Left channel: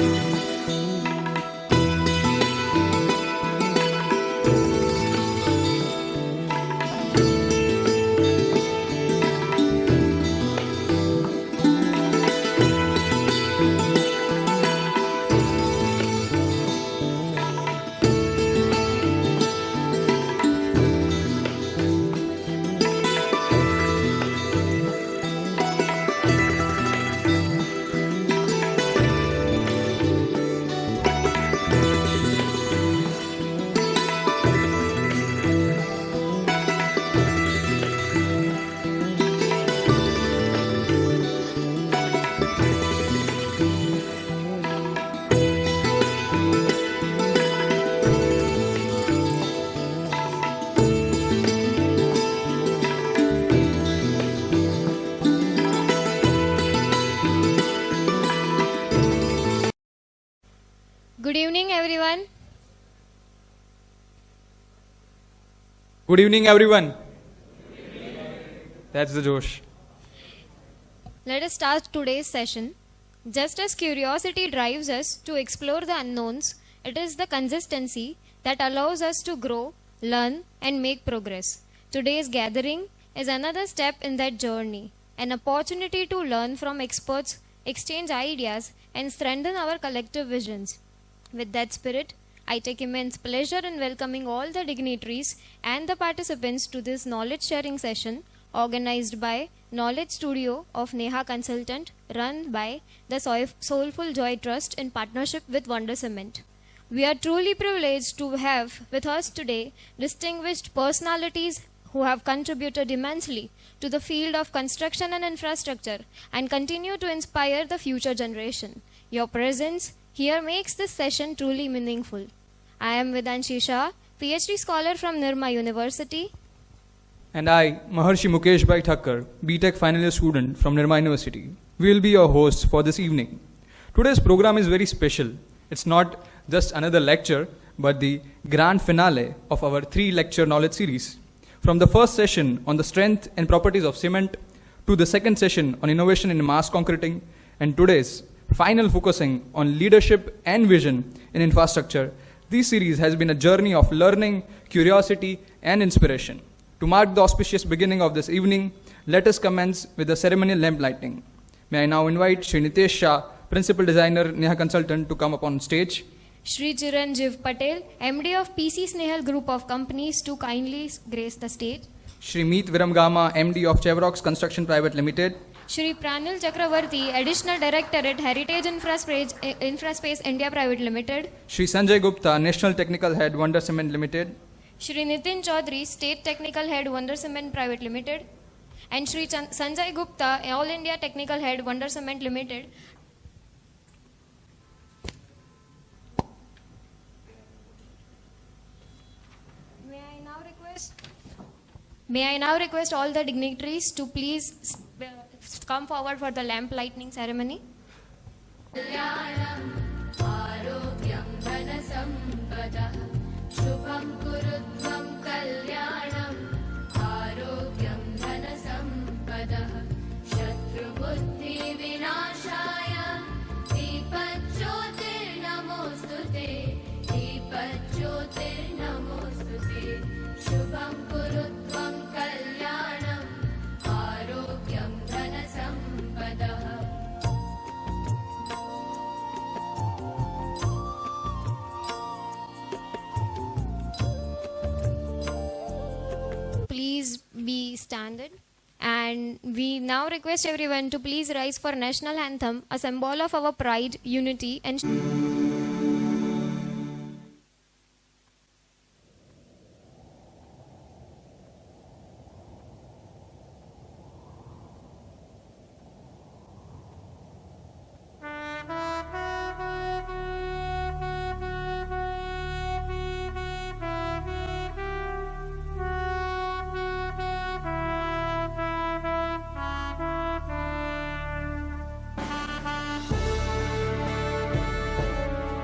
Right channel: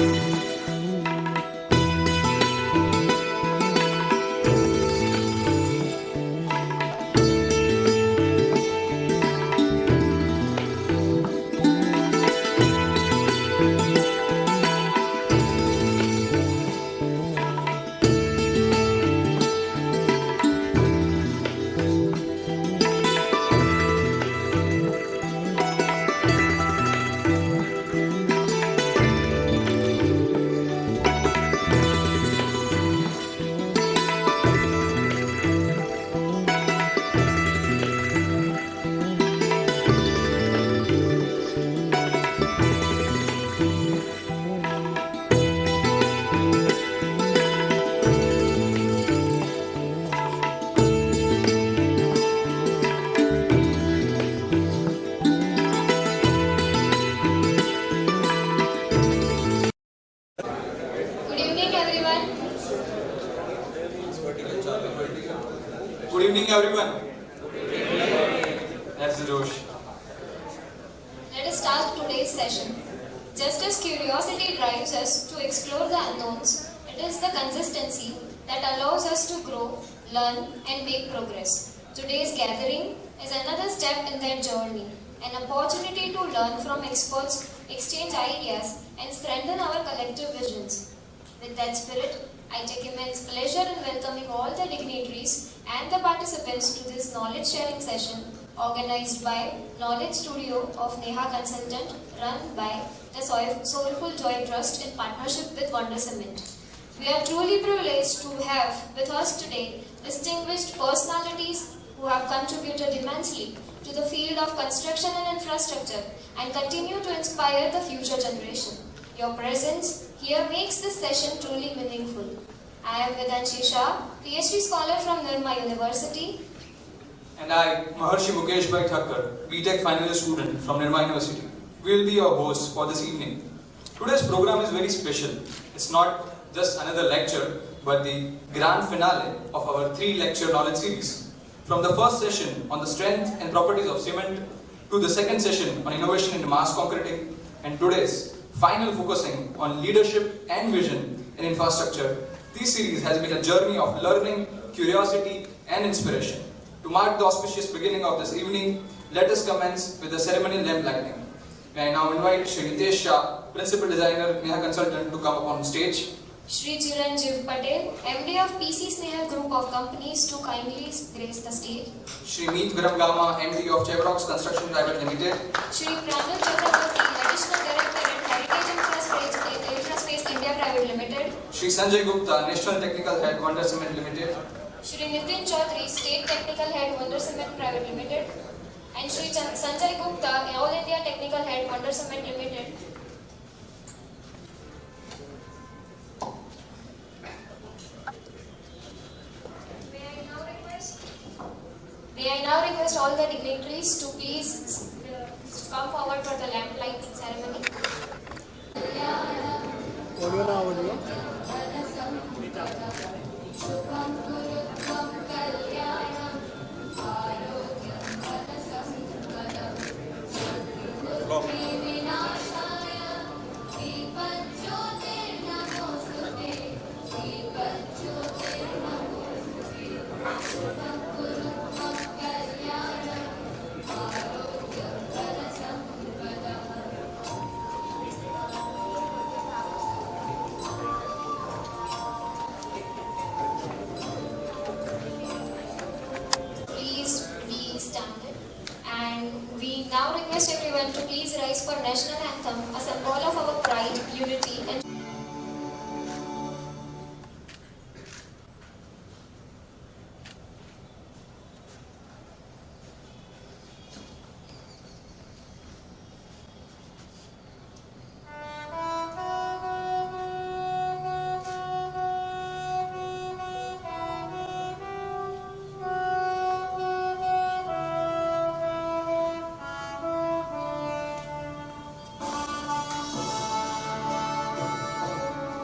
Good evening, everyone. That's the Josh. Let us start today's session. Just as curiosity drives us to explore the unknowns, it is the consistency that allows us to grow, learn, and make progress. Today's gathering is another step in that journey, an opportunity to learn from experts, exchange ideas, and strengthen our collective visions. With that spirit, I take immense pleasure in welcoming all the dignitaries and the participants to this knowledge sharing session organized by Knowledge Studio of Neha Consultant, run by the Soulful Joy Trust in partnership with Wonder Cement. We are truly privileged to have with us today distinguished personalities who have contributed immensely to the field of construction and infrastructure and continue to inspire the future generation. Your presence here makes this session truly meaningful. I am Nitesh Shah, PhD scholar from Nirma University. And I, Maharshi Mukesh Bhai Thakkar, BTech final year student from Nirma University. We will be your hosts for this evening. Today's program is very special. It's not just another lecture, but the grand finale of our 3-lecture knowledge series. From the first session on the strength and properties of cement, to the second session on innovation in mass concreting, and today's final focusing on leadership and vision in infrastructure, this series has been a journey of learning, curiosity, and inspiration. To mark the auspicious beginning of this evening, let us commence with the ceremonial lamp lighting. May I now invite Shri Nitesh Shah, Principal Designer, Neha Consultant, to come upon stage. Shri Chiranjiv Patel, MD of PC Snehal Group of Companies, to kindly grace the stage. Shri Viramgama, MD of Chevroc Construction Private Limited. Shri Pranil, Chakraborty, Additional Director at Heritage Infraspace India Private Limited. Shri Sanjay Gupta, National Technical Head, Wonder Cement Limited. Shri Nitin Chaudhary, State Technical Head, Wonder Cement Private Limited. And Shri Sanjay Gupta, All India Technical Head, Wonder Cement Limited. May I now request all the dignitaries to please come forward for the lamp lighting ceremony. We now request everyone to please rise for national anthem, a symbol of our pride, unity and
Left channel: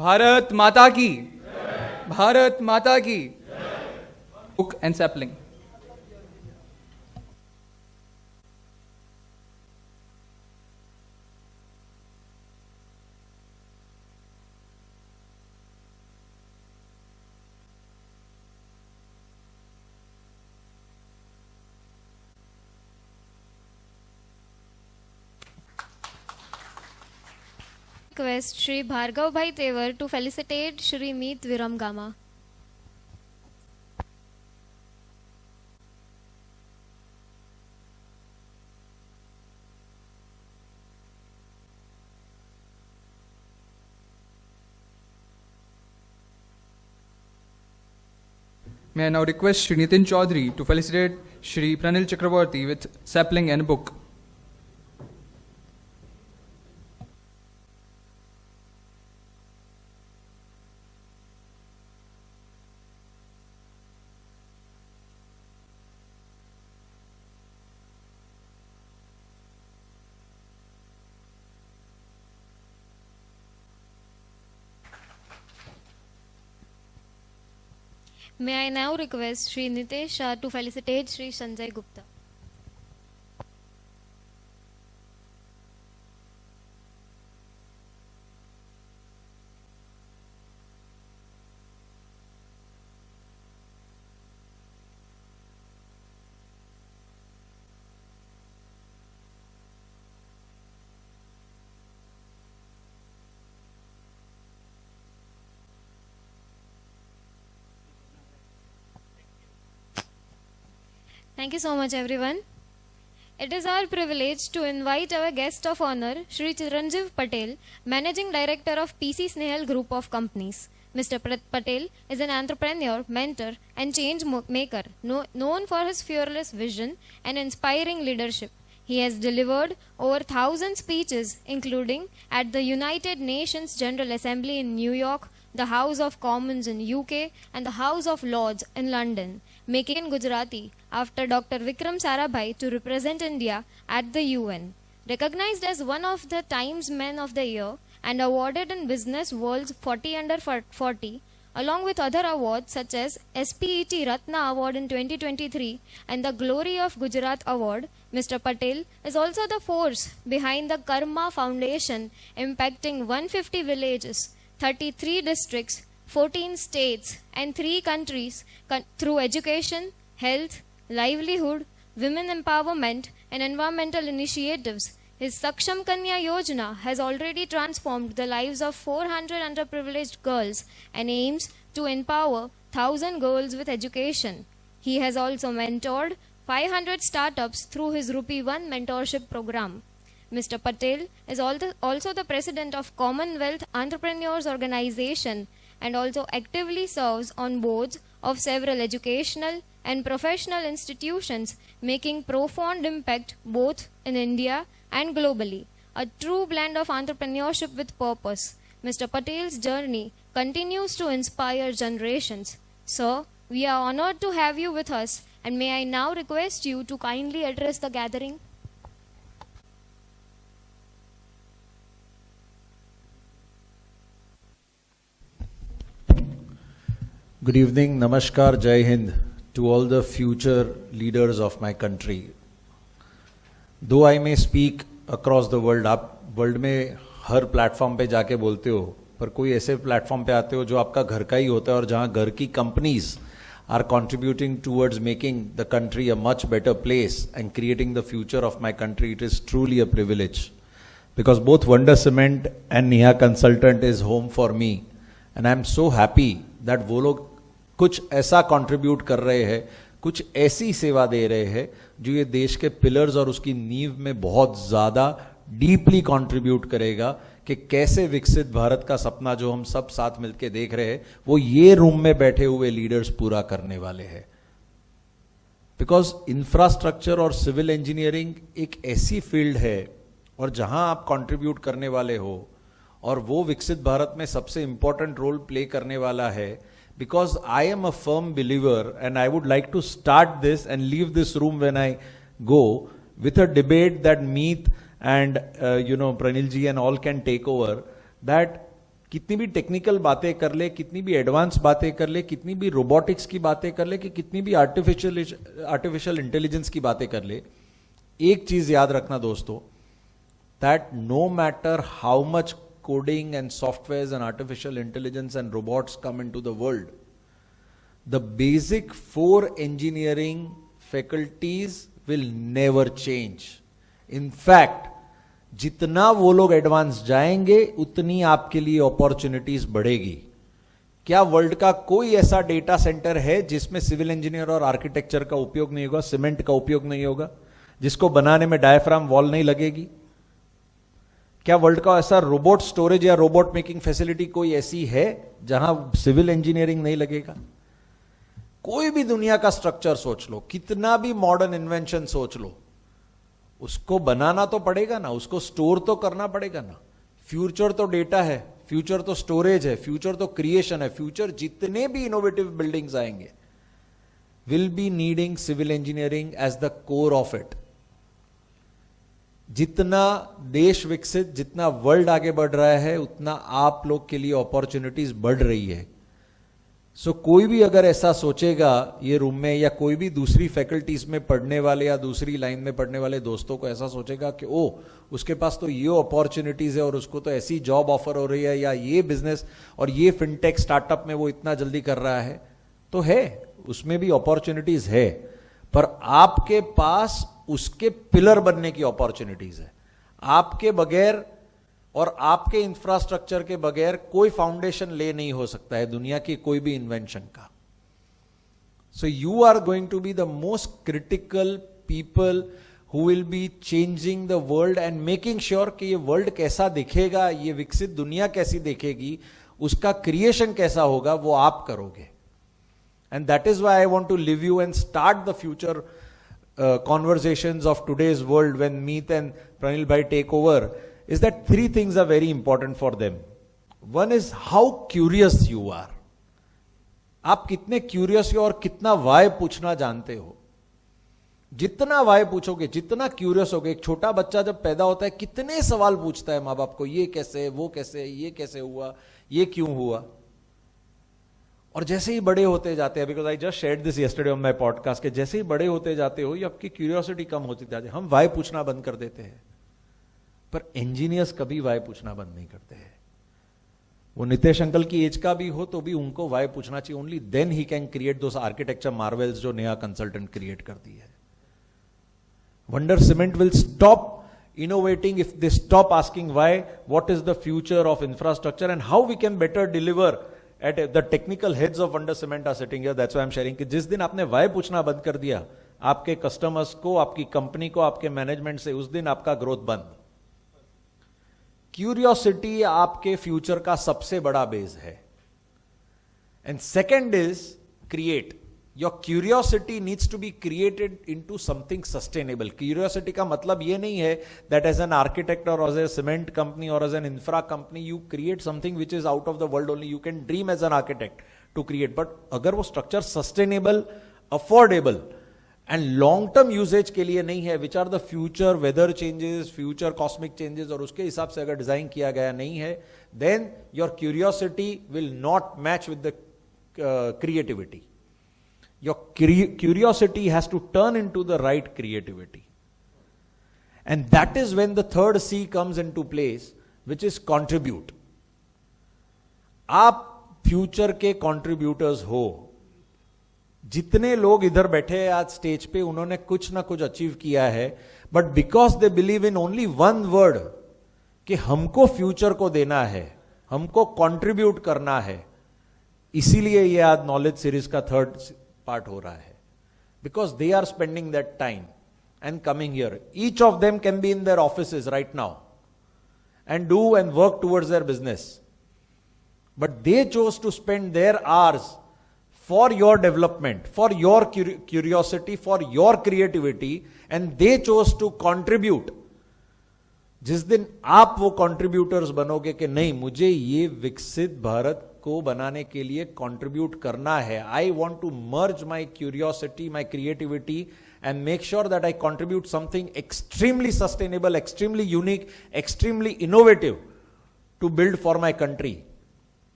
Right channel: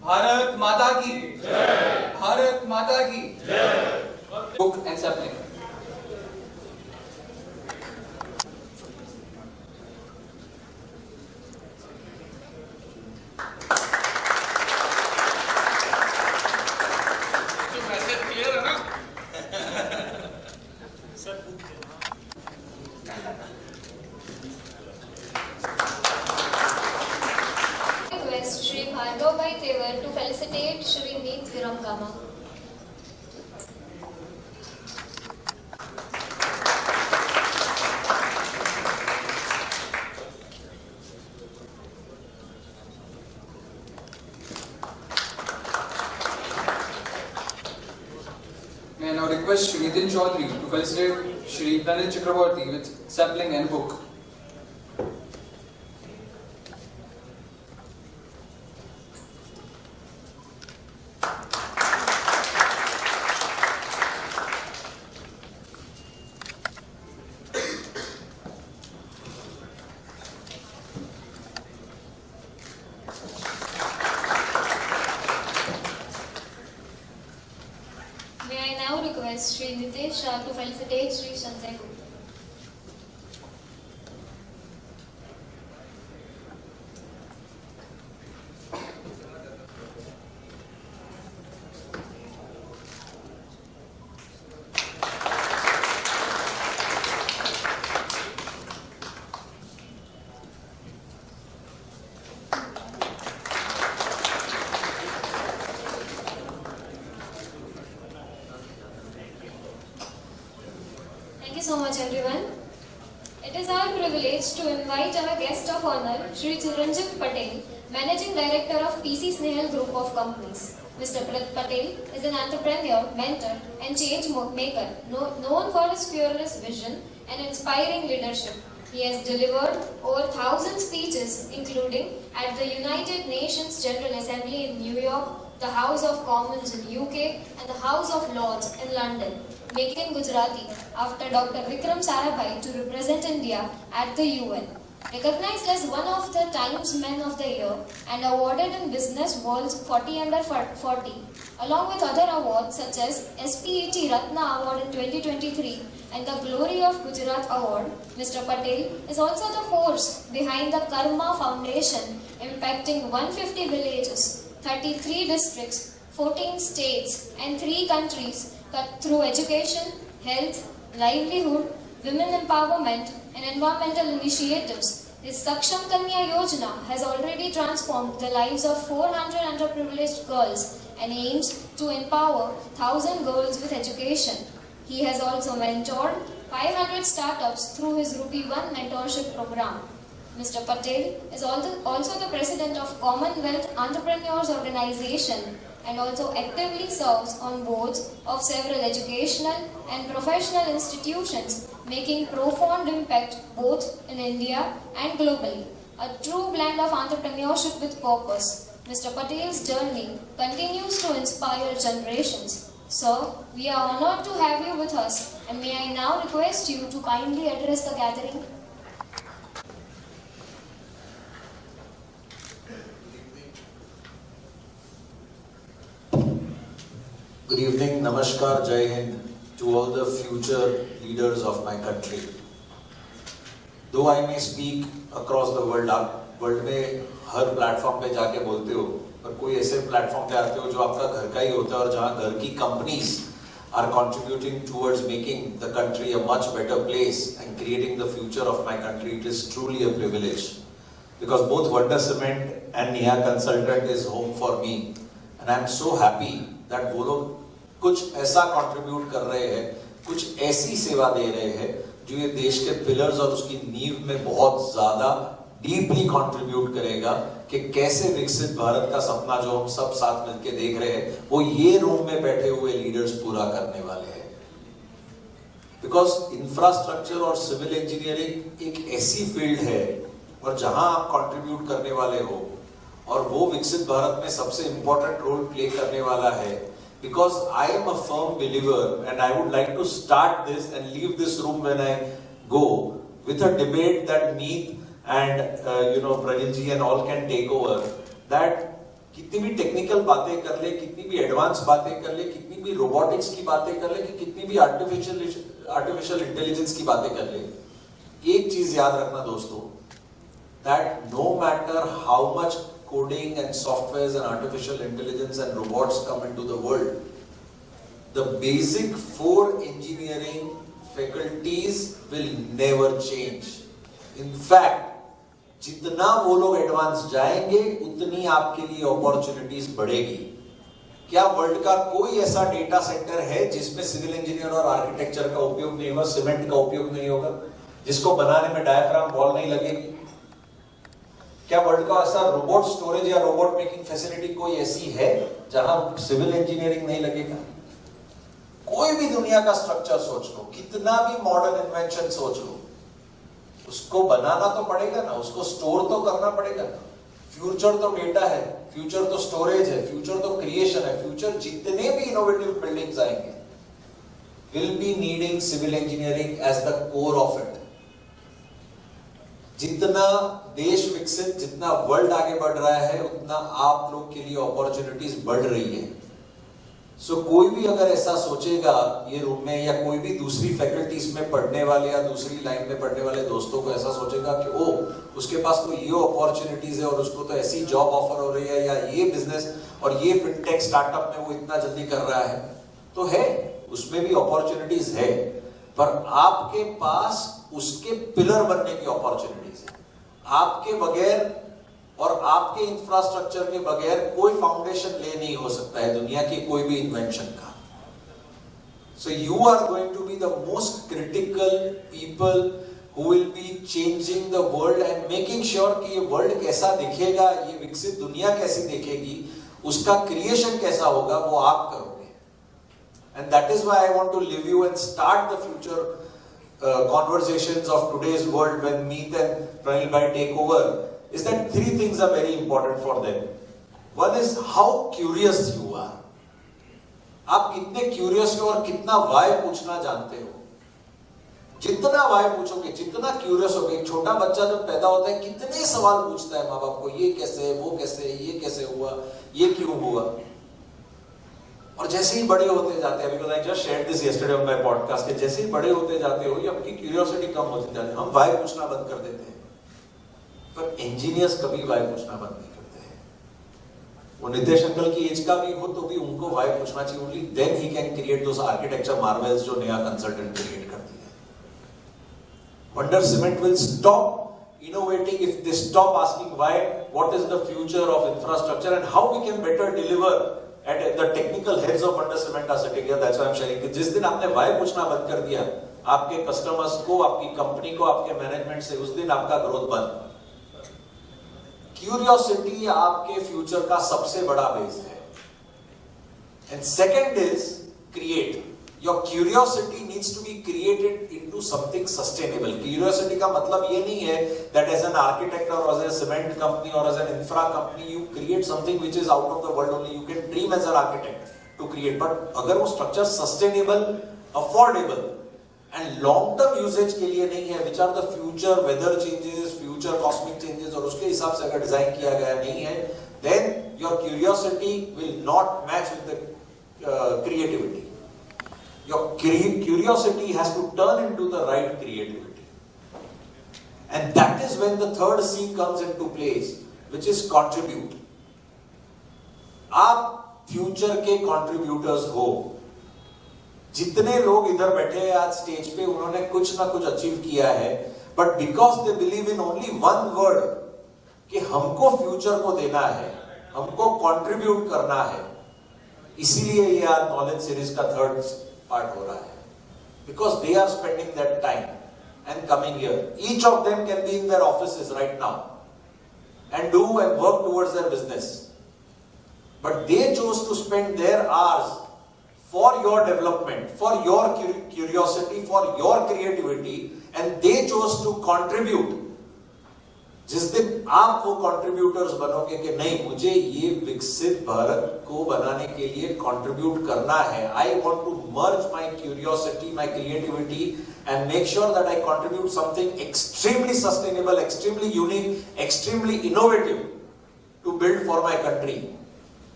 Bharat माता की, भारत माता की, book and sapling. Request Shri Bhargav Bhai Tevar to felicitate Shri Meet Viramgama. May I now request Shri Nitin Chaudhary to felicitate Shri Pranil Chakraborty with sapling and book. May I now request Shri Nitesh Shah to felicitate Shri Sanjay Gupta. Thank you so much, everyone. It is our privilege to invite our guest of honor, Shri Chiranjiv Patel, Managing Director of PC Snehal Group of Companies. Mr. Patel is an entrepreneur, mentor, and change maker, known for his fearless vision and inspiring leadership. He has delivered over 1,000 speeches, including at the United Nations General Assembly in New York, the House of Commons in UK, and the House of Lords in London, making Gujarati after Dr. Vikram Sarabhai to represent India at the UN. Recognized as one of the Times Men of the Year and awarded in Business World's 40 Under 40, along with other awards such as SPET Ratna Award in 2023 and the Glory of Gujarat Award, Mr. Patel is also the force behind the Karma Foundation, impacting 150 villages, 33 districts, 14 states and 3 countries through education, health, livelihood, women empowerment and environmental initiatives. His Saksham Kanya Yojana has already transformed the lives of 400 underprivileged girls and aims to empower 1,000 girls with education. He has also mentored 500 startups through his Rupee 1 mentorship program. Mr. Patel is also the president of Commonwealth Entrepreneurs Organization and also actively serves on boards of several educational and professional institutions, making profound impact both in India and globally. A true blend of entrepreneurship with purpose. Mr. Patel's journey continues to inspire generations. Sir, we are honored to have you with us, and may I now request you to kindly address the gathering. Good evening, Namaskar, Jai Hind to all the future leaders of my country. Though I may speak across the world, आप world में हर platform पे जाके बोलते हो, पर कोई ऐसे platform पे आते हो जो आपका घर का ही होता है और जहाँ घर की companies are contributing towards making the country a much better place and creating the future of my country. It is truly a privilege because both Wonder Cement and Neha Consultant is home for me, and I am so happy that वो लोग कुछ ऐसा contribute कर रहे हैं, कुछ ऐसी सेवा दे रहे हैं जो ये देश के पिलर्स और उसकी नींव में बहुत ज़्यादा डीपली कंट्रीब्यूट करेगा कि कैसे विकसित भारत का सपना जो हम सब साथ मिलके देख रहे हैं वो ये रूम में बैठे हुए लीडर्स पूरा करने वाले हैं. बिकॉज इंफ्रास्ट्रक्चर और सिविल इंजीनियरिंग एक ऐसी फील्ड है और जहां आप कंट्रीब्यूट करने वाले हो और वो विकसित भारत में सबसे इंपॉर्टेंट रोल प्ले करने वाला है. Because I am a firm believer, and I would like to start this and leave this room when I go with a debate that Meet and Pranil ji and all can take over, that कितनी भी technical बातें कर ले, कितनी भी advance बातें कर ले, कितनी भी रोबोटिक्स की बातें कर ले, कि कितनी भी आर्टिफिशियल इंटेलिजेंस की बातें कर ले, एक चीज याद रखना दोस्तों, that no matter how much coding and softwares and artificial intelligence and robots come into the world, the basic 4 engineering faculties will never change. In fact, जितना वो लोग एडवांस जाएंगे उतनी आपके लिए अपॉर्चुनिटीज बढ़ेगी. क्या वर्ल्ड का कोई ऐसा डेटा सेंटर है जिसमें सिविल इंजीनियर और आर्किटेक्चर का उपयोग नहीं होगा, सीमेंट का उपयोग नहीं होगा, जिसको बनाने में डायफ्राम वॉल नहीं लगेगी? क्या वर्ल्ड का ऐसा रोबोट स्टोरेज या रोबोट मेकिंग फैसिलिटी कोई ऐसी है जहां सिविल इंजीनियरिंग नहीं लगेगा? कोई भी दुनिया का स्ट्रक्चर सोच लो, कितना भी मॉडर्न इन्वेंशन सोच लो, उसको बनाना तो पड़ेगा ना, उसको स्टोर तो करना पड़ेगा ना. फ्यूचर तो डेटा है, फ्यूचर तो स्टोरेज है, फ्यूचर तो क्रिएशन है. फ्यूचर जितने भी इनोवेटिव बिल्डिंग्स आएंगे will be needing civil engineering as the core of it. जितना देश विकसित, जितना वर्ल्ड आगे बढ़ रहा है, उतना आप लोग के लिए अपॉर्चुनिटीज बढ़ रही है. सो कोई भी अगर ऐसा सोचेगा ये रूम में, या कोई भी दूसरी फैकल्टीज में पढ़ने वाले या दूसरी लाइन में पढ़ने वाले दोस्तों को ऐसा सोचेगा कि ओ उसके पास तो ये अपॉर्चुनिटीज है और उसको तो ऐसी जॉब ऑफर हो रही है, या ये बिजनेस और ये फिनटेक स्टार्टअप में वो इतना जल्दी कर रहा है, तो है, उसमें भी अपॉर्चुनिटीज है, पर आपके पास उसके पिलर बनने की अपॉर्चुनिटीज है. आपके बगैर और आपके इंफ्रास्ट्रक्चर के बगैर कोई फाउंडेशन ले नहीं हो सकता है दुनिया की कोई भी इन्वेंशन का. So you are going to be the most critical people who will be changing the world and making sure कि ये वर्ल्ड कैसा दिखेगा, ये विकसित दुनिया कैसी दिखेगी, उसका क्रिएशन कैसा होगा, वो आप करोगे. And that is why I want to leave you and start the future conversations of today's world when Meet and Pranil bhai take over, is that 3 things are very important for them. One is how curious you are. आप कितने curious हो और कितना Y पूछना जानते हो. जितना Y पूछोगे, जितना क्यूरियस होगे, एक छोटा बच्चा जब पैदा होता है कितने सवाल पूछता है माँ बाप को, ये कैसे, वो कैसे, ये कैसे हुआ, ये क्यों हुआ. और जैसे ही बड़े होते जाते हैं, because I just shared this yesterday on my podcast, के जैसे ही बड़े होते जाते हो ये आपकी क्यूरियोसिटी कम होती जाती है. हम वाई पूछना बंद कर देते हैं, पर इंजीनियर्स कभी वाई पूछना बंद नहीं करते हैं. वो नितेश अंकल की एज का भी हो तो भी उनको वाई पूछना चाहिए. Only then he can create those architecture marvels जो नया कंसल्टेंट क्रिएट कर दिया. Wonder cement will stop innovating if they stop asking why, what is the future of infrastructure and how we can better deliver at the technical heads of Under Cement are sitting here. That's why I'm sharing. कि जिस दिन आपने why पूछना बंद कर दिया आपके customers को, आपकी कंपनी को, आपके मैनेजमेंट से, उस दिन आपका ग्रोथ बंद. क्यूरियोसिटी आपके फ्यूचर का सबसे बड़ा बेस है. And second is create. Your curiosity needs to be created into something sustainable. Curiosity का मतलब ये नहीं है that as an architect or as a cement company or as an infra company you create something which is out of the world only. You can dream as an architect to create, but अगर वो structure sustainable, affordable and long term usage के लिए नहीं है, which are the future weather changes, future cosmic changes, और उसके हिसाब से अगर डिजाइन किया गया नहीं है, then your curiosity will not match with the creativity. Your curiosity has to turn into the right creativity. And that is when the third C comes into place, which is contribute. आप future के contributors हो. जितने लोग इधर बैठे हैं आज stage पे, उन्होंने कुछ ना कुछ अचीव किया है, but because they believe in only one word, कि हमको फ्यूचर को देना है, हमको contribute करना है, इसीलिए ये आज नॉलेज सीरीज का थर्ड पार्ट हो रहा है. Because they are spending that time and coming here. Each of them can be in their offices right now and do and work towards their business. But they chose to spend their hours for your development, for your curiosity, for your creativity, and they chose to contribute. जिस दिन आप वो contributors बनोगे कि नहीं, मुझे ये विकसित भारत को बनाने के लिए कंट्रीब्यूट करना है, I want to merge my curiosity, my creativity and make sure that I contribute something extremely sustainable, extremely unique, extremely innovative to build for my country.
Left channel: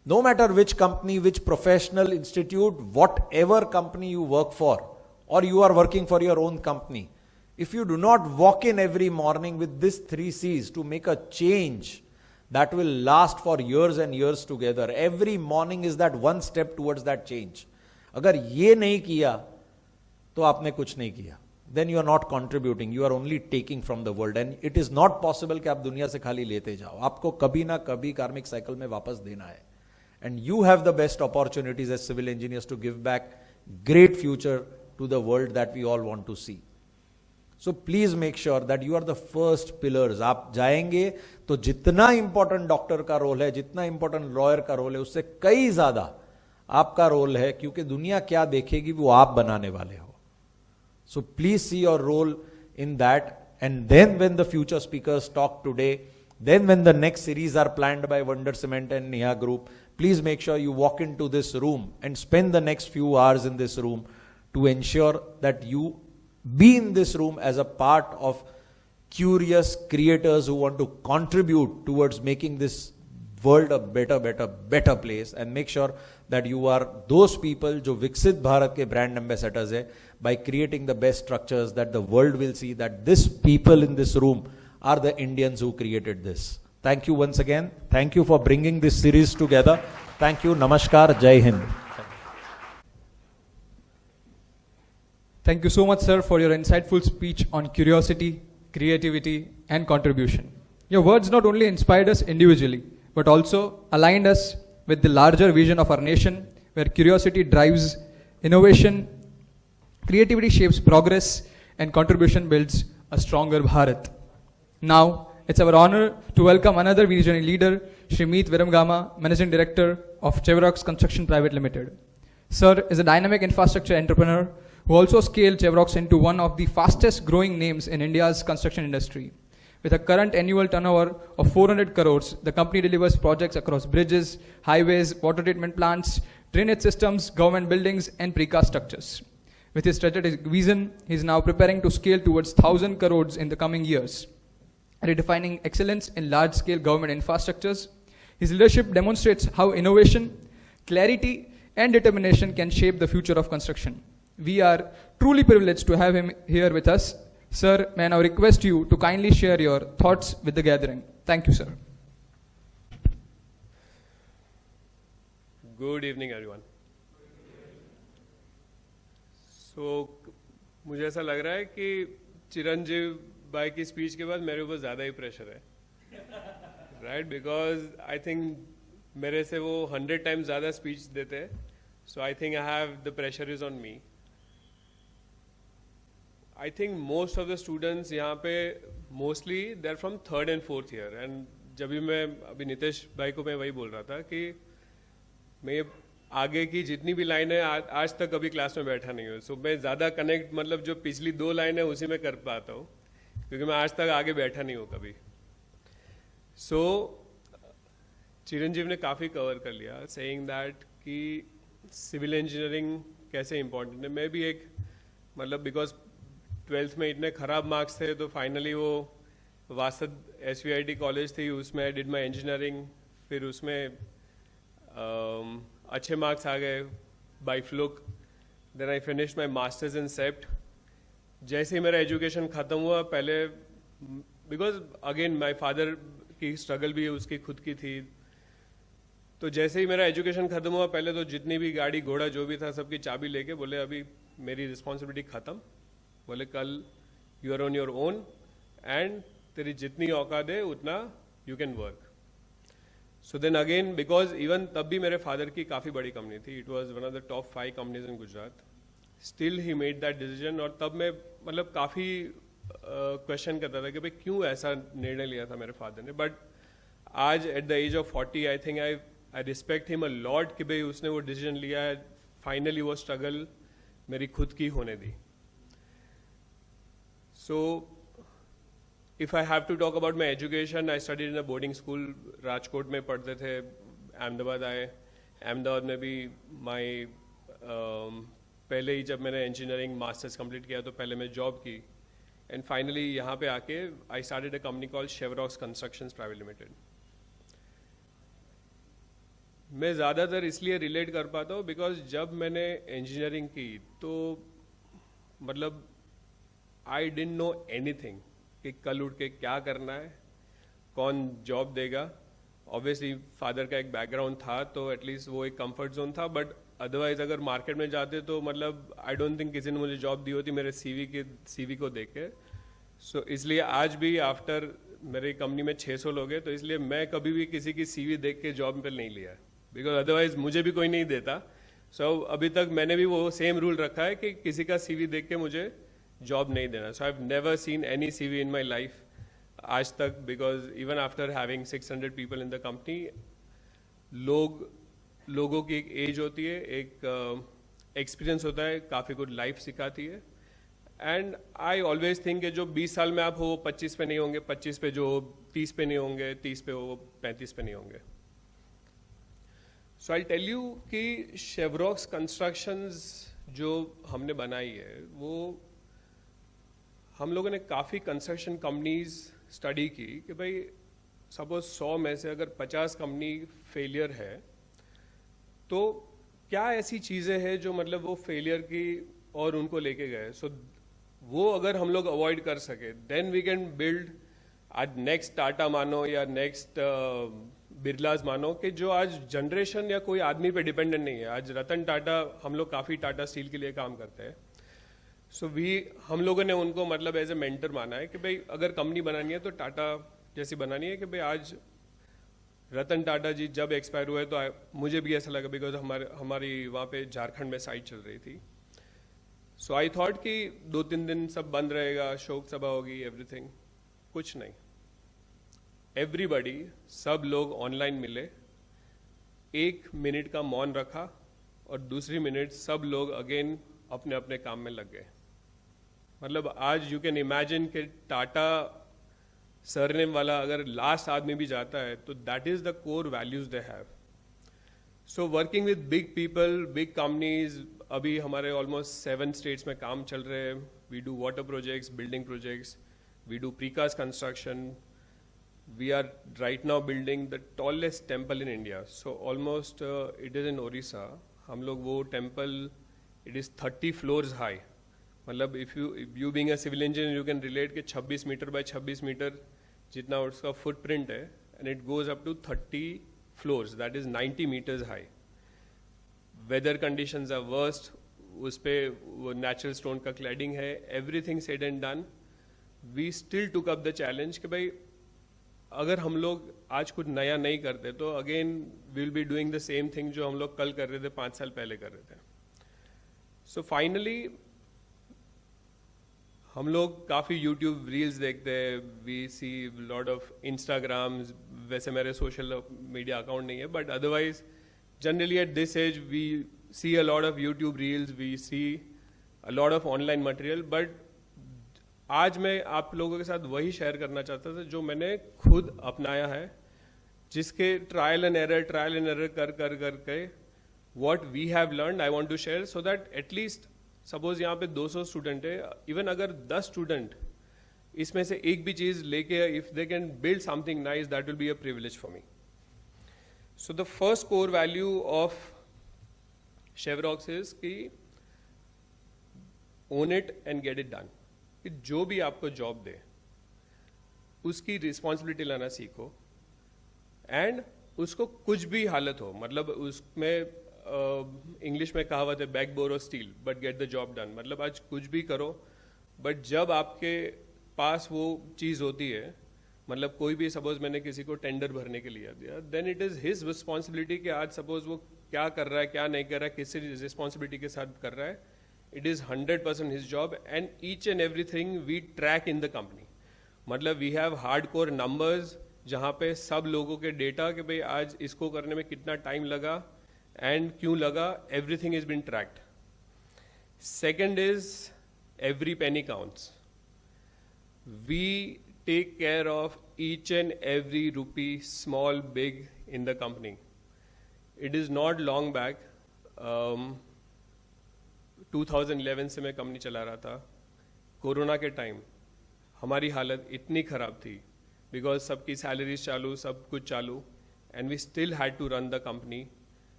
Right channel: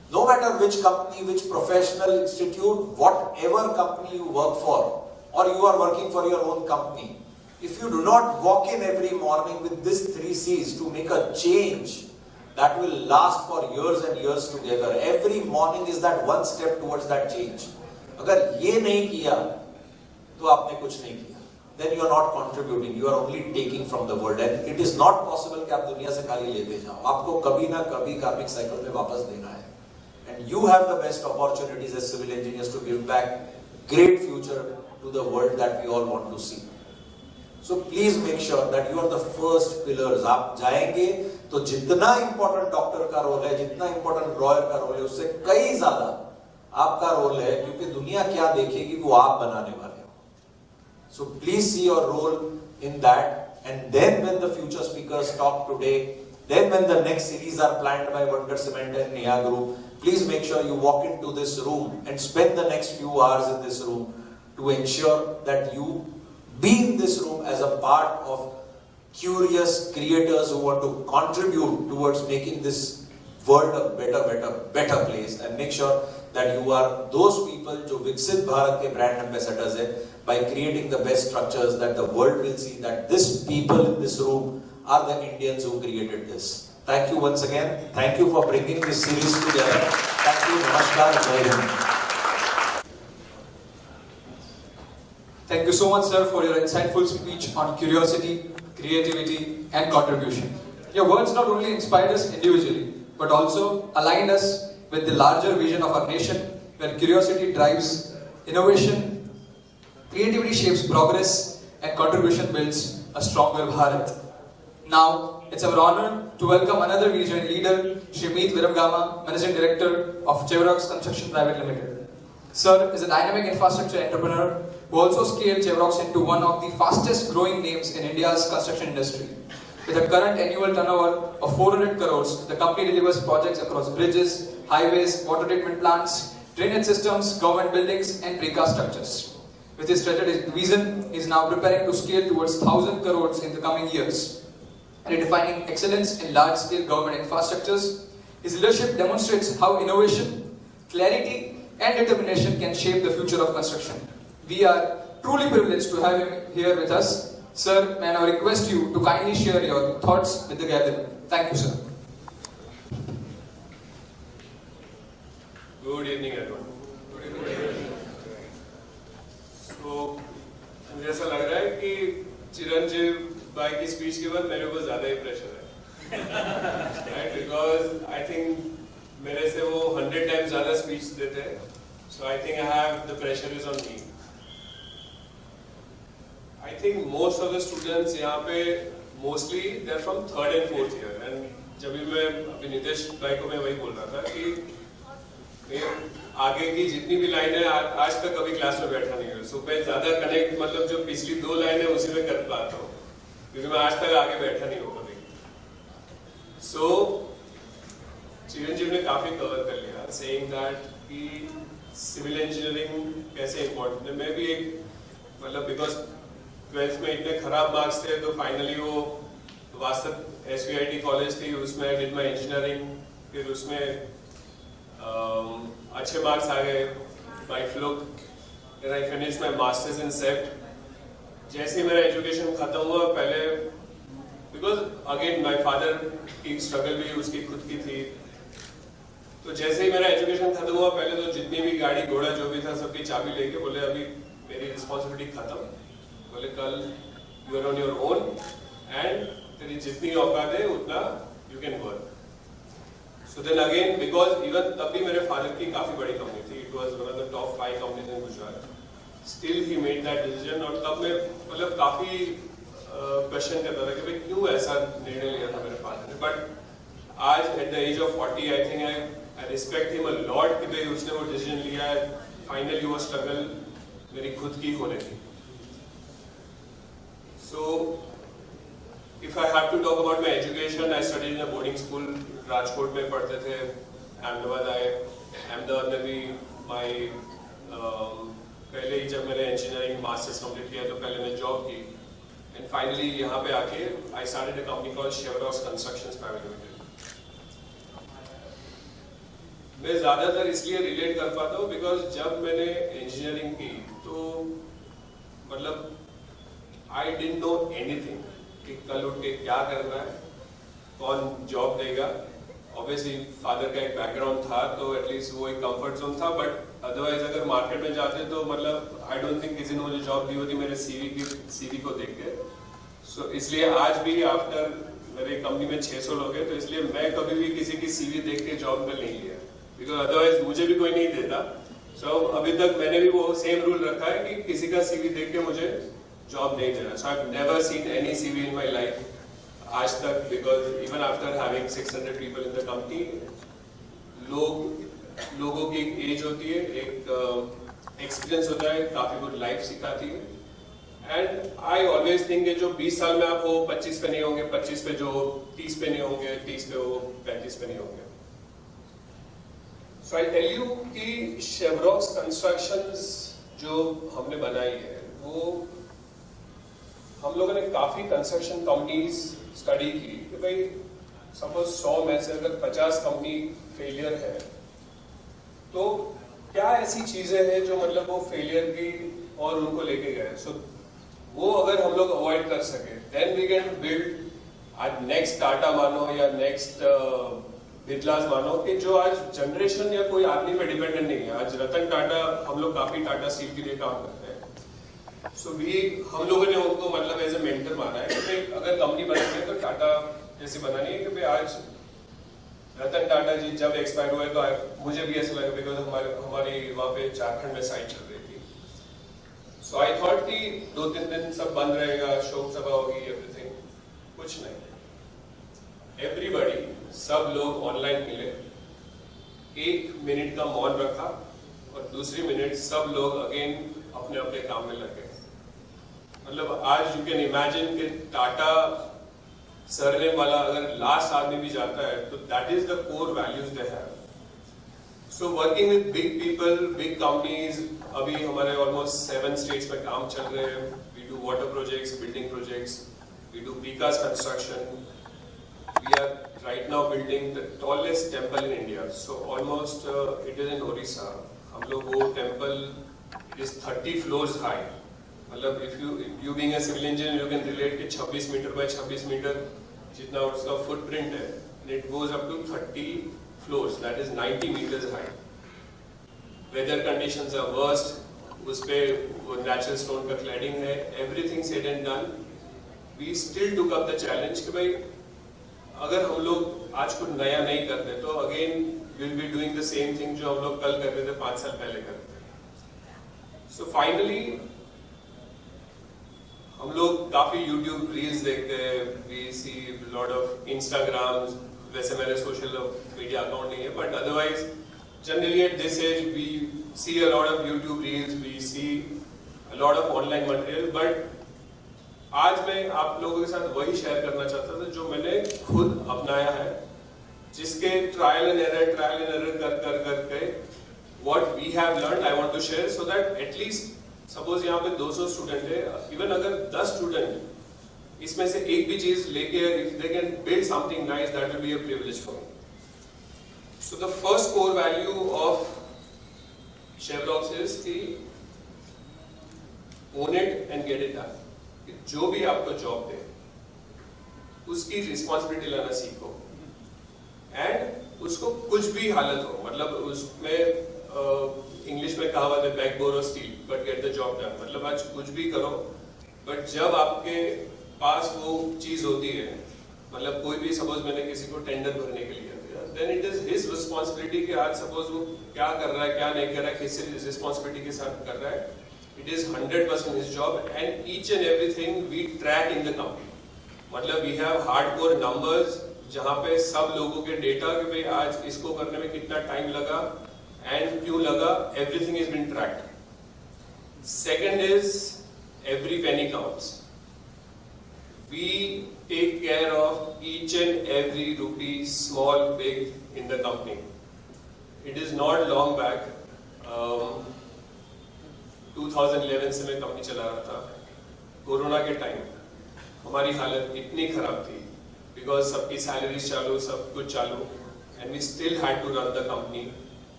No matter which company, which professional institute, whatever company you work for, or you are working for your own company, if you do not walk in every morning with these 3 C's to make a change that will last for years and years together, every morning is that one step towards that change. अगर ये नहीं किया तो आपने कुछ नहीं किया. Then you are not contributing, you are only taking from the world, and it is not possible कि आप दुनिया से खाली लेते जाओ. आपको कभी ना कभी कार्मिक साइकिल में वापस देना है. And you have the best opportunities as civil engineers to give back great future to the world that we all want to see. So please make sure that you are the first pillars. आप जाएंगे तो जितना important doctor का role है, जितना important lawyer का role है, उससे कई ज्यादा आपका रोल है, क्योंकि दुनिया क्या देखेगी वो आप बनाने वाले हो. So please see your role in that, and then when the future speakers talk today, then when the next series are planned by Wonder Cement and Neha Group, please make sure you walk into this room and spend the next few hours in this room to ensure that you be in this room as a part of curious creators who want to contribute towards making this world a better place, and make sure that you are those people जो विकसित भारत के brand ambassadors हैं, by creating the best structures that the world will see that this people in this room are the Indians who created this. Thank you once again. Thank you for bringing this series together. Thank you. Namaskar. Jai Hind. Thank you so much, sir, for your insightful speech on curiosity, creativity, and contribution. Your words not only inspired us individually, but also aligned us with the larger vision of our nation, where curiosity drives innovation, creativity shapes progress, and contribution builds a stronger Bharat. Now, it's our honor to welcome another visionary leader, Shri Viramgama, Managing Director of Chevroc Construction Private Limited. Sir is a dynamic infrastructure entrepreneur who also scaled Chevroc into one of the fastest growing names in India's construction industry. With a current annual turnover of 400 crores, the company delivers projects across bridges, highways, water treatment plants, drainage systems, government buildings, and precast structures. With his strategic vision, he is now preparing to scale towards 1,000 crores in the coming years, redefining excellence in large-scale government infrastructures. His leadership demonstrates how innovation, clarity, and determination can shape the future of construction. We are truly privileged to have him here with us. Sir, may I now request you to kindly share your thoughts with the gathering. Thank you, sir. Good evening, everyone. So, मुझे ऐसा लग रहा है कि चिरंजीव भाई की speech के बाद मेरे ऊपर ज़्यादा ही प्रेशर है, right? Because I think मेरे से वो 100 times ज़्यादा स्पीच देते हैं, so I think I have the pressure is on me. I think most of the students यहाँ पे mostly they're from 3rd and 4th year, and जब भी मैं अभी नितेश भाई को मैं वही बोल रहा था कि मैं आगे की जितनी भी लाइनें आज तक कभी क्लास में बैठा नहीं हूँ, so मैं ज़्यादा कनेक्ट मतलब जो पिछली 2 लाइनें उसी में कर पाता हूँ, क्योंकि मैं आज तक आगे बैठा नहीं हूँ कभी. So चिरंजीव ने काफ़ी कवर कर लिया, saying that कि सिविल इंजीनियरिंग कैसे इम्पोर्टेंट है. मैं भी एक मतलब बिकॉज 12th में इतने खराब मार्क्स थे तो फाइनली वो वास्तव SVIT कॉलेज थी, उसमें आई डिड माय इंजीनियरिंग, फिर उसमें अच्छे मार्क्स आ गए bye fluke. Then I finish my masters in सेप्ट. जैसे ही मेरा एजुकेशन खत्म हुआ, पहले बिकॉज अगेन माय फादर की स्ट्रगल भी उसकी खुद की थी, तो जैसे ही मेरा एजुकेशन खत्म हुआ पहले तो जितनी भी गाड़ी घोड़ा जो भी था सबकी चाबी लेके बोले अभी मेरी रिस्पॉन्सिबिलिटी खत्म, बोले कल you are on your own and तेरी जितनी औकात है उतना you can work. So then again because even तब भी मेरे फादर की काफ़ी बड़ी कंपनी थी, it was one of the top 5 companies in Gujarat, still he made that decision. और तब मैं मतलब काफ़ी क्वेश्चन करता था कि भाई क्यों ऐसा निर्णय लिया था मेरे फादर ने. बट आज at the age of 40 I think I respect him a lot कि भाई उसने वो डिसीजन लिया है. फाइनली वो स्ट्रगल मेरी खुद की होने थी. So if I have to talk about my education, I studied in a boarding school. Rajkot में पढ़ते थे, अहमदाबाद आए, अहमदाबाद में भी पहले ही जब मैंने इंजीनियरिंग मास्टर्स कंप्लीट किया तो पहले मैंने जॉब की, एंड फाइनली यहाँ पे आके I started a company called Chevroc Construction Private Limited. मैं ज़्यादातर इसलिए रिलेट कर पाता हूँ बिकॉज जब मैंने इंजीनियरिंग की तो मतलब आई डिडंट नो एनीथिंग कि कल उठ के क्या करना है, कौन जॉब देगा। ऑब्वियसली फादर का एक बैकग्राउंड था तो एटलीस्ट वो एक कंफर्ट जोन था, बट अदरवाइज अगर मार्केट में जाते तो मतलब आई डोंट थिंक किसी ने मुझे जॉब दी होती मेरे सीवी को देख के। सो इसलिए आज भी आफ्टर मेरे कंपनी में 600 लोग हैं तो इसलिए मैं कभी भी किसी की सीवी देख के जॉब पे नहीं लिया, बिकॉज अदरवाइज मुझे भी कोई नहीं देता। सो अभी तक मैंने भी वो सेम रूल रखा है कि किसी का सीवी देख के मुझे जॉब नहीं देना। सो I have never seen any CV in my life आज तक, because even after having 600 people in the company, लोगों की एक एज होती है, एक एक्सपीरियंस होता है, काफी कुछ लाइफ सिखाती है। एंड आई ऑलवेज थिंक जो 20 साल में आप वो 25 पे नहीं होंगे, 25 पे जो 30 पे नहीं होंगे, 30 पे वो 35 पे नहीं होंगे। सो आई टेल यू कि शेवरॉक्स कंस्ट्रक्शंस जो हमने बनाई है वो हम लोगों ने काफी कंस्ट्रक्शन कंपनीज स्टडी की कि भाई सपोज 100 में से अगर 50 कंपनी फेलियर है तो क्या ऐसी चीजें हैं जो मतलब वो फेलियर की और उनको लेके गए। सो वो अगर हम लोग अवॉइड कर सके देन वी कैन बिल्ड आज नेक्स्ट टाटा मानो या नेक्स्ट बिरलास मानो कि जो आज जनरेशन या कोई आदमी पे डिपेंडेंट नहीं है। आज रतन टाटा, हम लोग काफी टाटा स्टील के लिए काम करते हैं। सो हम लोगों ने उनको मतलब एज ए मेंटर माना है कि भाई अगर कंपनी बनानी है तो टाटा जैसी बनानी है। कि भाई आज रतन टाटा जी जब एक्सपायर हुए तो मुझे भी ऐसा लगा बिकॉज हमारी वहाँ पे झारखंड में साइट चल रही थी। सो आई थॉट कि 2-3 दिन सब बंद रहेगा, शोक सभा होगी, एवरीथिंग। कुछ नहीं, एवरीबॉडी, सब लोग ऑनलाइन मिले, 1 मिनट का मौन रखा और दूसरी मिनट सब लोग अगेन अपने अपने काम में लग गए। मतलब आज यू कैन इमेजिन कि टाटा सरनेम वाला अगर लास्ट आदमी भी जाता है तो that is the core values they have. So working with big people, big companies, अभी हमारे ऑलमोस्ट 7 स्टेट्स में काम चल रहे हैं। We do water projects, building projects, we do precast construction, we are right now building the tallest temple in India. So almost it is in Orissa. हम लोग वो temple, it is 30 floors high. मतलब if you being a civil engineer you can relate कि 26 metre by 26 metre जितना उसका footprint है, and it goes up to 30 floors. That is 90 meters high. Weather conditions are worst. उस पे natural stone का cladding है. Everything said and done. We still took up the challenge कि भाई अगर हम लोग आज कुछ नया नहीं करते तो again will be doing the same thing जो हम लोग कल कर रहे थे, 5 साल पहले करते थे। सो फाइनली हम लोग काफी यूट्यूब रील्स देखते हैं, we see lot of Instagram, वैसे मेरे सोशल मीडिया अकाउंट नहीं है, but otherwise generally at this as we C a lot of YouTube reels, we C a lot of online material. But आज मैं आप लोगों के साथ वही शेयर करना चाहता था जो मैंने खुद अपनाया है, जिसके ट्रायल एंड एरर कर के what we have learned I want to share, so that at least suppose यहाँ पे 200 स्टूडेंट है, इवन अगर 10 स्टूडेंट इसमें से एक भी चीज लेके if they can build something nice, that will be a privilege for me. So the first core value of शेवरॉक्स is कि own it and get it done. कि जो भी आपको जॉब दे उसकी रिस्पॉन्सिबिलिटी लेना सीखो, एंड उसको कुछ भी हालत हो, मतलब उसमें इंग्लिश में कहावत है back borrow still but get the job done. मतलब आज कुछ भी करो बट जब आपके पास वो चीज होती है, मतलब कोई भी सपोज मैंने किसी को टेंडर भरने के लिए दिया, then it is his responsibility कि आज सपोज वो क्या कर रहा है, क्या नहीं कर रहा है, किस रिस्पॉन्सिबिलिटी के साथ कर रहा है। It is 100% his job, and each and everything we track in the company. मतलब we have hardcore numbers जहाँ पे सब लोगों के डेटा कि भाई आज इसको करने में कितना टाइम लगा and क्यों लगा, everything has been tracked. Second is every penny counts. We take care of each and every rupee, small, big, in the company. It is not long back. 2011 से मैं कंपनी चला रहा था। कोरोना के time हमारी हालत इतनी खराब थी बिकॉज सबकी सैलरीज चालू, सब कुछ चालू, and we still had to run the company.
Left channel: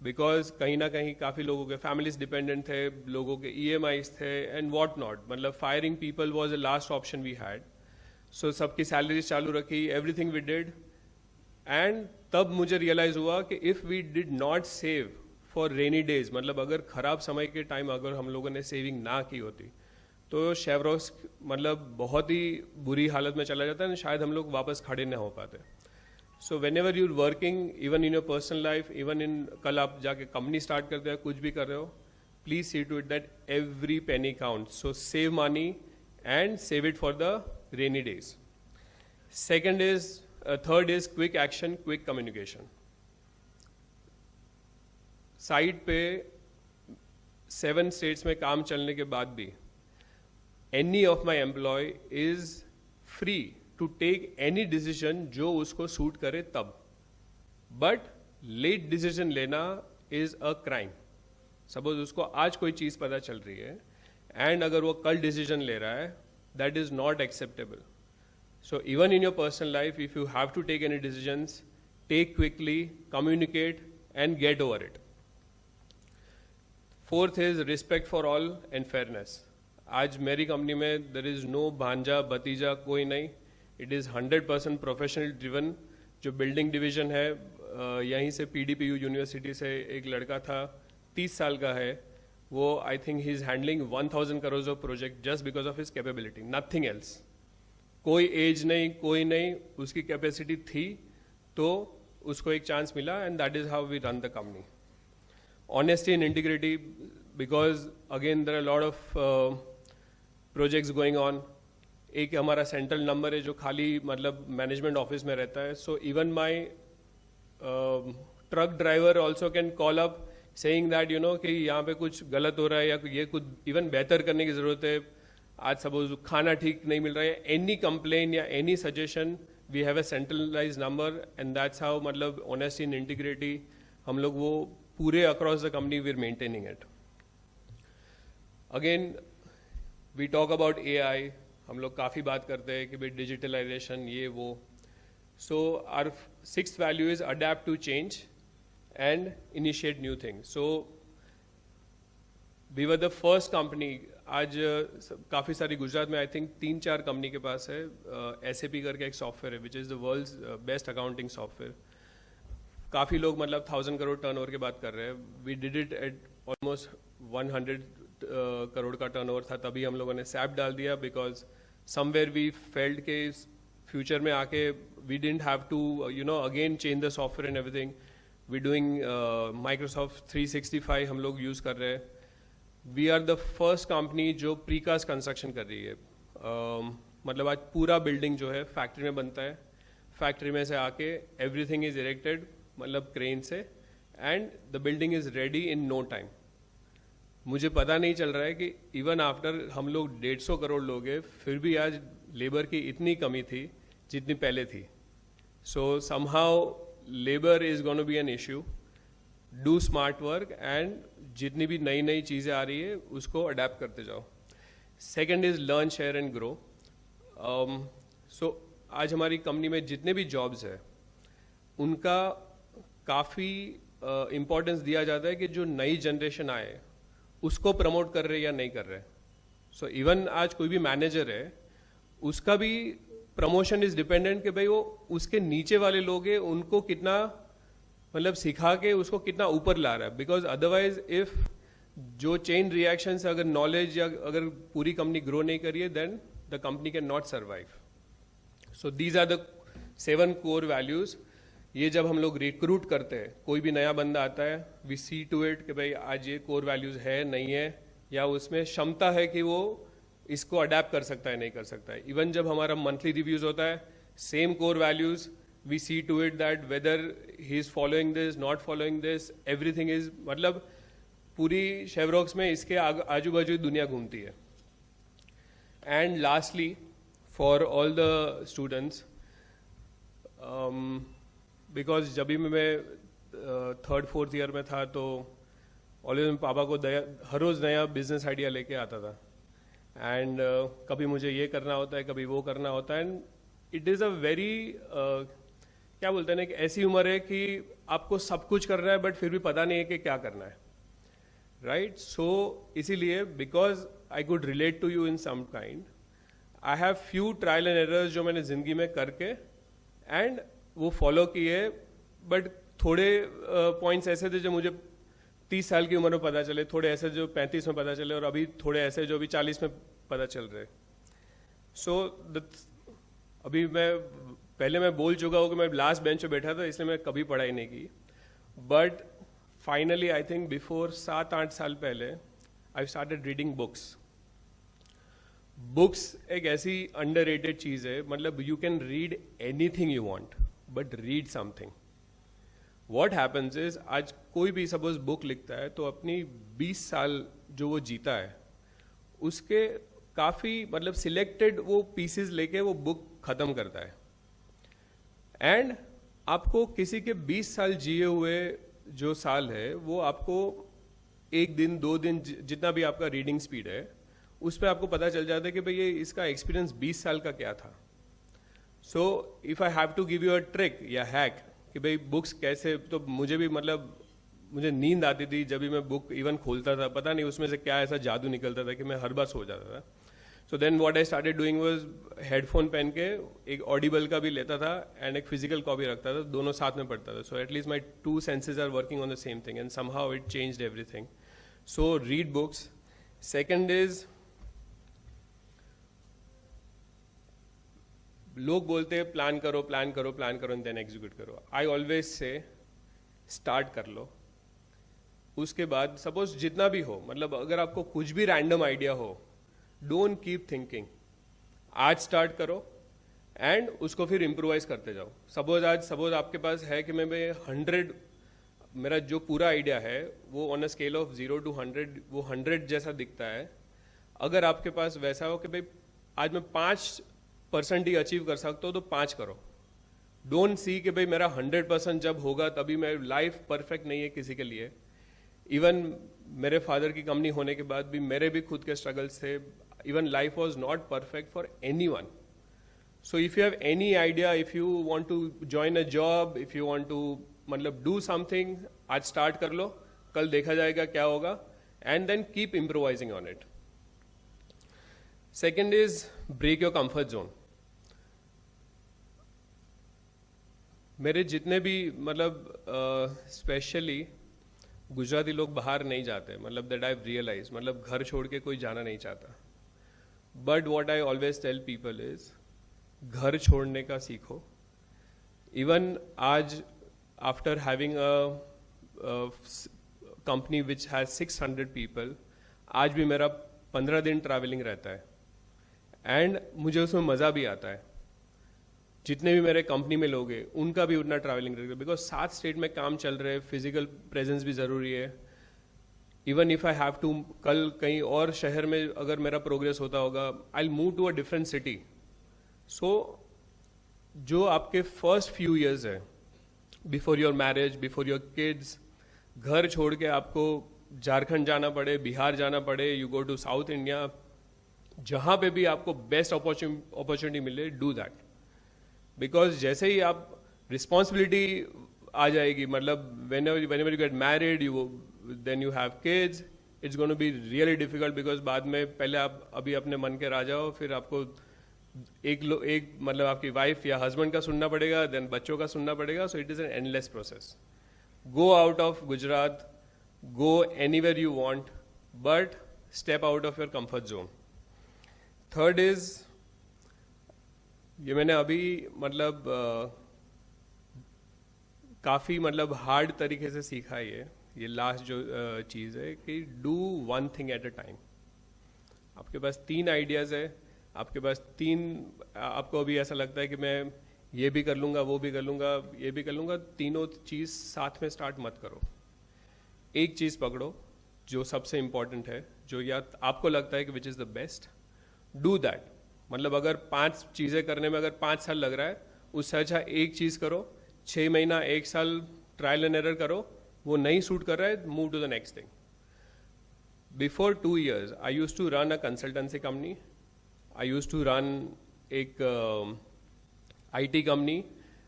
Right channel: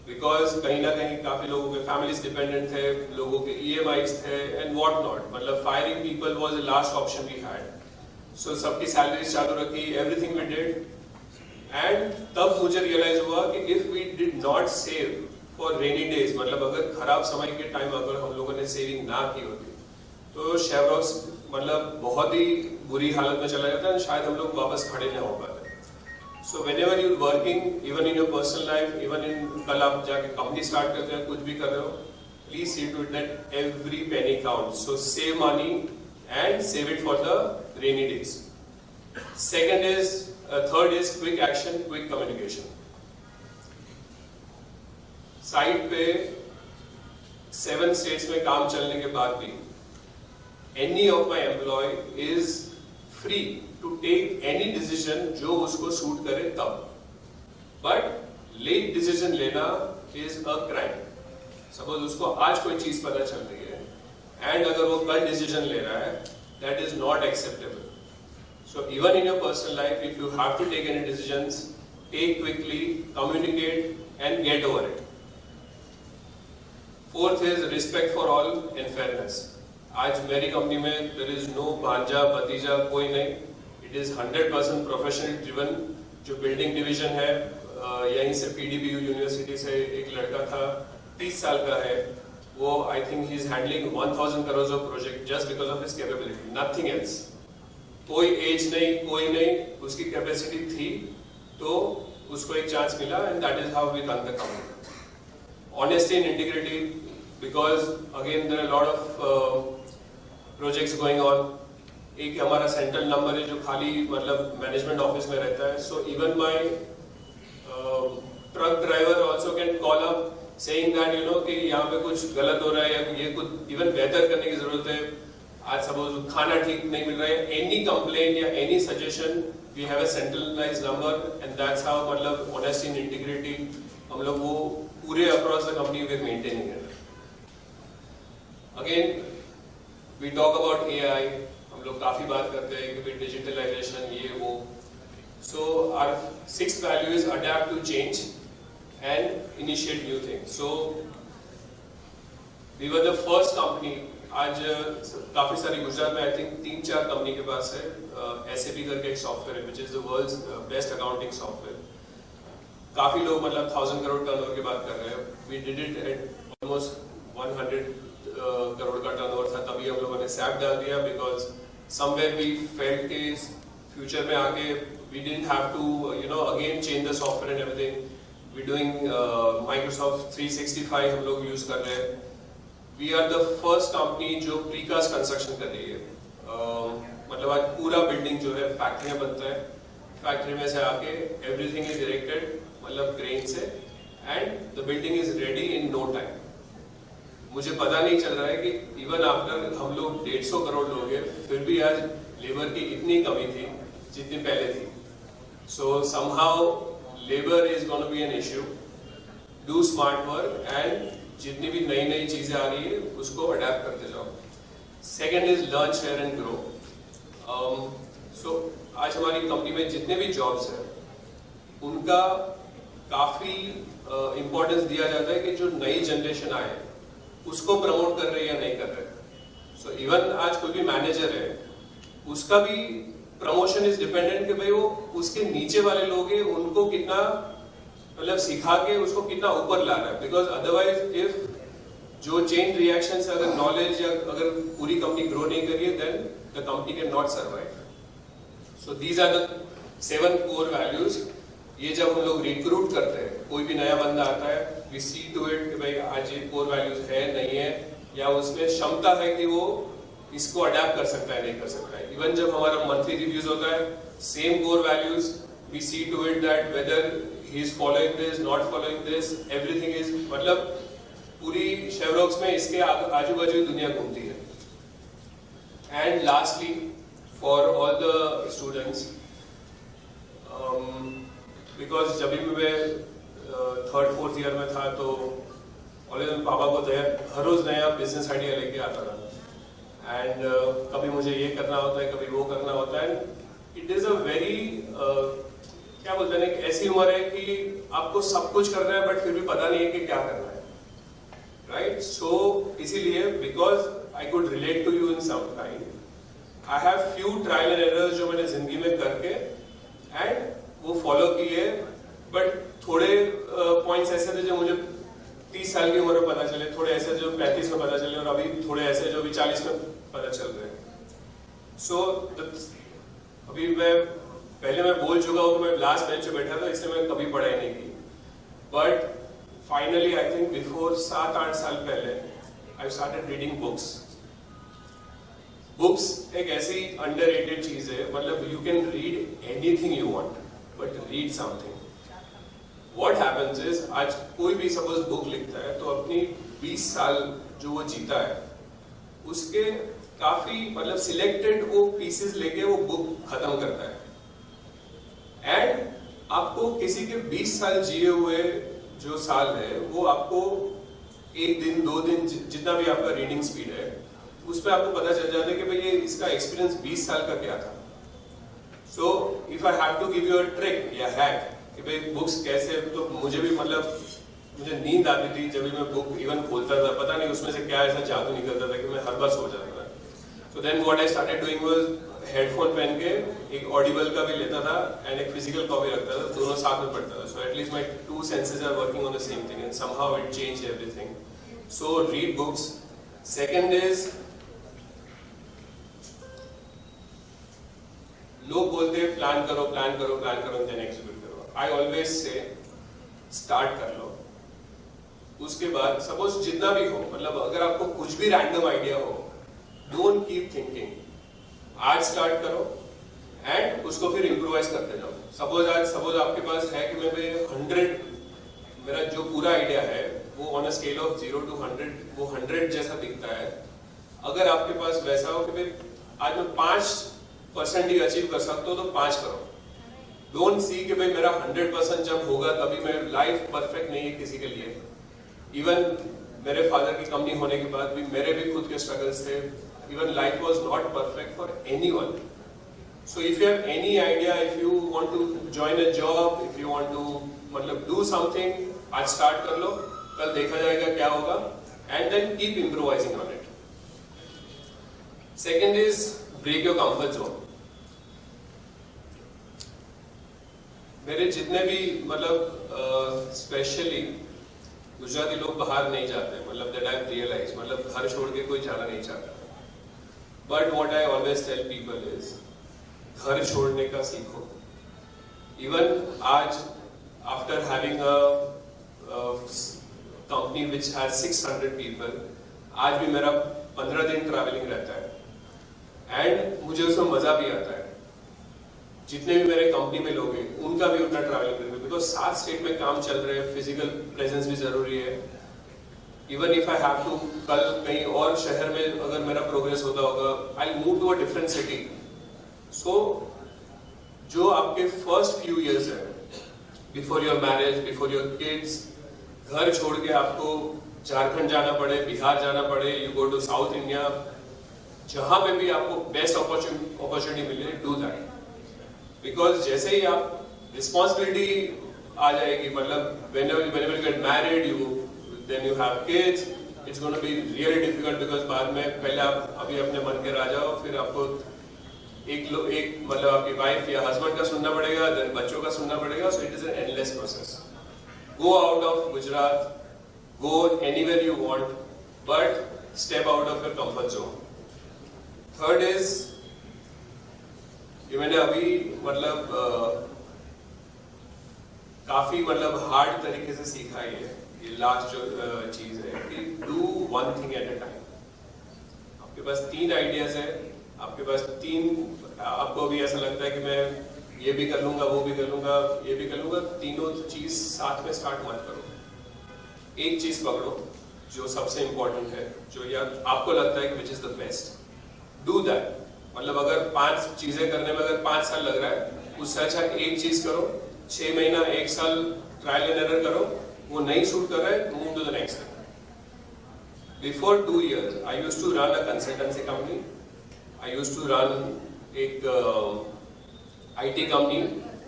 Because कहीं ना कहीं काफ़ी लोगों के फैमिलीज डिपेंडेंट थे, लोगों के EMIs थे एंड व्हाट नॉट, मतलब firing people was the last option we had. सो सबकी सैलरी चालू रखी, एवरीथिंग वी डिड. एंड तब मुझे रियलाइज हुआ कि if we did not save for rainy days, मतलब अगर खराब समय के टाइम अगर हम लोगों ने सेविंग ना की होती तो शेवरॉक्स मतलब बहुत ही बुरी हालत में चला जाता है, शायद हम लोग वापस खड़े ना हो पाते. So whenever you're working, even in your personal life, even in कल आप जाके कंपनी स्टार्ट करते हैं, कुछ भी कर रहे हो, please see to it that every penny counts. So save money and save it for the rainy days. Third is quick action, quick communication. Site पे 7 states में काम चलने के बाद भी any of my employee is free to take any decision जो उसको suit करे तब. But late decision लेना is a crime. Suppose उसको आज कोई चीज पता चल रही है and अगर वो कल decision ले रहा है, that is not acceptable. So even in your personal life, if you have to take any decisions, take quickly, communicate and get over it. Fourth is respect for all and fairness. आज मेरी company में there is no भांजा भतीजा कोई नहीं. It is 100% professional driven. जो building division है यहीं से PDPU यूनिवर्सिटी से एक लड़का था 30 साल का है, वो I think he is handling 1000 crores of project just because of his capability, nothing else. कोई एज नहीं, कोई नहीं, उसकी कैपेसिटी थी तो उसको एक चांस मिला and that is how we run the company. Honesty and integrity, because again there are lot of projects going on. एक हमारा सेंट्रल नंबर है जो खाली मतलब मैनेजमेंट ऑफिस में रहता है. So even my truck driver also can call up saying that you know कि यहाँ पे कुछ गलत हो रहा है या ये कुछ इवन बेहतर करने की जरूरत है. आज सपोज खाना ठीक नहीं मिल रहा है, एनी कंप्लेन या any suggestion, we have a centralised number and that's how मतलब ऑनेस्टी एंड इंटीग्रिटी हम लोग वो पूरे across the company we maintaining it. Again we talk about AI. हम लोग काफी बात करते हैं कि डिजिटलाइजेशन ये वो. So our 6th value is adapt to change and initiate new things. So we were the first company. आज काफी सारी गुजरात में आई थिंक 3-4 कंपनी के पास है SAP करके एक सॉफ्टवेयर है, which is the world's best accounting software. काफी लोग मतलब 1000 करोड़ टर्नओवर की बात कर रहे हैं. We did it at almost 100 crore का टर्नओवर था, तभी हम लोगों ने SAP डाल दिया बिकॉज somewhere we felt कि फ्यूचर में आके we didn't have to you know again change the software and everything. We doing Microsoft 365 हम लोग यूज कर रहे हैं. We are the first company जो प्रीकास्ट कंस्ट्रक्शन कर रही है. मतलब आज पूरा बिल्डिंग जो है फैक्ट्री में बनता है, फैक्ट्री में से आके एवरीथिंग इज इरेक्टेड मतलब क्रेन से and the building is ready in no time. मुझे पता नहीं चल रहा है कि इवन आफ्टर हम लोग 150 करोड़ लोग हैं फिर भी आज लेबर की इतनी कमी थी जितनी पहले थी. सो somehow labour is gonna be an issue. Do smart work and जितनी भी नई नई चीजें आ रही है उसको अडेप्ट करते जाओ. Second is learn share and grow. सो आज हमारी कंपनी में जितने भी जॉब्स हैं उनका काफी इम्पोर्टेंस दिया जाता है कि जो नई जनरेशन आए उसको प्रमोट कर रहे हैं या नहीं कर रहे. सो इवन आज कोई भी मैनेजर है उसका भी प्रमोशन इज डिपेंडेंट कि भाई वो उसके नीचे वाले लोग हैं उनको कितना मतलब सिखा के उसको कितना ऊपर ला रहा है. बिकॉज अदरवाइज इफ जो चेन रिएक्शन से अगर नॉलेज या अगर पूरी कंपनी ग्रो नहीं करी है then the company can not survive. So these are the 7 core values. ये जब हम लोग रिक्रूट करते हैं, कोई भी नया बंदा आता है, वी सी टू इट भाई आज ये कोर वैल्यूज है नहीं है या उसमें क्षमता है कि वो इसको अडेप्ट कर सकता है नहीं कर सकता है. इवन जब हमारा मंथली रिव्यूज होता है, same core values, we C to it that whether he is following this not following this, everything is मतलब पूरी शेवरॉक्स में इसके आजू बाजू दुनिया घूमती है. And lastly for all the students, because जब भी मैं 3rd-4th ईयर में था तो ऑलवेज पापा को हर रोज नया बिजनेस आइडिया लेके आता था. एंड कभी मुझे ये करना होता है, कभी वो करना होता है. इट इज अ वेरी क्या बोलते हैं, एक ऐसी उम्र है कि आपको सब कुछ करना है बट फिर भी पता नहीं है कि क्या करना है, राइट? सो इसीलिए because I could relate to you in some kind, I have few trial and errors जो मैंने जिंदगी में करके एंड वो फॉलो किए, बट थोड़े पॉइंट्स ऐसे थे जो मुझे 30 साल की उम्र में पता चले, थोड़े ऐसे जो 35 में पता चले, और अभी थोड़े ऐसे जो अभी 40 में पता चल रहे हैं. सो अभी मैं बोल चुका हूँ, मैं लास्ट बेंच पे बैठा था, इसलिए मैं कभी पढ़ाई नहीं की, but finally I think before 7-8 साल पहले I started reading books. Books एक ऐसी अंडररेटेड चीज है, मतलब you can read anything you want but read something. What happens is, आज कोई भी सपोज बुक लिखता है तो अपनी 20 साल जो वो जीता है उसके काफी मतलब सिलेक्टेड वो पीसेस लेके वो बुक खत्म करता है. एंड आपको किसी के 20 साल जिए हुए जो साल है वो आपको 1 दिन 2 दिन जितना भी आपका रीडिंग स्पीड है उस पर आपको पता चल जाता है कि भाई ये इसका एक्सपीरियंस 20 साल का क्या था. So if I have to give you a trick या हैक कि भाई बुक्स कैसे, तो मुझे भी मतलब मुझे नींद आती थी जब भी मैं बुक इवन खोलता था, पता नहीं उसमें से क्या ऐसा जादू निकलता था कि मैं हर बार सो जाता था. तो then what I started doing was headphone पहन के एक ऑडिबल का भी लेता था एंड एक फिजिकल कॉपी रखता था, दोनों साथ में पढ़ता था. So at least my 2 senses are working on the same thing and somehow it changed everything. So read books. Second is, लोग बोलते हैं प्लान करो देन एग्जीक्यूट करो. आई ऑलवेज से स्टार्ट कर लो, उसके बाद सपोज जितना भी हो, मतलब अगर आपको कुछ भी रैंडम आइडिया हो, डोंट कीप थिंकिंग. आज स्टार्ट करो एंड उसको फिर इम्प्रोवाइज करते जाओ. सपोज आपके पास है कि मैं 100, मेरा जो पूरा आइडिया है वो on a scale of 0 to 100 वो 100 जैसा दिखता है. अगर आपके पास वैसा हो कि आज मैं 5% ही अचीव कर सकता हूँ तो 5 करो. डोंट सी कि भाई मेरा 100% जब होगा तभी मैं, लाइफ परफेक्ट नहीं है किसी के लिए. इवन मेरे फादर की कंपनी होने के बाद भी मेरे भी खुद के स्ट्रगल्स थे. Even life was not perfect for anyone. So if you have any idea, if you want to join a job, if you want to मतलब डू समथिंग, आज स्टार्ट कर लो, कल देखा जाएगा क्या होगा, and then keep improvising on it. Second is break your comfort zone. मेरे जितने भी मतलब स्पेशली गुजराती लोग बाहर नहीं जाते, मतलब दैट आई रियलाइज, मतलब घर छोड़ के कोई जाना नहीं चाहता. But what I always tell people is घर छोड़ने का सीखो. इवन आज after having a company which has 600 people, आज भी मेरा 15 दिन ट्रैवलिंग रहता है एंड मुझे उसमें मजा भी आता है. जितने भी मेरे कंपनी में लोग हैं उनका भी उतना ट्रैवलिंग रहता है, बिकॉज 7 स्टेट में काम चल रहे हैं, फिजिकल प्रेजेंस भी जरूरी है. Even if I have to, कल कहीं और शहर में अगर मेरा प्रोग्रेस होता होगा, I move to a different city. सो जो आपके फर्स्ट फ्यू इयर्स है before your marriage, before your kids, घर छोड़ के आपको झारखंड जाना पड़े, बिहार जाना पड़े, you go to south India, जहां पे भी आपको बेस्ट अपॉर्चुनिटी मिले, डू दैट. बिकॉज जैसे ही आप रिस्पॉन्सिबिलिटी आ जाएगी, मतलब whenever you get married, then you have kids, it's going to be really difficult because बाद में पहले आप अभी अपने मन के राजा हो, फिर आपको एक मतलब आपकी वाइफ या हस्बैंड का सुनना पड़ेगा, देन बच्चों का सुनना पड़ेगा. So it is an endless process. Go out of Gujarat, go anywhere you want, but step out of your comfort zone. Third is, ये मैंने अभी मतलब काफी मतलब हार्ड तरीके से सीखा है. ये लास्ट जो चीज है कि do one thing at a time. आपके पास 3 आइडियाज है, आपके पास 3, आपको भी ऐसा लगता है कि मैं ये भी कर लूंगा, वो भी कर लूंगा, ये भी कर लूंगा, तीनों चीज साथ में स्टार्ट मत करो. एक चीज पकड़ो जो सबसे इंपॉर्टेंट है, जो यार आपको लगता है which is the best, do that. मतलब अगर 5 चीजें करने में अगर 5 साल लग रहा है, उससे अच्छा एक चीज करो, 6 महीना 1 साल ट्रायल एंड एरर करो, वो नहीं सूट कर रहा है, move to the next step. Before 2 years I used to run a consultancy company, I used to run एक IT company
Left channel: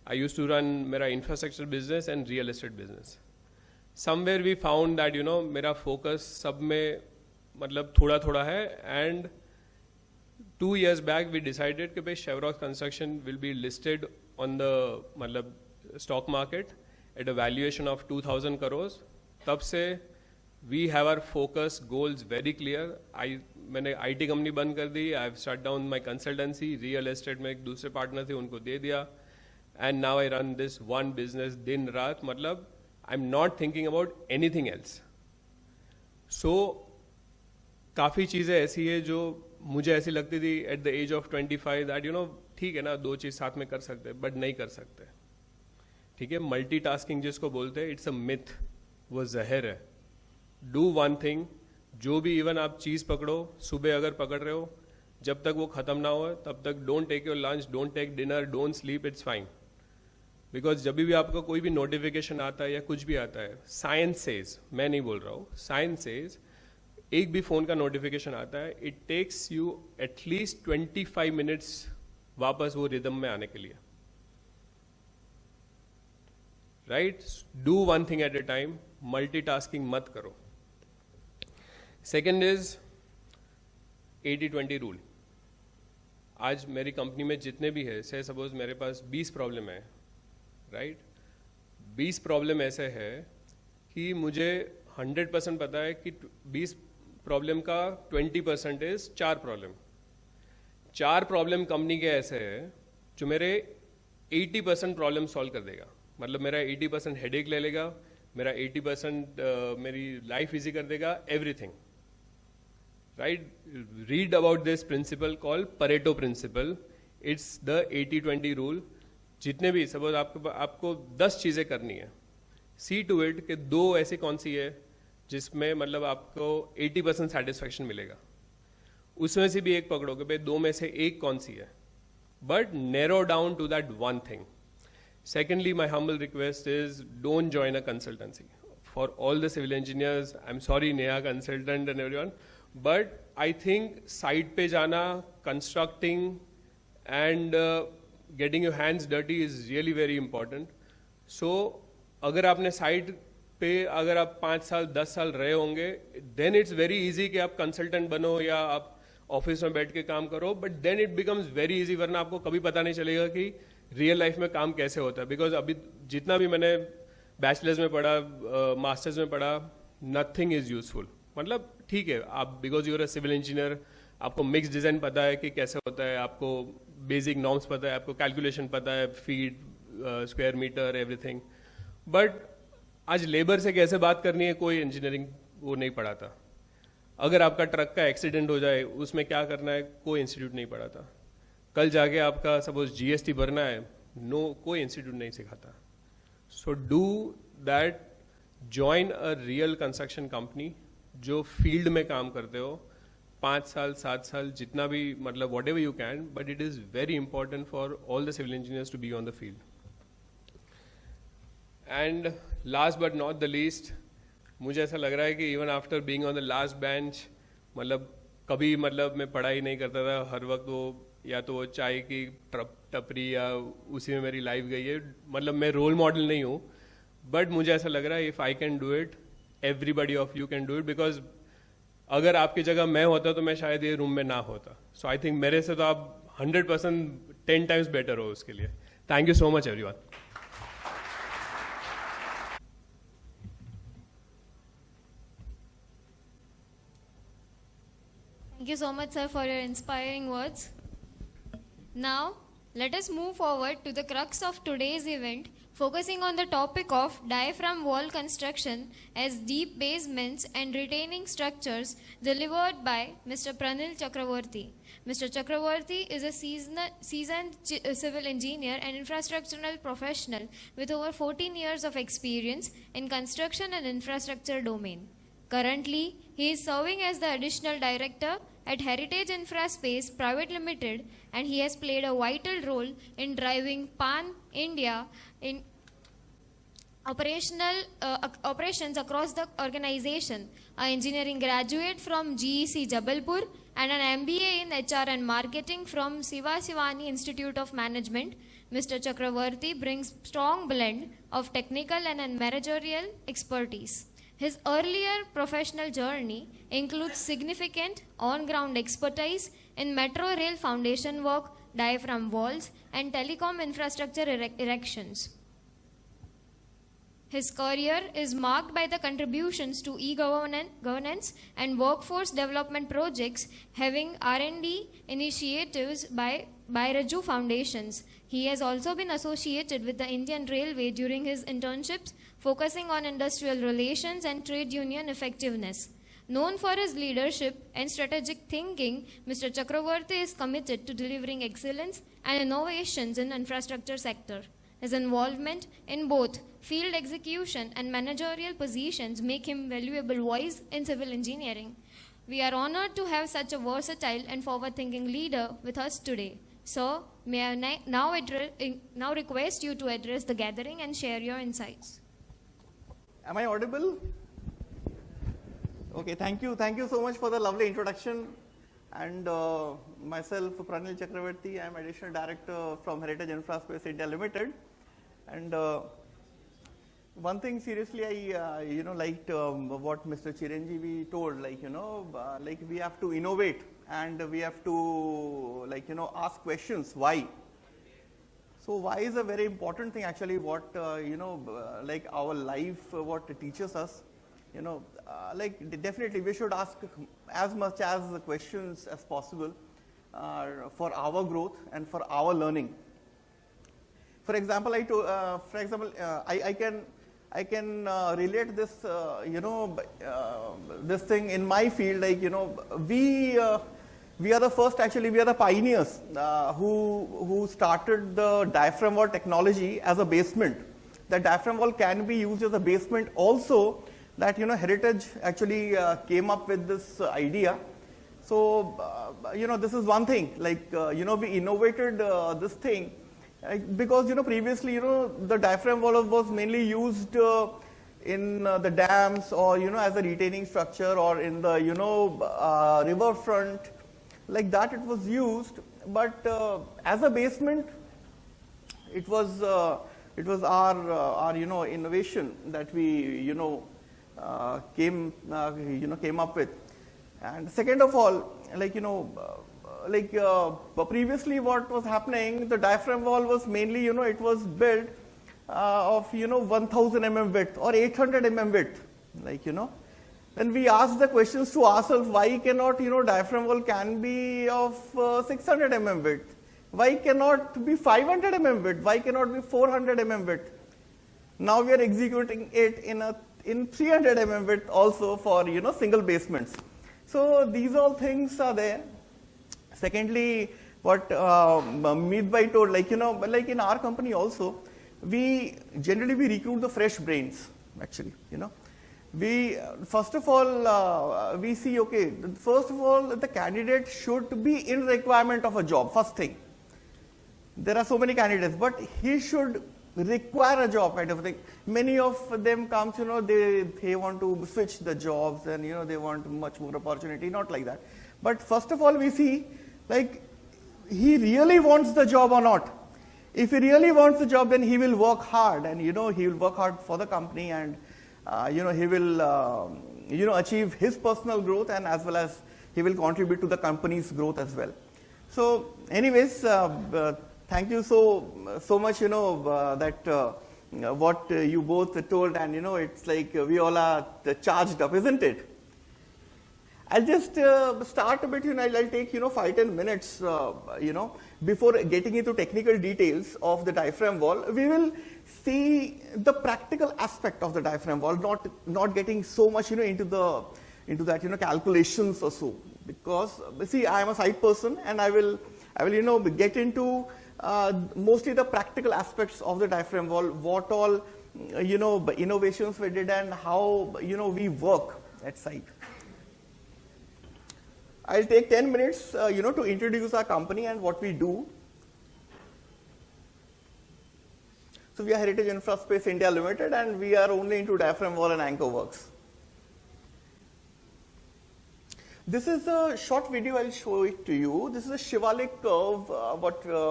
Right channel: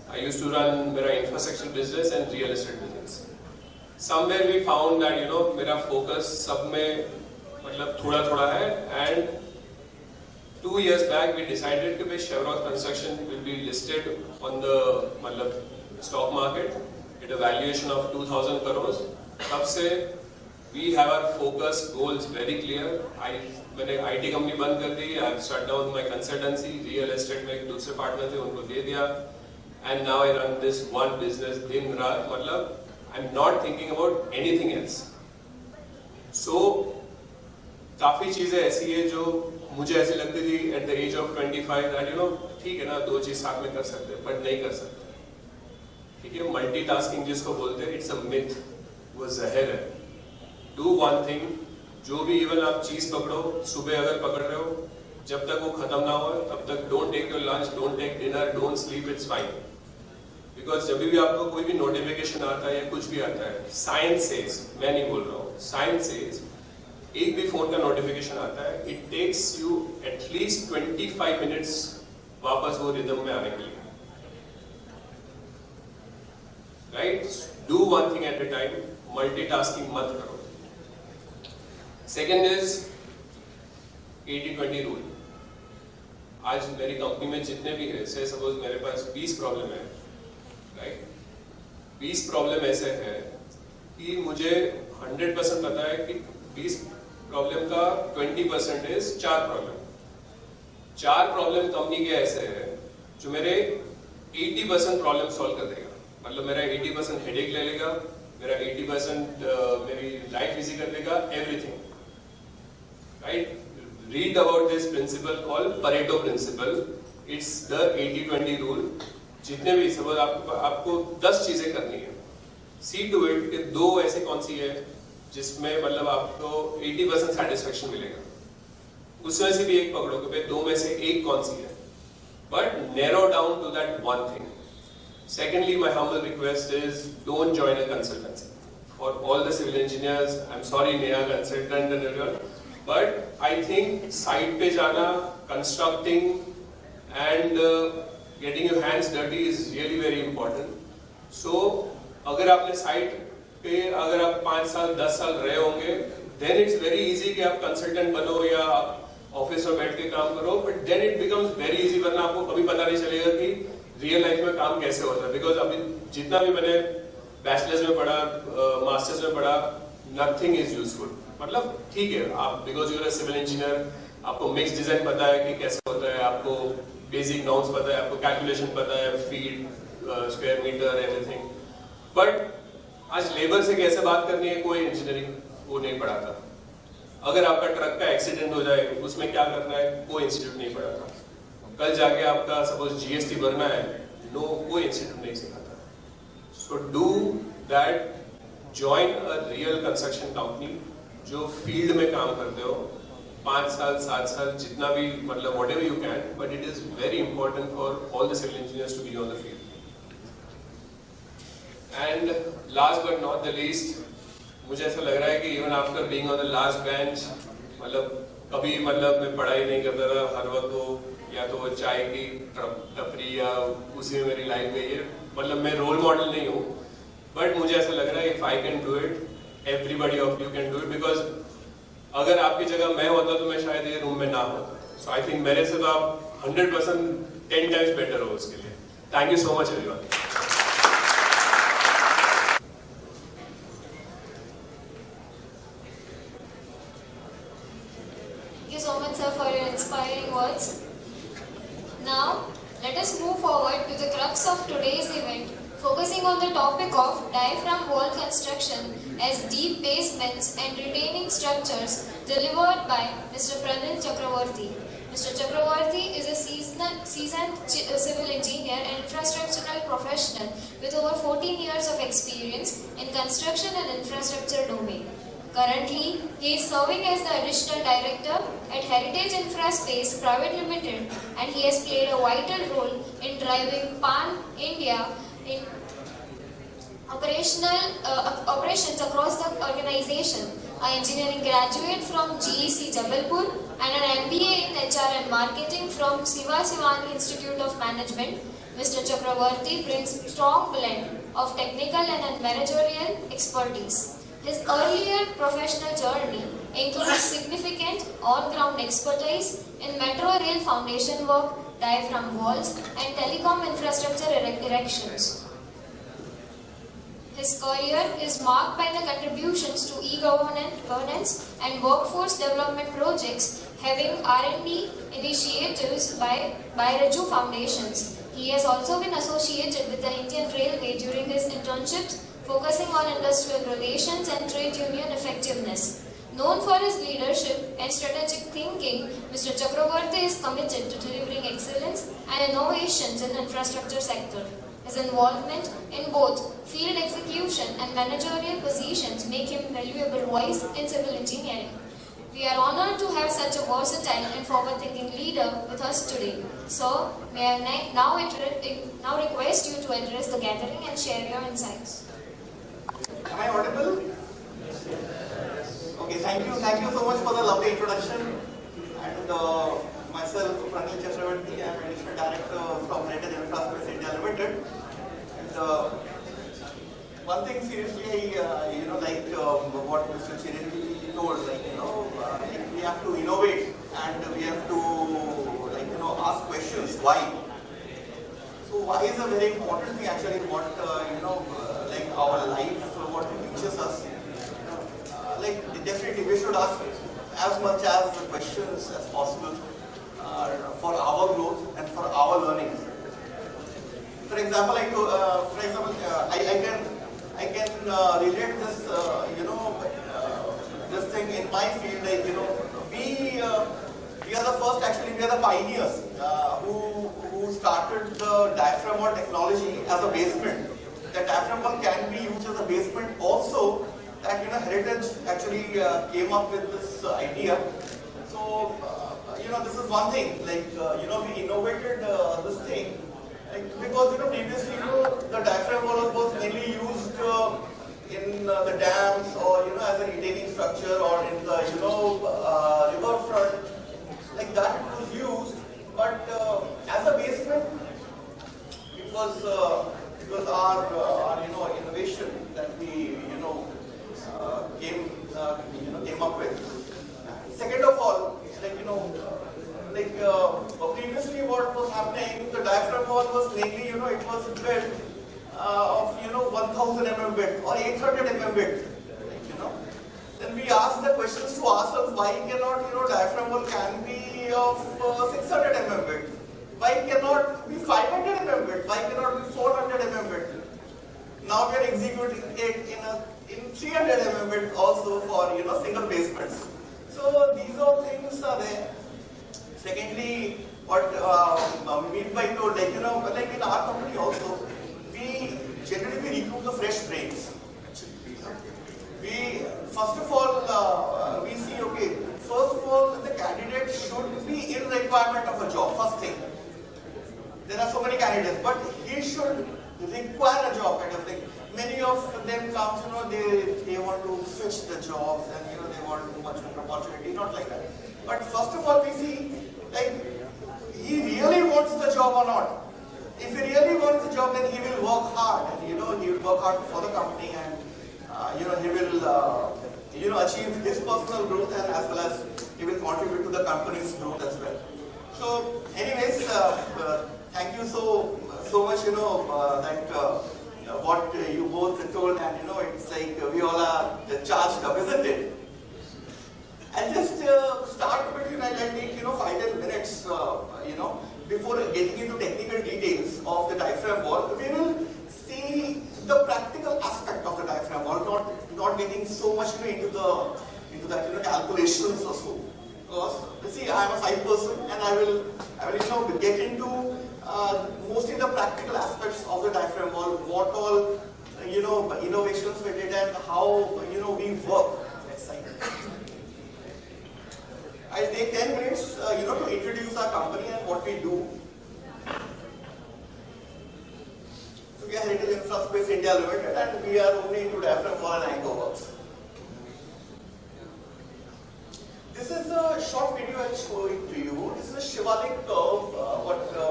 I used to run मेरा infrastructure business and real estate business. Somewhere we found that मेरा focus सब में मतलब थोड़ा है, and 2 years back we decided कि भाई Chevroc construction will be listed on the मतलब stock market at a valuation of 2,000 crores. तब से we have our focus goals very clear. मैंने IT कंपनी बंद कर दी, I have shut down my consultancy, real estate में एक दूसरे partner थे उनको दे दिया, and now I run this one business दिन रात, मतलब I'm not thinking about anything else. So काफी चीजें ऐसी है जो मुझे ऐसी लगती थी at the age of 25 that ठीक है ना, दो चीज साथ में कर सकते हैं, but नहीं कर सकते. ठीक है, मल्टीटास्किंग जिसको बोलते हैं, इट्स अ मिथ, वो जहर है. डू वन थिंग, जो भी इवन आप चीज पकड़ो, सुबह अगर पकड़ रहे हो, जब तक वो खत्म ना हो तब तक don't take your lunch, don't take dinner, don't sleep, it's fine. Because जब भी आपको कोई भी नोटिफिकेशन आता है या कुछ भी आता है, साइंस सेज, मैं नहीं बोल रहा हूँ, साइंस सेज एक भी फोन का नोटिफिकेशन आता है, it takes you at least 25 minutes वापस वो रिदम में आने के लिए. Right? Do one thing at A time, multitasking मत करो. Second is 80-20 rule. आज मेरी कंपनी में जितने भी है, से सपोज मेरे पास 20 प्रॉब्लम है, राइट? 20 प्रॉब्लम ऐसे है कि मुझे 100% पता है कि 20 प्रॉब्लम का 20% इज 4 प्रॉब्लम. 4 प्रॉब्लम कंपनी के ऐसे है जो मेरे 80% प्रॉब्लम सॉल्व कर देगा. मतलब मेरा 80% हेडेक ले लेगा, मेरा 80% मेरी लाइफ इजी कर देगा, everything. Right? Read about this principle called Pareto principle. It's the 80-20 rule. जितने भी सपोज आपको 10 चीजें करनी है, see to it कि 2 ऐसी कौन सी है जिसमें मतलब आपको 80% satisfaction मिलेगा. उसमें से भी एक पकड़ो कि 2 में से एक कौन सी है, but narrow down to that one thing. Secondly, my humble request is don't join a consultancy. For all the civil engineers, I'm sorry, Neha consultant, but I think site पे जाना, constructing and getting your hands dirty is really very important. So अगर आपने site पे अगर आप 5 साल 10 साल रहे होंगे, then it's very easy कि आप consultant बनो या ऑफिस में बैठ के काम करो, but then it becomes very easy वरना आपको कभी पता नहीं चलेगा कि रियल लाइफ में काम कैसे होता है. बिकॉज अभी जितना भी मैंने बैचलर्स में पढ़ा, मास्टर्स में पढ़ा, नथिंग इज यूजफुल. मतलब ठीक है, आप because you are civil engineer, आपको मिक्स डिजाइन पता है कि कैसे होता है, आपको बेसिक नॉर्म्स पता है, आपको कैलकुलेशन पता है, feet, square metre, everything. But आज लेबर से कैसे बात करनी है, कोई इंजीनियरिंग वो नहीं पढ़ाता. अगर आपका ट्रक का एक्सीडेंट हो जाए, उसमें क्या करना है, कोई इंस्टीट्यूट नहीं पढ़ाता. कल जाके आपका सपोज जीएसटी भरना है, नो, कोई इंस्टीट्यूट नहीं सिखाता. So do that, join a real construction company जो फील्ड में काम करते हो, 5 साल 7 साल जितना भी, मतलब what ever you can, but it is very important for all the civil engineers to be on the field. And last but not the least, मुझे ऐसा लग रहा है कि even after being on the last bench, मतलब कभी मतलब मैं पढ़ाई नहीं करता रहा, हर वक्त वो या तो वो चाय की टपरी या उसी में मेरी लाइफ गई है. मतलब मैं रोल मॉडल नहीं हूँ, बट मुझे ऐसा लग रहा है if I can do it, everybody of you can do it. Because अगर आपकी जगह मैं होता तो मैं शायद ये रूम में ना होता. सो आई थिंक मेरे से तो आप 100% 10 टाइम्स बेटर हो उसके लिए. Thank you so much everyone. Thank you so much, sir, for your inspiring words. Now, let us move forward to the crux of today's event, focusing on the topic of diaphragm wall construction as deep basements and retaining structures delivered by Mr. Pranil Chakraborty. Mr. Chakraborty is a seasoned civil engineer and infrastructural professional with over 14 years of experience in construction and infrastructure domain. Currently, he is serving as the additional director at Heritage Infraspace Private Limited, and he has played a vital role in driving Pan-India operations across the organization. An engineering graduate from GEC Jabalpur and an MBA in HR and Marketing from Sivaji Institute of Management. Mr. Chakraborty brings strong blend of technical and managerial expertise. His earlier professional journey includes significant on-ground expertise in metro rail foundation work, diaphragm walls, and telecom infrastructure erections. His career is marked by the contributions to e-governance and workforce development projects, having R&D initiatives by Raju Foundations. He has also been associated with the Indian Railway during his internships, focusing on industrial relations and trade union effectiveness. Known for his leadership and strategic thinking, Mr. Chakraborty is committed to delivering excellence and innovations in the infrastructure sector. His involvement in both field execution and managerial positions make him valuable voice in civil engineering. We are honored to have such a versatile and forward-thinking leader with us today. So, may I now request you to address the gathering and share your insights. Am I audible? Okay, thank you so much for the lovely introduction. And myself, Pranil, I'm Additional Director from Infraspace India Limited. And one thing seriously, what Mr. Chiranjiv told, we have to innovate and we have to, ask questions. Why? So why is a very important thing actually. What our life, what it teaches us. Definitely we should ask as much as questions as possible for our growth and for our learning. For example, I can relate this, this thing in my field. We are the first. Actually, we are the pioneers who started the diaphragm wall technology as a basement. The diaphragm wall can be used as a basement also. That Heritage actually came up with this idea. So this is one thing. We innovated this thing because previously the diaphragm wall was mainly used in the dams or as a retaining structure or in the riverfront, like that it was used. But as a basement, it was our innovation that we came up with. And second of all, previously what was happening, the diaphragm wall was mainly it was built of 1000 mm width or 800 mm width, Then we asked the questions to ourselves, why cannot diaphragm wall can be of 600 mm width? Why cannot be 500 mm width? Why cannot be 400 mm width? Now we are executing it in 300 mm width also for single basements. So these all things are there. Secondly, what Meetbhai told, like in our company also, we generally recruit the fresh brains. Actually, we first of all we see, okay, first of all the candidate should be in requirement of a job. First thing, there are so many candidates, but he should require a job kind of thing. Many of them come, they want to switch the jobs and they want much more opportunity, not like that. But first of all we see, he really wants the job or not. If he really wants the job, then he will work hard and he will work hard for the company and he will achieve his personal growth and as well as he will contribute to the company's growth as well. So anyways, thank you so much that what you both told, and it's like we all are charged up, isn't it? I'll just start a bit, I'll take 5-10 minutes before getting into technical details of the diaphragm wall. We will see the practical aspect of the diaphragm wall, not getting so much into that calculations or so, because see, I am a site person and I will get into mostly the practical aspects of the diaphragm wall, what all innovations we did and how we work at site. I'll take 10 minutes to introduce our company and what we do. So we are Heritage Infraspace India Limited and we are only into diaphragm wall and anchor works. This is a short video, I'll show it to you. This is a Shivalik curve,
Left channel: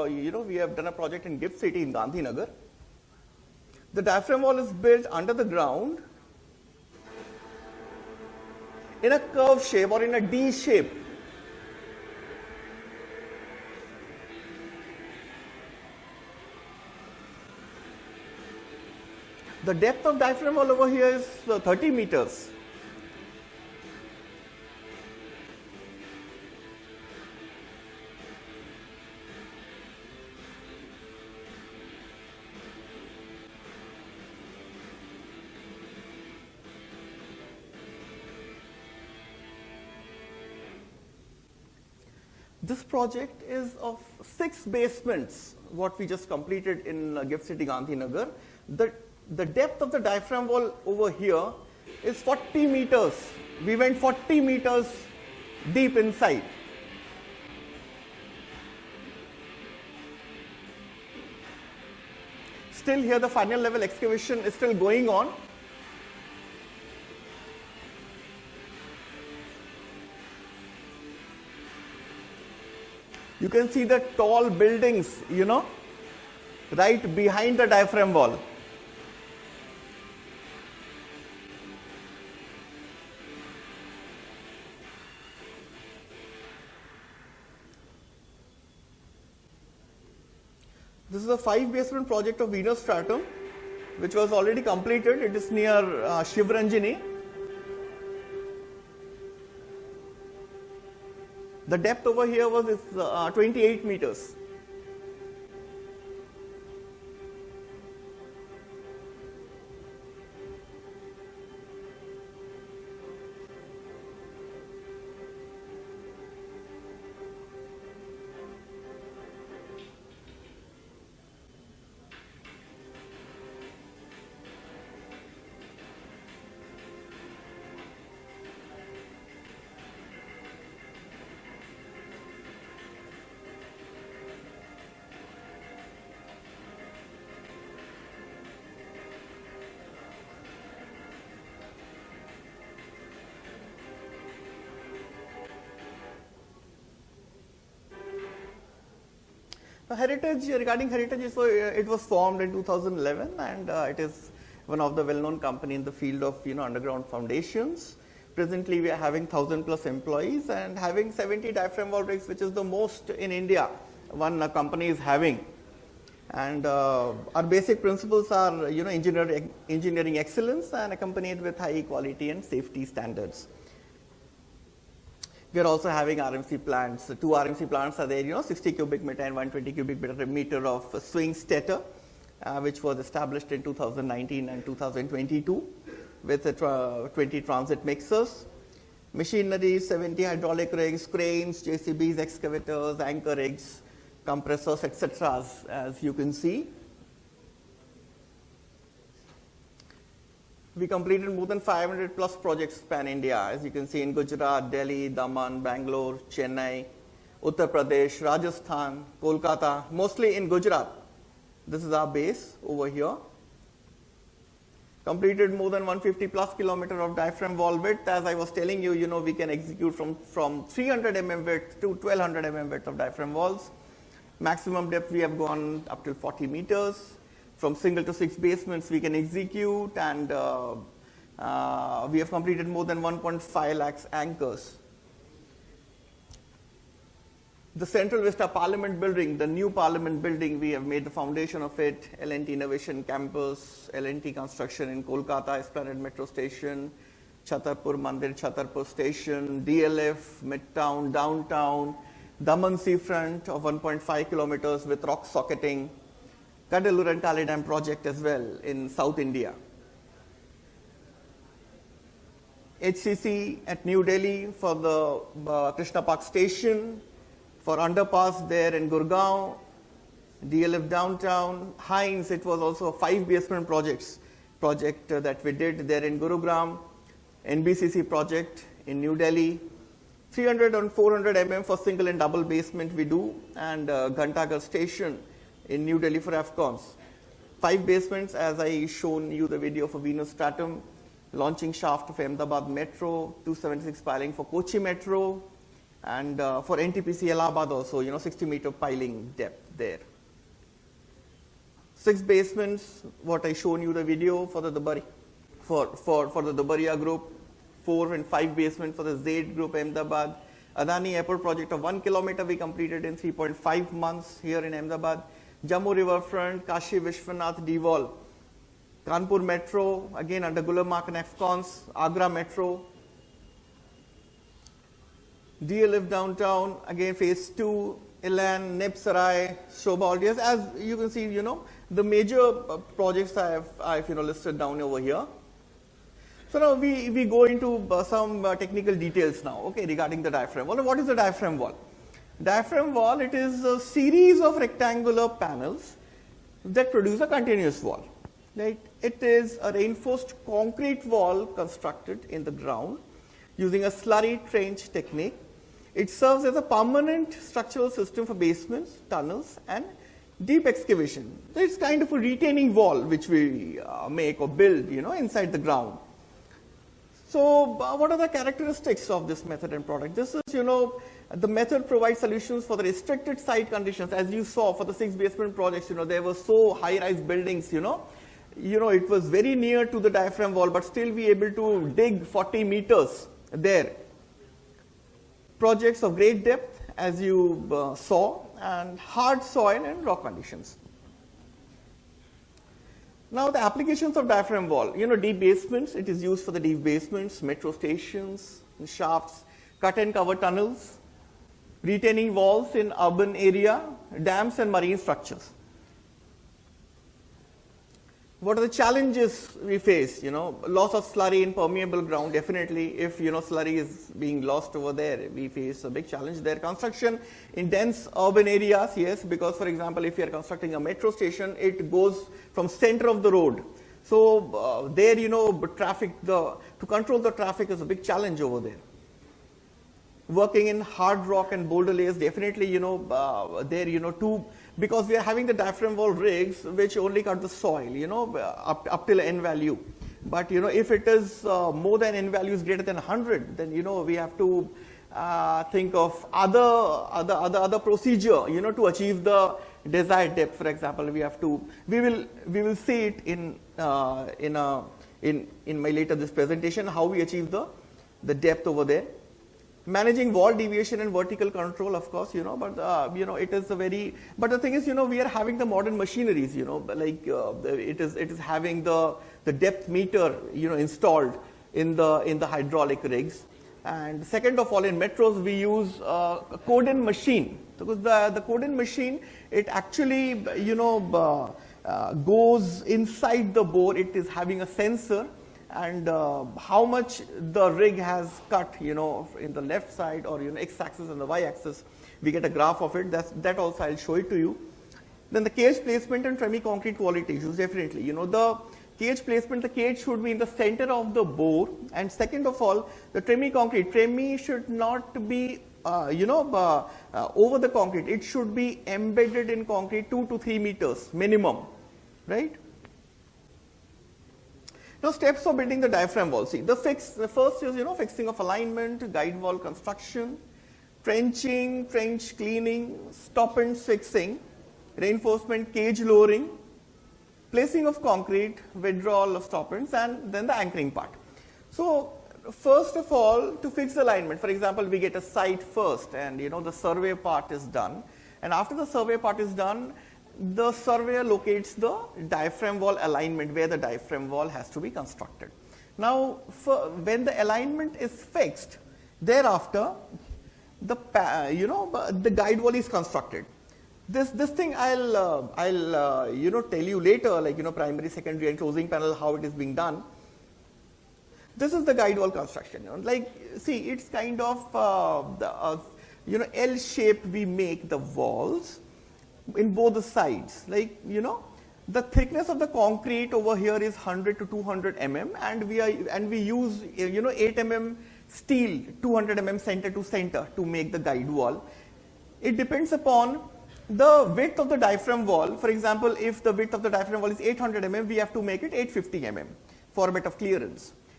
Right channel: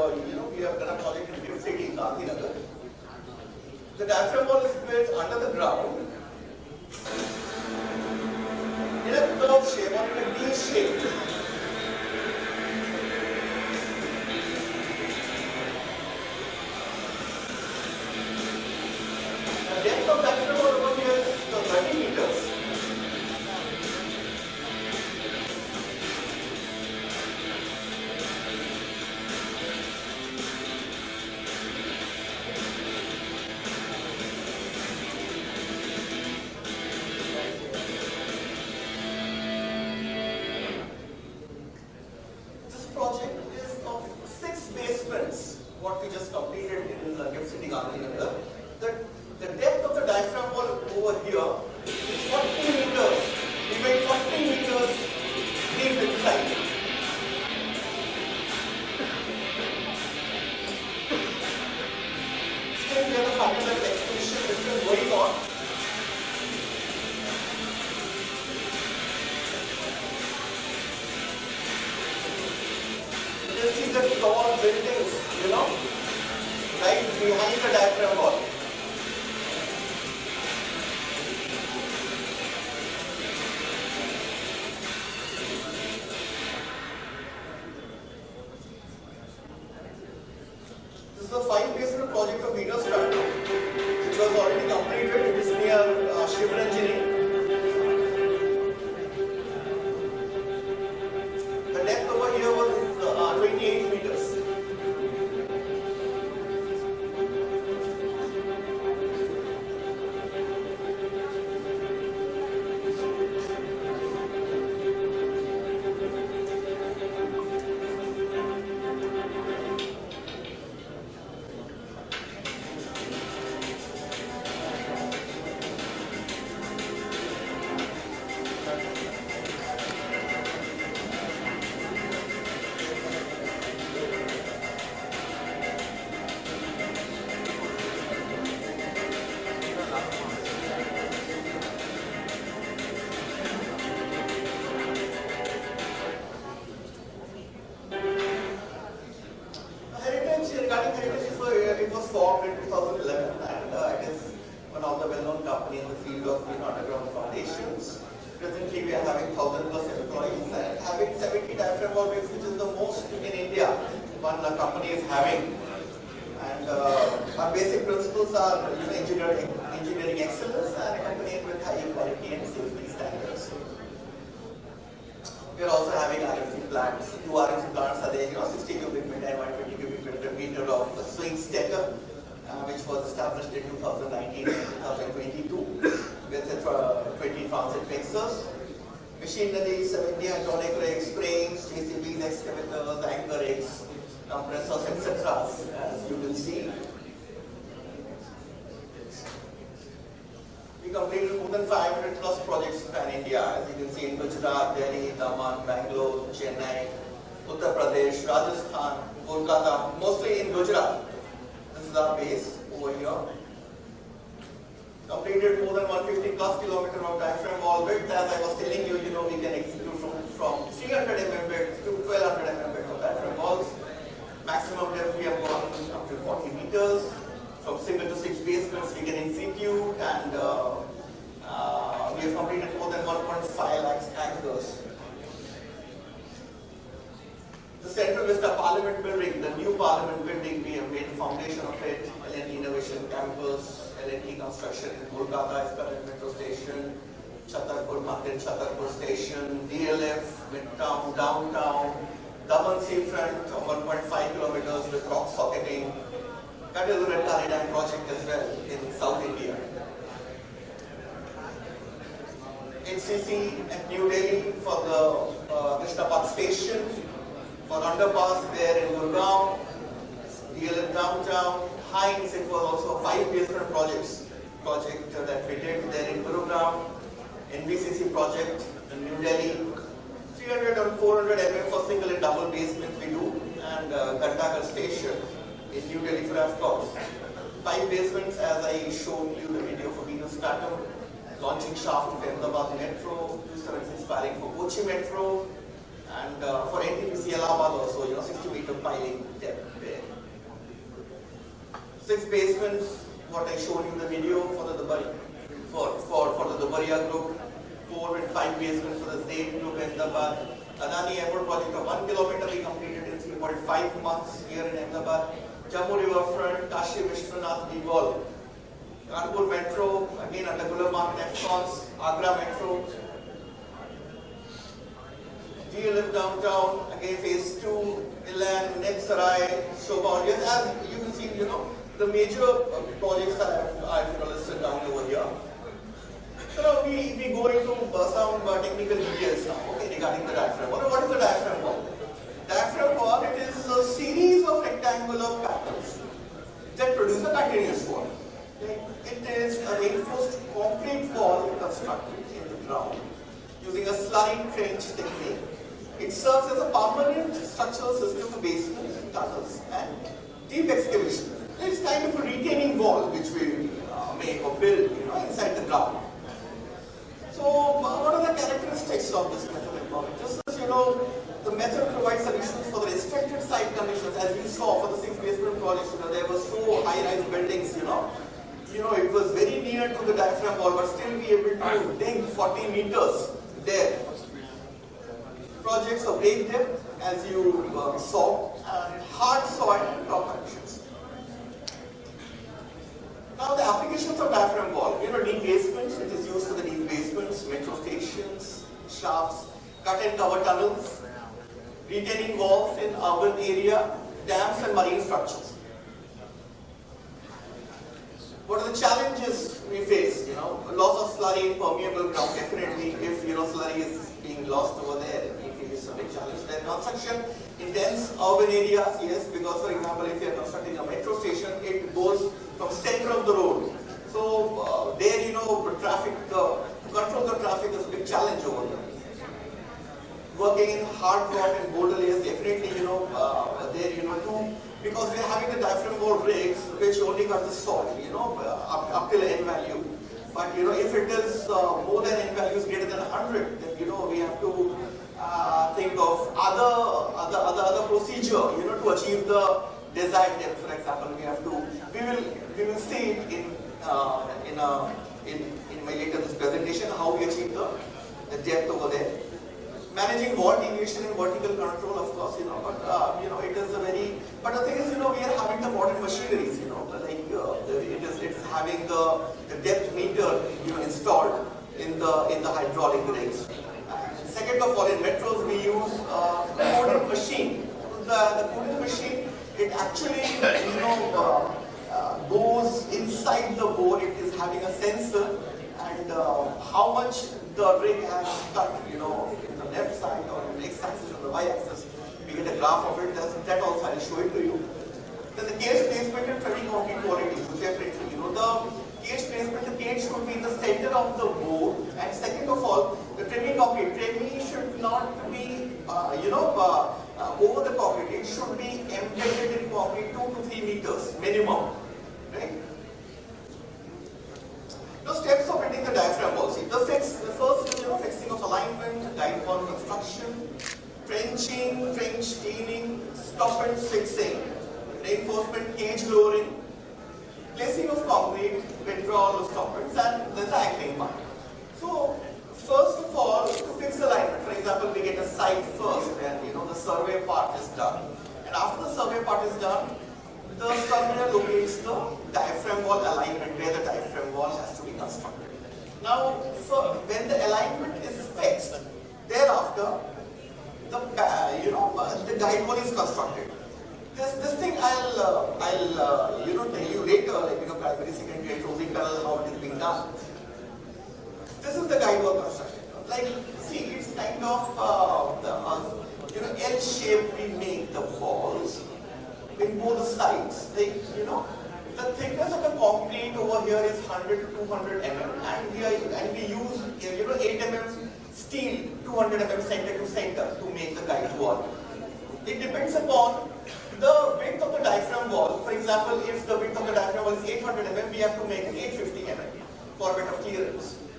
we have done a project in Gift City in Gandhinagar. The diaphragm wall is built under the ground in a curve shape or in a D shape. The depth of diaphragm wall over here is 30 meters. This project is of 6 basements, what we just completed in Gift City, Gandhinagar. The depth of the diaphragm wall over here is 40 meters. We went 40 meters deep inside. Still here the final level excavation is still going on. You can see the tall buildings, right behind the diaphragm wall. This is a 5-basement project of Viramgama, which was already completed. It is near Chiranjiv. The depth over here was 28 meters. Regarding heritage, it was formed in 2011 and it is one of the well-known companies in the field of underground foundations. Presently we are having 1,000 plus employees and having 70 diaphragm wall rigs, which is the most in India one company is having. And our basic principles are engineering excellence and accompanied with high quality and safety standards. We are also having RMC plants. 2 RMC plants are there, 60 cubic meter and 120 cubic meter of swing stator, which was established in 2019 and 2022 with 20 transit mixers. Machinery, 70 hydraulic rigs, cranes, JCBs, excavators, anchor rigs, compressors, etc. as you can see. We completed more than 500 plus projects pan India, as you can see in Gujarat, Delhi, Daman, Bangalore, Chennai, Uttar Pradesh, Rajasthan, Kolkata, mostly in Gujarat. This is our base over here. Completed more than 150 plus kilometer of diaphragm wall width. As I was telling you, we can execute from 300 mm width to 1200 mm width of diaphragm walls. Maximum depth we have gone up to 40 meters. From single to 6 basements we can execute, and we have completed more than 1.5 lakhs anchors. The Central Vista Parliament building, the new Parliament building, we have made the foundation of it. L&T Innovation Campus, L&T Construction in Kolkata, Esplanade Metro Station, Chhatarpur Mandir, Chhatarpur Station, DLF, Midtown, Downtown, Daman Seafront of 1.5 kilometers with rock socketing, Kadalura Tally Dam project as well in South India. HCC at New Delhi for the Krishna Park station, for underpass there in Gurgaon, DLF downtown, Hines, it was also a 5-basement project that we did there in Gurugram, NBCC project in New Delhi, 300 and 400 mm for single and double basement we do, and Ghantaghar station in New Delhi for AFCOMs. 5 basements, as I shown you the video for Venus Stratum, launching shaft of Ahmedabad Metro, 276 piling for Kochi Metro, And for NTPC Allahabad also, 60-meter piling depth there. 6 basements, what I showed you the video for the Dubaria group, 4 and 5 basements for the Zaid group, Ahmedabad. Adani Airport project of 1 kilometer we completed in 3.5 months here in Ahmedabad. Jammu Riverfront, Kashi Vishwanath D-Wall. Kanpur Metro, again under Gullamark and Afcons, Agra Metro. DLF Downtown, again phase 2, Ilan, Netsarai, Shobha. Yes, as you can see, the major projects I've listed down over here. So now we go into some technical details now, okay, regarding the diaphragm wall. What is the diaphragm wall? Diaphragm wall, it is a series of rectangular panels that produce a continuous wall. Right? It is a reinforced concrete wall constructed in the ground using a slurry trench technique. It serves as a permanent structural system for basements, tunnels, and deep excavation. So it's kind of a retaining wall which we make or build, inside the ground. So what are the characteristics of this method and product? This is, the method provides solutions for the restricted site conditions. As you saw for the 6 basement projects, there were so high-rise buildings, it was very near to the diaphragm wall, but still be able to dig 40 meters there. Projects of great depth, as you saw, and hard soil and rock conditions. Now the applications of diaphragm wall, deep basements, it is used for the deep basements, metro stations, shafts, cut and cover tunnels, retaining walls in urban area, dams and marine structures. What are the challenges we face? Loss of slurry in permeable ground, definitely if slurry is being lost over there, we face a big challenge there. Construction in dense urban areas, yes, because for example, if you are constructing a metro station, it goes from center of the road. So there, to control the traffic is a big challenge over there. Working in hard rock and boulder layers, definitely, because we are having the diaphragm wall rigs which only cut the soil, up till N value. But if it is more than N value is greater than 100, then we have to think of other procedure, to achieve the desired depth. For example, we will see it in my later this presentation how we achieve the depth over there. Managing wall deviation and vertical control, of course, but it is a very. But the thing is, we are having the modern machineries, it is having the depth meter, installed in the hydraulic rigs. And second of all, in metros we use coding machine. The coding machine, it actually, goes inside the bore. It is having a sensor. And how much the rig has cut, in the left side or x-axis or the y-axis, we get a graph of it. That also I'll show it to you. Then the cage placement and semi-concrete quality, definitely. The cage placement, the cage should be in the center of the bore. And second of all, the tremi-concrete, should not be, over the concrete. It should be embedded in concrete 2 to 3 meters minimum, right? Now steps of building the diaphragm wall. See, the first is fixing of alignment, guide wall construction, trenching, trench cleaning, stop and fixing, reinforcement, cage lowering, placing of concrete, withdrawal of stoppants, and then the anchoring part. So first of all, to fix alignment, for example, we get a site first, and the survey part is done. And after the survey part is done, the surveyor locates the diaphragm wall alignment where the diaphragm wall has to be constructed. Now, when the alignment is fixed, thereafter, the guide wall is constructed. This thing I'll tell you later, primary, secondary, and closing panel how it is being done. This is the guide wall construction. See, it's kind of L shape we make the walls in both the sides. The thickness of the concrete over here is 100 to 200 mm, and we use 8 mm steel, 200 mm center to center to make the guide wall. It depends upon the width of the diaphragm wall. For example, if the width of the diaphragm wall is 800 mm, we have to make it 850 mm for a bit of clearance.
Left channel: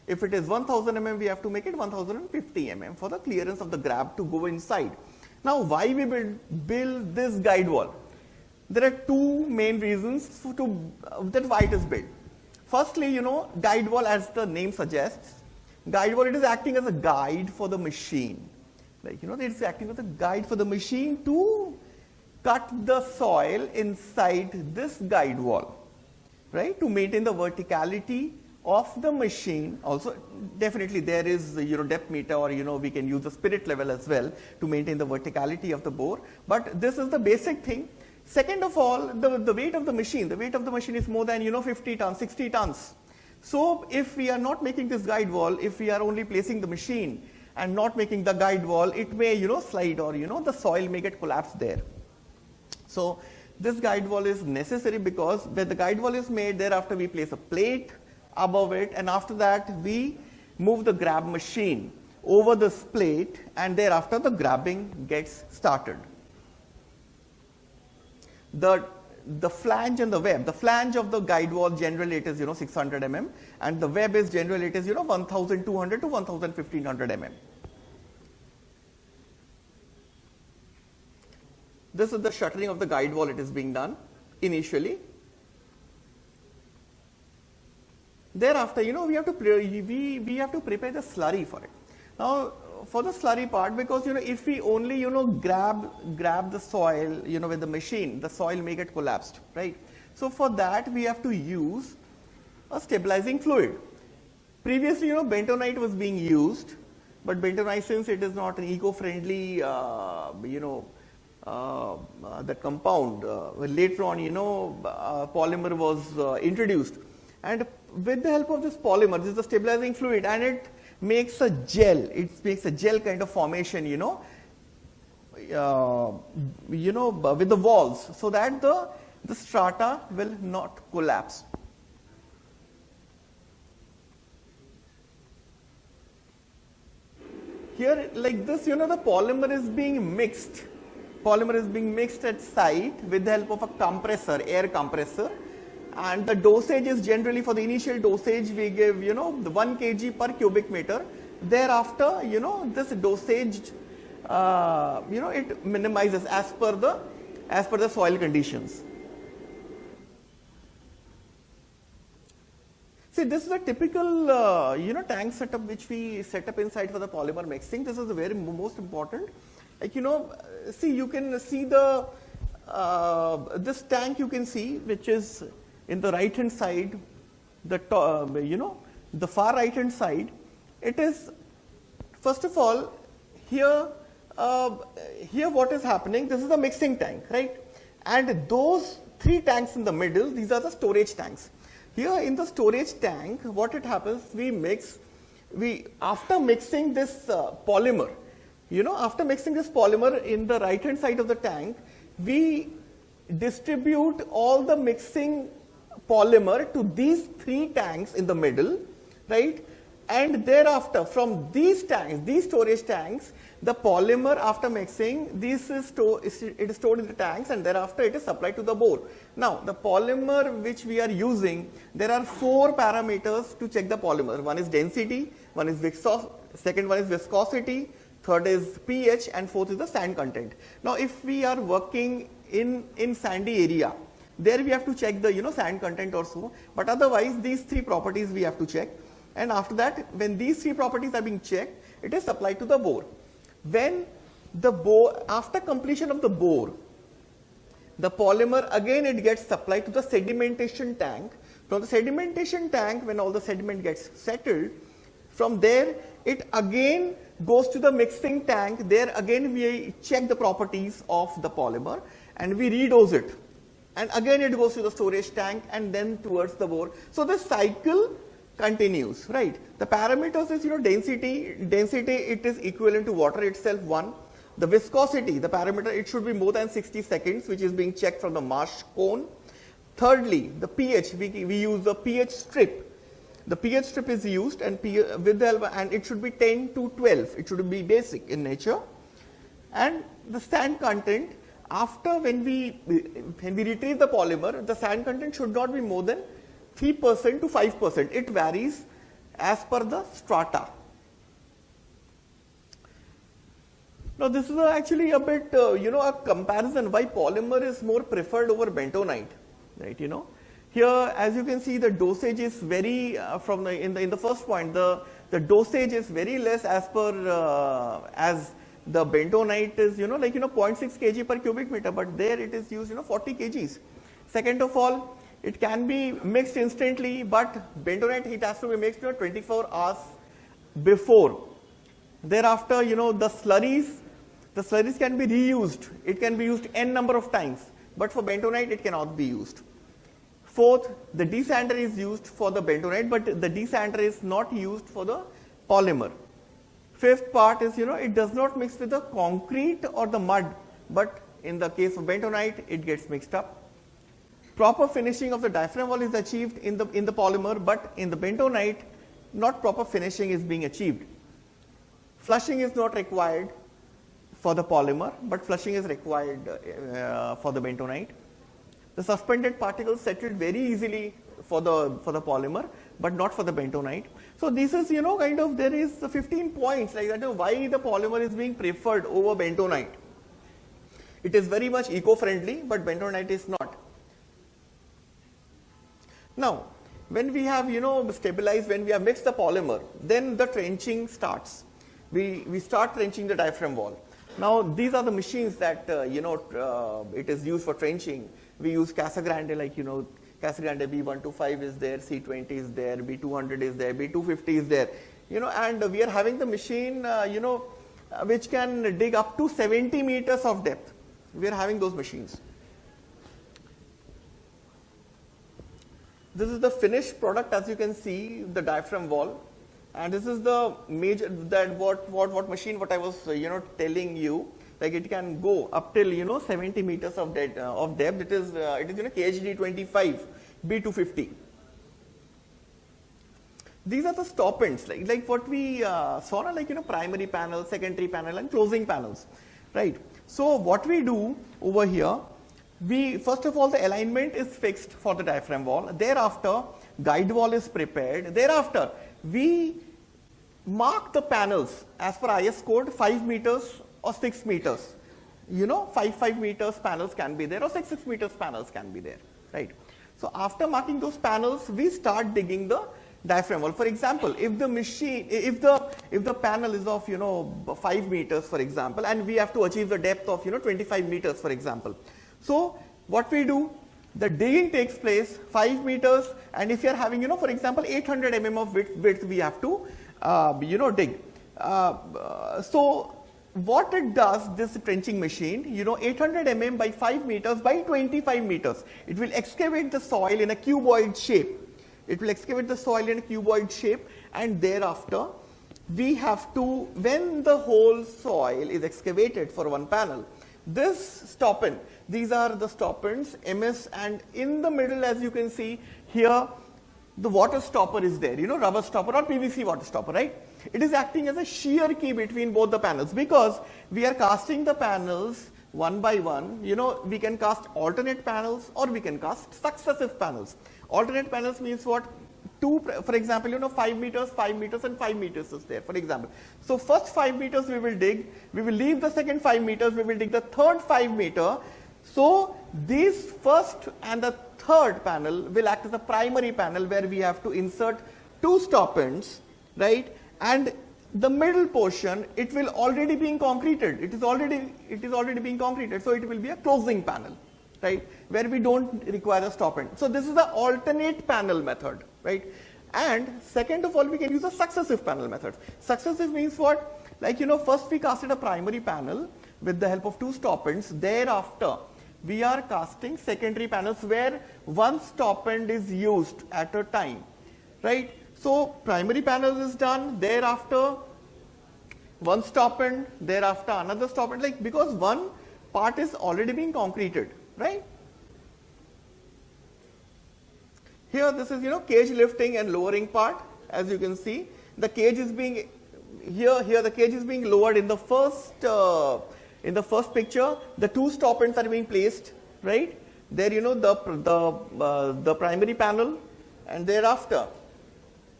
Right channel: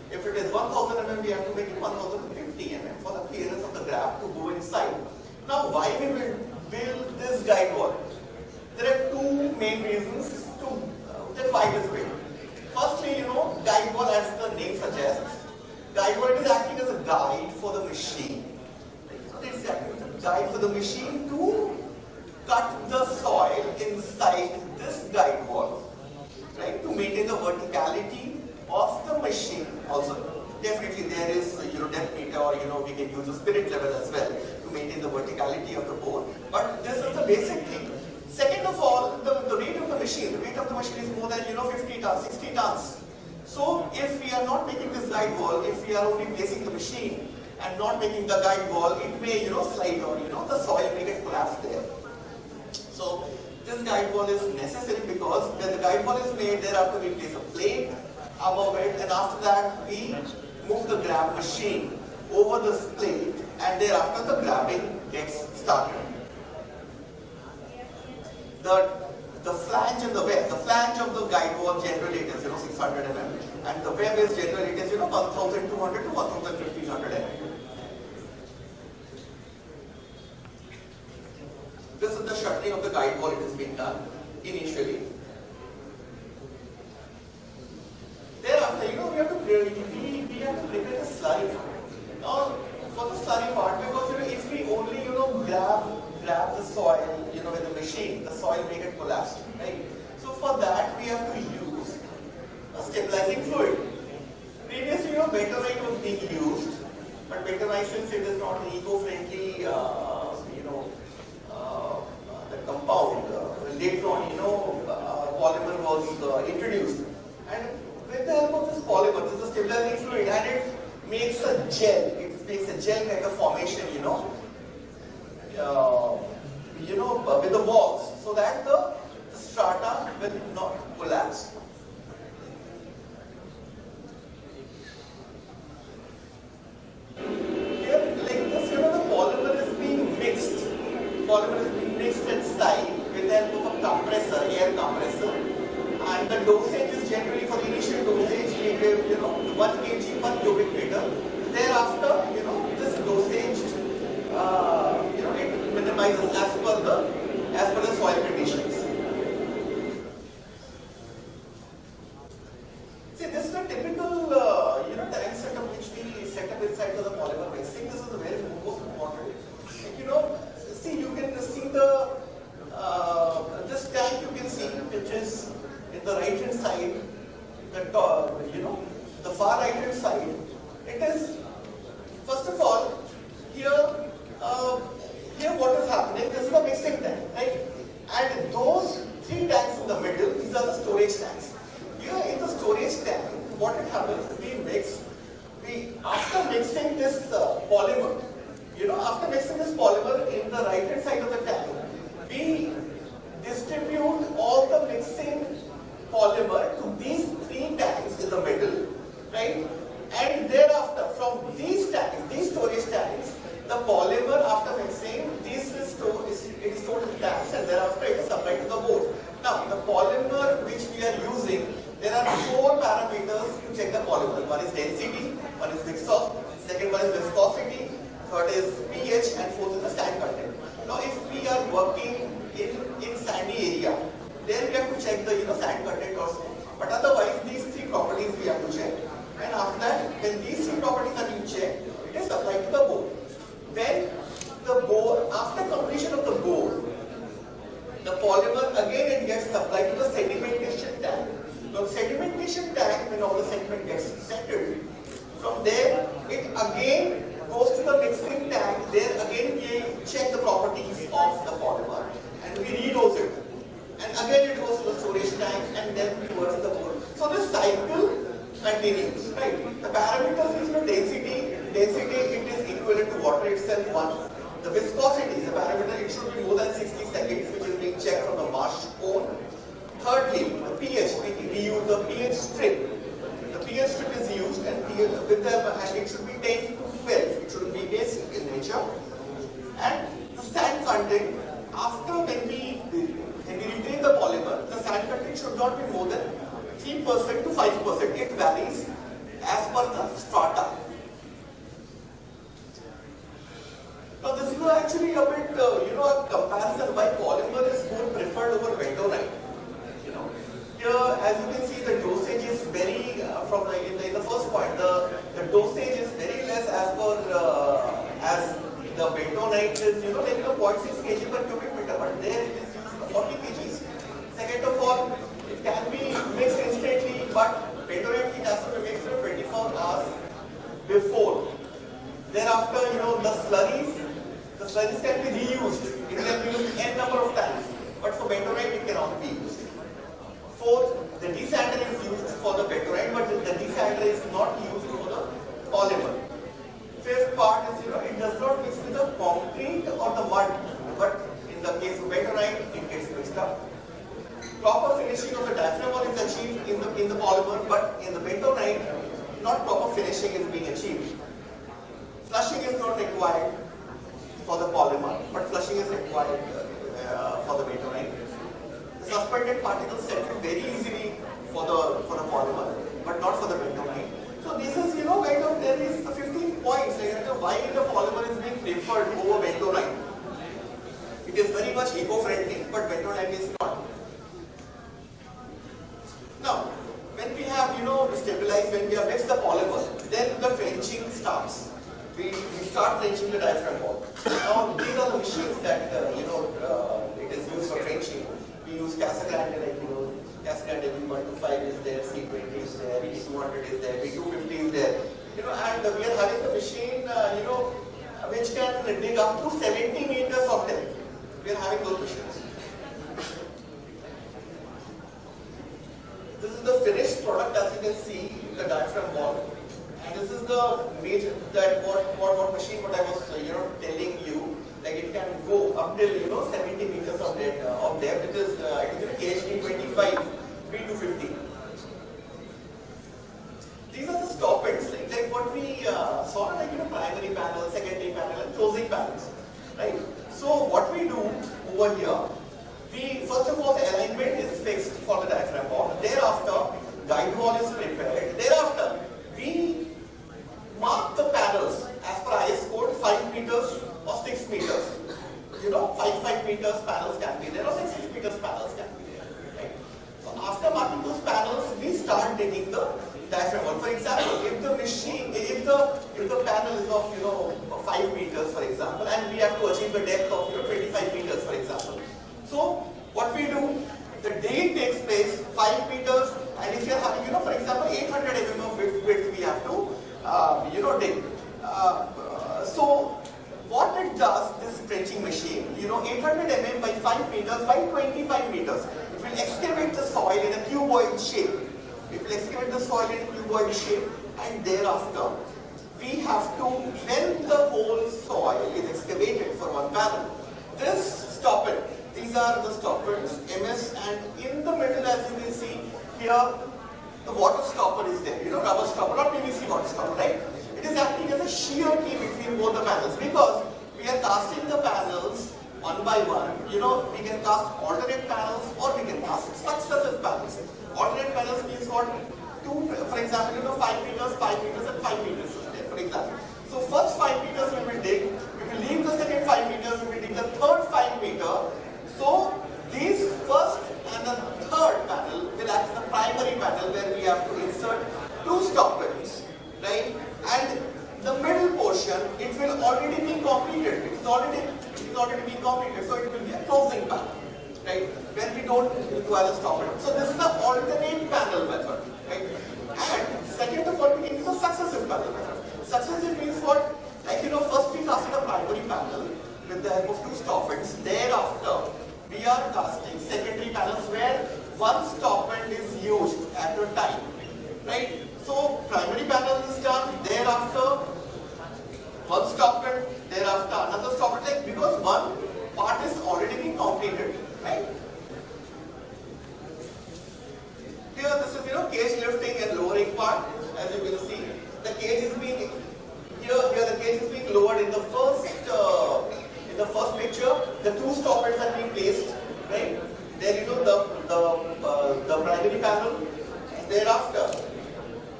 If it is 1000 mm, we have to make it 1050 mm for the clearance of the grab to go inside. Now, why we build this guide wall? There are two main reasons to that why it is built. Firstly, guide wall, as the name suggests, guide wall, it is acting as a guide for the machine. It's acting as a guide for the machine to cut the soil inside this guide wall, right? To maintain the verticality of the machine. Also, definitely there is depth meter, or we can use the spirit level as well to maintain the verticality of the bore. But this is the basic thing. Second of all, the weight of the machine. The weight of the machine is more than 50 tons, 60 tons. So if we are not making this guide wall, if we are only placing the machine and not making the guide wall, it may slide, or the soil may get collapsed there. So this guide wall is necessary, because when the guide wall is made, thereafter we place a plate above it, and after that we move the grab machine over this plate, and thereafter the grabbing gets started. The flange and the web. The flange of the guide wall generally it is 600 mm, and the web is generally it is 1200 to 1500 mm. This is the shuttering of the guide wall. It is being done initially. Thereafter, we have to prepare the slurry part. Now, for the slurry part, because if we only grab the soil with the machine, the soil may get collapsed, right? So for that we have to use a stabilizing fluid. Previously, bentonite was being used, but bentonite, since it is not eco-friendly, the compound. Later on, polymer was introduced, and with the help of this polymer, this is the stabilizing fluid, and it makes a gel. It makes a gel kind of formation, with the walls, so that the strata will not collapse. Here, like this, the polymer is being mixed. Polymer is being mixed at side with the help of a compressor, air compressor, and the dosage is generally, for the initial dosage we give 1 kg per cubic meter. Thereafter, this dosage it minimizes as per the soil conditions. See, this is a typical tank setup which we set up inside for the polymer mixing. This is the very most important. See, you can see the this tank, you can see, which is in the right hand side, the far right hand side. It is, first of all, here what is happening, this is the mixing tank, right? And those 3 tanks in the middle, these are the storage tanks. Here in the storage tank, what it happens, after mixing this polymer, after mixing this polymer in the right hand side of the tank, we distribute all the mixing polymer to these 3 tanks in the middle, right? And thereafter, from these tanks, these storage tanks, the polymer after mixing, it is stored in the tanks, and thereafter it is supplied to the board. Now, the polymer which we are using, there are 4 parameters to check the polymer. One is density, one is second one is viscosity, third is pH, and fourth is the sand content. Now, if we are working in sandy area, there we have to check the sand content also. But otherwise, these 3 properties we have to check. And after that, when these 3 properties are being checked, it is supplied to the bore. When the bore, after completion of the bore, the polymer again it gets supplied to the sedimentation tank. From the sedimentation tank, when all the sediment gets settled, from there it again goes to the mixing tank. There again we check the properties of the polymer and we redose it. And again it goes to the storage tank and then towards the board. So this cycle continues, right? The parameters is density. Density, it is equivalent to water itself, 1. The viscosity, the parameter, it should be more than 60 seconds, which is being checked from the marsh cone. Thirdly, the pH, we use the pH strip. The pH strip is used, and it should be 10 to 12. It should be basic in nature. And the sand content, after when we retrieve the polymer, the sand content should not be more than 3% to 5%. It varies as per the strata. Now this is actually a bit, a comparison why polymer is more preferred over bentonite. Right, Here, as you can see, the dosage is very, in the first point, the dosage is very less as per, as the bentonite is, 0.6 kg per cubic meter, but there it is used, 40 kgs. Second of all, it can be mixed instantly, but bentonite heat has to be mixed 24 hours before. Thereafter, the slurries can be reused. It can be used n number of times, but for bentonite it cannot be used. Fourth, the desander is used for the bentonite, but the desander is not used for the polymer. Fifth part is, it does not mix with the concrete or the mud, but in the case of bentonite, it gets mixed up. Proper finishing of the diaphragm wall is achieved in the polymer, but in the bentonite, not proper finishing is being achieved. Flushing is not required for the polymer, but flushing is required for the bentonite. The suspended particles settle very easily for the polymer, but not for the bentonite. So this is, there is the 15 points, why the polymer is being preferred over bentonite. It is very much eco-friendly, but bentonite is not. Now, when we have, stabilized, when we have mixed the polymer, then the trenching starts. We start trenching the diaphragm wall. Now, these are the machines that, it is used for trenching. We use Casa Grande, Casa Grande B125 is there, C20 is there, B200 is there, B250 is there. And we are having the machine, which can dig up to 70 meters of depth. We are having those machines. This is the finished product, as you can see, the diaphragm wall. And this is the major, what machine, what I was, telling you. Like it can go up till 70 meters of depth. It is KHD 25 B250. These are the stop ends, like what we saw, primary panel, secondary panel, and closing panels, right? So what we do over here, first of all the alignment is fixed for the diaphragm wall. Thereafter, guide wall is prepared. Thereafter, we mark the panels as per IS code 5 meters or 6 meters. 5 meters panels can be there, or 6 meters panels can be there, right? So after marking those panels, we start digging the diaphragm wall. For example, if the panel is of 5 meters, for example, and we have to achieve the depth of 25 meters, for example. So what we do, the digging takes place 5 meters, and if you are having for example 800 mm of width, we have to dig. So what it does, this trenching machine, 800 mm by 5 meters by 25 meters, it will excavate the soil in a cuboid shape. It will excavate the soil in a cuboid shape, and thereafter we have to, when the whole soil is excavated for one panel, this stop end, these are the stop ends, MS, and in the middle, as you can see here, the water stopper is there, rubber stopper or PVC water stopper, right? It is acting as a shear key between both the panels, because we are casting the panels one by one. We can cast alternate panels or we can cast successive panels. Alternate panels means what? For example, 5 meters, and 5 meters is there, for example. So first 5 meters we will dig, we will leave the second 5 meters, we will dig the third 5 meter. So these first and the third panel will act as a primary panel where we have to insert 2 stop ends, right? And the middle portion, it will already be completed. It is already being completed. So it will be a closing panel, right? Where we don't require a stop end. So this is the alternate panel method, right? And second of all, we can use a successive panel method. Successive means what? First we casted a primary panel with the help of 2 stop ends. Thereafter, we are casting secondary panels where 1 stop end is used at a time, right? So primary panel is done, thereafter 1 stop end, thereafter another stop end, because one part is already being completed, right? Here this is cage lifting and lowering part. As you can see, the cage is being the cage is being lowered in the first picture. The 2 stop ends are being placed, right? There the primary panel, and thereafter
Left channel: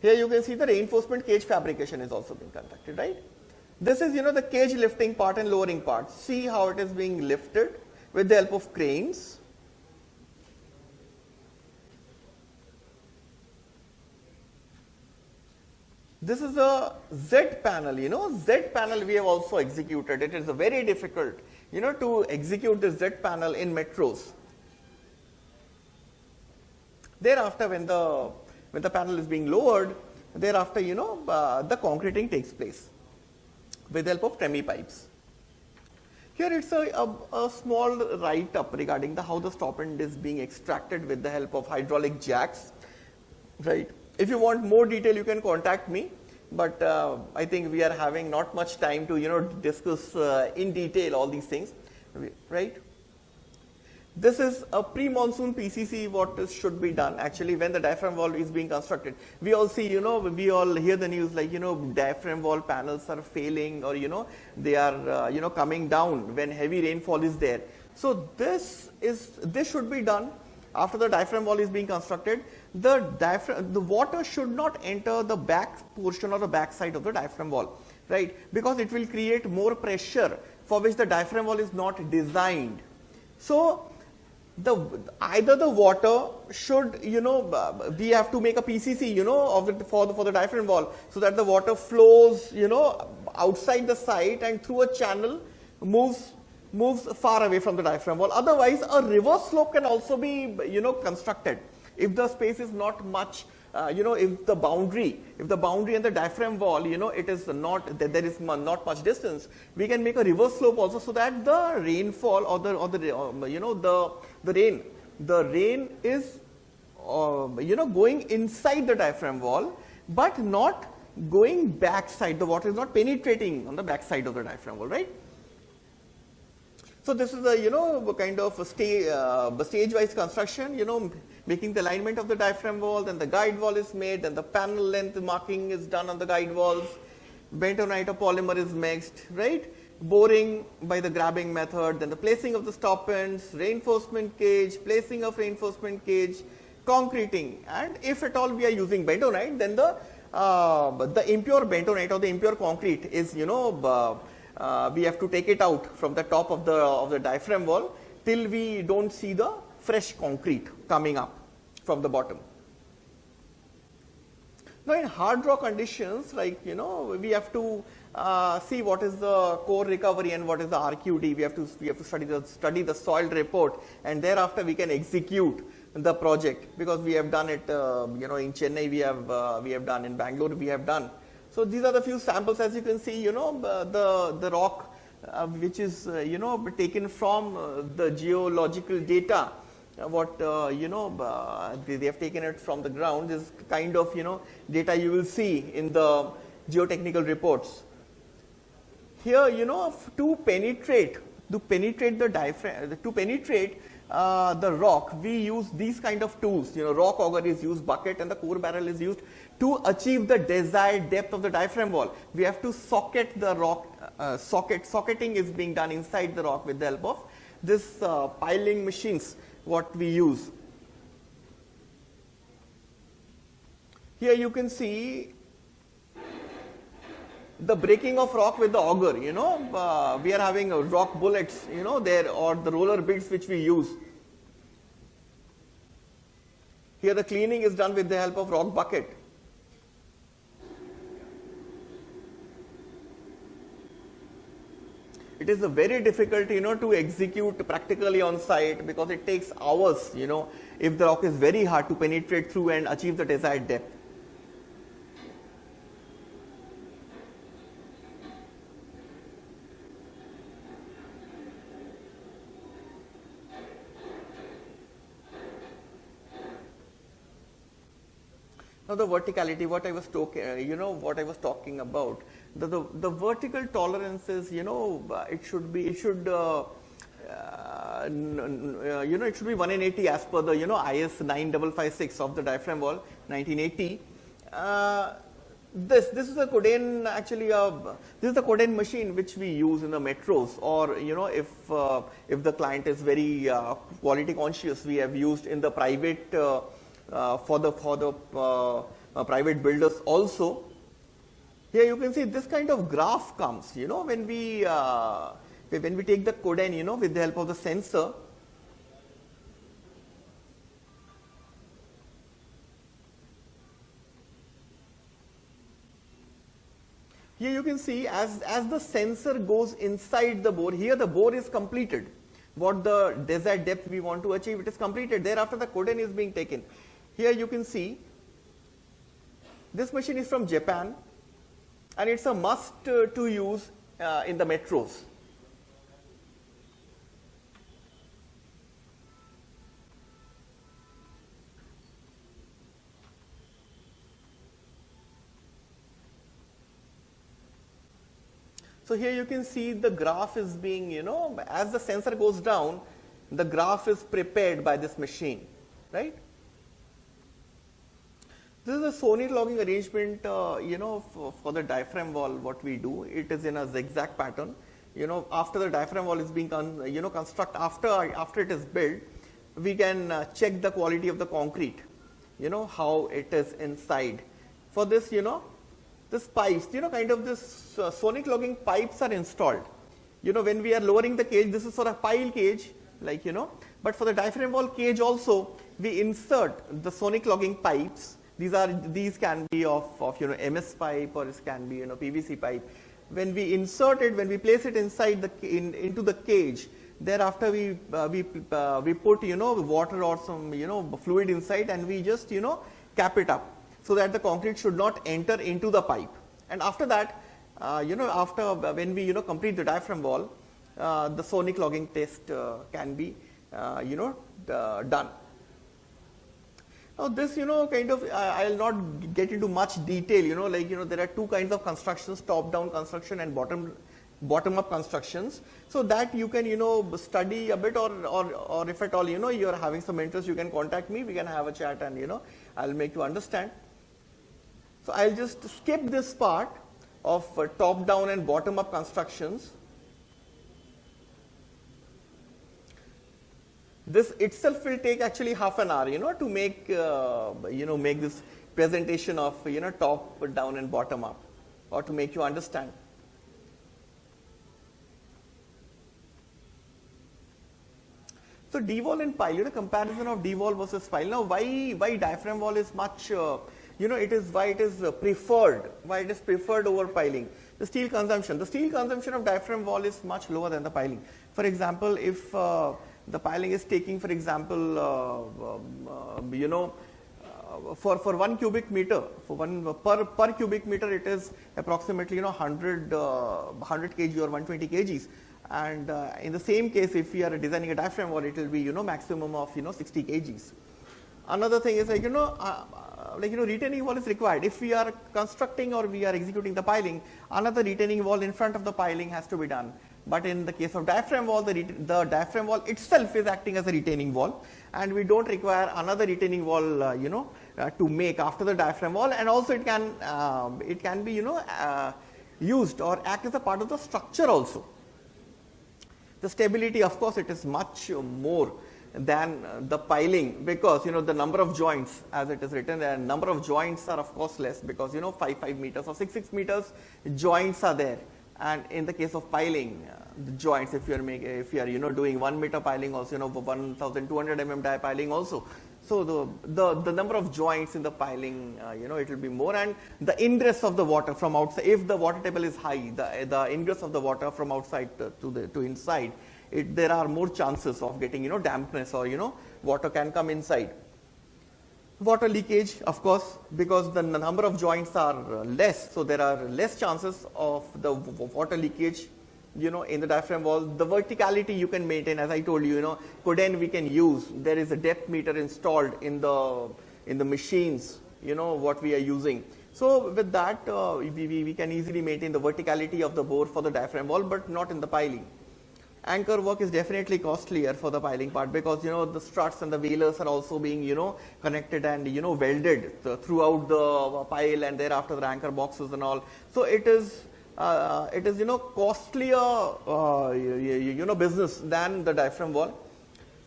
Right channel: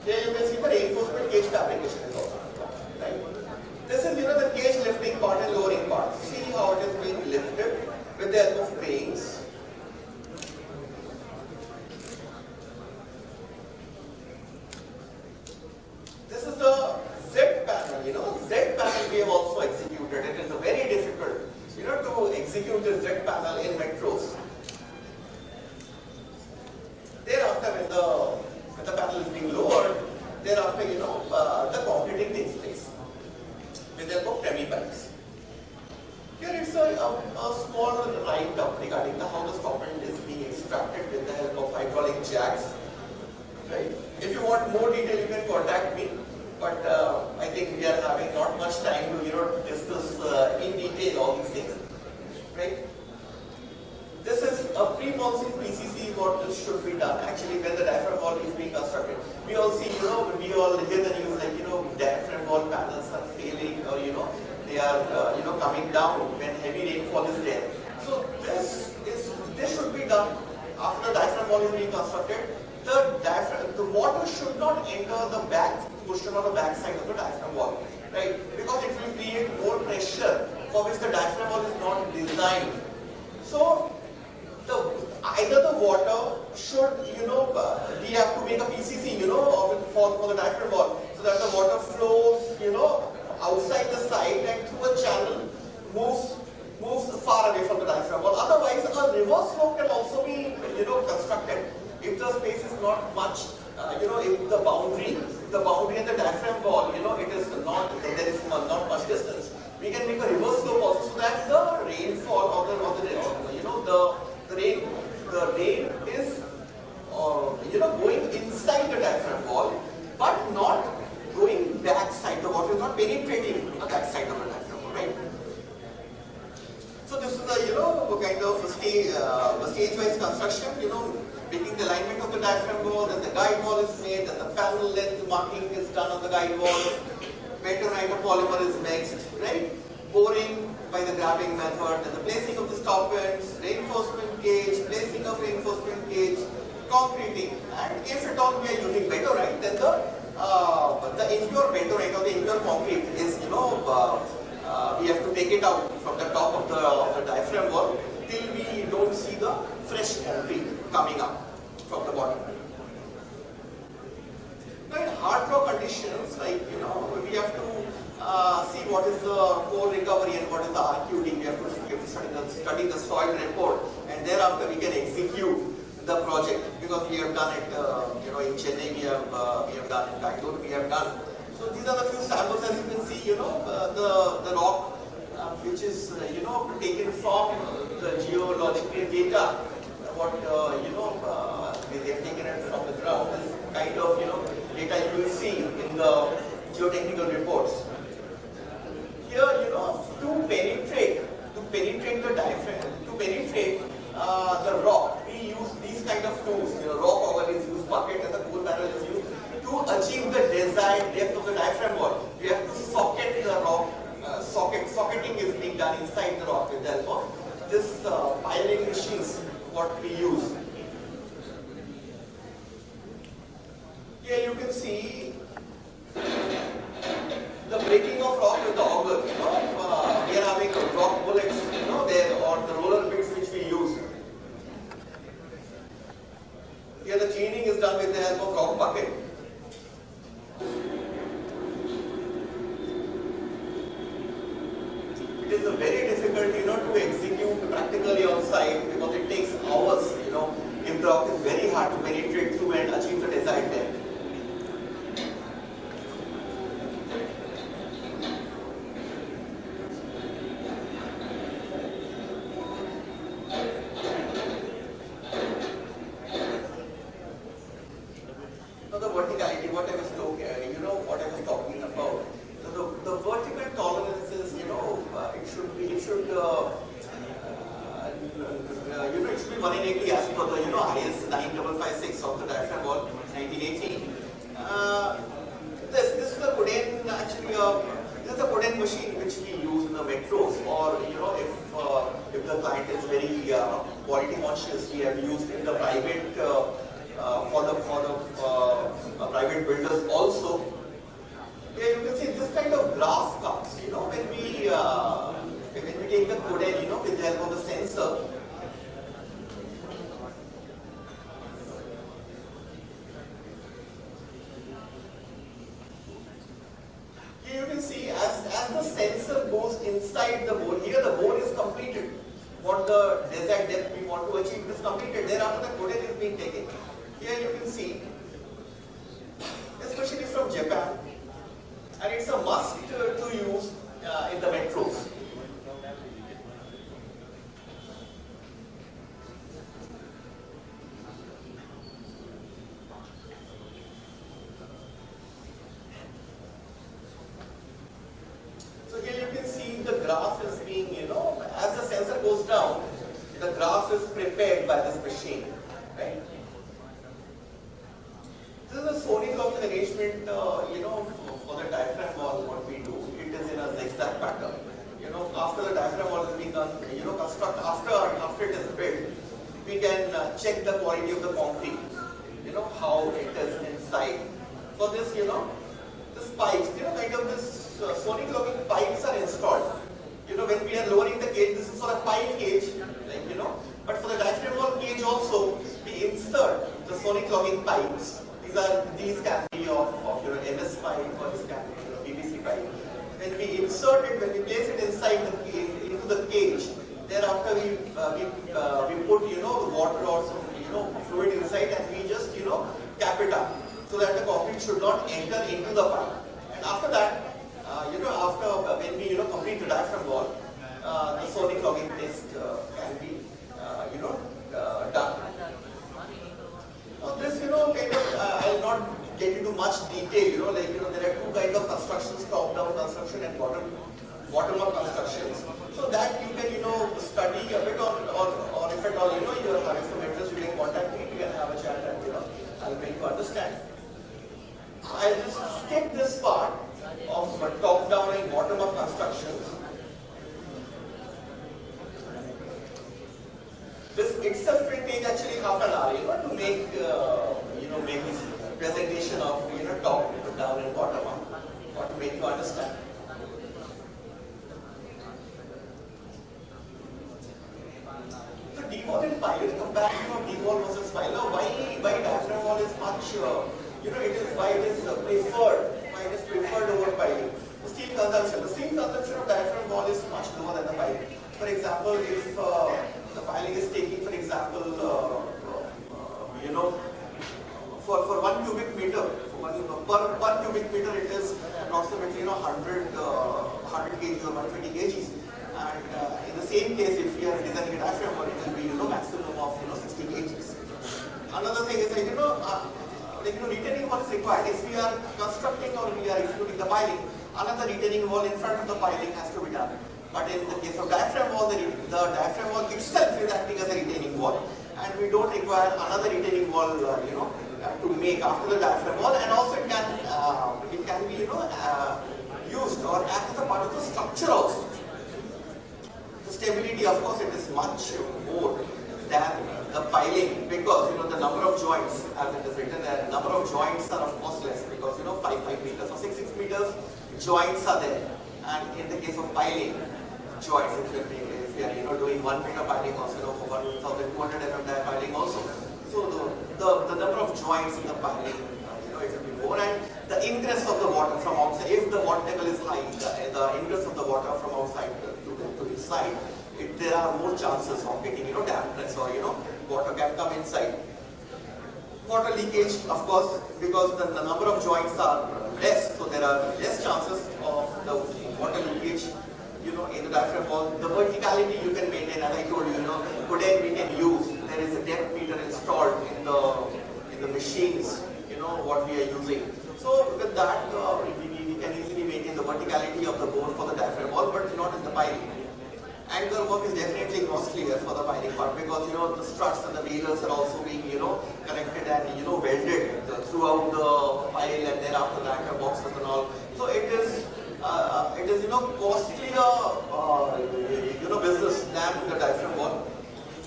Here you can see the reinforcement cage fabrication is also done, right? This is, the cage lifting part and lowering part. See how it is being lifted with the help of cranes. This is a Z panel, Z panel we have also executed. It is very difficult, to execute the Z panel in metros. Thereafter, when the panel is being lowered, thereafter, the concreting takes place with the help of tremie pipes. Here it's a small write-up regarding how the stop end is being extracted with the help of hydraulic jacks. Right. If you want more detail, you can contact me. But I think we are having not much time to discuss in detail all these things. Right. This is a pre-monsoon PCC. What should be done actually when the diaphragm wall is being constructed. We all see, we all hear the news like diaphragm wall panels are failing, or they are coming down when heavy rainfall is there. So this should be done after the diaphragm wall is being constructed. The water should not enter the back portion or the back side of the diaphragm wall, right? Because it will create more pressure for which the diaphragm wall is not designed. So either the water should, we have to make a PCC, of it for the diaphragm wall, so that the water flows, outside the site and through a channel moves far away from the diaphragm wall. Otherwise, a reverse slope can also be, constructed. If the space is not much, if the boundary and the diaphragm wall, it is not, there is not much distance, we can make a reverse slope also, so that the rainfall the rain is, going inside the diaphragm wall, but not going backside. The water is not penetrating on the backside of the diaphragm wall, right? So this is the kind of the stage-wise construction, making the alignment of the diaphragm wall, then the guide wall is made, then the panel length marking is done on the guide wall, bentonite or polymer is mixed, right? Boring by the grabbing method, then the placing of the stop ends, reinforcement cage, placing of reinforcement cage, concreting, and if at all we are using bentonite, then the impure bentonite or the impure concrete is, we have to take it out from the top of the diaphragm wall till we don't see the fresh concrete coming up from the bottom. Now in hard rock conditions, like, we have to see what is the core recovery and what is the RQD. We have to study the soil report, and thereafter we can execute the project, because we have done it, in Chennai, we have done in Bangalore, we have done. So these are the few samples, as you can see, the rock which is, taken from the geological data. What they have taken it from the ground is kind of data you will see in the geotechnical reports. Here, to penetrate the diaphragm, to penetrate the rock, we use these kind of tools. Rock auger is used, bucket and the core barrel is used to achieve the desired depth of the diaphragm wall. We have to socket the rock. Socketing is being done inside the rock with the help of this piling machines, what we use. Here you can see the breaking of rock with the auger. We are having rock bullets, there, or the roller bits which we use. Here the cleaning is done with the help of rock bucket. It is very difficult, to execute practically on site, because it takes hours, if the rock is very hard to penetrate through and achieve the desired depth. Now the verticality, what I was talking about. The vertical tolerances, it should be 180 as per the IS 9556 of the diaphragm wall 1980. This is the Codain, actually this is the Codain machine which we use in the metros, or if the client is very quality conscious, we have used in the private for the private builders also. Here you can see this kind of graph comes, when we take the coding, with the help of the sensor. Here you can see as the sensor goes inside the bore, here the bore is completed. What the desired depth we want to achieve, it is completed. Thereafter the coding is being taken. Here you can see this machine is from Japan and it's a must to use in the metros. So here you can see the graph is being, as the sensor goes down, the graph is prepared by this machine, right? This is a Sony logging arrangement, for the diaphragm wall. What we do, it is in a zigzag pattern. After the diaphragm wall is being, construct after it is built, we can check the quality of the concrete. How it is inside. For this, this pipes, kind of this sonic logging pipes are installed. When we are lowering the cage, this is for a pile cage, but for the diaphragm wall cage also, we insert the sonic logging pipes. These can be of MS pipe, or this can be PVC pipe. When we insert it, when we place it inside into the cage, thereafter we put water or some fluid inside, and we just cap it up so that the concrete should not enter into the pipe. And after that, after when we complete the diaphragm wall, the sonic logging test can be done. Now this kind of I'll not get into much detail. There are two kinds of constructions: top-down construction and bottom-up constructions. So that you can study a bit, or if at all you are having some interest, you can contact me. We can have a chat, and I'll make you understand. So I'll just skip this part of top-down and bottom-up constructions. This itself will take actually half an hour, to make make this presentation of top down and bottom up, or to make you understand. So D-wall and pile, comparison of D-wall versus pile. Now why diaphragm wall is much, it is why it is preferred over piling. The steel consumption of diaphragm wall is much lower than the piling. For example, if the piling is taking, for example, for 1 cubic meter, per cubic meter it is approximately 100 kg or 120 kgs. And in the same case, if we are designing a diaphragm wall, it will be maximum of 60 kgs. Another thing is that retaining wall is required. If we are constructing or we are executing the piling, another retaining wall in front of the piling has to be done. But in the case of diaphragm wall, the diaphragm wall itself is acting as a retaining wall, and we don't require another retaining wall, to make after the diaphragm wall. And also it can be used or act as a part of the structure also. The stability, of course, it is much more than the piling, because the number of joints, as it is written, the number of joints are of course less, because 5 meters or 6 meters joints are there. And in the case of piling, joints, if you are doing 1 meter piling also, 1200 mm die piling also. So the number of joints in the piling, it will be more, and the ingress of the water from outside. If the water table is high, the ingress of the water from outside to inside, there are more chances of getting dampness, or water can come inside. Water leakage, of course, because the number of joints are less, so there are less chances of the water leakage in the diaphragm wall. The verticality you can maintain, as I told you, Coden we can use. There is a depth meter installed in the machines, what we are using. So with that, we can easily maintain the verticality of the bore for the diaphragm wall, but not in the piling. Anchor work is definitely costlier for the piling part, because the struts and the bailers are also being connected and welded throughout the pile, and thereafter the anchor boxes and all. So it is costlier business than the diaphragm wall.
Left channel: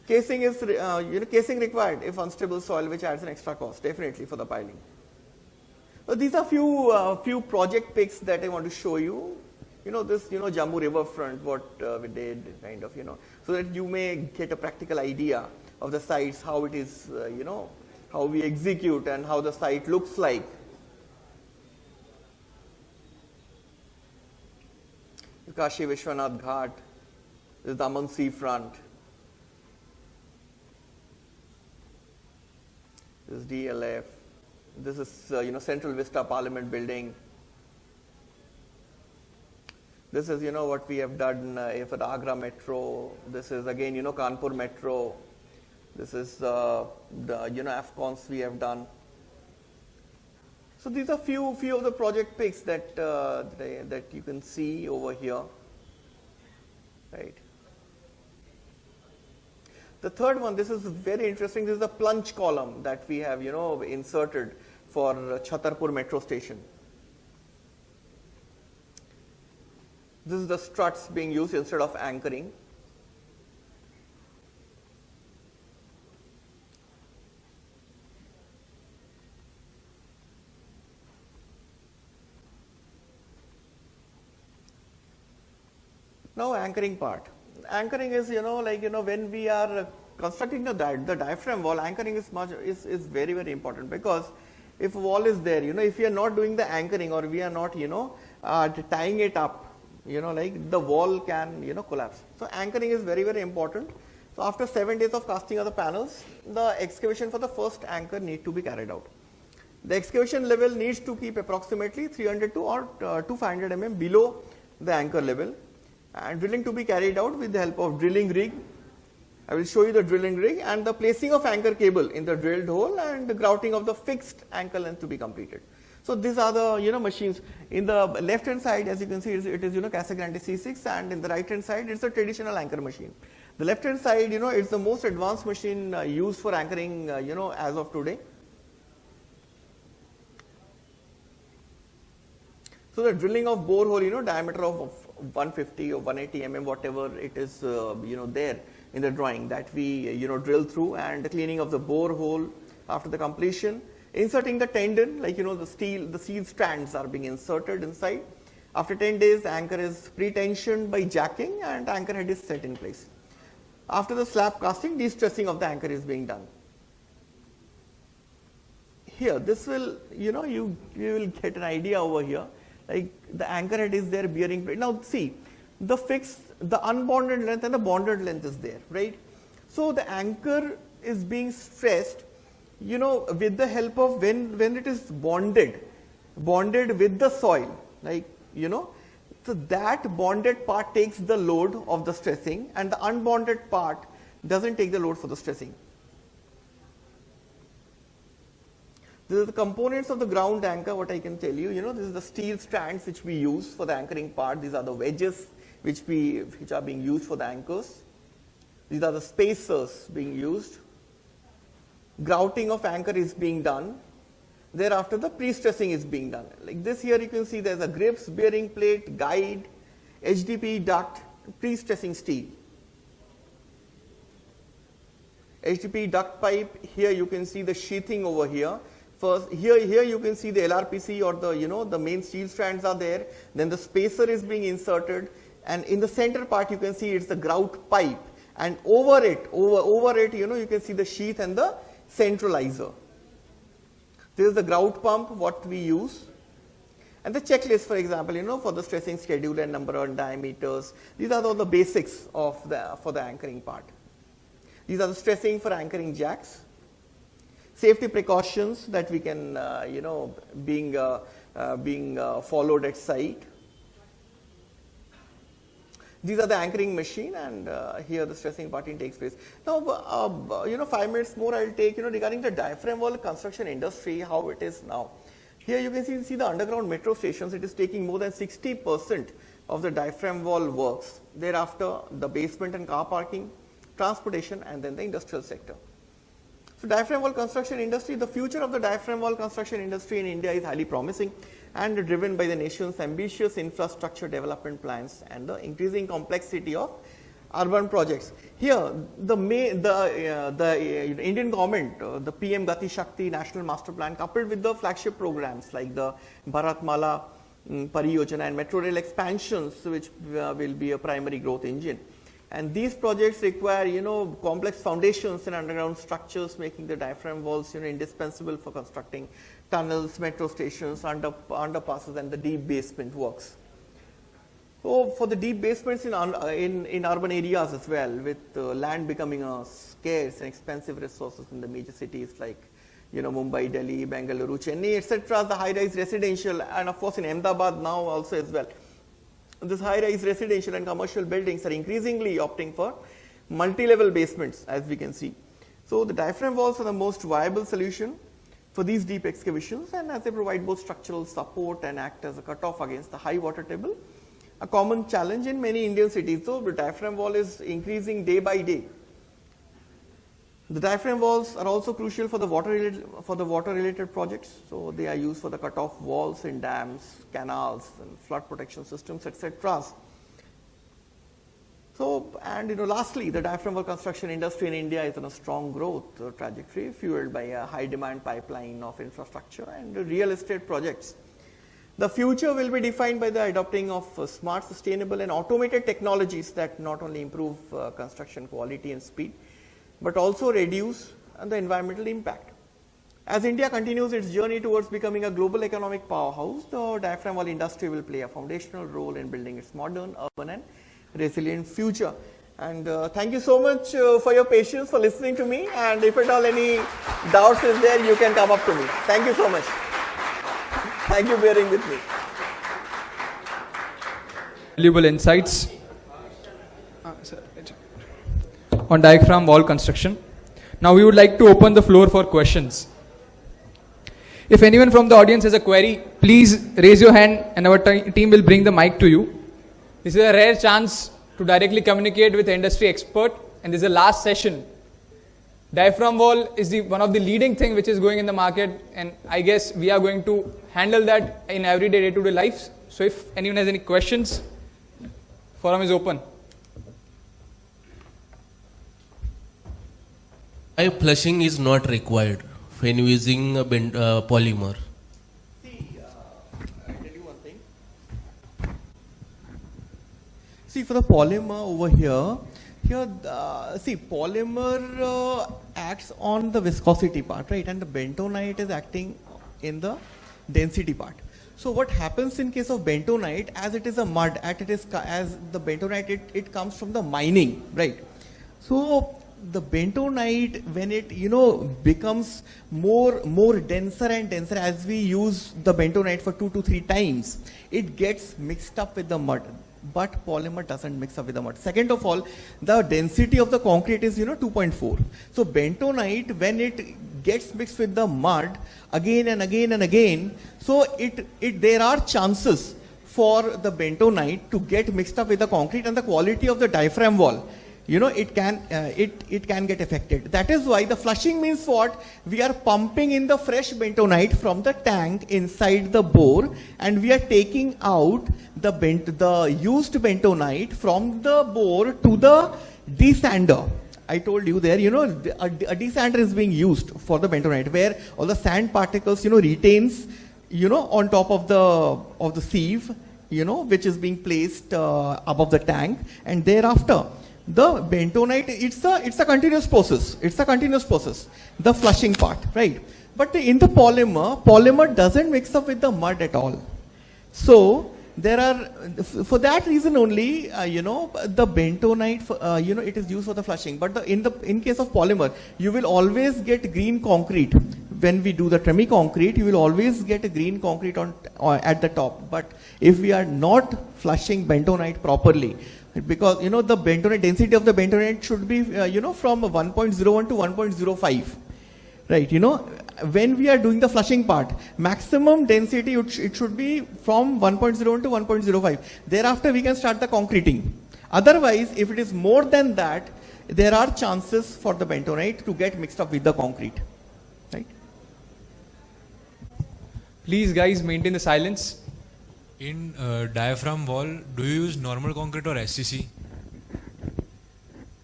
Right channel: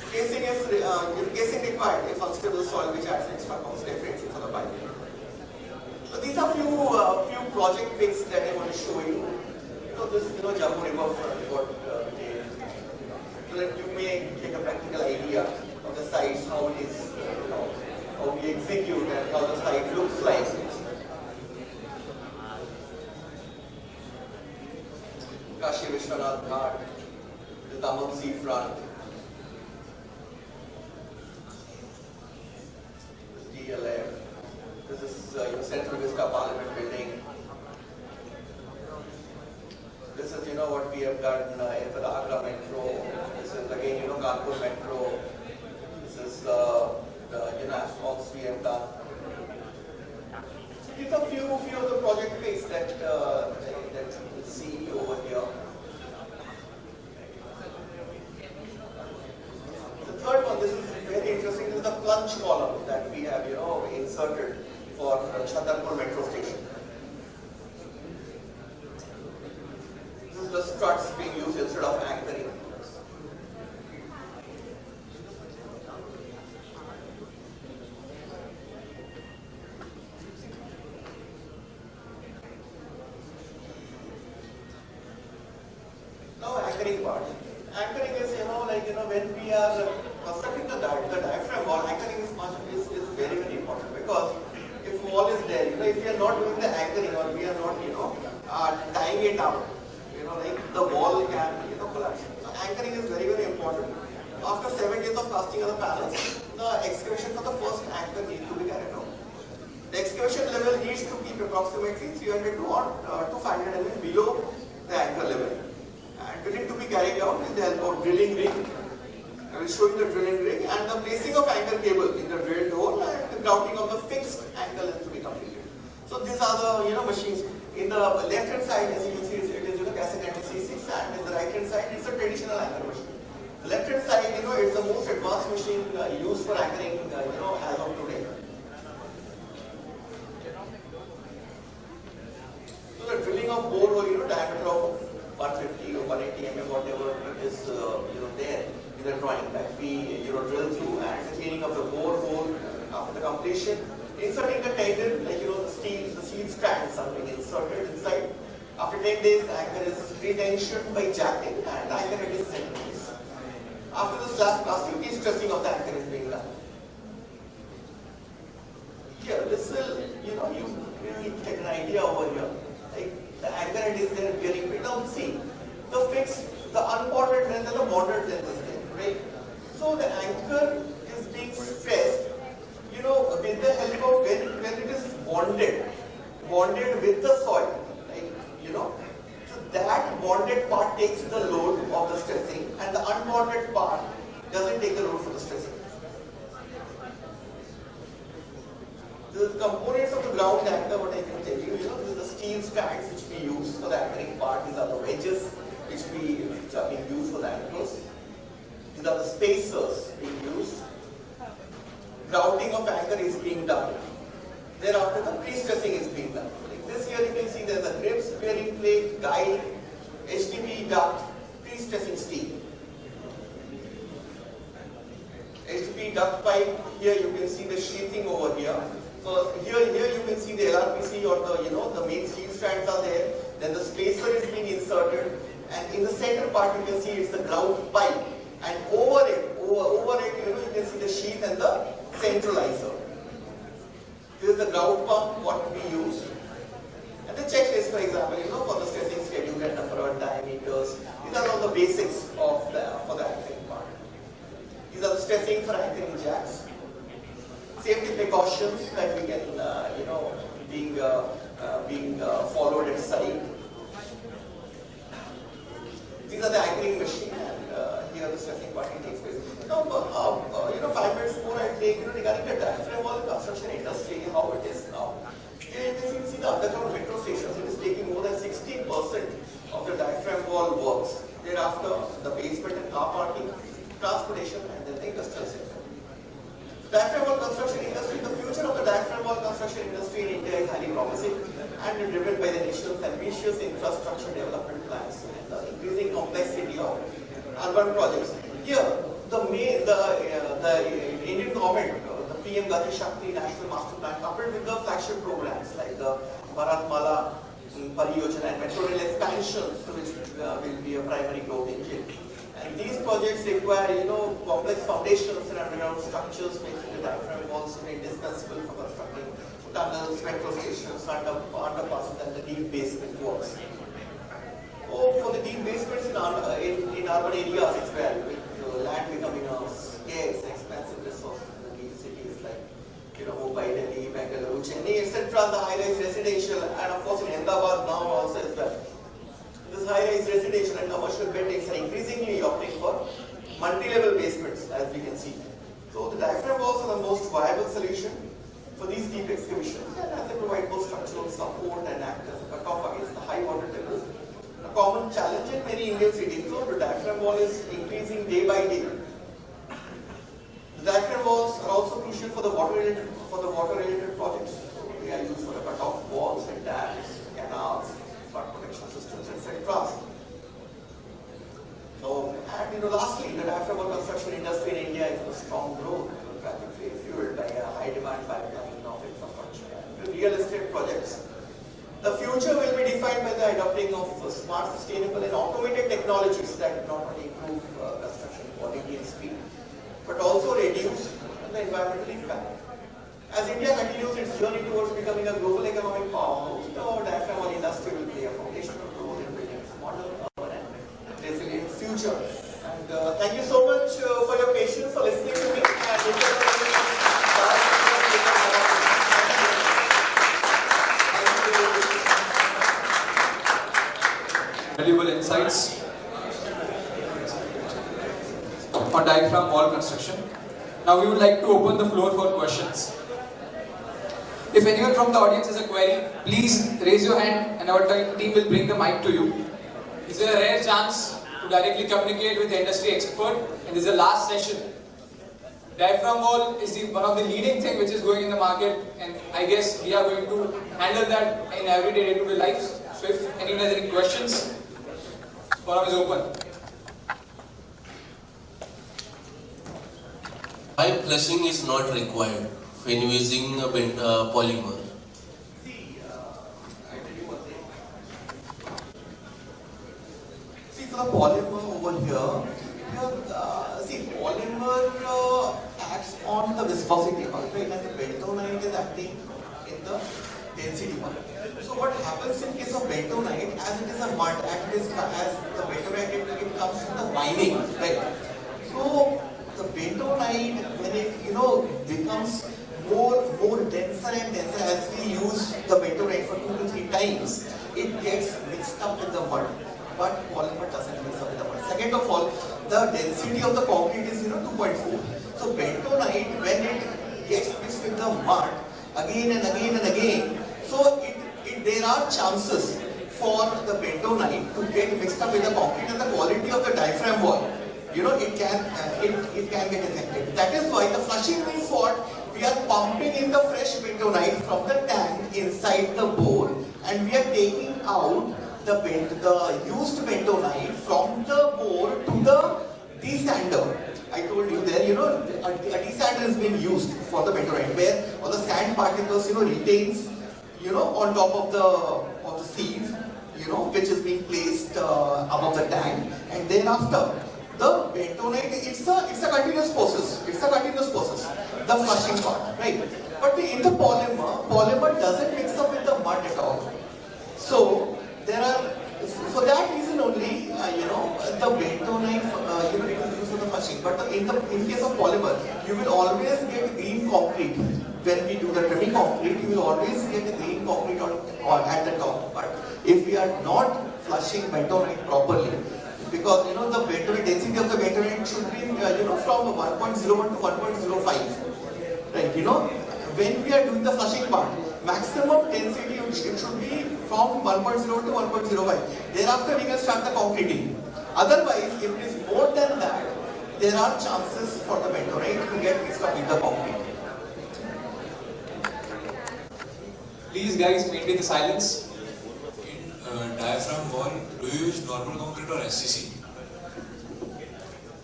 Casing is casing required if unstable soil, which adds an extra cost definitely for the pipe. So these are few project pics that I want to show you. This Jammu riverfront, what we did, kind of, so that you may get a practical idea of the sites, how it is, how we execute and how the site looks like. Kashi Vishwanath Ghat, the Daman seafront. This DLF. This is Central Vista Parliament building. This is what we have done for the Agra Metro. This is again Kanpur Metro. This is the AFCONs we have done. So these are few of the project pics that you can see over here. Right. The third one, this is very interesting. This is the plunge column that we have inserted for Chhatarpur Metro Station. This is the struts being used instead of anchoring. Now anchoring part. Anchoring is when we are constructing the diaphragm wall, anchoring is very, very important, because if wall is there, if we are not doing the anchoring, or we are not tying it up, the wall can collapse. So anchoring is very, very important. After 7 days of casting of the panels, the excavation for the first anchor needs to be carried out. The excavation level needs to keep approximately 300 to 500 mm below the anchor level, and drilling to be carried out with the help of drilling rig. I will show you the drilling rig and the placing of anchor cable in the drilled hole, and the grouting of the fixed anchor length to be completed. So these are the machines. In the left hand side, as you can see, it is Castle 96, and in the right hand side it's a traditional anchor machine. The left hand side is the most advanced machine used for anchoring as of today. So the drilling of bore hole, diameter of 150 or 180 mm, whatever it is there in the drawing, that we drill through, and the cleaning of the bore hole after the completion. Inserting the tendon, the steel strands are being inserted inside. After 10 days, the anchor is retensioned by jacking, and the anchor head is set in place. After the slab casting, de-stressing of the anchor is being done. Here, this will, you will get an idea over here. Like the anchor head is there bearing. Now see, the fixed, the unbonded length and the bonded length is there, right? So the anchor is being stressed, with the help of when it is bonded with the soil, right? So that bonded part takes the load of the stressing, and the unbonded part doesn't take the load for the stressing. This is the components of the ground anchor, what I can tell you. This is the steel strands which we use for the anchoring part. These are the wedges which are being used for the anchors. These are the spacers being used. Grouting of anchor is being done. Thereafter, the pre-stressing is being done. Like this here, you can see there's a grips, bearing plate, guide, HDPE duct, pre-stressing steel. HDPE duct pipe. Here you can see the sheathing over here. First, here you can see the LRPC, or the main steel strands are there. Then the spacer is being inserted, and in the center part you can see it's the grout pipe, and over it you can see the sheath and the centralizer. This is the grout pump what we use, and the checklist, for example, for the stressing schedule, the number of diameters. These are all the basics for the anchoring part. These are the stressing for anchoring jacks. Safety precautions that we can, being followed at site. These are the anchoring machine, and here the stressing parting takes place. Now, 5 minutes more I'll take, regarding the diaphragm wall construction industry, how it is now. Here you can see the underground metro stations. It is taking more than 60% of the diaphragm wall works. Thereafter, the basement and car parking, transportation, and then the industrial sector. So diaphragm wall construction industry, the future of the diaphragm wall construction industry in India is highly promising, and driven by the nation's ambitious infrastructure development plans and the increasing complexity of urban projects. Here, the Indian government, the PM Gati Shakti National Master Plan, coupled with the flagship programs like the Bharatmala Pariyojana and Metro Rail expansions, which will be a primary growth engine. And these projects require, complex foundations and underground structures, making the diaphragm walls indispensable for constructing tunnels, metro stations, underpasses, and the deep basement works. So for the deep basements in urban areas as well, with land becoming a scarce and expensive resource in the major cities like Mumbai, Delhi, Bengaluru, Chennai, etc. The high-rise residential, and of course in Ahmedabad now also as well. This high-rise residential and commercial buildings are increasingly opting for multi-level basements, as we can see. So the diaphragm walls are the most viable solution for these deep excavations, and as they provide both structural support and act as a cutoff against the high water tables. A common challenge in many Indian cities, though, the diaphragm wall is increasing day by day. The diaphragm walls are also crucial for the water-related projects. So they are used for the cut-off walls in dams, canals, flood protection systems, etc. So, and lastly, the diaphragm wall construction industry in India is on a strong growth trajectory, fueled by a high-demand pipeline of infrastructure and real estate projects. The future will be defined by the adopting of smart, sustainable and automated technologies that not only improve construction quality and speed, but also reduce the environmental impact. As India continues its journey towards becoming a global economic powerhouse, the diaphragm wall industry will play a foundational role in building its modern, urban and resilient future. And thank you so much for your patience, for listening to me, and if at all any doubts is there, you can come up to me. Thank you so much. Thank you for being with me. Valuable insights on diaphragm wall construction. Now we would like to open the floor for questions. If anyone from the audience has a query, please raise your hand and our team will bring the mic to you. This is a rare chance to directly communicate with an industry expert, and this is the last session. Diaphragm wall is one of the leading thing which is going in the market, and I guess we are going to handle that in everyday day-to-day lives. So if anyone has any questions, forum is open. Why flushing is not required when using a polymer? See, for the polymer over here, polymer acts on the viscosity part, right? And the bentonite is acting in the density part. So what happens in case of bentonite, as it is a mud, as the bentonite, it comes from the mining, right? So the bentonite, when it becomes more denser and denser as we use the bentonite for 2 to 3 times, it gets mixed up with the mud. But polymer doesn't mix up with the mud. Second of all, the density of the concrete is 2.4. So bentonite, when it gets mixed with the mud again and again and again, so there are chances for the bentonite to get mixed up with the concrete, and the quality of the diaphragm wall, it can get affected. That is why the flushing means what? We are pumping in the fresh bentonite from the tank inside the bore, and we are taking out the used bentonite from the bore to the desander. I told you there, a desander is being used for the bentonite, where all the sand particles, retains, on top of the sieve, which is being placed above the tank, and thereafter the bentonite, it's a continuous process. It's a continuous process. The flushing part, right? But in the polymer doesn't mix up with the mud at all. So there are, for that reason only, the bentonite, it is used for the flushing. But in case of polymer, you will always get green concrete. When we do the tremi-concrete, you will always get a green concrete at the top. But if we are not flushing bentonite properly, because the bentonite density of the bentonite should be from 1.01 to 1.05, right? When we are doing the flushing part, maximum density it should be from 1.0 to 1.05. Thereafter we can start the concreting. Otherwise, if it is more than that, there are chances for the bentonite to get mixed up with the concrete. Please guys maintain the silence. In diaphragm wall, do you use normal concrete or SCC?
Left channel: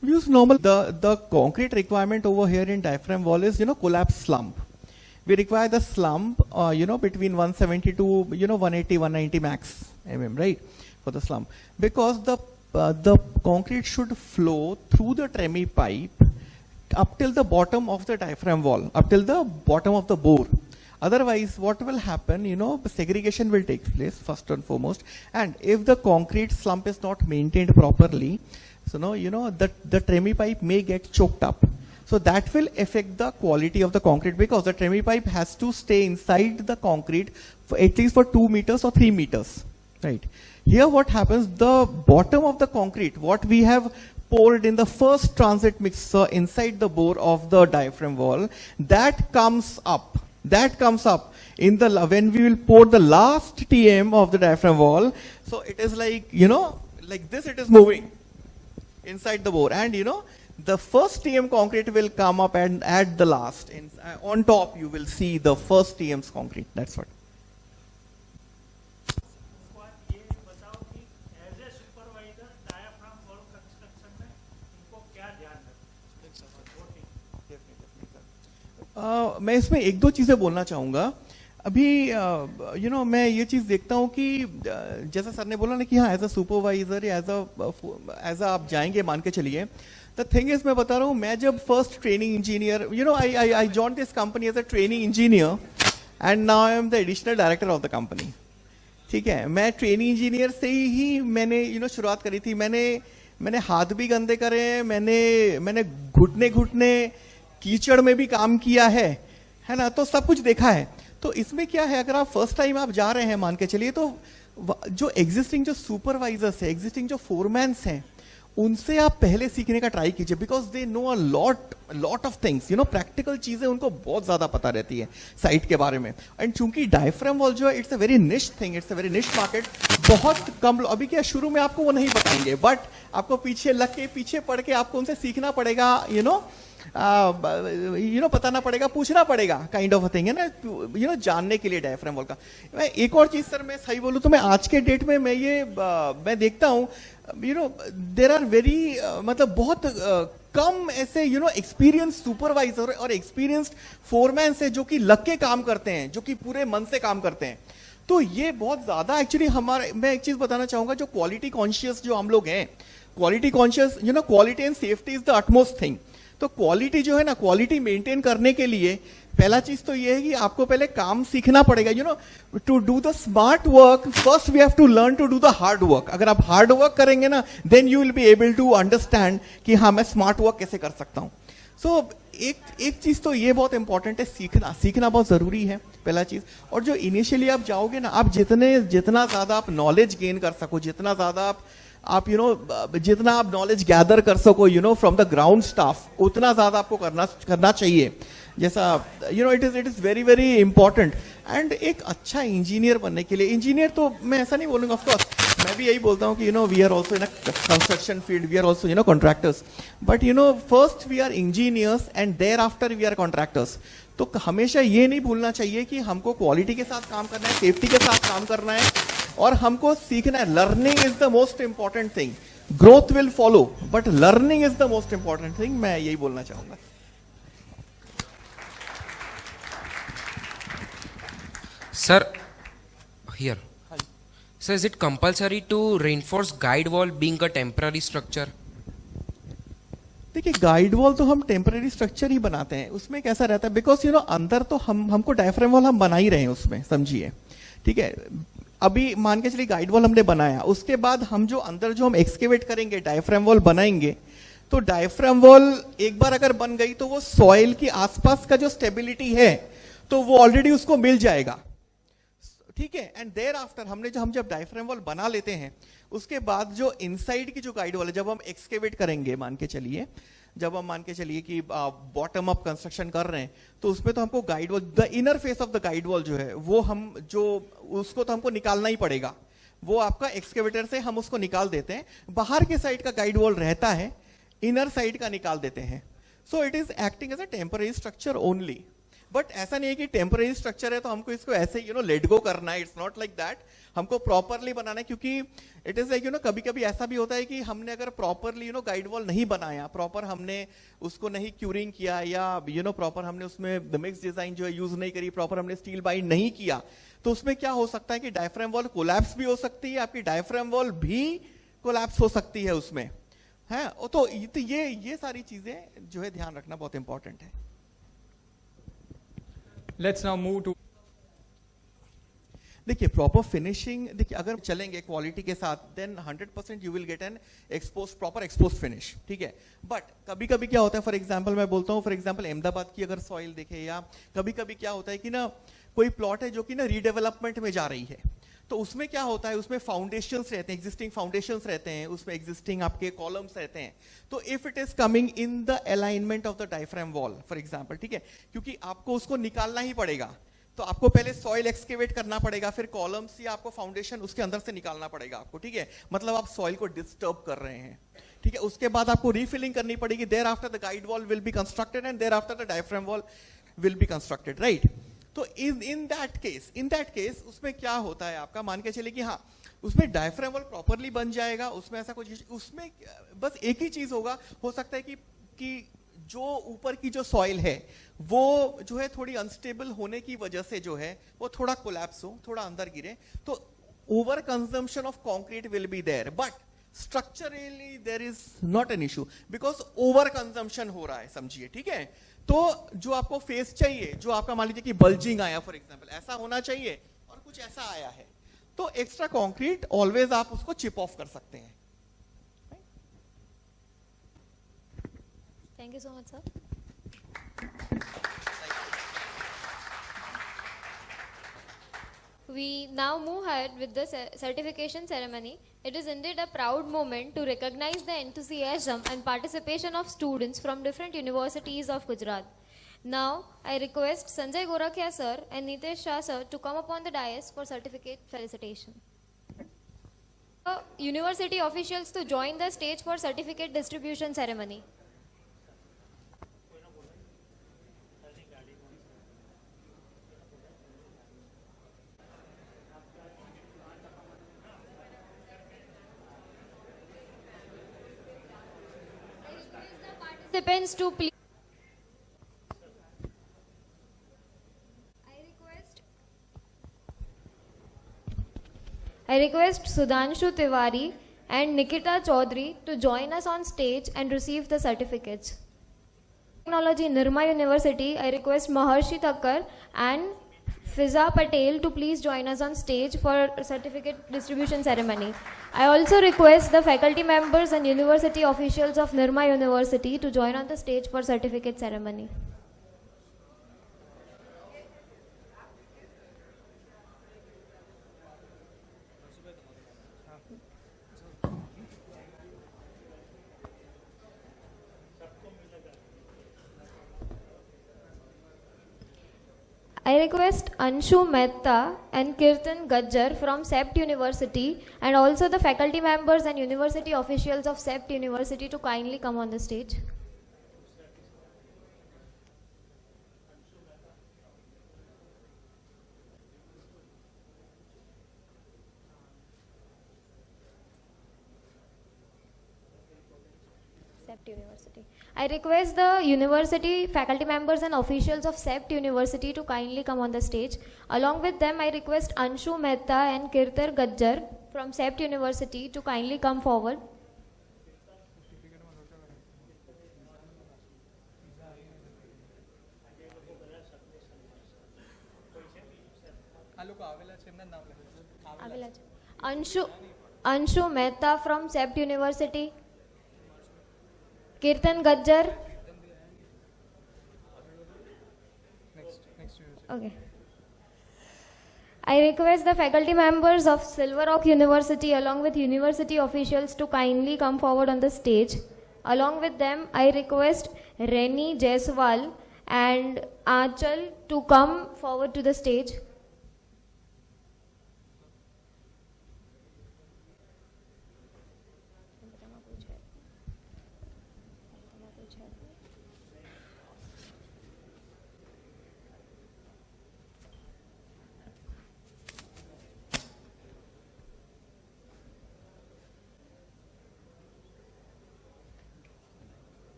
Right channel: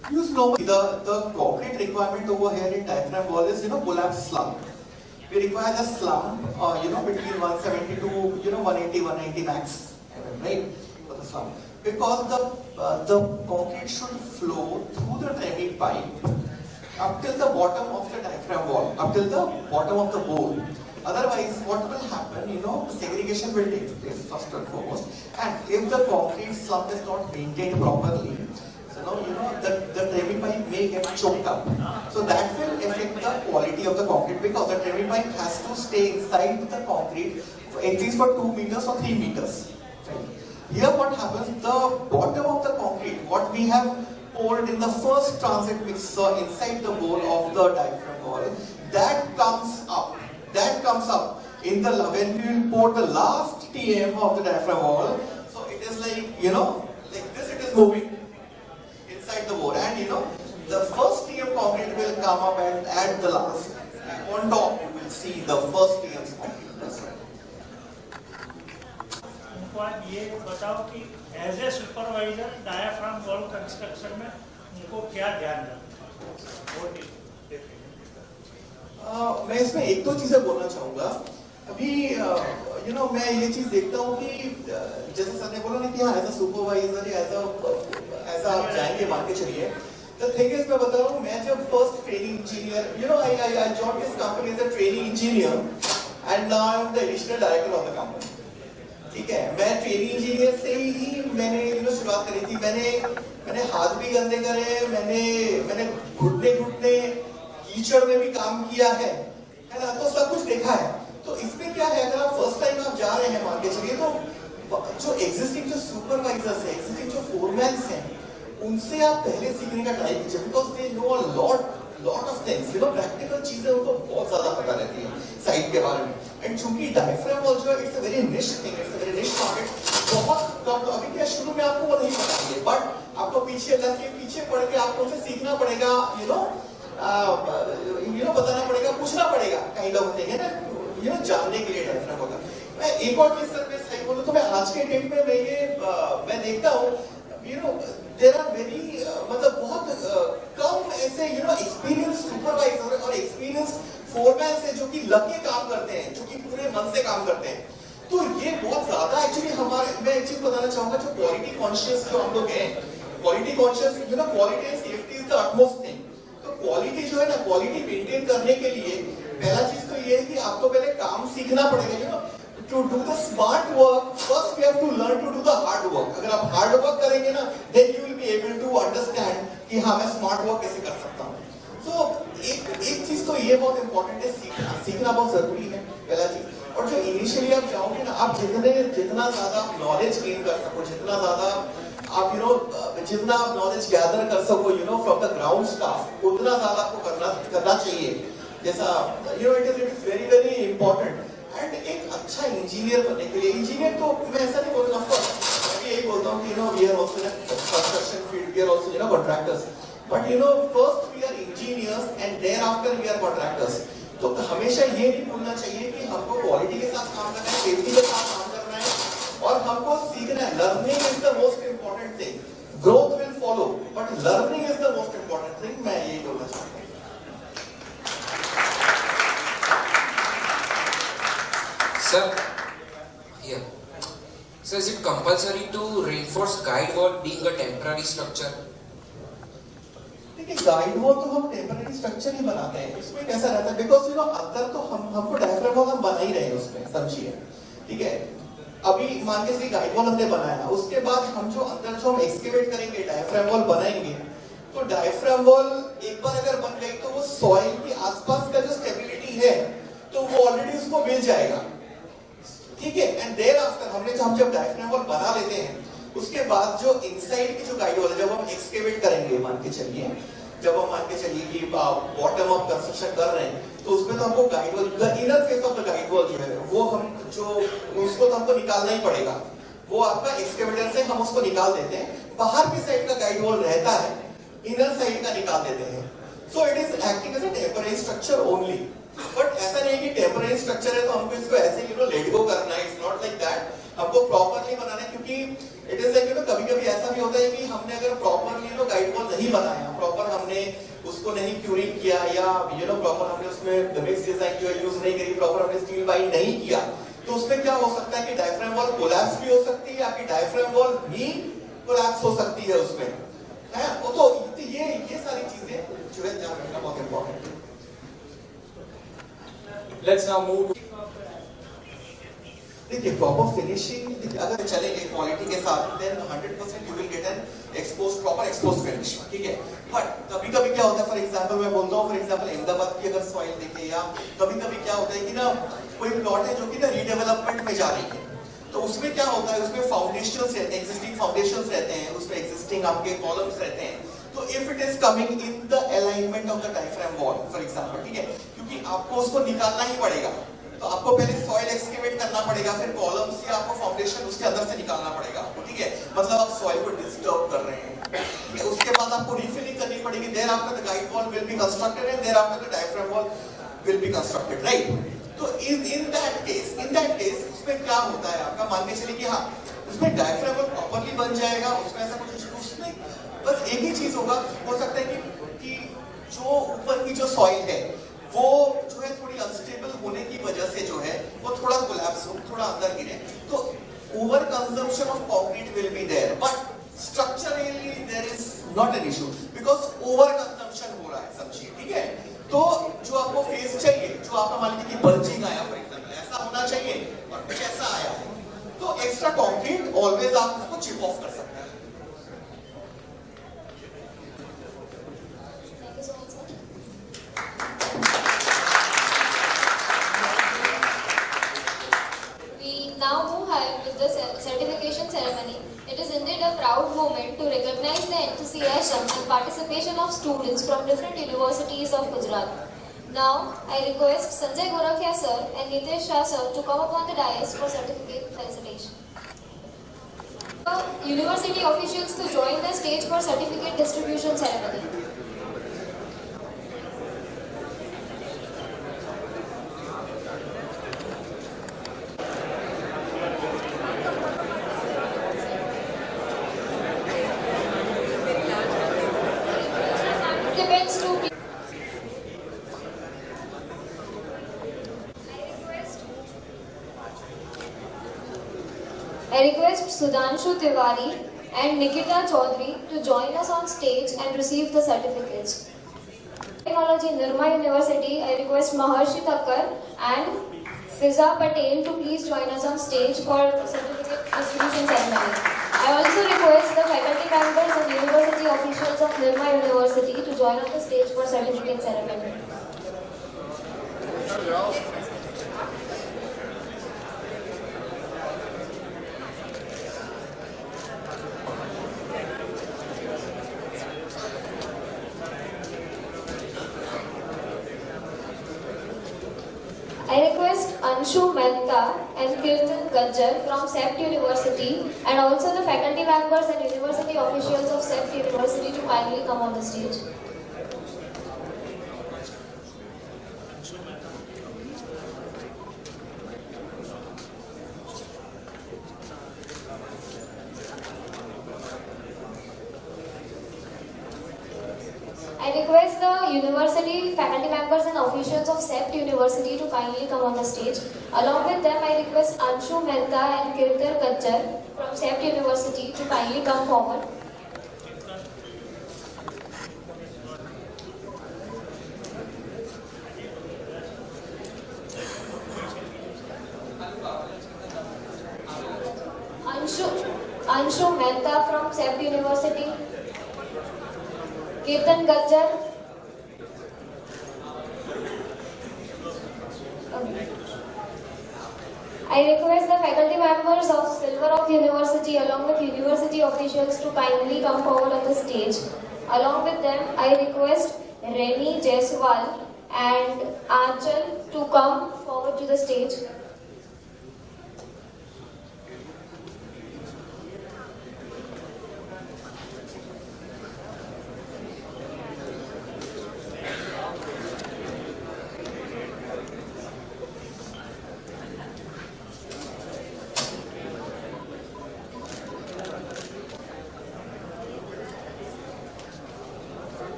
use normal. The concrete requirement over here in diaphragm wall is collapse slump. We require the slump between 170 to 180 190 max right, for the slump, because the concrete should flow through the tremie pipe up till the bottom of the diaphragm wall, up till the bottom of the bore. Otherwise, what will happen, segregation will take place first and foremost, and if the concrete slump is not maintained properly, so the tremie pipe may get choked up. So that will affect the quality of the concrete, because the tremie pipe has to stay inside the concrete for at least for 2 meters or 3 meters, right? Here what happens, the bottom of the concrete, what we have poured in the first transit mixer inside the bore of the diaphragm wall, that comes up in the, when we will pour the last TM of the diaphragm wall. So it is like, like this, it is moving inside the bore, and the first TM concrete will come up and add the last. On top you will see the first TM's concrete. That's right. ये बताओ कि as a supervisor diaphragm wall construction में उनको क्या ध्यान रखना। मैं इसमें एक दो चीज़ें बोलना चाहूँगा। अभी मैं ये चीज़ देखता हूँ कि जैसे सर ने बोला ना कि हाँ एज अ सुपरवाइजर या एज आप जाएंगे, मान के चलिए। The thing is, मैं बता रहा हूँ, मैं जब first training engineer, I joined this company as a training engineer and now I am the additional director of the company. ठीक है, मैं ट्रेनिंग इंजीनियर से ही मैंने शुरुआत करी थी। मैंने हाथ भी गंदे करे हैं, मैंने घुटने कीचड़ में भी काम किया है ना, तो सब कुछ देखा है। तो इसमें क्या है, अगर आप फर्स्ट टाइम आप जा रहे हैं, मान के चलिए, तो जो एग्जिस्टिंग जो सुपरवाइजर्स है, एग्जिस्टिंग जो फोरमैन्स हैं, उनसे आप पहले सीखने का ट्राई कीजिए, because they know a lot of things, practical चीजें उनको बहुत ज्यादा पता रहती है साइट के बारे में। एंड चूंकि डायफ्राम वॉल जो है, इट्स अ वेरी निश थिंग, इट्स अ वेरी निश मार्केट। बहुत कम लोग, अभी क्या शुरू में आपको वो नहीं बताएंगे, बट आपको पीछे लग के, पीछे पढ़ के आपको उनसे सीखना पड़ेगा, बताना पड़ेगा, पूछना पड़ेगा, काइंड ऑफ थिंग है ना, जानने के लिए डायफ्राम वॉल का। मैं एक और चीज सर, मैं सही बोलूँ तो मैं आज के डेट में मैं देखता हूँ, देर आर वेरी मतलब बहुत कम ऐसे एक्सपीरियंस सुपरवाइजर और एक्सपीरियंस फोरमैन से जो कि लग के काम करते हैं, जो कि पूरे मन से काम करते हैं। तो ये बहुत ज्यादा एक्चुअली मैं एक चीज बताना चाहूंगा, जो क्वालिटी कॉन्शियस जो हम लोग हैं, quality conscious, quality and safety is the utmost thing. तो क्वालिटी जो है ना, क्वालिटी मेंटेन करने के लिए पहला चीज तो ये है कि आपको पहले काम सीखना पड़ेगा। To do the smart work, first we have to learn to do the hard work. अगर आप hard work करेंगे ना, then you will be able to understand कि हाँ मैं smart work कैसे कर सकता हूँ। So एक चीज तो ये बहुत important है, सीखना बहुत जरूरी है, पहला चीज। और जो इनिशियली आप जाओगे ना, आप जितना ज्यादा आप नॉलेज गेन कर सको, जितना ज्यादा आप जितना आप नॉलेज गैदर कर सको फ्रॉम द ग्राउंड स्टाफ, उतना ज्यादा आपको करना चाहिए। जैसा it is very very important. And एक अच्छा इंजीनियर बनने के लिए, इंजीनियर तो मैं ऐसा नहीं बोलूँगा, ऑफकोर्स मैं भी यही बोलता हूँ कि we are also in construction field, we are also contractors, but first we are engineers and there after we are contractors. तो हमेशा ये नहीं भूलना चाहिए कि हमको क्वालिटी के साथ काम करना है, सेफ्टी के साथ काम करना है, और हमको सीखना है। Learning is the most important thing, growth will follow, but learning is the most important thing, मैं यही बोलना चाहूँगा। Sir, here. Sir, is it compulsory to reinforce guide wall being a temporary structure? देखिए, गाइड वॉल तो हम temporary structure ही बनाते हैं। उसमें कैसा रहता है, बिकॉज अंदर तो हमको डायफ्राम वॉल हम बना ही रहे हैं उसमें, समझिए, ठीक है। अभी मान के चलिए गाइड वॉल हमने बनाया, उसके बाद हम जो अंदर जो हम एक्सकेवेट करेंगे, डायफ्राम वॉल बनाएंगे, तो डायफ्राम वॉल एक बार अगर बन गई तो वो सॉइल के आसपास का जो स्टेबिलिटी है, तो वो ऑलरेडी उसको मिल जाएगा, ठीक है। एंड देयर आफ्टर हम जब डायफ्राम वॉल बना लेते हैं, उसके बाद जो इनसाइड की जो गाइड वॉल है, जब हम एक्सकेवेट करेंगे, मान के चलिए कि बॉटम ऑफ कंस्ट्रक्शन कर रहे हैं, तो उसमें तो हमको guide wall, the inner face of the guide wall जो है, वो उसको तो हमको निकालना ही पड़ेगा। वो आपका एक्सकेवेटर से हम उसको निकाल देते हैं। बाहर के साइड का गाइड वॉल रहता है, इनर साइड का निकाल देते हैं। So it is acting as a temporary structure only. But ऐसा नहीं है कि टेम्पररी स्ट्रक्चर है तो हमको इसको ऐसे लेट गो करना है, इट्स नॉट लाइक दैट। हमको प्रॉपरली बनाना है, क्योंकि इट इज लाइक कभी कभी ऐसा भी होता है कि हमने अगर प्रॉपरली गाइड वॉल नहीं बनाया, प्रॉपर हमने उसको नहीं क्यूरिंग किया, या प्रॉपर हमने उसमें द मिक्स डिजाइन जो है यूज नहीं करी, प्रॉपर हमने स्टील बाइंड नहीं किया, तो उसमें क्या हो सकता है कि डायफ्राम वॉल कोलैप्स भी हो सकती है, आपकी डायफ्राम वॉल भी कोलैप्स हो सकती है उसमें, है। तो ये सारी चीजें जो है ध्यान रखना बहुत इंपॉर्टेंट है। Let's now move to देखिए प्रॉपर फिनिशिंग अगर चलेंगे क्वालिटी के साथ, then 100% you will get an expose, proper expose finish, ठीक है। बट कभी कभी क्या होता है, फॉर एग्जांपल मैं बोलता हूँ, फॉर एग्जांपल अहमदाबाद की अगर सॉइल देखें, या कभी कभी क्या होता है कि ना कोई प्लॉट है जो कि ना रीडेवलपमेंट में जा रही है, तो उसमें क्या होता है, उसमें फाउंडेशंस रहते हैं, एग्जिस्टिंग फाउंडेशंस रहते हैं, उसमें एग्जिस्टिंग आपके कॉलम्स रहते हैं, तो if it is coming in the alignment of the diaphragm wall for example, ठीक है, क्योंकि आपको उसको निकालना ही पड़ेगा, तो आपको पहले सॉइल एक्सकेवेट करना पड़ेगा, फिर कॉलम्स या आपको फाउंडेशन उसके अंदर से निकालना पड़ेगा, ठीक है, मतलब आप सॉइल को डिस्टर्ब कर रहे हैं, ठीक है। उसके बाद आपको रीफिलिंग करनी पड़ेगी, there after the guide wall will be constructed and there after the diaphragm wall will be constructed, right. तो इन दैट केस उसमें क्या होता है, आपका मान के चलिए कि हाँ उसमें डायफ्राम वॉल प्रॉपर्ली बन जाएगा, उसमें ऐसा कुछ, उसमें बस एक ही चीज होगा, हो सकता है कि जो ऊपर की जो सॉइल है वो जो है थोड़ी अनस्टेबल होने की वजह से जो है वो थोड़ा कोलैप्स हो, थोड़ा अंदर गिरे, तो over consumption of concrete will be there, but structurally there is not an issue, because over consumption हो रहा है, समझिए, ठीक है। तो जो आपको फेस चाहिए, जो आपका मान लीजिए कि बल्जिंग आया फॉर एग्जांपल, ऐसा होना चाहिए, और कुछ ऐसा आया है, तो एक्स्ट्रा कंक्रीट ऑलवेज आप उसको चिप ऑफ कर सकते हैं। Thank you so much, sir. We now move ahead with the certification ceremony. It is indeed a proud moment to recognize the enthusiasm and participation of students from different universities of Gujarat. Now, I request Sanjay Gorakhia sir and Nitesh Shah sir to come upon the dais for certificate presentation. University officials to join the stage for certificate distribution ceremony. Participants to be I request Sudhanshu Tiwari and Nikita Chaudhary to join us on stage and receive the certificates. Technology Nirma University, I request Maharshi Thakkar and Fiza Patel to please join us on stage for certificate distribution ceremony. I also request the faculty members and university officials of Nirma University to join on the stage for certificate ceremony. I request Anshu Mehta and Kirtan Gajjar from SEPT University and also the faculty members and university officials of SEPT University to kindly come on the stage. I request the university faculty members and officials of SEPT University to kindly come on the stage. Along with them, I request Anshu Mehta and Kirtan Gajjar from SEPT University to kindly come forward. Anshu Mehta from SEPT University. Kirtan Gajjar. I request the faculty members of Silver Rock University along with university officials to kindly come forward on the stage. Along with them, I request Reni Jaiswal and Achal to come forward to the stage.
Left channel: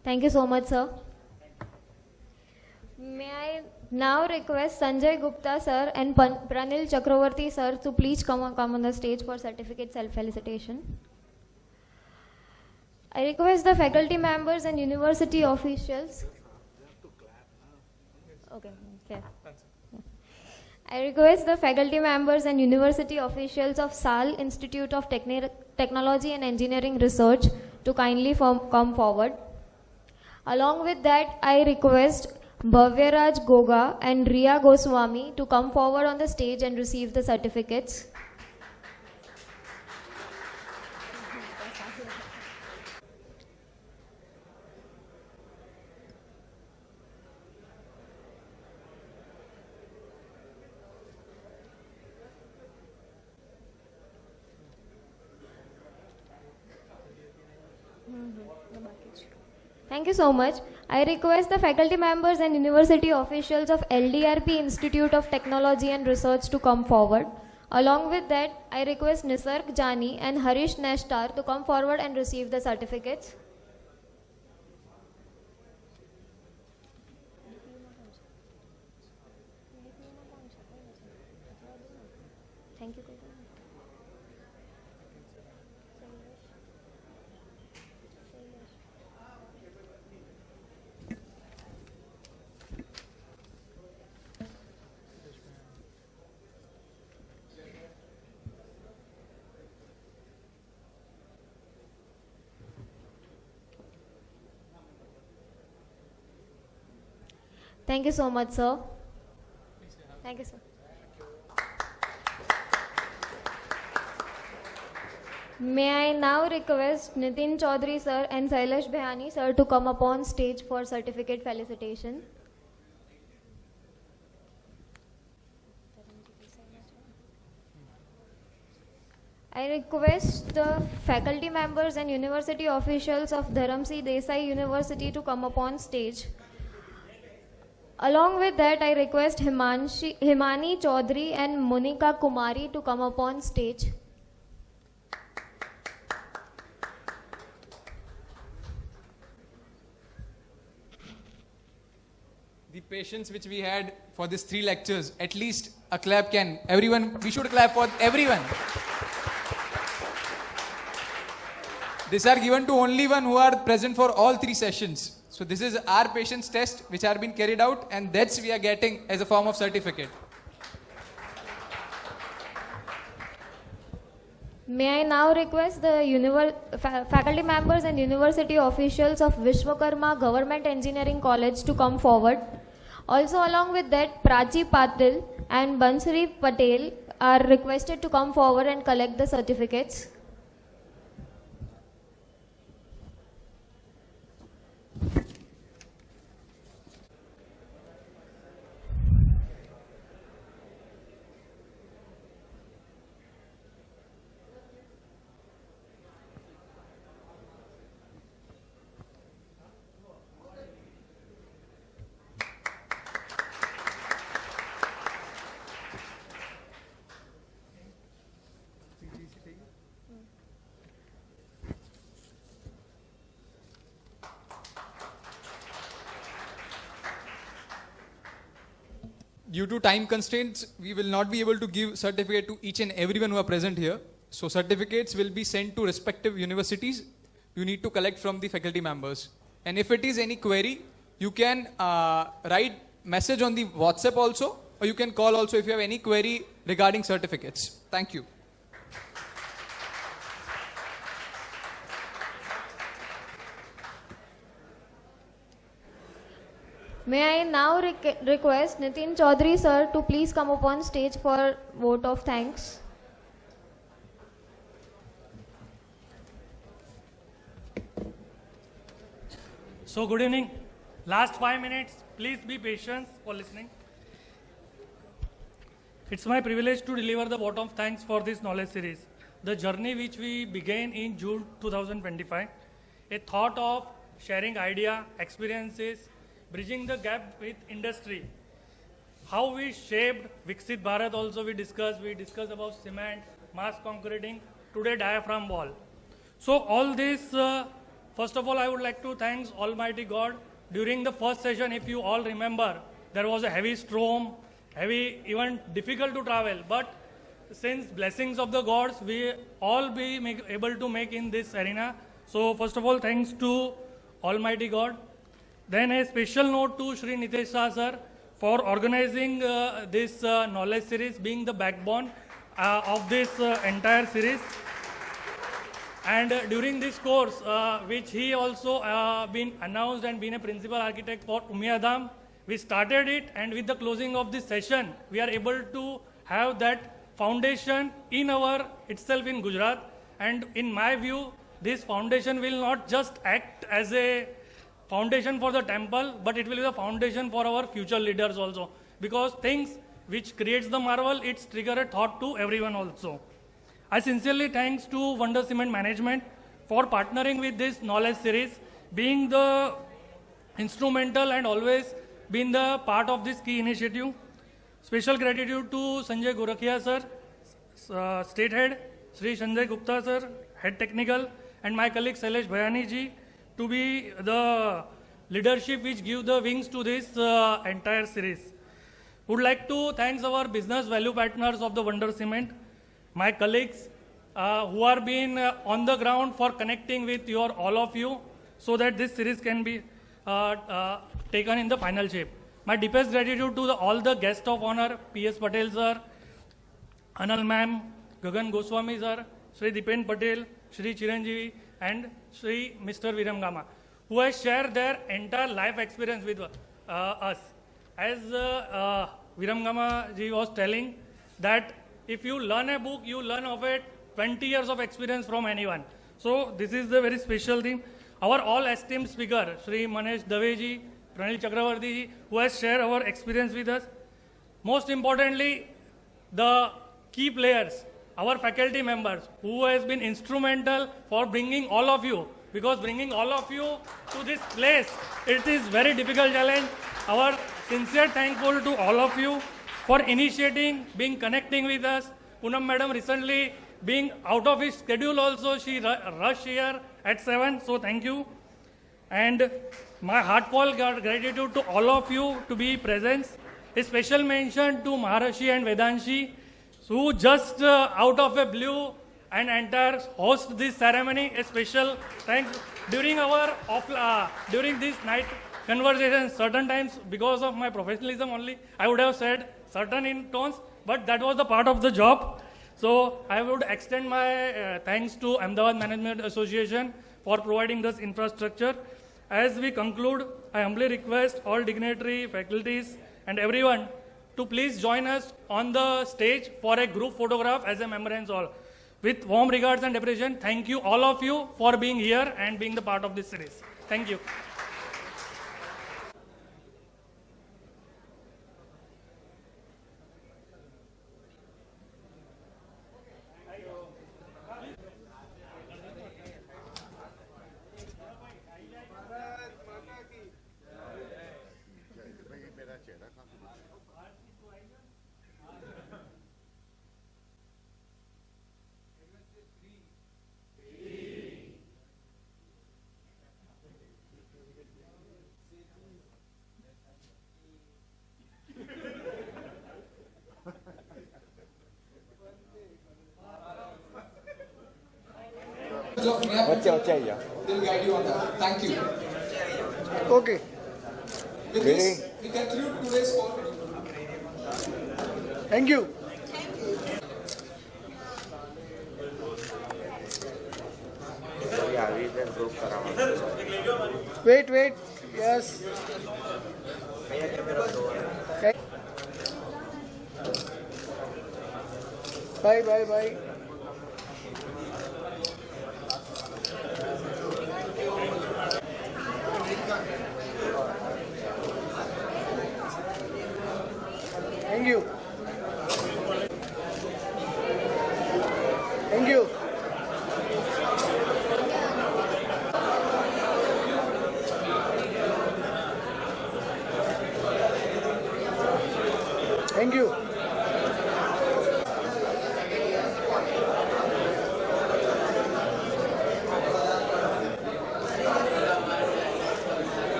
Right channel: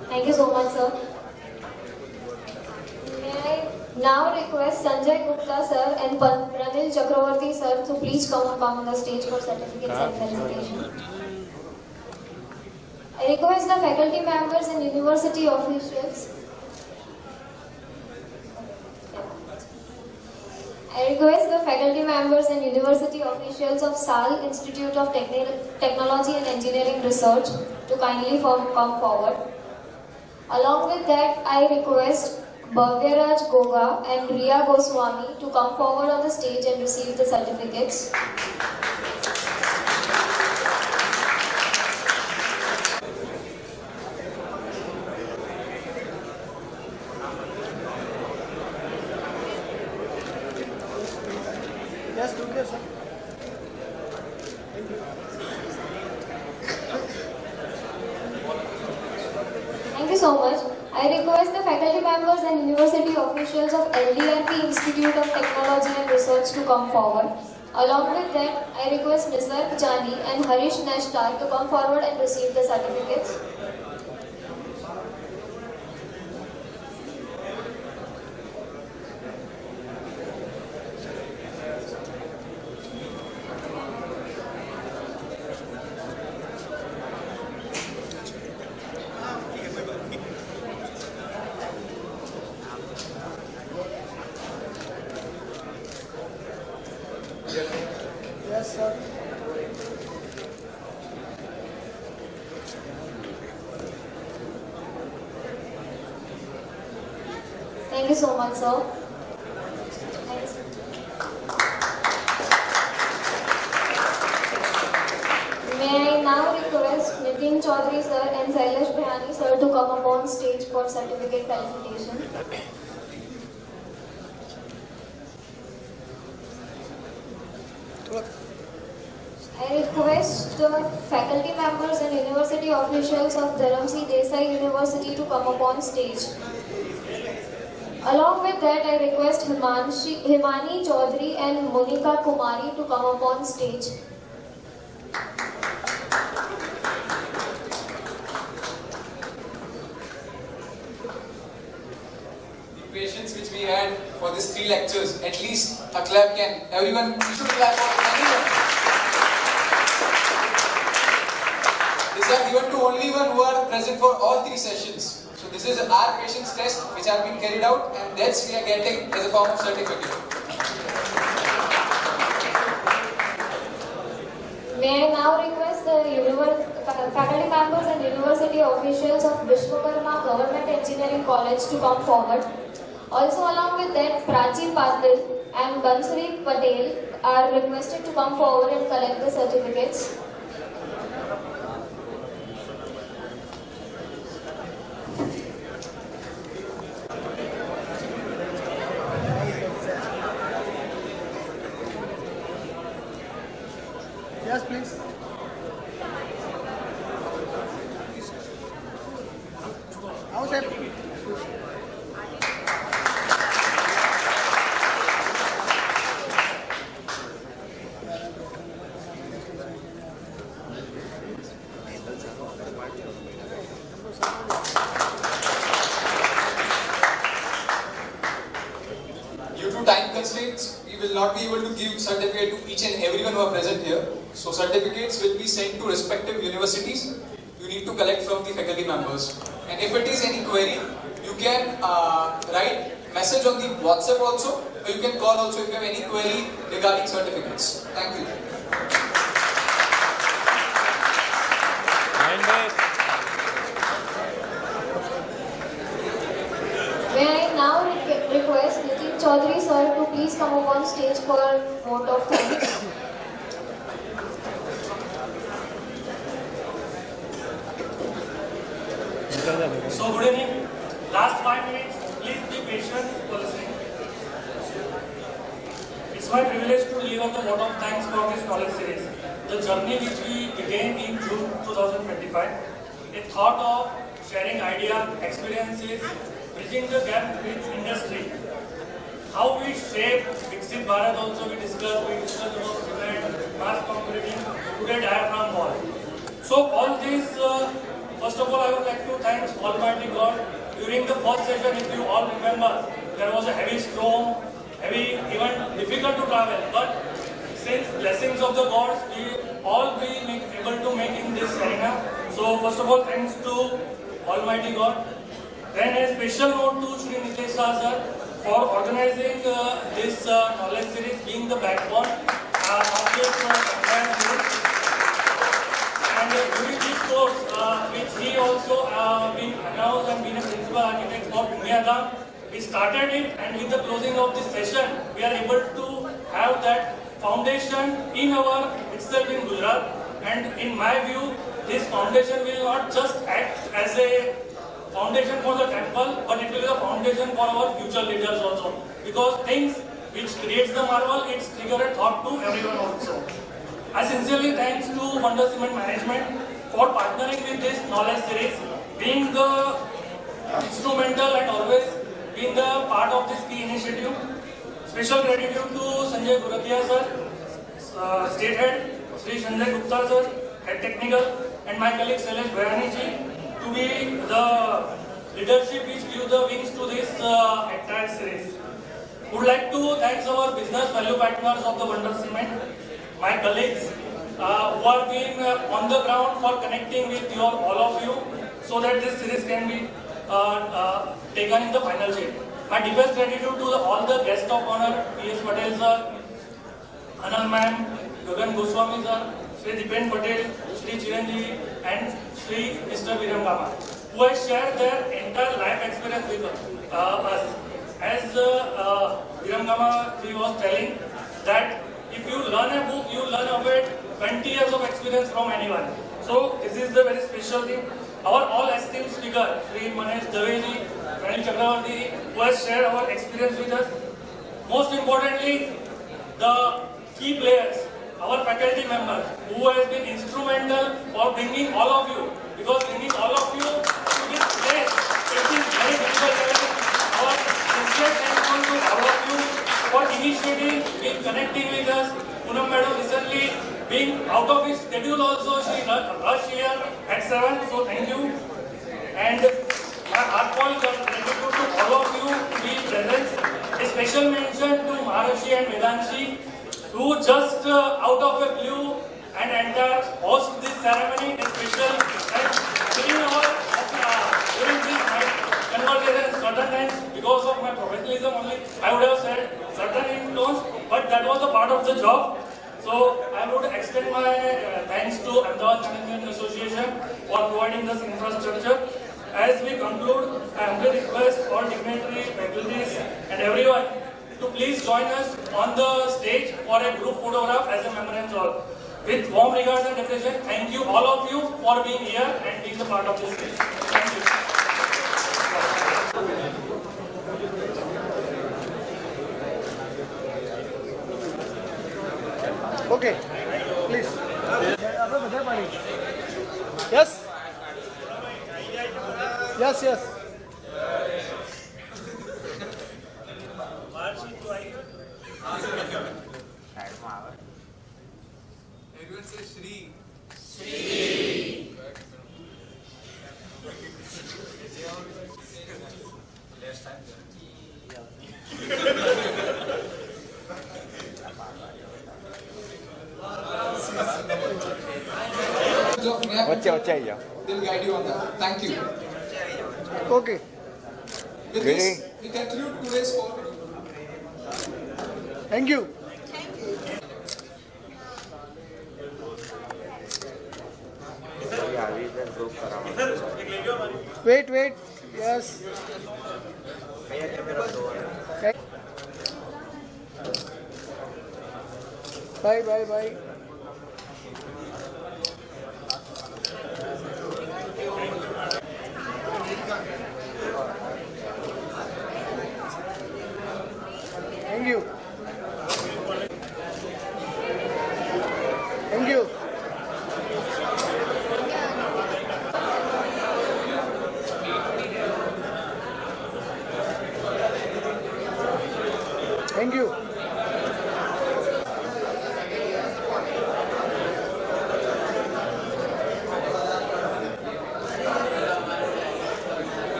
Thank you so much, sir. May I now request Sanjay Gupta sir and Pranil Chakraborty sir to please come up on the stage for certificates and felicitation. I request the faculty members and university officials. I request the faculty members and university officials of SAL Institute of Technology and Engineering Research to kindly come forward. Along with that, I request Bhavyaraj Goga and Riya Goswami to come forward on the stage and receive the certificates. Yes, do this, sir. Thank you so much. I request the faculty members and university officials of LDRP Institute of Technology and Research to come forward. Along with that, I request Nisarg Jani and Harish Nashtar to come forward and receive the certificates. Yes, sir. Thank you so much, sir. May I now request Nitin Chaudhary sir and Sailesh Bhayani sir to come upon stage for certificate felicitation. I request the faculty members and university officials of Dharamsi Desai University to come upon stage. Along with that, I request Himani Chaudhary and Monika Kumari to come upon stage. The patience which we had for these 3 lectures, at least a clap can. Everyone, we should clap for everyone. These are given to only one who are present for all 3 sessions. So this is our patience test which are being carried out, and that's we are getting as a form of certificate. May I now request the faculty members and university officials of Vishwakarma Government Engineering College to come forward. Also along with that, Prachi Patel and Bansuri Patel are requested to come forward and collect the certificates. Yes, please. Outside. Due to time constraints, we will not be able to give certificate to each and everyone who are present here. So certificates will be sent to respective universities. You need to collect from the faculty members. And if it is any query, you can write message on the WhatsApp also, or you can call also if you have any query regarding certificates. Thank you. May I now request Nitin Chaudhary sir to please come up on stage for a vote of thanks. So good evening. Last 5 minutes, please be patient for listening. It's my privilege to deliver the vote of thanks for this knowledge series. The journey which we began in June 2025, a thought of sharing ideas, experiences, bridging the gap with industry. How we shape Viksit Bharat also we discussed about cement, fast concreting, today diaphragm wall. So all this was first of all, I would like to thank Almighty God. During the first session, if you all remember, there was a heavy storm, heavy, even difficult to travel. But since blessings of the gods, we all be able to make in this arena. So first of all, thanks to Almighty God. Then a special note to Shri Nitesh Shah sir for organizing this knowledge series, being the backbone of this entire series. And during this course, which he also been announced and been a principal architect for Punyadam, we started it, and with the closing of this session, we are able to have that foundation in our itself in Gujarat. And in my view, this foundation will not just act as a foundation for the temple, but it will be a foundation for our future leaders also. Because things which creates the marvel, it's trigger a thought to everyone also. I sincerely thanks to Wonder Cement Management for partnering with this knowledge series, being the instrumental and always being the part of this key initiative. Special gratitude to Sanjay Guratia sir, State Head, Sri Sanjay Gupta sir, Head Technical, and my colleague Shailesh Bhayani ji, to be the leadership which give the wings to this entire series. Would like to thank our business value partners of the Wonder Cement, my colleagues who are being on the ground for connecting with all of you, so that this series can be taken in the final shape. My deepest gratitude to all the guests of honor, P.S. Patel sir, Anand ma'am, Gagan Goswami sir, Sri Dipen Patel, Sri Chiranjiv, and Sri Mr. Viramgama, who has shared their entire life experience with us. As Viramgama ji was telling, that if you learn a book, you learn of it 20 years of experience from anyone. So this is the very special thing. Our all esteemed speaker, Sri Manesh Daveji, Pranil Chakraborty, who has shared our experience with us. Most importantly, the key players, our faculty members, who has been instrumental for bringing all of you, because bringing all of you to this place, it is very difficult challenge. Our sincere thankful to all of you for initiating, being connecting with us. Poonam madam recently being out of his schedule also, she rushed here at 7, so thank you. And my heartfelt gratitude to all of you to be present. A special mention to Maharishi and Vedanshi, who just out of a blue and entire host this ceremony. A special thanks during this night conversation. Certain times, because of my professionalism only, I would have said certain in tones, but that was a part of the job. So I would extend my thanks to Ahmedabad Management Association for providing this infrastructure. As we conclude, I humbly request all dignitaries, faculties, and everyone to please join us on the stage for a group photograph as a memorial. With warm regards and appreciation, thank you all of you for being here and being a part of this stage. Thank you. Okay, please. Yes? Yes, yes. Everyone say Shri. They'll guide you on that. Thank you. Okay. With this, we conclude today's call. Thank you. Wait. Yes. Okay. Bye. Thank you. Thank you. Thank you.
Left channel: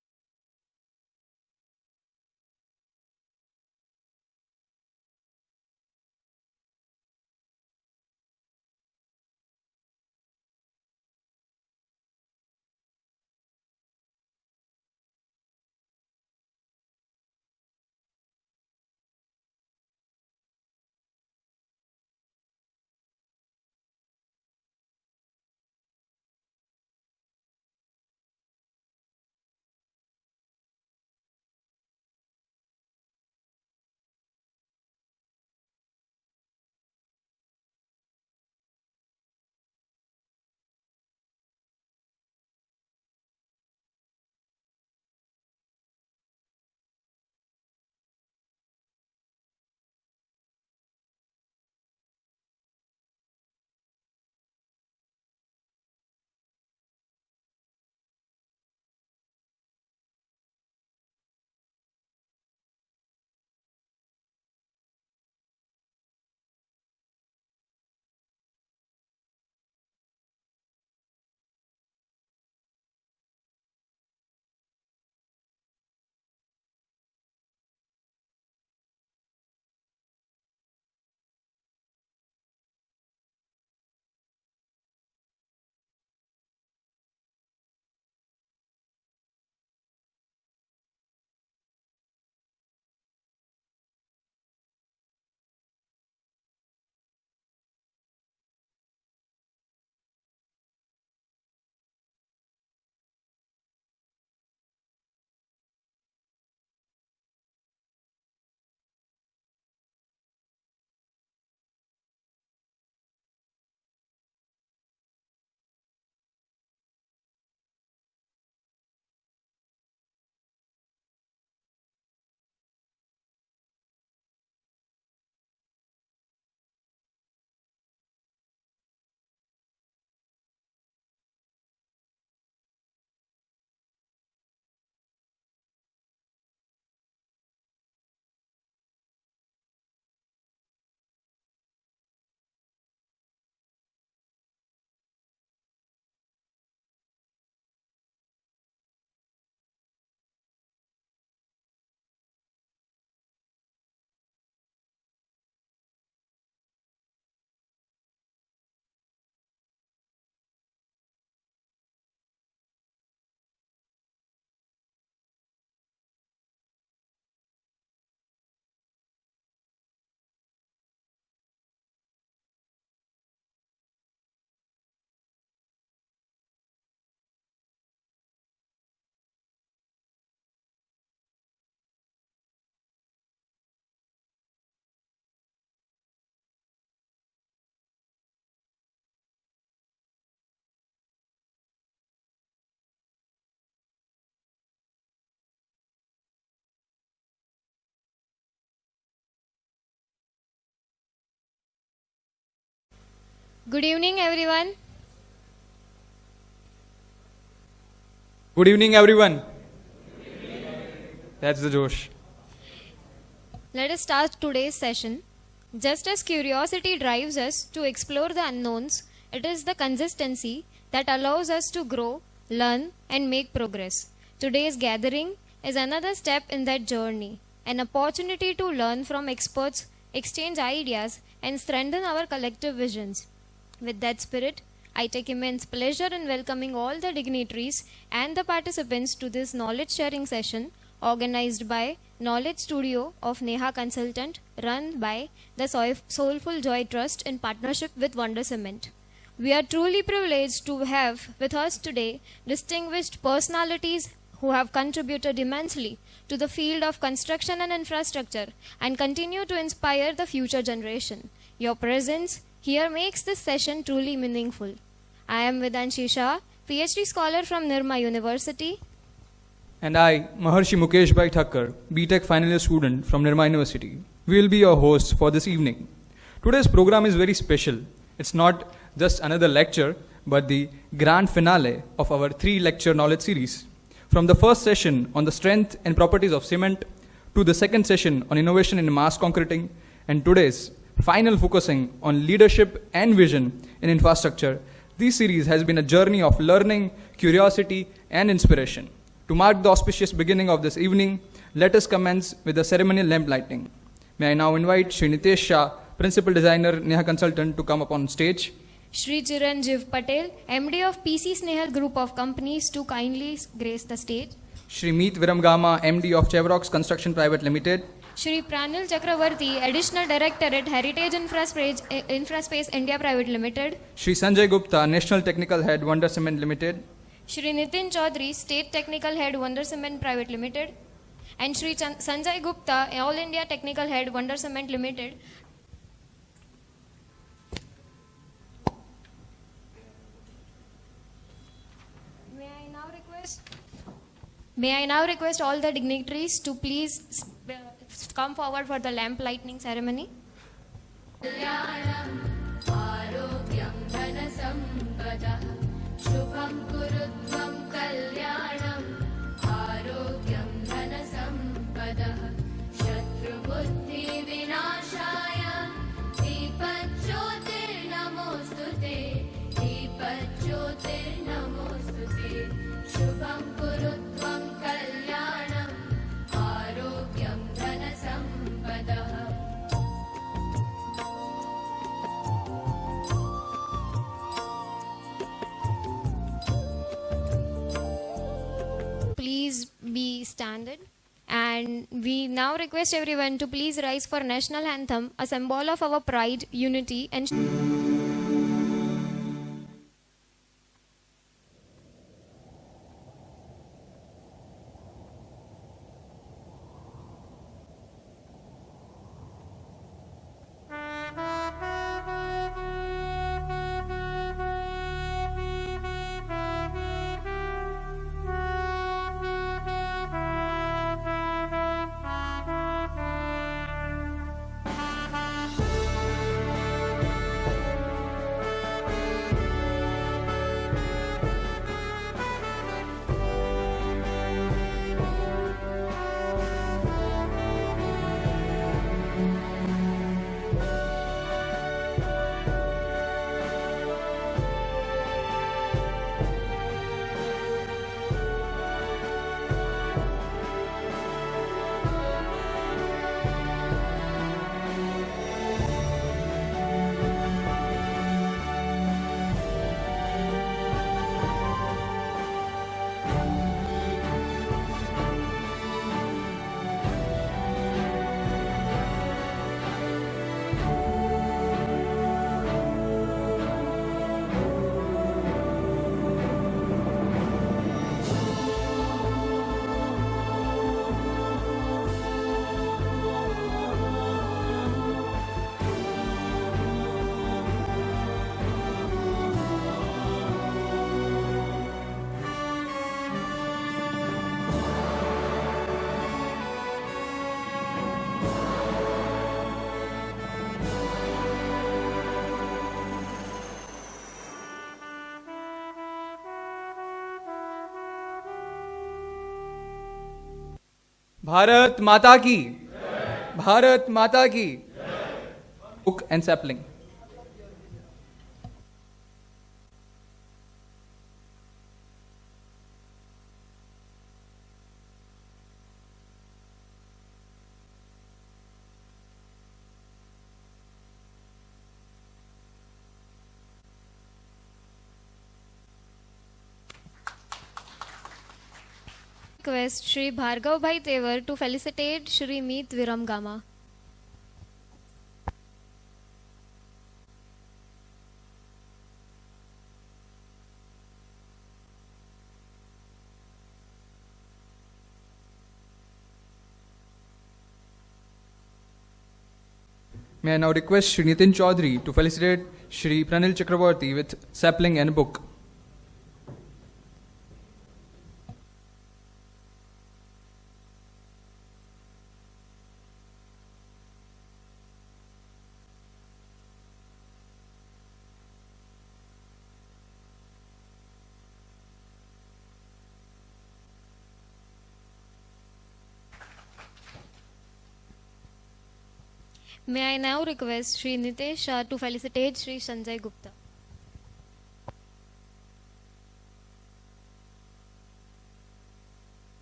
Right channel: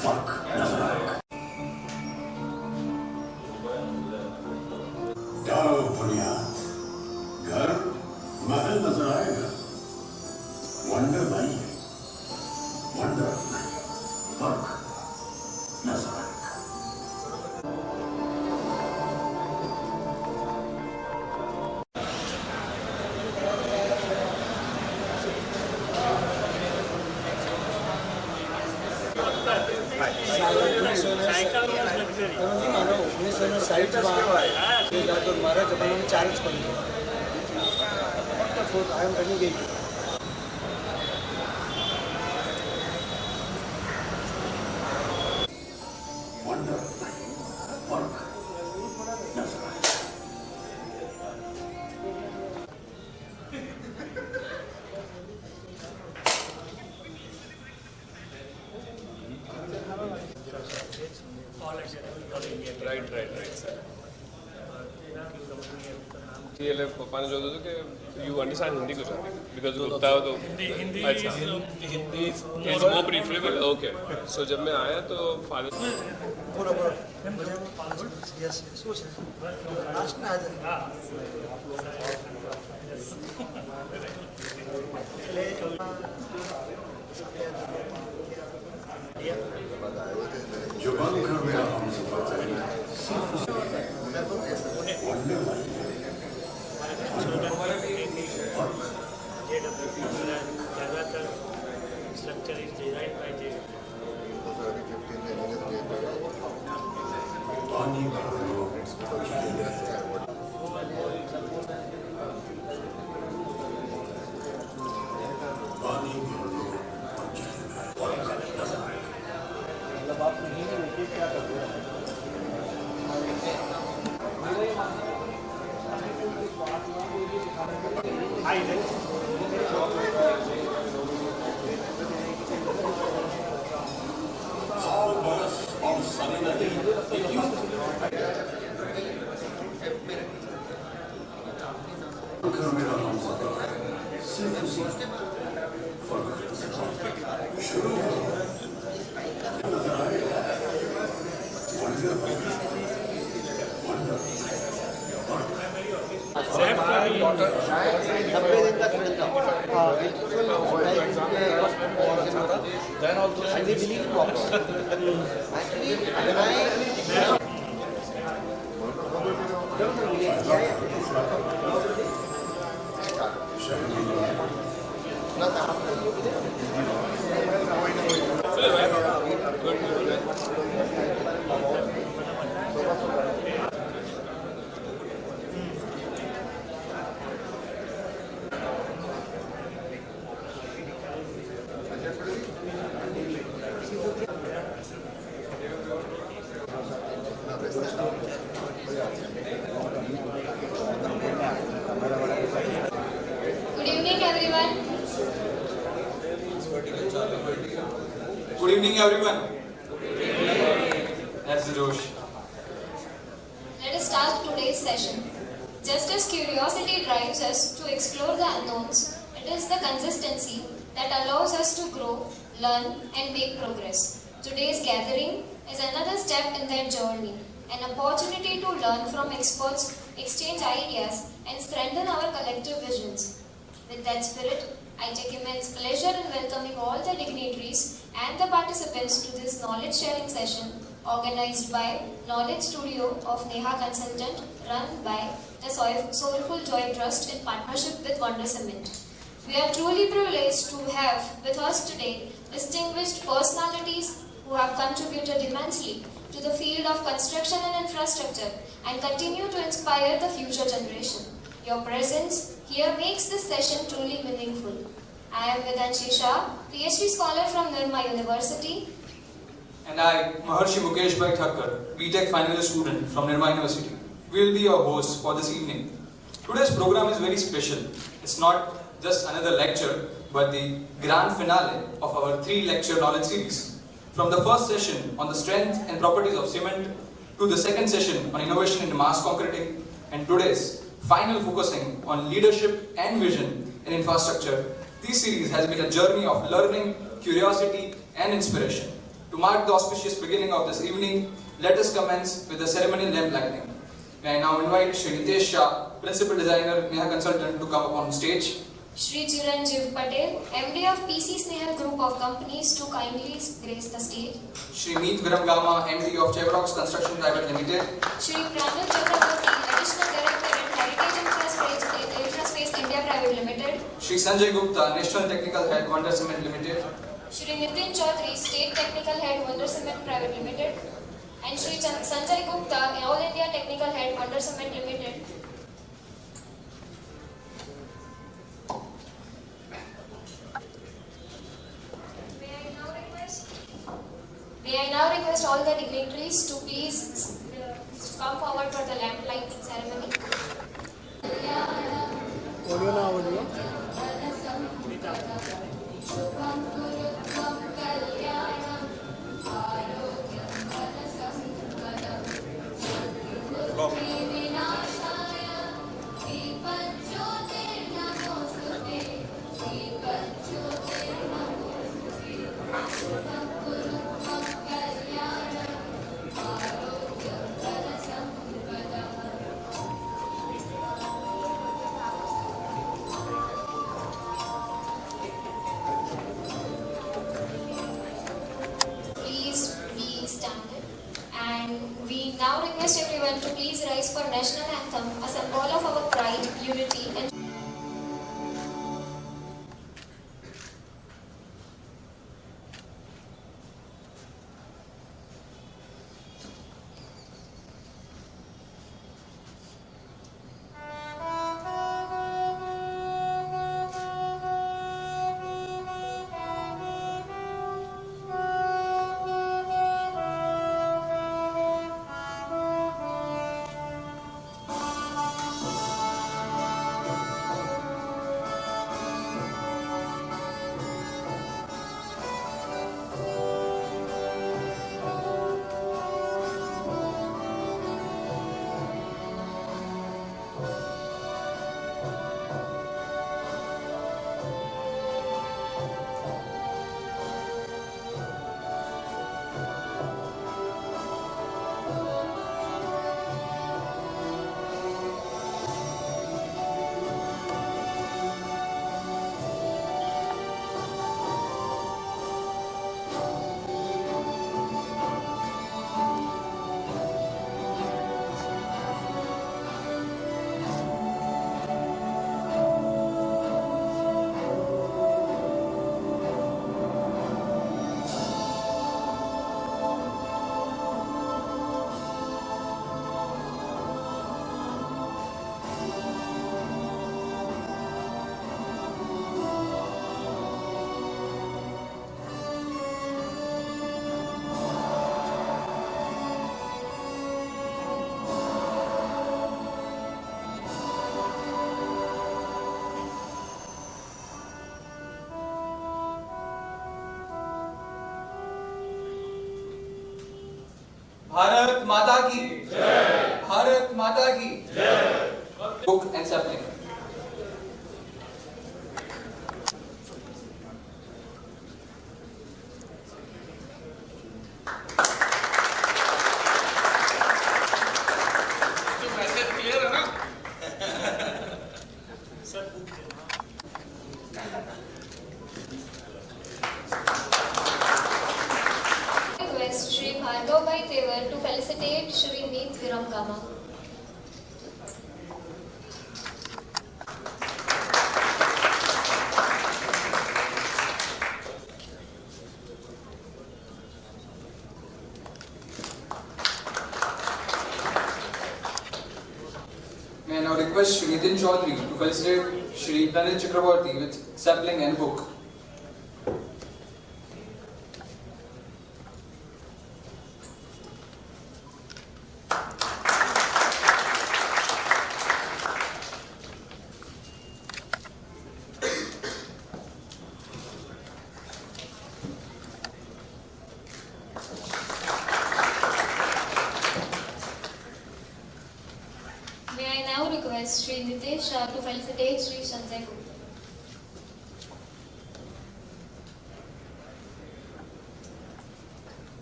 डालो बुनियाद, घर महल नजर आएगा, wonder नहीं, wonder नहीं, फर्क नजर आएगा। वंडर नहीं, फर्क नजर आएगा। Right, sir. ये पापा ने जो दो कि you understand Hindi Gujarati because Gupta हो तो Hindi अच्छा Hindi is it's more preferable. Okay. So जब मैं आया तो father जो बंद कर मेरा हम सफर करेंगे, वंडर नहीं, पानी भर लो, पानी भर लो, फर्क नजर आएगा। Then also, and they believe props. Actually, Good evening, everyone. Good evening, everyone. That's the Josh. Let us start today's session. Just as curiosity drives us to explore the unknowns, it is the consistency that allows us to grow, learn, and make progress. Today's gathering is another step in that journey, an opportunity to learn from experts, exchange ideas, and strengthen our collective visions. With that spirit, I take immense pleasure in welcoming all the dignitaries and the participants to this knowledge sharing session organized by Knowledge Studio of Neha Consultant, run by the Soulful Joy Trust in partnership with Wonder Cement. We are truly privileged to have with us today distinguished personalities who have contributed immensely to the field of construction and infrastructure and continue to inspire the future generation. Your presence here makes this session truly meaningful. I am Nitesh Shah, PhD scholar from Nirma University. And I, Maharshi Mukesh Thakkar, BTech final year student from Nirma University. We will be your hosts for this evening. Today's program is very special. It's not just another lecture, but the grand finale of our 3-lecture knowledge series. From the first session on the strength and properties of cement, to the second session on innovation in mass concreting, and today's final focusing on leadership and vision in infrastructure, this series has been a journey of learning, curiosity, and inspiration. To mark the auspicious beginning of this evening, let us commence with the ceremonial lamp lighting. May I now invite Shri Nitesh Shah, Principal Designer, Neha Consultant, to come upon stage. Shri Chiranjiv Patel, MD of PC Snehal Group of Companies, to kindly grace the stage. Shri Viramgama, MD of Chevroc Construction Private Limited. Shri Pranil Chakraborty, Additional Director at Heritage Infraspace India Private Limited. Shri Sanjay Gupta, National Technical Head, Wonder Cement Limited. Shri Nitin Chaudhary, State Technical Head, Wonder Cement Private Limited. And Shri Sanjay Gupta, All India Technical Head, Wonder Cement Limited. May I now request all the dignitaries to please come forward for the lamp lighting ceremony. We now request everyone to please rise for national anthem, a symbol of our pride, unity and Bharat Mata Ki Jai. Bharat Mata Ki Jai. Book and sapling. Request Shri Bhargav Bhai Tevar to felicitate Shri Viramgama. May I now request Shri Nitin Chaudhary to felicitate Shri Pranil Chakraborty with sapling and book. May I now request Shri Nitesh Shah to felicitate Shri Sanjay Gupta.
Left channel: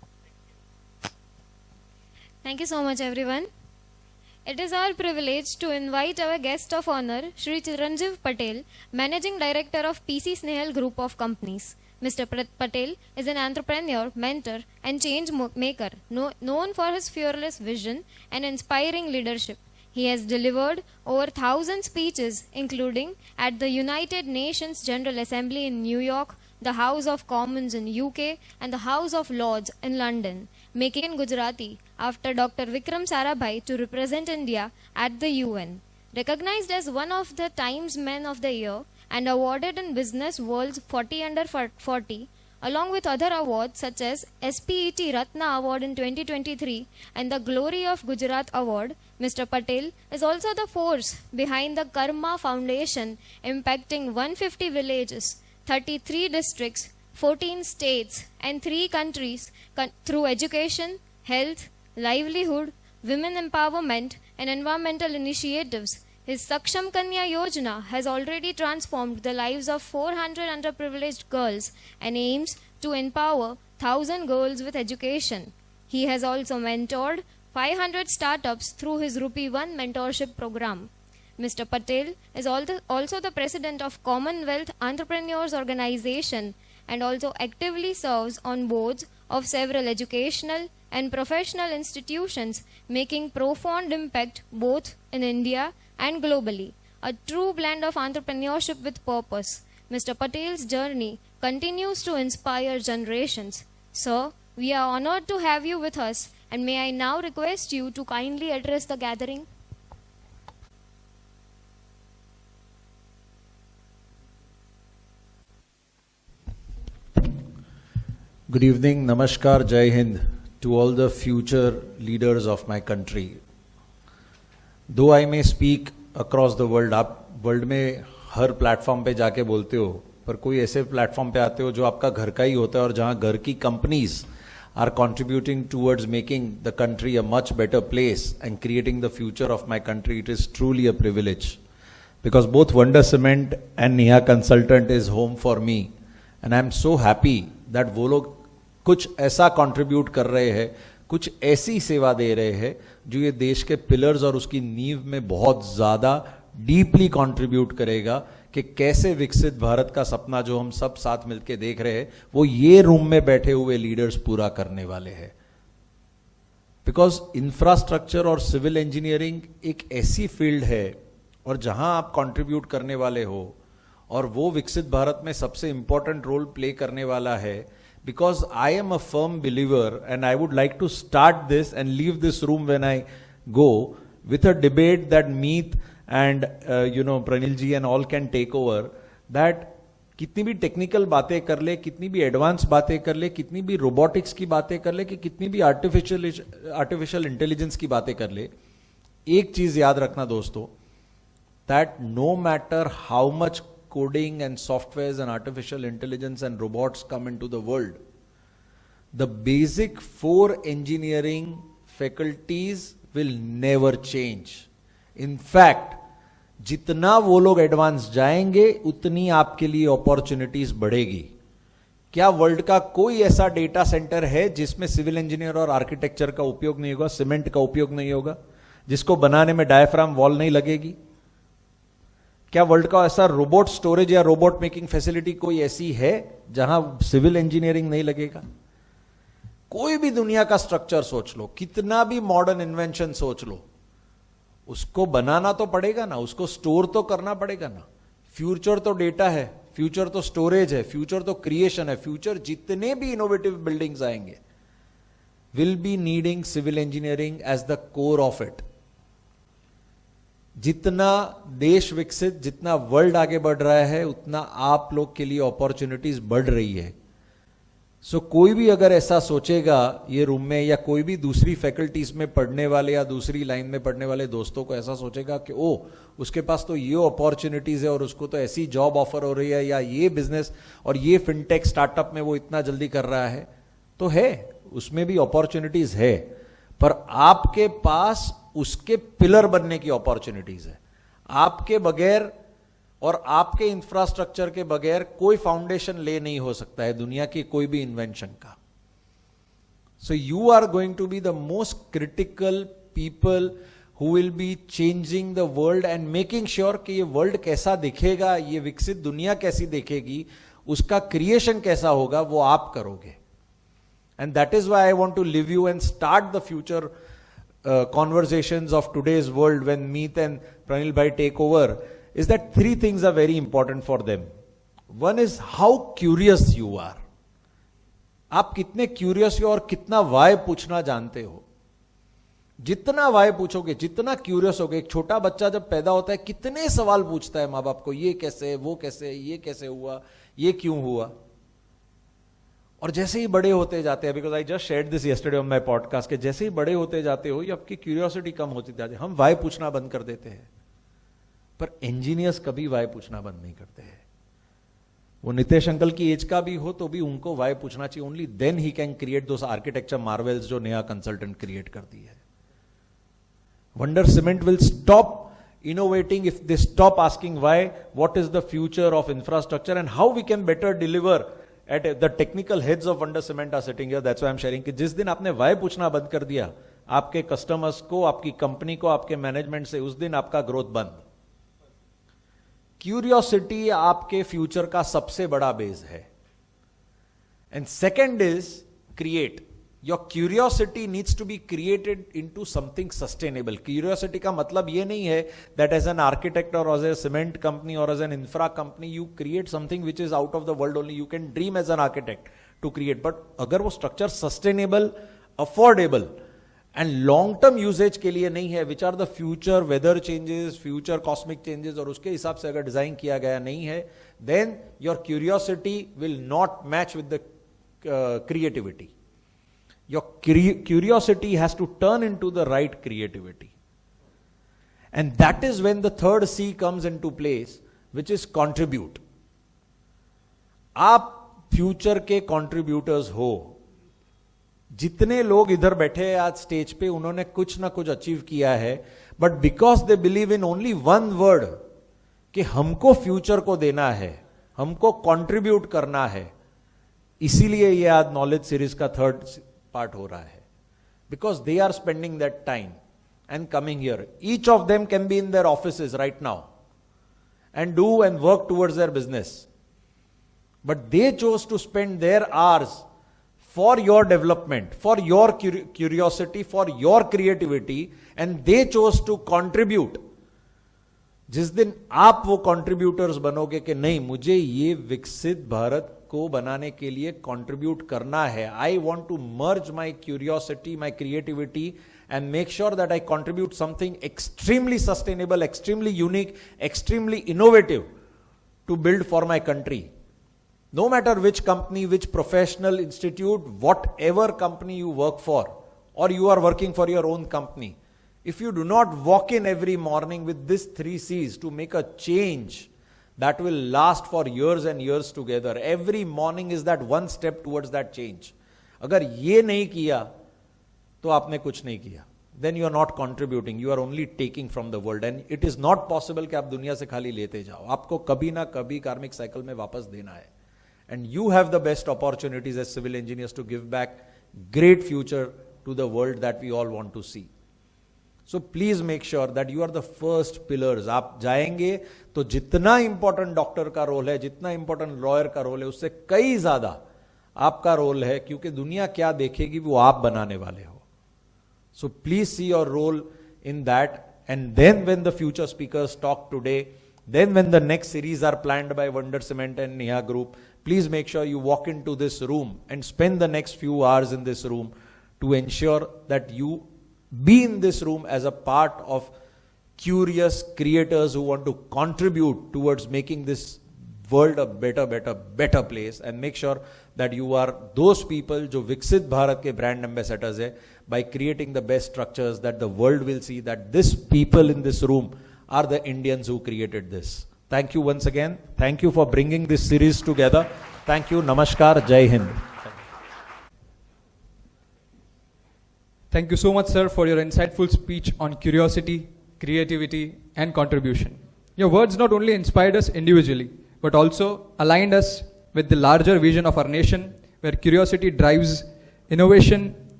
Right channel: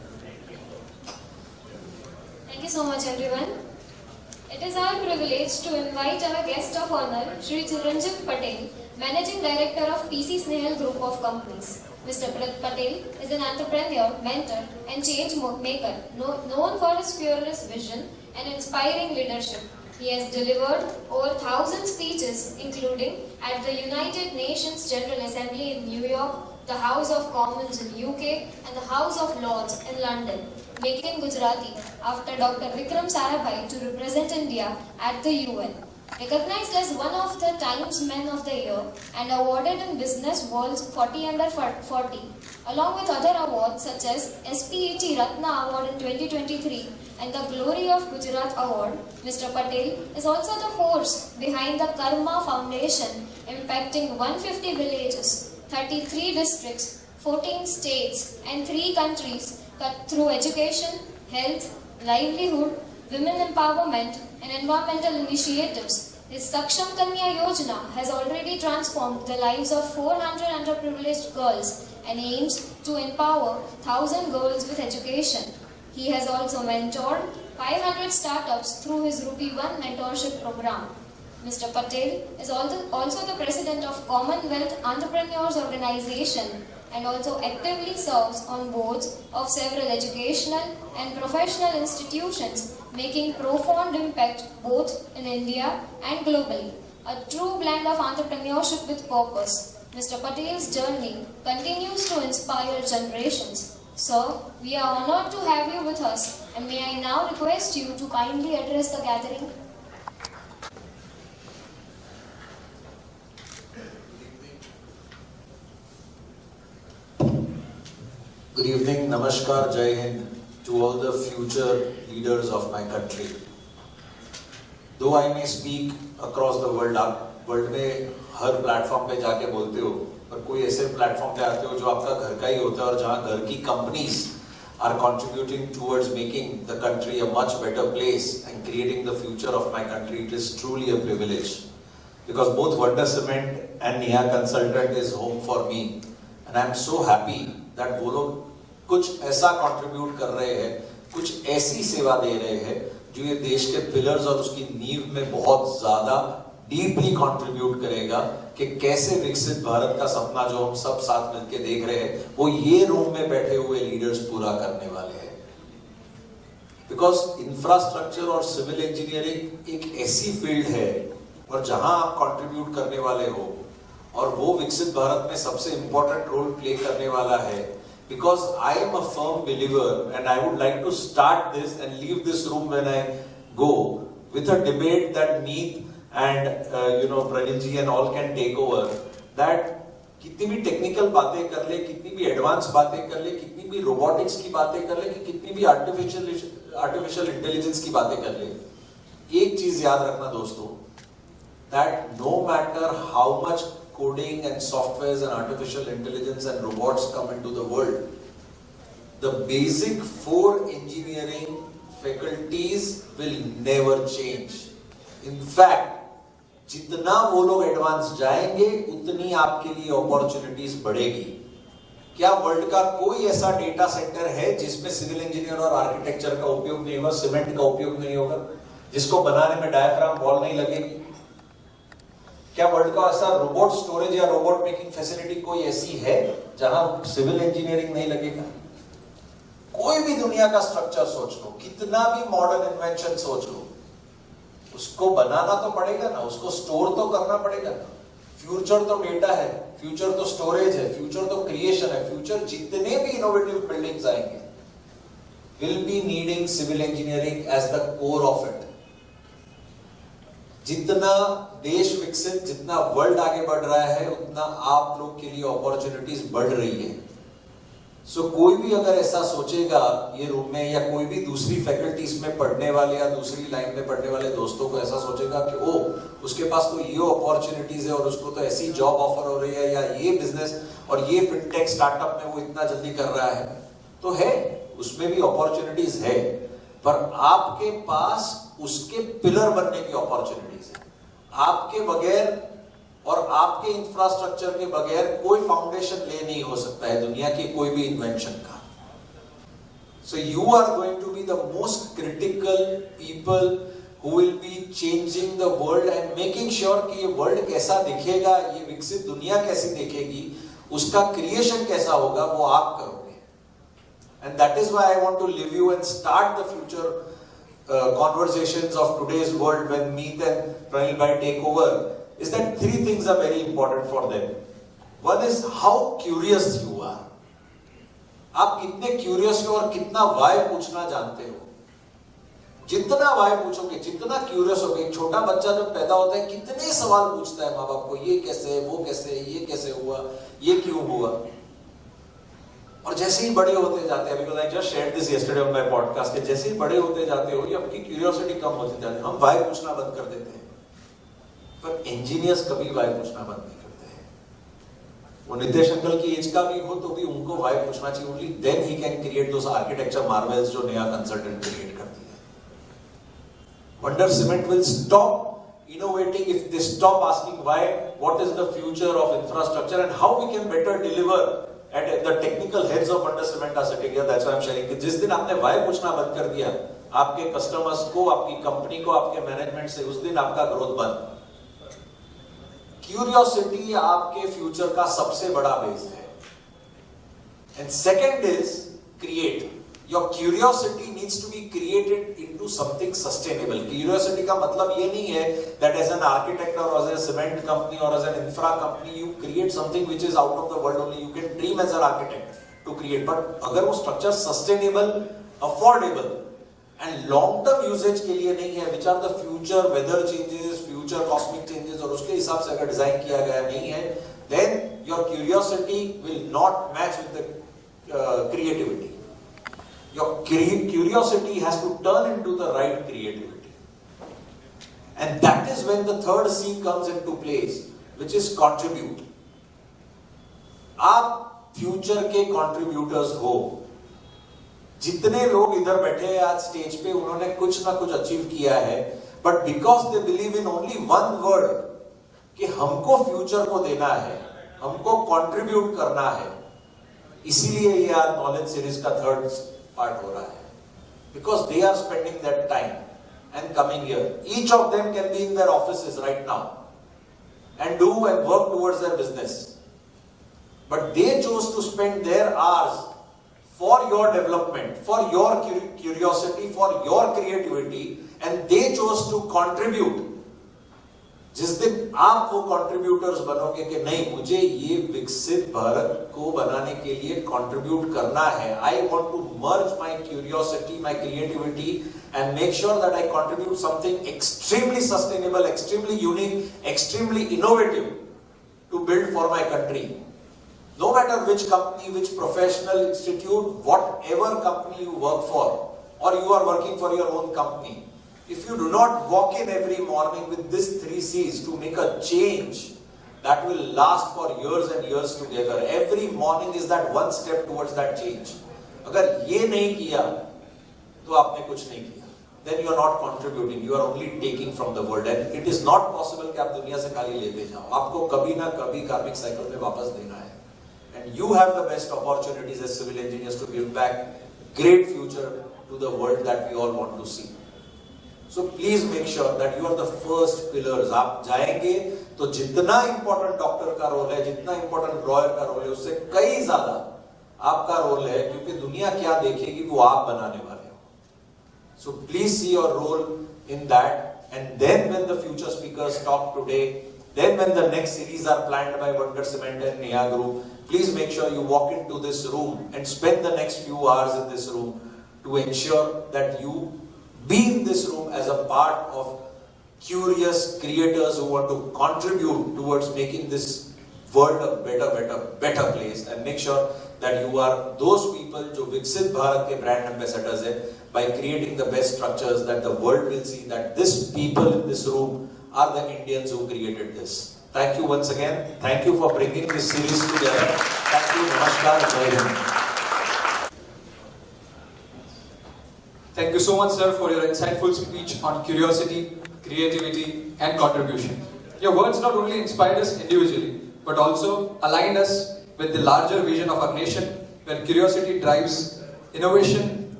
Thank you so much, everyone. It is our privilege to invite our guest of honor, Shri Chiranjiv Patel, Managing Director of PC Snehal Group of Companies. Mr. Patel is an entrepreneur, mentor, and change maker, known for his fearless vision and inspiring leadership. He has delivered over 1,000 speeches, including at the United Nations General Assembly in New York, the House of Commons in UK, and the House of Lords in London, making Gujarati after Dr. Vikram Sarabhai to represent India at the UN. Recognized as one of the Times Men of the Year and awarded in Business World's 40 Under 40, along with other awards such as SPET Ratna Award in 2023 and the Glory of Gujarat Award, Mr. Patel is also the force behind the Karma Foundation, impacting 150 villages, 33 districts, 14 states and 3 countries through education, health, livelihood, women empowerment and environmental initiatives. His Saksham Kanya Yojana has already transformed the lives of 400 underprivileged girls and aims to empower 1,000 girls with education. He has also mentored 500 startups through his Rupee 1 mentorship program. Mr. Patel is also the president of Commonwealth Entrepreneurs Organization and also actively serves on boards of several educational and professional institutions, making profound impact both in India and globally. A true blend of entrepreneurship with purpose. Mr. Patel's journey continues to inspire generations. Sir, we are honored to have you with us, and may I now request you to kindly address the gathering. Good evening, Namaskar, Jai Hind to all the future leaders of my country. Though I may speak across the world, आप world में हर platform पे जाके बोलते हो, पर कोई ऐसे platform पे आते हो जो आपका घर का ही होता है और जहाँ घर की companies are contributing towards making the country a much better place and creating the future of my country. It is truly a privilege because both Wonder Cement and Neha Consultant is home for me, and I am so happy that वो लोग कुछ ऐसा contribute कर रहे हैं, कुछ ऐसी सेवा दे रहे हैं जो ये देश के पिलर्स और उसकी नींव में बहुत ज़्यादा डीपली कंट्रीब्यूट करेगा कि कैसे विकसित भारत का सपना जो हम सब साथ मिलके देख रहे हैं वो ये रूम में बैठे हुए लीडर्स पूरा करने वाले हैं. बिकॉज इंफ्रास्ट्रक्चर और सिविल इंजीनियरिंग एक ऐसी फील्ड है और जहां आप कंट्रीब्यूट करने वाले हो और वो विकसित भारत में सबसे इंपॉर्टेंट रोल प्ले करने वाला है. Because I am a firm believer, and I would like to start this and leave this room when I go with a debate that Meet and Pranil ji and all can take over. That कितनी भी technical बातें कर ले, कितनी भी advance बातें कर ले, कितनी भी रोबोटिक्स की बातें कर ले, कि कितनी भी आर्टिफिशियल इंटेलिजेंस की बातें कर ले, एक चीज याद रखना दोस्तों, that no matter how much coding and softwares and artificial intelligence and robots come into the world, the basic 4 engineering faculties will never change. In fact, जितना वो लोग एडवांस जाएंगे उतनी आपके लिए अपॉर्चुनिटीज बढ़ेगी. क्या वर्ल्ड का कोई ऐसा डेटा सेंटर है जिसमें सिविल इंजीनियर और आर्किटेक्चर का उपयोग नहीं होगा, सीमेंट का उपयोग नहीं होगा, जिसको बनाने में डायफ्राम वॉल नहीं लगेगी? क्या वर्ल्ड का ऐसा रोबोट स्टोरेज या रोबोट मेकिंग फैसिलिटी कोई ऐसी है जहां सिविल इंजीनियरिंग नहीं लगेगा? कोई भी दुनिया का स्ट्रक्चर सोच लो, कितना भी मॉडर्न इन्वेंशन सोच लो, उसको बनाना तो पड़ेगा ना, उसको स्टोर तो करना पड़ेगा ना. फ्यूचर तो डेटा है, फ्यूचर तो स्टोरेज है, फ्यूचर तो क्रिएशन है. फ्यूचर जितने भी इनोवेटिव बिल्डिंग्स आएंगे will be needing civil engineering as the core of it. जितना देश विकसित, जितना वर्ल्ड आगे बढ़ रहा है, उतना आप लोग के लिए अपॉर्चुनिटीज बढ़ रही है. सो कोई भी अगर ऐसा सोचेगा ये रूम में, या कोई भी दूसरी फैकल्टीज में पढ़ने वाले या दूसरी लाइन में पढ़ने वाले दोस्तों को ऐसा सोचेगा कि ओ उसके पास तो ये अपॉर्चुनिटीज है और उसको तो ऐसी जॉब ऑफर हो रही है, या ये बिजनेस और ये फिनटेक स्टार्टअप में वो इतना जल्दी कर रहा है, तो है, उसमें भी अपॉर्चुनिटीज है, पर आपके पास उसके पिलर बनने की अपॉर्चुनिटीज है. आपके बगैर और आपके इंफ्रास्ट्रक्चर के बगैर कोई फाउंडेशन ले नहीं हो सकता है दुनिया की कोई भी इन्वेंशन का. So you are going to be the most critical people who will be changing the world and making sure कि ये world कैसा दिखेगा, ये विकसित दुनिया कैसी दिखेगी, उसका creation कैसा होगा, वो आप करोगे. And that is why I want to leave you and start the future conversations of today's world when Meet and Pranil bhai take over, is that three things are very important for them. One is how curious you are. आप कितने curious हो और कितना Y पूछना जानते हो. जितना Y पूछोगे, जितना क्यूरियस होगे. एक छोटा बच्चा जब पैदा होता है कितने सवाल पूछता है माँ बाप को, ये कैसे है, वो कैसे है, ये कैसे हुआ, ये क्यों हुआ. और जैसे ही बड़े होते जाते हैं, because I just shared this yesterday on my podcast, के जैसे ही बड़े होते जाते हो, ये आपकी क्यूरियोसिटी कम होती जाती है. हम वाई पूछना बंद कर देते हैं, पर इंजीनियर्स कभी वाई पूछना बंद नहीं करते हैं. वो नितेश अंकल की एज का भी हो तो भी उनको वाई पूछना चाहिए. Only then he can create those architecture Marvels जो नया कंसल्टेंट क्रिएट कर दिया. Wonder cement will stop innovating if they stop asking why, what is the future of infrastructure and how we can better deliver at the technical heads of Wonder Cement are sitting here. That's why I'm sharing कि जिस दिन आपने why पूछना बंद कर दिया आपके customers को, आपकी कंपनी को, आपके मैनेजमेंट से, उस दिन आपका ग्रोथ बंद. क्यूरियोसिटी आपके फ्यूचर का सबसे बड़ा बेस है. And second is create. Your curiosity needs to be created into something sustainable. Curiosity का मतलब ये नहीं है that as an architect or as a cement company or as an infra company you create something which is out of the world only. You can dream as an architect to create, but अगर वो structure sustainable, affordable and long term usage के लिए नहीं है, which are the future weather changes, future cosmic changes, और उसके हिसाब से अगर डिजाइन किया गया नहीं है, then your curiosity will not match with the creativity. Your curiosity has to turn into the right creativity. And that is when the third C comes into place, which is contribute. आप future के contributors हो. जितने लोग इधर बैठे हैं आज stage पे, उन्होंने कुछ ना कुछ अचीव किया है, but because they believe in only one word, कि हमको फ्यूचर को देना है, हमको contribute करना है, इसीलिए ये आज नॉलेज सीरीज का थर्ड पार्ट हो रहा है. Because they are spending that time and coming here. Each of them can be in their offices right now and do and work towards their business. But they chose to spend their hours for your development, for your curiosity, for your creativity, and they chose to contribute. जिस दिन आप वो contributors बनोगे कि नहीं, मुझे ये विकसित भारत को बनाने के लिए कंट्रीब्यूट करना है, I want to merge my curiosity, my creativity and make sure that I contribute something extremely sustainable, extremely unique, extremely innovative to build for my country. No matter which company, which professional institute, what ever company you work for और you are working for your own company, if you do not walk in every morning with these 3 C's to make a change that will last for years and years together, every morning is that one step towards that change. अगर ये नहीं किया तो आपने कुछ नहीं किया. Then you are not contributing, you are only taking from the world, and it is not possible कि आप दुनिया से खाली लेते जाओ. आपको कभी ना कभी कार्मिक साइकिल में वापस देना है. And you have the best opportunities as civil engineers to give back great future to the world that we all want to see. So please make sure that you are the first pillars. आप जाएंगे तो जितना important doctor का role है, जितना important lawyer का role है, उससे कई ज्यादा आपका रोल है, क्योंकि दुनिया क्या देखेगी वो आप बनाने वाले हो. So please see your role in that. And then when the future speakers talk today, then when the next series are planned by Wonder Cement and Neha Group, please make sure you walk into this room and spend the next few hours in this room to ensure that you be in this room as a part of curious creators who want to contribute towards making this world a better place, and make sure that you are those people जो विकसित भारत के brand ambassadors है, by creating the best structures that the world will see that this people in this room are the Indians who created this. Thank you once again. Thank you for bringing this series together. Thank you. Namaskar. Jai Hind. Thank you so much, sir, for your insightful speech on curiosity, creativity, and contribution. Your words not only inspired us individually, but also aligned us with the larger vision of our nation, where curiosity drives innovation,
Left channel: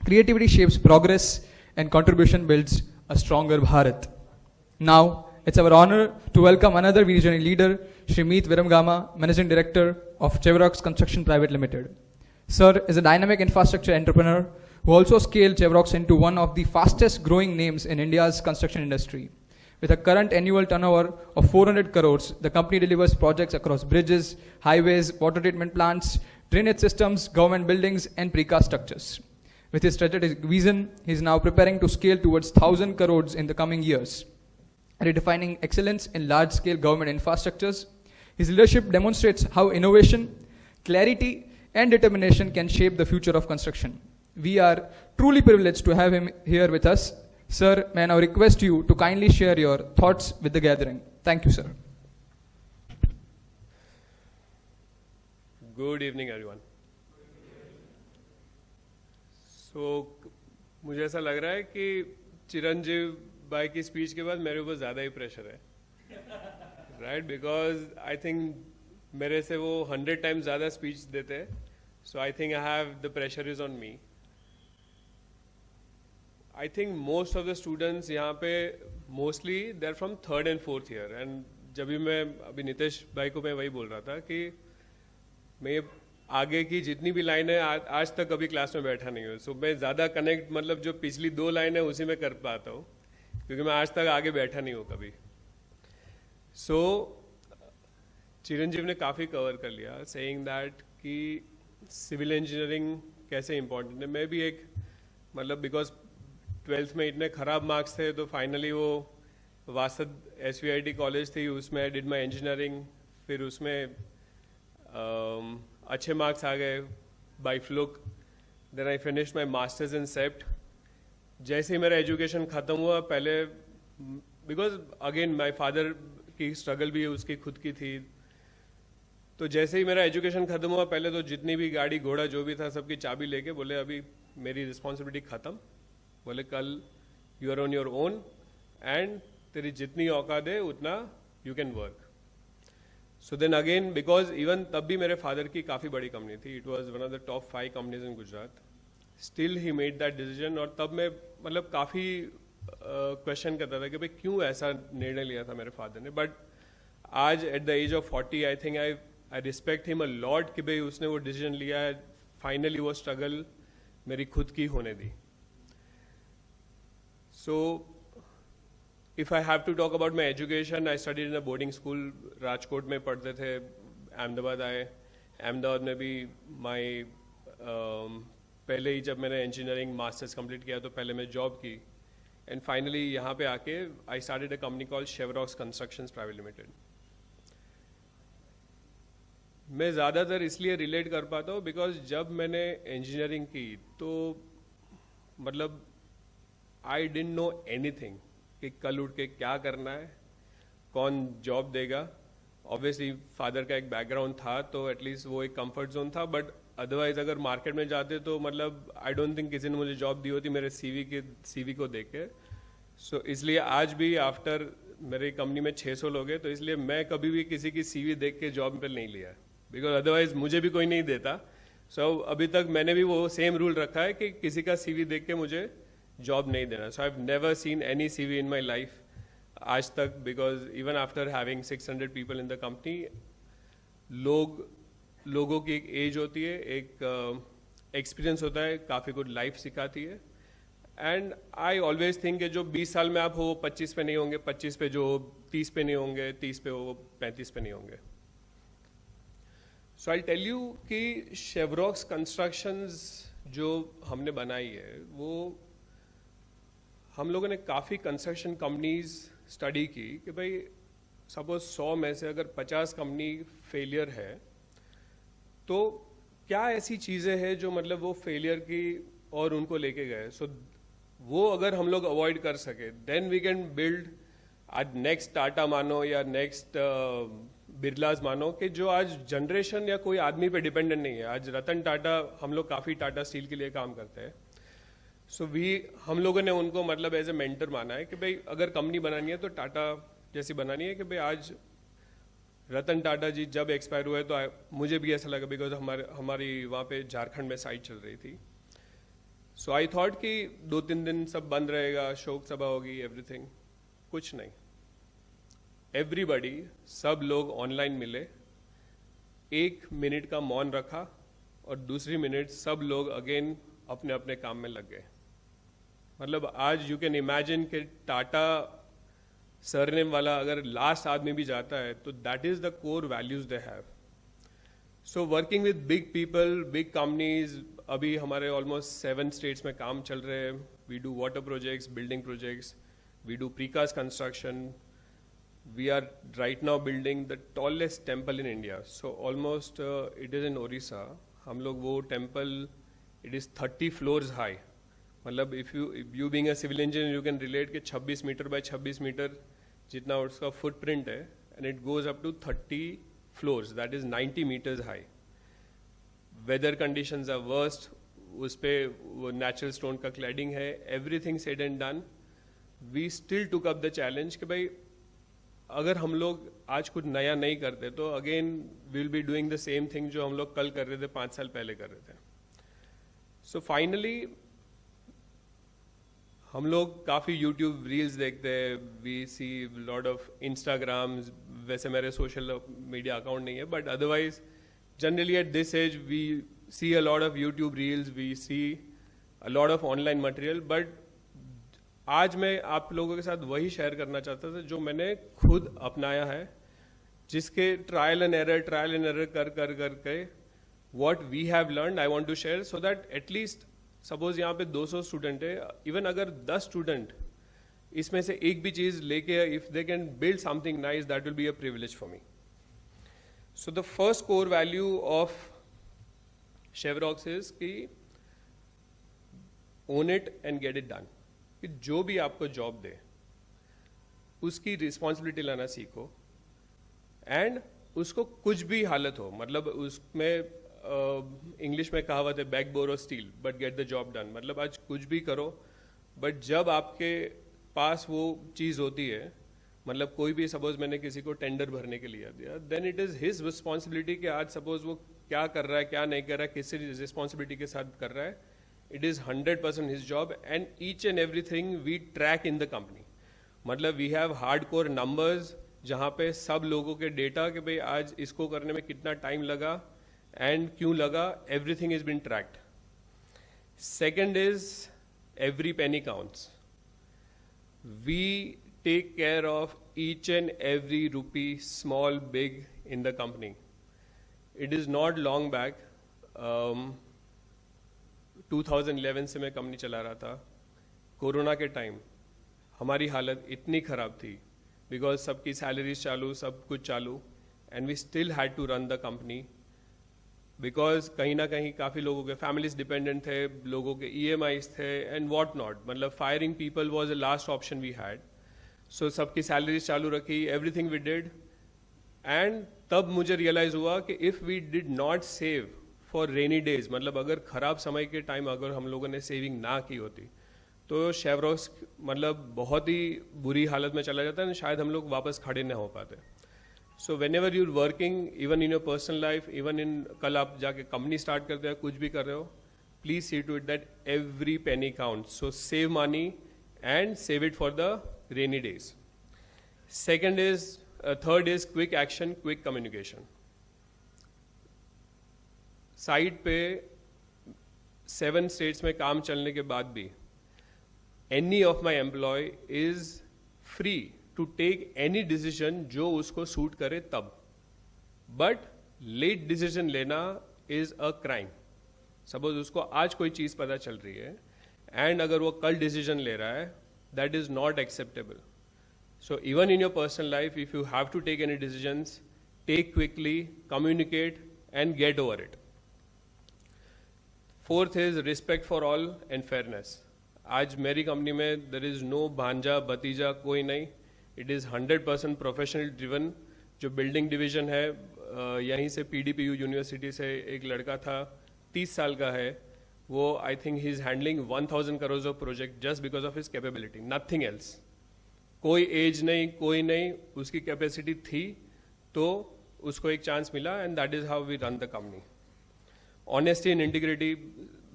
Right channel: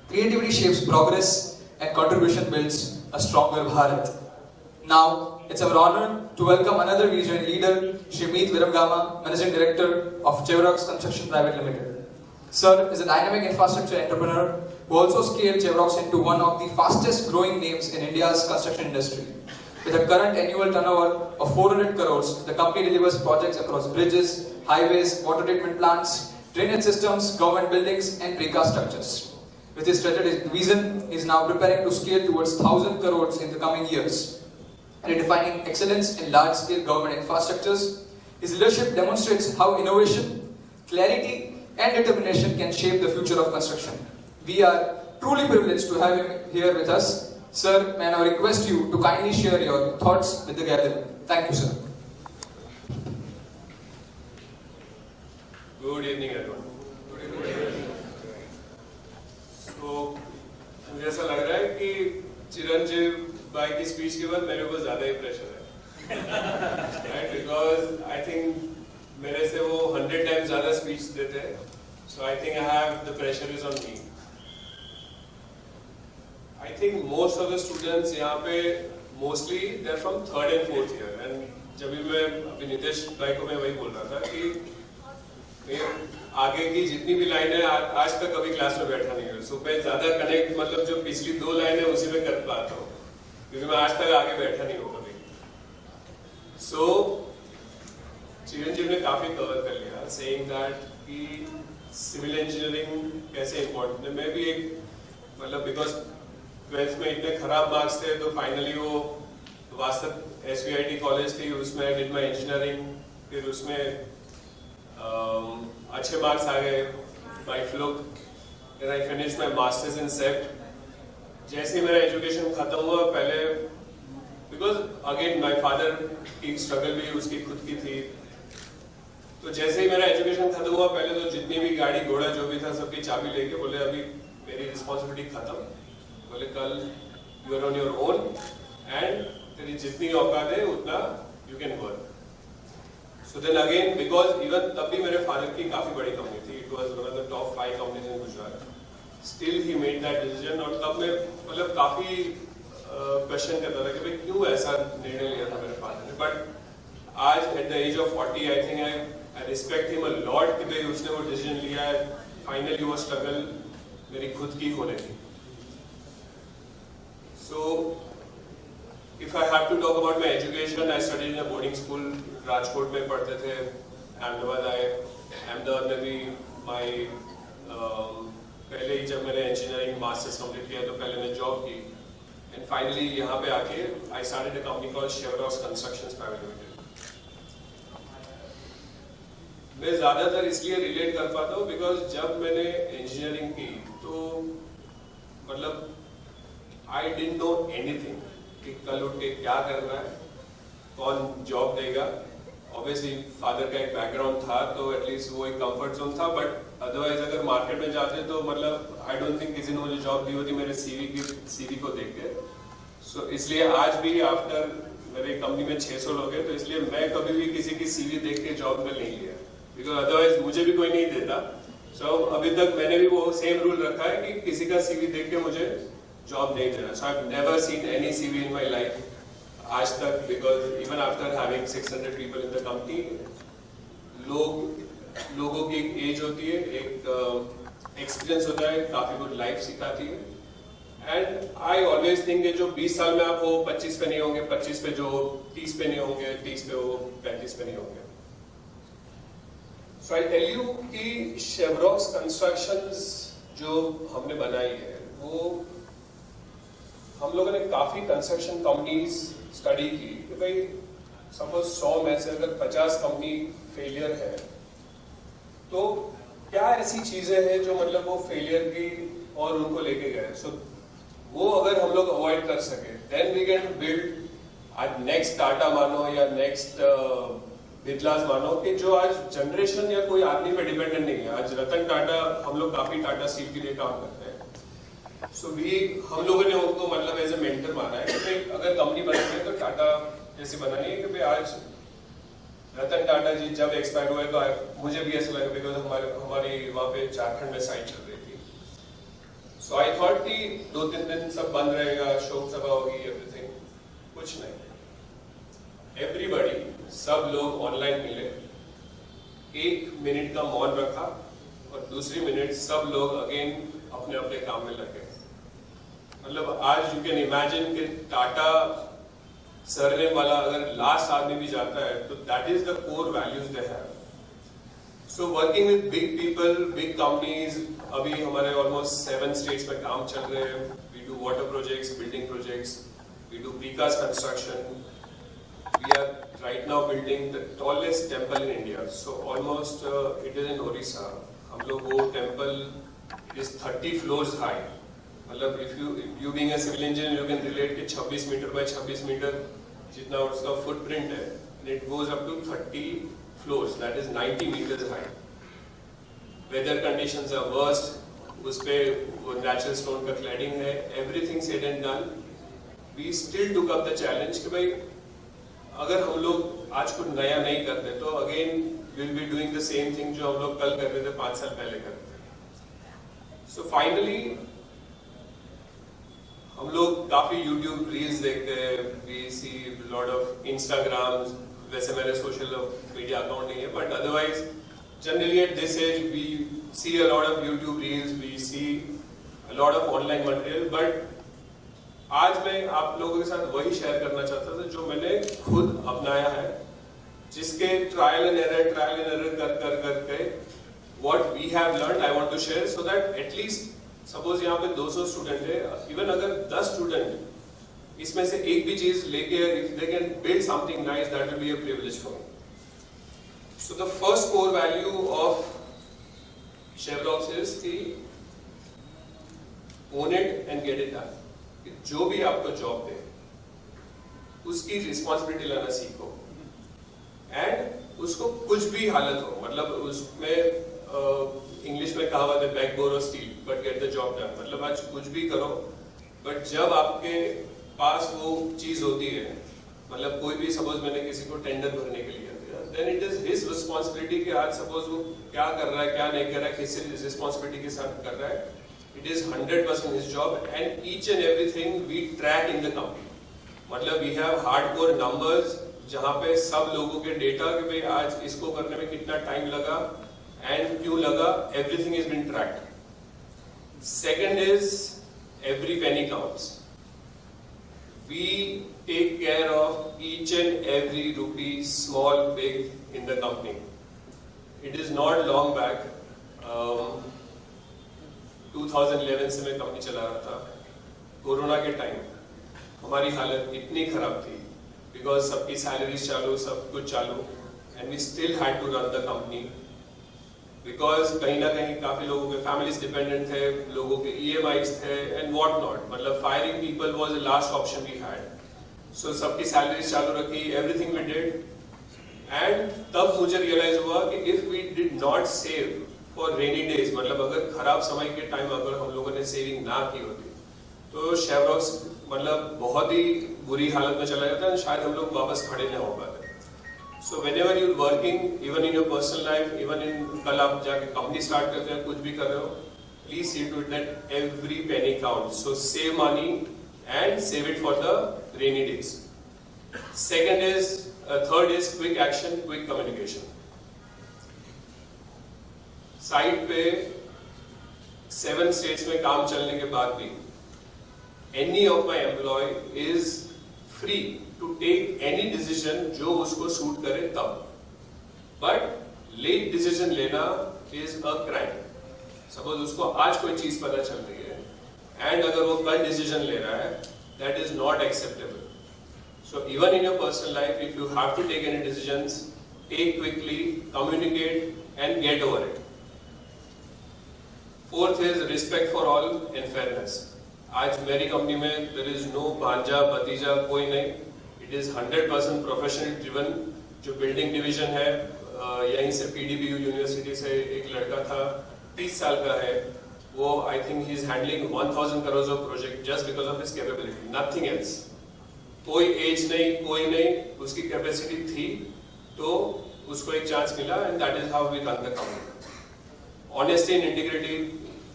Creativity shapes progress and contribution builds a stronger Bharat. Now, it's our honor to welcome another visionary leader, Shri Viramgama, Managing Director of Chevroc Construction Private Limited. Sir is a dynamic infrastructure entrepreneur who also scaled Chevroc into one of the fastest growing names in India's construction industry. With a current annual turnover of 400 crores, the company delivers projects across bridges, highways, water treatment plants, drainage systems, government buildings, and precast structures. With his strategic vision, he is now preparing to scale towards 1,000 crores in the coming years. Redefining excellence in large-scale government infrastructures, his leadership demonstrates how innovation, clarity, and determination can shape the future of construction. We are truly privileged to have him here with us. Sir, may I now request you to kindly share your thoughts with the gathering. Thank you, sir. Good evening, everyone. So, मुझे ऐसा लग रहा है कि चिरंजीव भाई की speech के बाद मेरे ऊपर ज़्यादा ही प्रेशर है, right? Because I think मेरे से वो 100 times ज़्यादा स्पीच देते हैं, so I think I have the pressure is on me. I think most of the students यहाँ पे mostly they're from 3rd and 4th year, and जब भी मैं अभी नितेश भाई को मैं वही बोल रहा था कि मैं आगे की जितनी भी लाइन है आज तक कभी क्लास में बैठा नहीं हूँ, सुबह ज़्यादा कनेक्ट मतलब जो पिछली 2 लाइन है उसी में कर पाता हूँ, क्योंकि मैं आज तक आगे बैठा नहीं हूँ कभी. So चिरंजीव ने काफ़ी कवर कर लिया, saying that कि सिविल इंजीनियरिंग कैसे इम्पोर्टेंट है. मैं भी एक मतलब बिकॉज 12th में इतने खराब मार्क्स थे तो फाइनली वो वासत SVIT कॉलेज थी, उसमें डिड माई इंजीनियरिंग, फिर उसमें अच्छे मार्क्स आ गए by fluke. Then I finish my masters in सेप्ट. जैसे ही मेरा एजुकेशन खत्म हुआ, पहले बिकॉज अगेन माई फादर की स्ट्रगल भी उसकी खुद की थी, तो जैसे ही मेरा एजुकेशन खत्म हुआ पहले तो जितनी भी गाड़ी घोड़ा जो भी था सबकी चाबी लेके बोले अभी मेरी रिस्पॉन्सिबिलिटी खत्म, बोले कल you are on your own and तेरी जितनी औकात है उतना you can work. So then again, because even तब भी मेरे फादर की काफ़ी बड़ी कंपनी थी, it was one of the top 5 companies in Gujarat. Still he made that decision, और तब मैं मतलब काफ़ी क्वेश्चन करता था कि भाई क्यों ऐसा निर्णय लिया था मेरे फादर ने. बट आज at the age of 40 I think I respect him a lot कि भाई उसने वो डिसीजन लिया है. फाइनली वो स्ट्रगल मेरी खुद की हो रही थी. So if I have to talk about my education, I studied in a boarding school. Rajkot में पढ़ते थे, अहमदाबाद आए, अहमदाबाद में भी पहले ही जब मैंने इंजीनियरिंग मास्टर्स कंप्लीट किया तो पहले मैंने जॉब की, एंड फाइनली यहाँ पे आके I started a company called शेवरॉक construction private limited. मैं ज़्यादातर इसलिए रिलेट कर पाता हूँ बिकॉज जब मैंने इंजीनियरिंग की तो मतलब आई डिडंट नो एनीथिंग कि कल उठ के क्या करना है, कौन जॉब देगा. ऑब्वियसली फादर का एक बैकग्राउंड था तो एटलीस्ट वो एक कंफर्ट जोन था, बट अदरवाइज अगर मार्केट में जाते तो मतलब आई डोंट थिंक किसी ने मुझे जॉब दी होती मेरे सीवी को देख के. सो इसलिए आज भी आफ्टर मेरे कंपनी में 600 लोग हैं, तो इसलिए मैं कभी भी किसी की सीवी देख के जॉब पे नहीं लिया, बिकॉज अदरवाइज मुझे भी कोई नहीं देता. सो अभी तक मैंने भी वो सेम रूल रखा है कि किसी का सीवी देख के मुझे जॉब नहीं देना. सो I have never seen any CV in my life आज तक, because even after having 600 people in the company, लोगों की एक एज होती है, एक एक्सपीरियंस होता है, काफ़ी कुछ लाइफ सिखाती है. एंड आई ऑलवेज थिंक जो 20 साल में आप वो 25 पे नहीं होंगे, 25 पे जो 30 पे नहीं होंगे, 30 पे वो 35 पे नहीं होंगे. सो आई टेल यू कि शेवरॉक्स कंस्ट्रक्शंस जो हमने बनाई है वो हम लोगों ने काफ़ी कंस्ट्रक्शन कंपनीज स्टडी की कि भाई सपोज 100 में से अगर 50 कंपनी फेलियर है तो क्या ऐसी चीज़ें हैं जो मतलब वो फेलियर की और उनको लेके गए. सो वो अगर हम लोग अवॉइड कर सके देन वी कैन बिल्ड आज नेक्स्ट टाटा मानो या नेक्स्ट बिरलास मानो कि जो आज जनरेशन या कोई आदमी पे डिपेंडेंट नहीं है. आज रतन टाटा, हम लोग काफ़ी टाटा स्टील के लिए काम करते हैं. सो हम लोगों ने उनको मतलब एज ए मेंटर माना है कि भाई अगर कंपनी बनानी है तो टाटा जैसी बनानी है. कि भाई आज रतन टाटा जी जब एक्सपायर हुए तो मुझे भी ऐसा लगा बिकॉज हमारी वहाँ पे झारखंड में साइट चल रही थी. सो आई थॉट कि 2-3 दिन सब बंद रहेगा, शोक सभा होगी, एवरीथिंग. कुछ नहीं. एवरीबडी, सब लोग ऑनलाइन मिले, 1 मिनट का मौन रखा और दूसरी मिनट सब लोग अगेन अपने अपने काम में लगे. मतलब आज यू कैन इमेजिन कि टाटा सरनेम वाला अगर लास्ट आदमी भी जाता है तो that is the core values they have. So working with big people, big companies, अभी हमारे ऑलमोस्ट 7 स्टेट्स में काम चल रहे हैं. We do water projects, building projects, we do precast construction. We are right now building the tallest temple in India. So almost it is in Orissa. हम लोग वो temple, it is 30 floors high. मतलब if you being a civil engineer you can relate कि 26 metre by 26 metre जितना उसका footprint है, and it goes up to 30 floors. That is 90 meters high. Weather conditions are worst. उस पे natural stone का cladding है. Everything said and done. We still took up the challenge कि भाई अगर हम लोग आज कुछ नया नहीं करते तो again will be doing the same thing जो हम लोग कल कर रहे थे, 5 साल पहले कर रहे थे. सो फाइनली हम लोग काफी यूट्यूब रील्स देखते हैं, we see lot of Instagram. वैसे मेरे सोशल मीडिया अकाउंट नहीं है, but otherwise generally at this as we C a lot of YouTube reels, we C a lot of online material. But आज मैं आप लोगों के साथ वही शेयर करना चाहता था जो मैंने खुद अपनाया है, जिसके ट्रायल एंड एरर कर करके what we have learned I want to share, so that at least suppose यहाँ पे 200 स्टूडेंट है, इवन अगर 10 स्टूडेंट इसमें से एक भी चीज लेके if they can build something nice, that will be a privilege for me. So the first core value of Chevroc is कि own it and get it done. जो भी आपको जॉब दे उसकी रिस्पॉन्सिबिलिटी लेना सीखो, एंड उसको कुछ भी हालत हो, मतलब उसमें इंग्लिश में कहावत है back bore of still but get the job done. मतलब आज कुछ भी करो, बट जब आपके पास वो चीज होती है, मतलब कोई भी सपोज मैंने किसी को टेंडर भरने के लिए दिया, then it is his responsibility कि आज सपोज वो क्या कर रहा है क्या नहीं कर रहा है, किस रिस्पॉन्सिबिलिटी के साथ कर रहा है. It is 100% his job, and each and everything we track in the company. मतलब we have hardcore numbers जहाँ पे सब लोगों के डेटा कि भाई आज इसको करने में कितना टाइम लगा and क्यों लगा, everything has been tracked. Second is every penny counts. We take care of each and every rupee, small, big, in the company. It is not long back. 2011 से मैं कंपनी चला रहा था. कोरोना के time हमारी हालत इतनी खराब थी बिकॉज सबकी सैलरीज चालू, सब कुछ चालू, and we still had to run the company because कहीं ना कहीं काफी लोगों के फैमिलीज डिपेंडेंट थे, लोगों के EMIs थे एंड व्हाट नॉट. मतलब firing people was the last option we had. सो सबकी सैलरीज चालू रखी, एवरीथिंग वी डिड, एंड तब मुझे रियलाइज हुआ कि if we did not save for rainy days, मतलब अगर खराब समय के टाइम अगर हम लोगों ने सेविंग ना की होती तो Chevroc मतलब बहुत ही बुरी हालत में चला जाता है, शायद हम लोग वापस खड़े ना हो पाते. So whenever you working, even in your personal life, even in कल आप जाके कंपनी स्टार्ट करते हैं, कुछ भी कर रहे हो, please see to it that every penny count. So save money and save it for the rainy days. Third is quick action, quick communication. Site पे 7 स्टेट्स में काम चलने के बाद भी any of my employee is free to take any decision जो उसको suit करे तब, but late decision लेना is a crime. Suppose उसको आज कोई चीज पता चल रही है and अगर वो कल decision ले रहा है, that is not acceptable. So even in your personal life, if you have to take any decisions, take quickly, communicate and get over it. Fourth is respect for all and fairness. आज मेरी company में there is no भांजा भतीजा कोई नहीं. It is 100% professional driven. जो building division है, यहीं से PDPU यूनिवर्सिटी से एक लड़का था, 30 साल का है, वो I think he is handling 1000 crores of project just because of his capability, nothing else. कोई एज नहीं, कोई नहीं, उसकी कैपेसिटी थी तो उसको एक चांस मिला, and that is how we run the company. Honesty and integrity,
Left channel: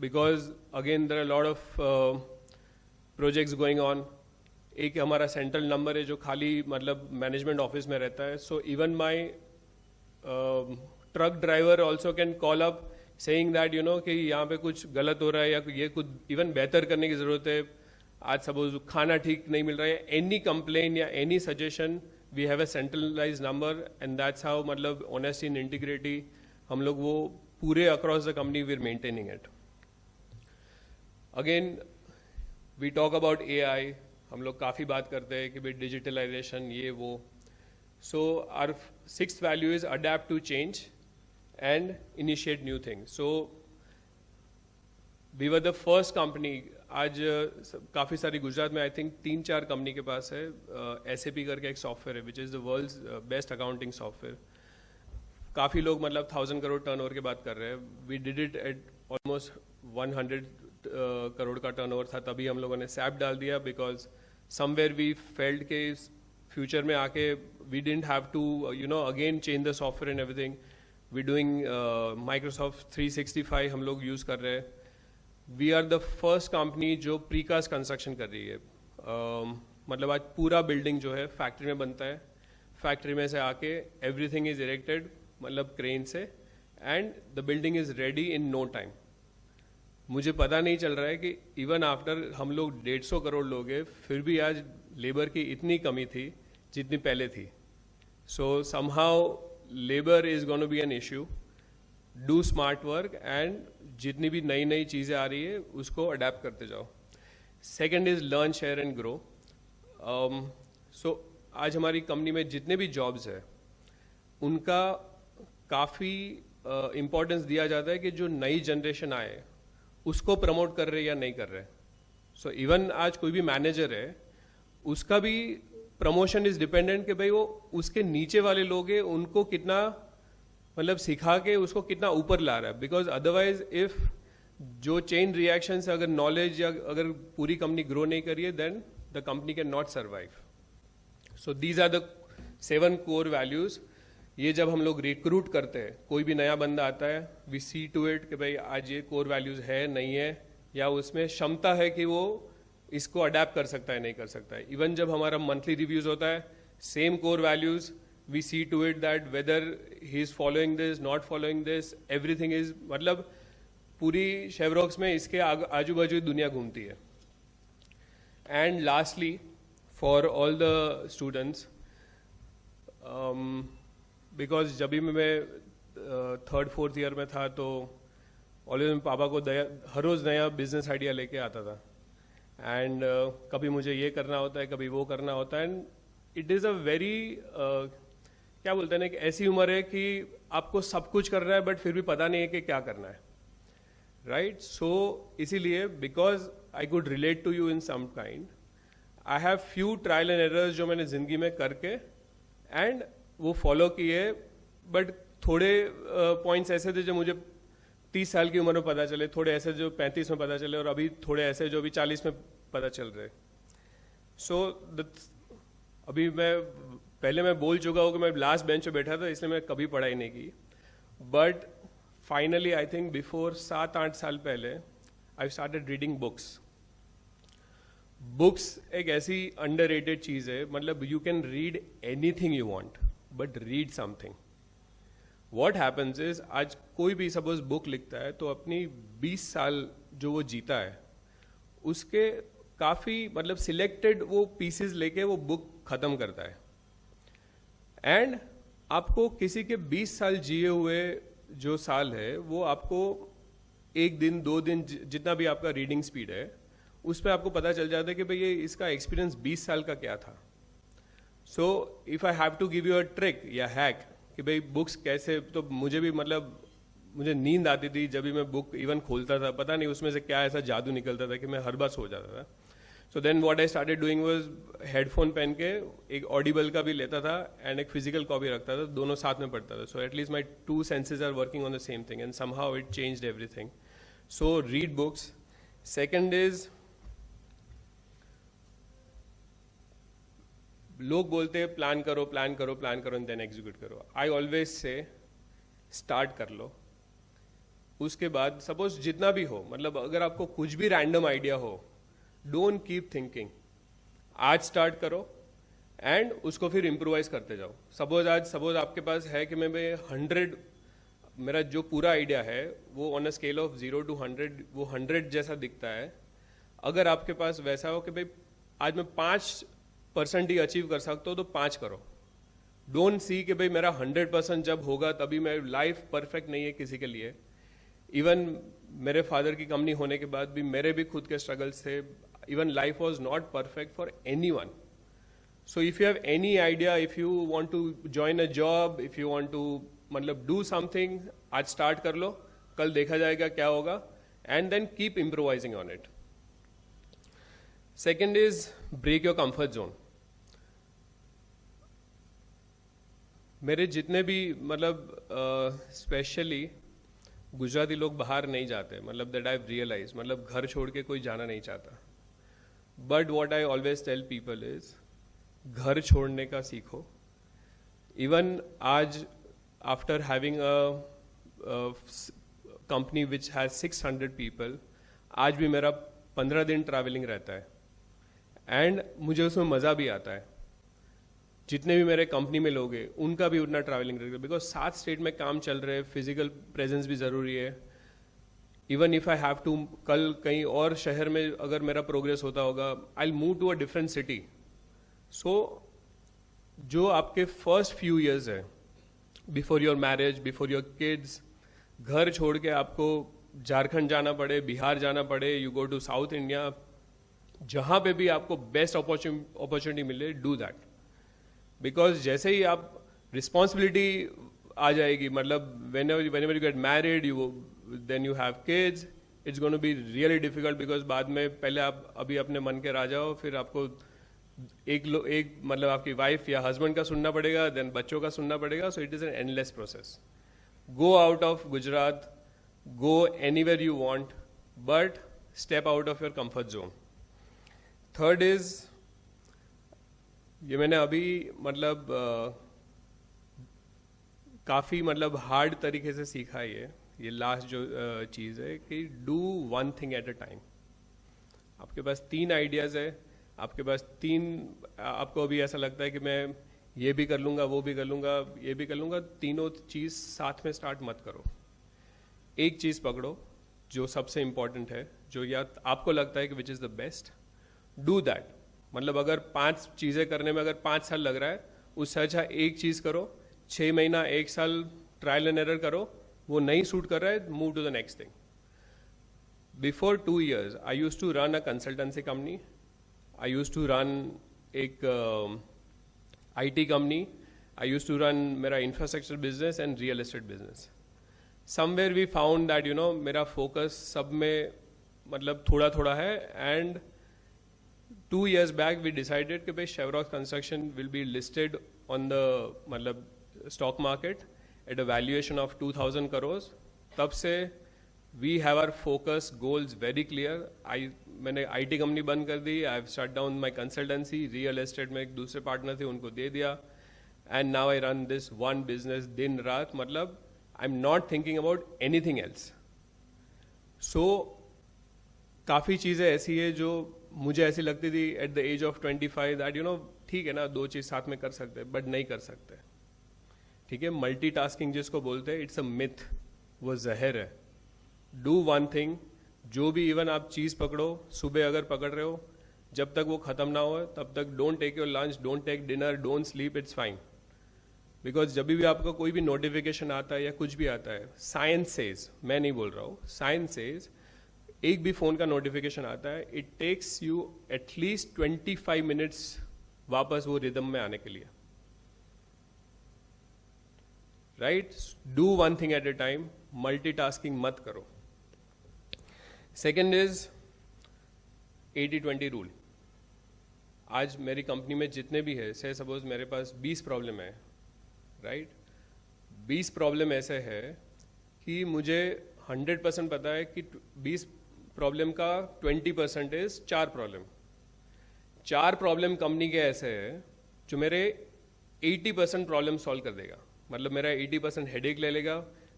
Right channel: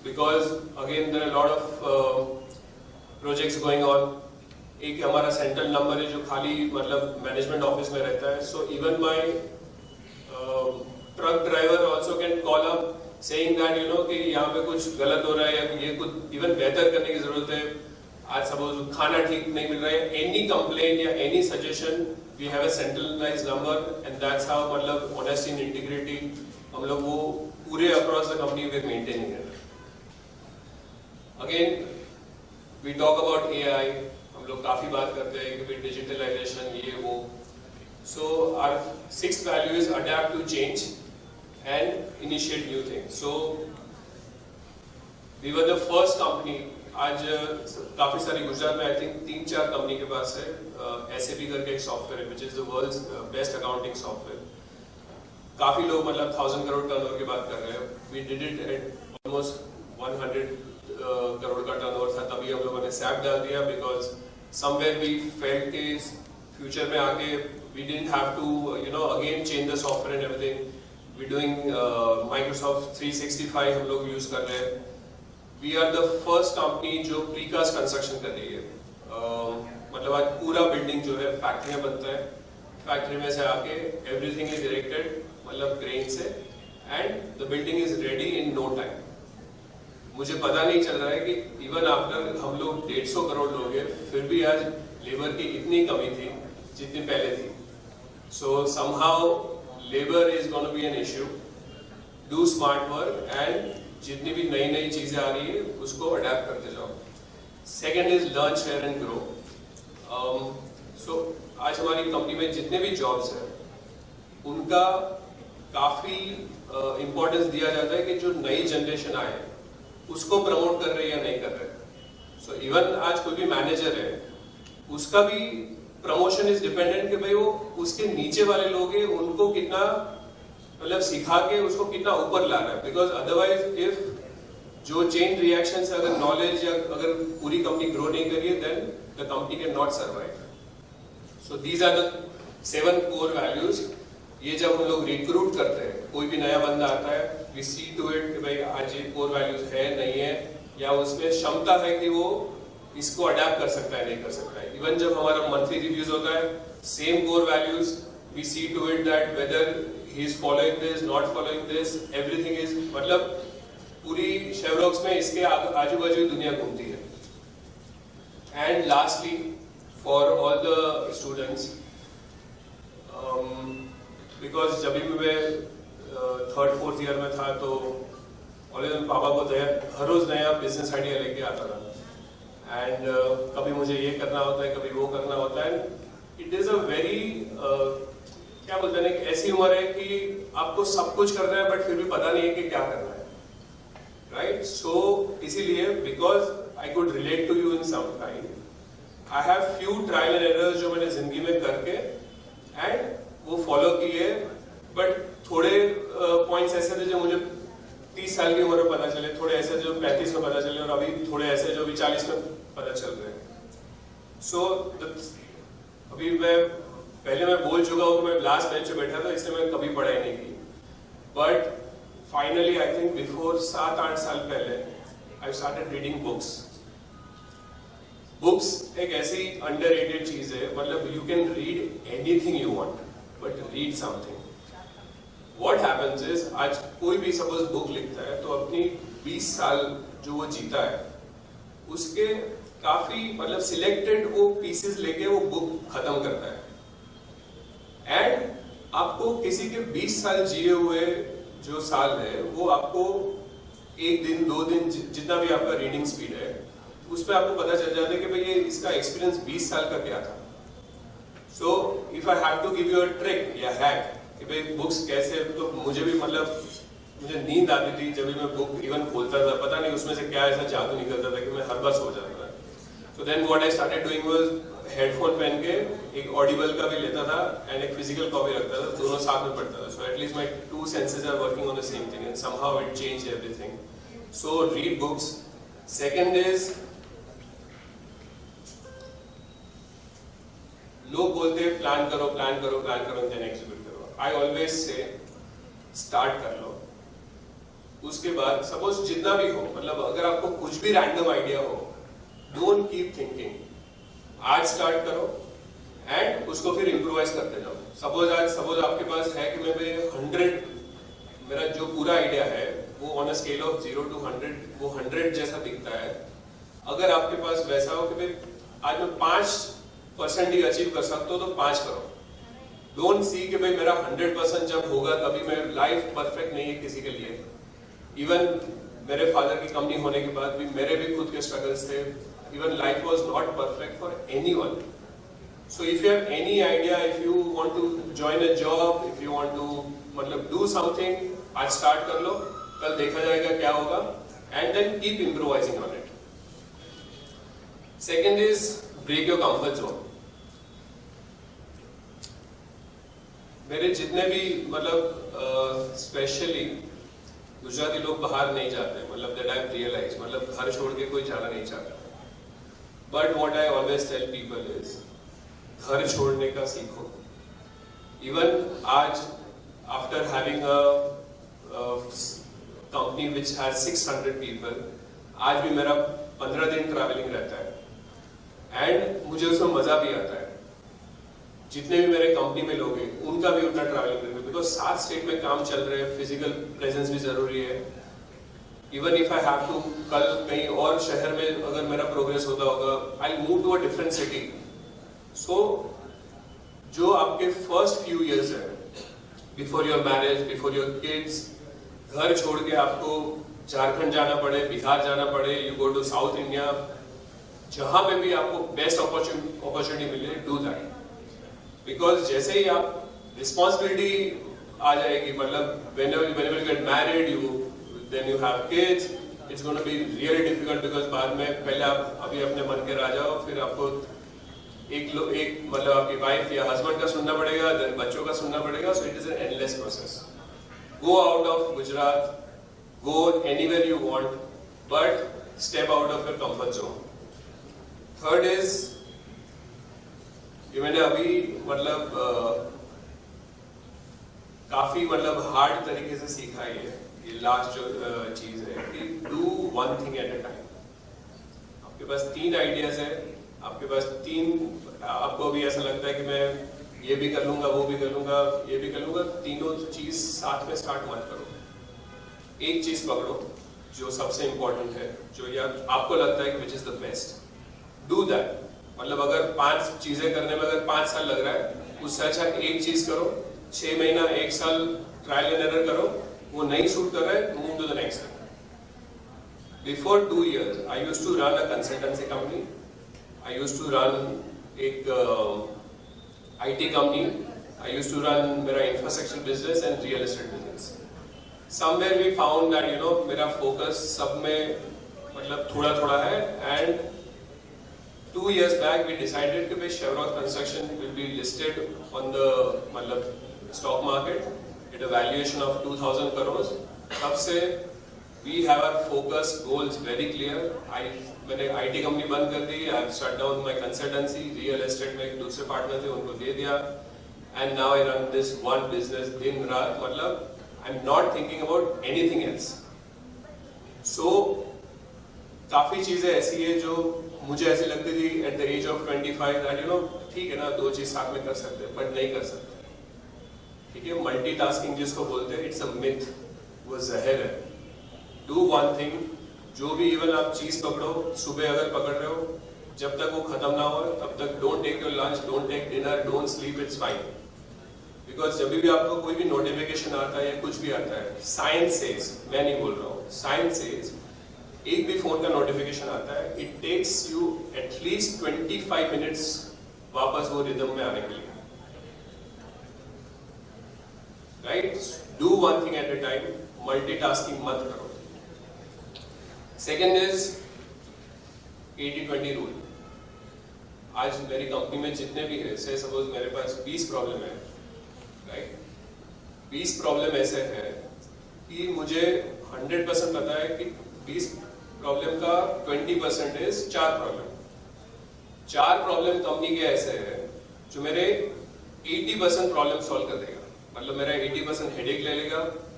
because again there are a lot of projects going on. एक हमारा सेंट्रल नंबर है जो खाली मतलब मैनेजमेंट ऑफिस में रहता है. So even my truck driver also can call up saying that कि यहाँ पे कुछ गलत हो रहा है या ये कुछ इवन बेहतर करने की जरूरत है. आज सपोज खाना ठीक नहीं मिल रहा है. Any complaint या any suggestion we have a centralized number and that's how मतलब honesty and integrity हम लोग वो पूरे across the company we are maintaining it. Again we talk about AI. हम लोग काफी बात करते हैं कि डिजिटलाइजेशन ये वो. So our sixth value is adapt to change and initiate new things. So we were the first company. आज काफी सारी गुजरात में I think 3-4 कंपनी के पास है SAP करके एक सॉफ्टवेयर है which is the world's best accounting software. काफी लोग मतलब 1000 करोड़ टर्नओवर की बात कर रहे हैं. We did it at almost 100 crore का टर्नओवर था. तभी हम लोगों ने SAP डाल दिया because somewhere we felt is future में आके we didn't have to again change the software and everything. We're doing Microsoft 365 हम लोग use कर रहे हैं. We are the first company जो precast construction कर रही है. मतलब आज पूरा बिल्डिंग जो है फैक्ट्री में बनता है. फैक्ट्री में से आके everything is erected मतलब क्रेन से and the building is ready in no time. मुझे पता नहीं चल रहा है कि इवन आफ्टर हम लोग 150 करोड़ लोग हैं फिर भी आज लेबर की इतनी कमी थी जितनी पहले थी. सो somehow labour is gonna be an issue. Do smart work and जितनी भी नई नई चीजें आ रही है उसको अडेप्ट करते जाओ. Second is learn share and grow. सो आज हमारी कंपनी में जितने भी जॉब्स हैं उनका काफी इम्पोर्टेंस दिया जाता है कि जो नई जनरेशन आए उसको प्रमोट कर रहे हैं या नहीं कर रहे. सो इवन आज कोई भी मैनेजर है उसका भी प्रमोशन इज डिपेंडेंट कि भाई वो उसके नीचे वाले लोग हैं उनको कितना मतलब सिखा के उसको कितना ऊपर ला रहा है. बिकॉज अदरवाइज इफ जो चेन रिएक्शन से अगर नॉलेज या अगर पूरी कंपनी ग्रो नहीं करिए then the company can not survive. So these are the 7 core values. ये जब हम लोग रिक्रूट करते हैं कोई भी नया बंदा आता है वी सी टू इट भाई आज ये कोर वैल्यूज है नहीं है या उसमें क्षमता है कि वो इसको अडेप्ट कर सकता है नहीं कर सकता है. इवन जब हमारा मंथली रिव्यूज होता है same core values we C to it that whether he is following this not following this everything is मतलब पूरी शेवरॉक्स में इसके आजू बाजू दुनिया घूमती है. And lastly for all the students because जब भी मैं 3rd-4th ईयर में था तो ऑलवेज पापा को हर रोज नया बिजनेस आइडिया लेके आता था. एंड कभी मुझे ये करना होता है कभी वो करना होता है. इट इज अ वेरी क्या बोलते हैं ऐसी उम्र है कि आपको सब कुछ करना है बट फिर भी पता नहीं है कि क्या करना है. राइट. सो इसीलिए because I could relate to you in some kind I have few trial and errors जो मैंने जिंदगी में करके एंड वो फॉलो किए. बट थोड़े पॉइंट्स ऐसे थे जो मुझे 30 साल की उम्र में पता चले, थोड़े ऐसे जो 35 में पता चले और अभी थोड़े ऐसे जो भी 40 में पता चल रहे हैं. सो अभी पहले मैं बोल चुका हूँ मैं लास्ट बेंच पे बैठा था इसलिए मैं कभी पढ़ाई नहीं की. But finally I think before 7-8 साल पहले I started reading books. Books एक ऐसी अंडररेटेड चीज है. मतलब you can read anything you want but read something. What happens is आज कोई भी सपोज बुक लिखता है तो अपनी 20 साल जो वो जीता है उसके काफी मतलब सिलेक्टेड वो पीसेस लेके वो बुक खत्म करता है. एंड आपको किसी के 20 साल जिए हुए जो साल है वो आपको 1 दिन 2 दिन जितना भी आपका रीडिंग स्पीड है उस पर आपको पता चल जाता है कि भाई ये इसका एक्सपीरियंस 20 साल का क्या था. So if I have to give you a trick या हैक कि भाई बुक्स कैसे, तो मुझे भी मतलब मुझे नींद आती थी जब भी मैं बुक इवन खोलता था, पता नहीं उसमें से क्या ऐसा जादू निकलता था कि मैं हर बार सो जाता था. तो then what I started doing was headphone पहन के एक ऑडिबल का भी लेता था एंड एक फिजिकल कॉपी रखता था, दोनों साथ में पढ़ता था. So at least my 2 senses are working on the same thing and somehow it changed everything. So read books. Second is लोग बोलते हैं प्लान करो प्लान करो देन एग्जीक्यूट करो. आई ऑलवेज से स्टार्ट कर लो. उसके बाद सपोज जितना भी हो, मतलब अगर आपको कुछ भी रैंडम आइडिया हो, डोंट कीप थिंकिंग, आज स्टार्ट करो एंड उसको फिर इम्प्रोवाइज करते जाओ। सपोज आपके पास है कि मैं 100, मेरा जो पूरा आइडिया है वो on a scale of 0 to 100 वो 100 जैसा दिखता है। अगर आपके पास वैसा हो कि आज मैं 5% ही अचीव कर सकता हूँ तो 5 करो। डोंट सी कि भाई मेरा 100% जब होगा तभी मैं, लाइफ परफेक्ट नहीं है किसी के लिए। इवन मेरे फादर की कंपनी होने के बाद भी मेरे भी खुद के स्ट्रगल्स थे। Even life was not perfect for anyone. So if you have any idea, if you want to join a job, if you want to मतलब do something, आज start कर लो, कल देखा जाएगा क्या होगा, and then keep improvising on it. Second is break your comfort zone. मेरे जितने भी मतलब स्पेशली गुजराती लोग बाहर नहीं जाते, मतलब that I've realized, मतलब घर छोड़ के कोई जाना नहीं चाहता. But what I always tell people is घर छोड़ने का सीखो। इवन आज after having a company which has 600 people, आज भी मेरा 15 दिन ट्रैवलिंग रहता है एंड मुझे उसमें मजा भी आता है। जितने भी मेरे कंपनी में लोग हैं उनका भी उतना ट्रैवलिंग रहता है, बिकॉज 7 स्टेट में काम चल रहे हैं, फिजिकल प्रेजेंस भी जरूरी है। Even if I have to, कल कहीं और शहर में अगर मेरा प्रोग्रेस होता होगा, I move to a different city. सो जो आपके फर्स्ट फ्यू इयर्स है, before your marriage, before your kids, घर छोड़ के आपको झारखंड जाना पड़े, बिहार जाना पड़े, you go to south India, जहां पे भी आपको बेस्ट अपॉर्चुनिटी मिले, डू दैट। बिकॉज जैसे ही आप रिस्पॉन्सिबिलिटी आ जाएगी, मतलब whenever you get married, then you have kids, it's going to be really difficult because बाद में पहले आप अभी अपने मन के राजा हो, फिर आपको एक मतलब आपकी वाइफ या हस्बैंड का सुनना पड़ेगा, देन बच्चों का सुनना पड़ेगा। So it is an endless process. Go out of Gujarat, go anywhere you want, but step out of your comfort zone. Third is, ये मैंने अभी मतलब काफी मतलब हार्ड तरीके से सीखा है, ये लास्ट जो चीज है कि do one thing at a time. आपके पास 3 आइडियाज है, आपके पास 3, आपको भी ऐसा लगता है कि मैं ये भी कर लूंगा, वो भी कर लूंगा, ये भी कर लूंगा, तीनों चीज साथ में स्टार्ट मत करो। एक चीज पकड़ो जो सबसे इंपॉर्टेंट है, जो यार आपको लगता है कि which is the best, do that. मतलब अगर 5 चीजें करने में अगर 5 साल लग रहा है, उससे अच्छा एक चीज करो, 6 महीना 1 साल ट्रायल एंड एरर करो, वो नहीं शूट कर रहा है, move to the next. Before 2 years I used to run a consultancy company, I used to run एक IT company, I used to run मेरा infrastructure business and real estate business. Somewhere we found that मेरा focus सब में मतलब थोड़ा थोड़ा है, and 2 years back we decided कि भाई Chevroc construction will be listed on the मतलब stock market at a valuation of 2000 crores. तब से we have our focus goals very clear. मैंने IT कंपनी बंद कर दी, I have shut down my consultancy, real estate में एक दूसरे partner थे उनको दे दिया, and now I run this one business दिन रात, मतलब I am not thinking about anything else. सो काफी चीजें ऐसी है जो मुझे ऐसी लगती थी at the age of 25 that ठीक है ना, 2 चीज साथ में कर सकते हैं, बट नहीं कर सकते। ठीक है, मल्टीटास्किंग जिसको बोलते हैं, इट्स अ मिथ, वो जहर है। डू वन थिंग, जो भी इवन आप चीज पकड़ो, सुबह अगर पकड़ रहे हो, जब तक वो खत्म ना हो तब तक don't take your lunch, don't take dinner, don't sleep, it's fine. Because जब भी आपको कोई भी नोटिफिकेशन आता है या कुछ भी आता है, साइंस सेज, मैं नहीं बोल रहा हूँ, साइंस सेज एक भी फोन का नोटिफिकेशन आता है, it takes you at least 25 minutes वापस वो रिदम में आने के लिए। Right, do one thing at A time, multitasking मत करो। Second is 80-20 rule. आज मेरी कंपनी में जितने भी है, से सपोज मेरे पास 20 प्रॉब्लम है, राइट, 20 प्रॉब्लम ऐसे है कि मुझे 100% पता है कि 20 प्रॉब्लम का 20% इज 4 प्रॉब्लम। 4 प्रॉब्लम कंपनी के ऐसे है जो मेरे 80% प्रॉब्लम सॉल्व कर देगा। मतलब मेरा 80% हेडेक ले लेगा,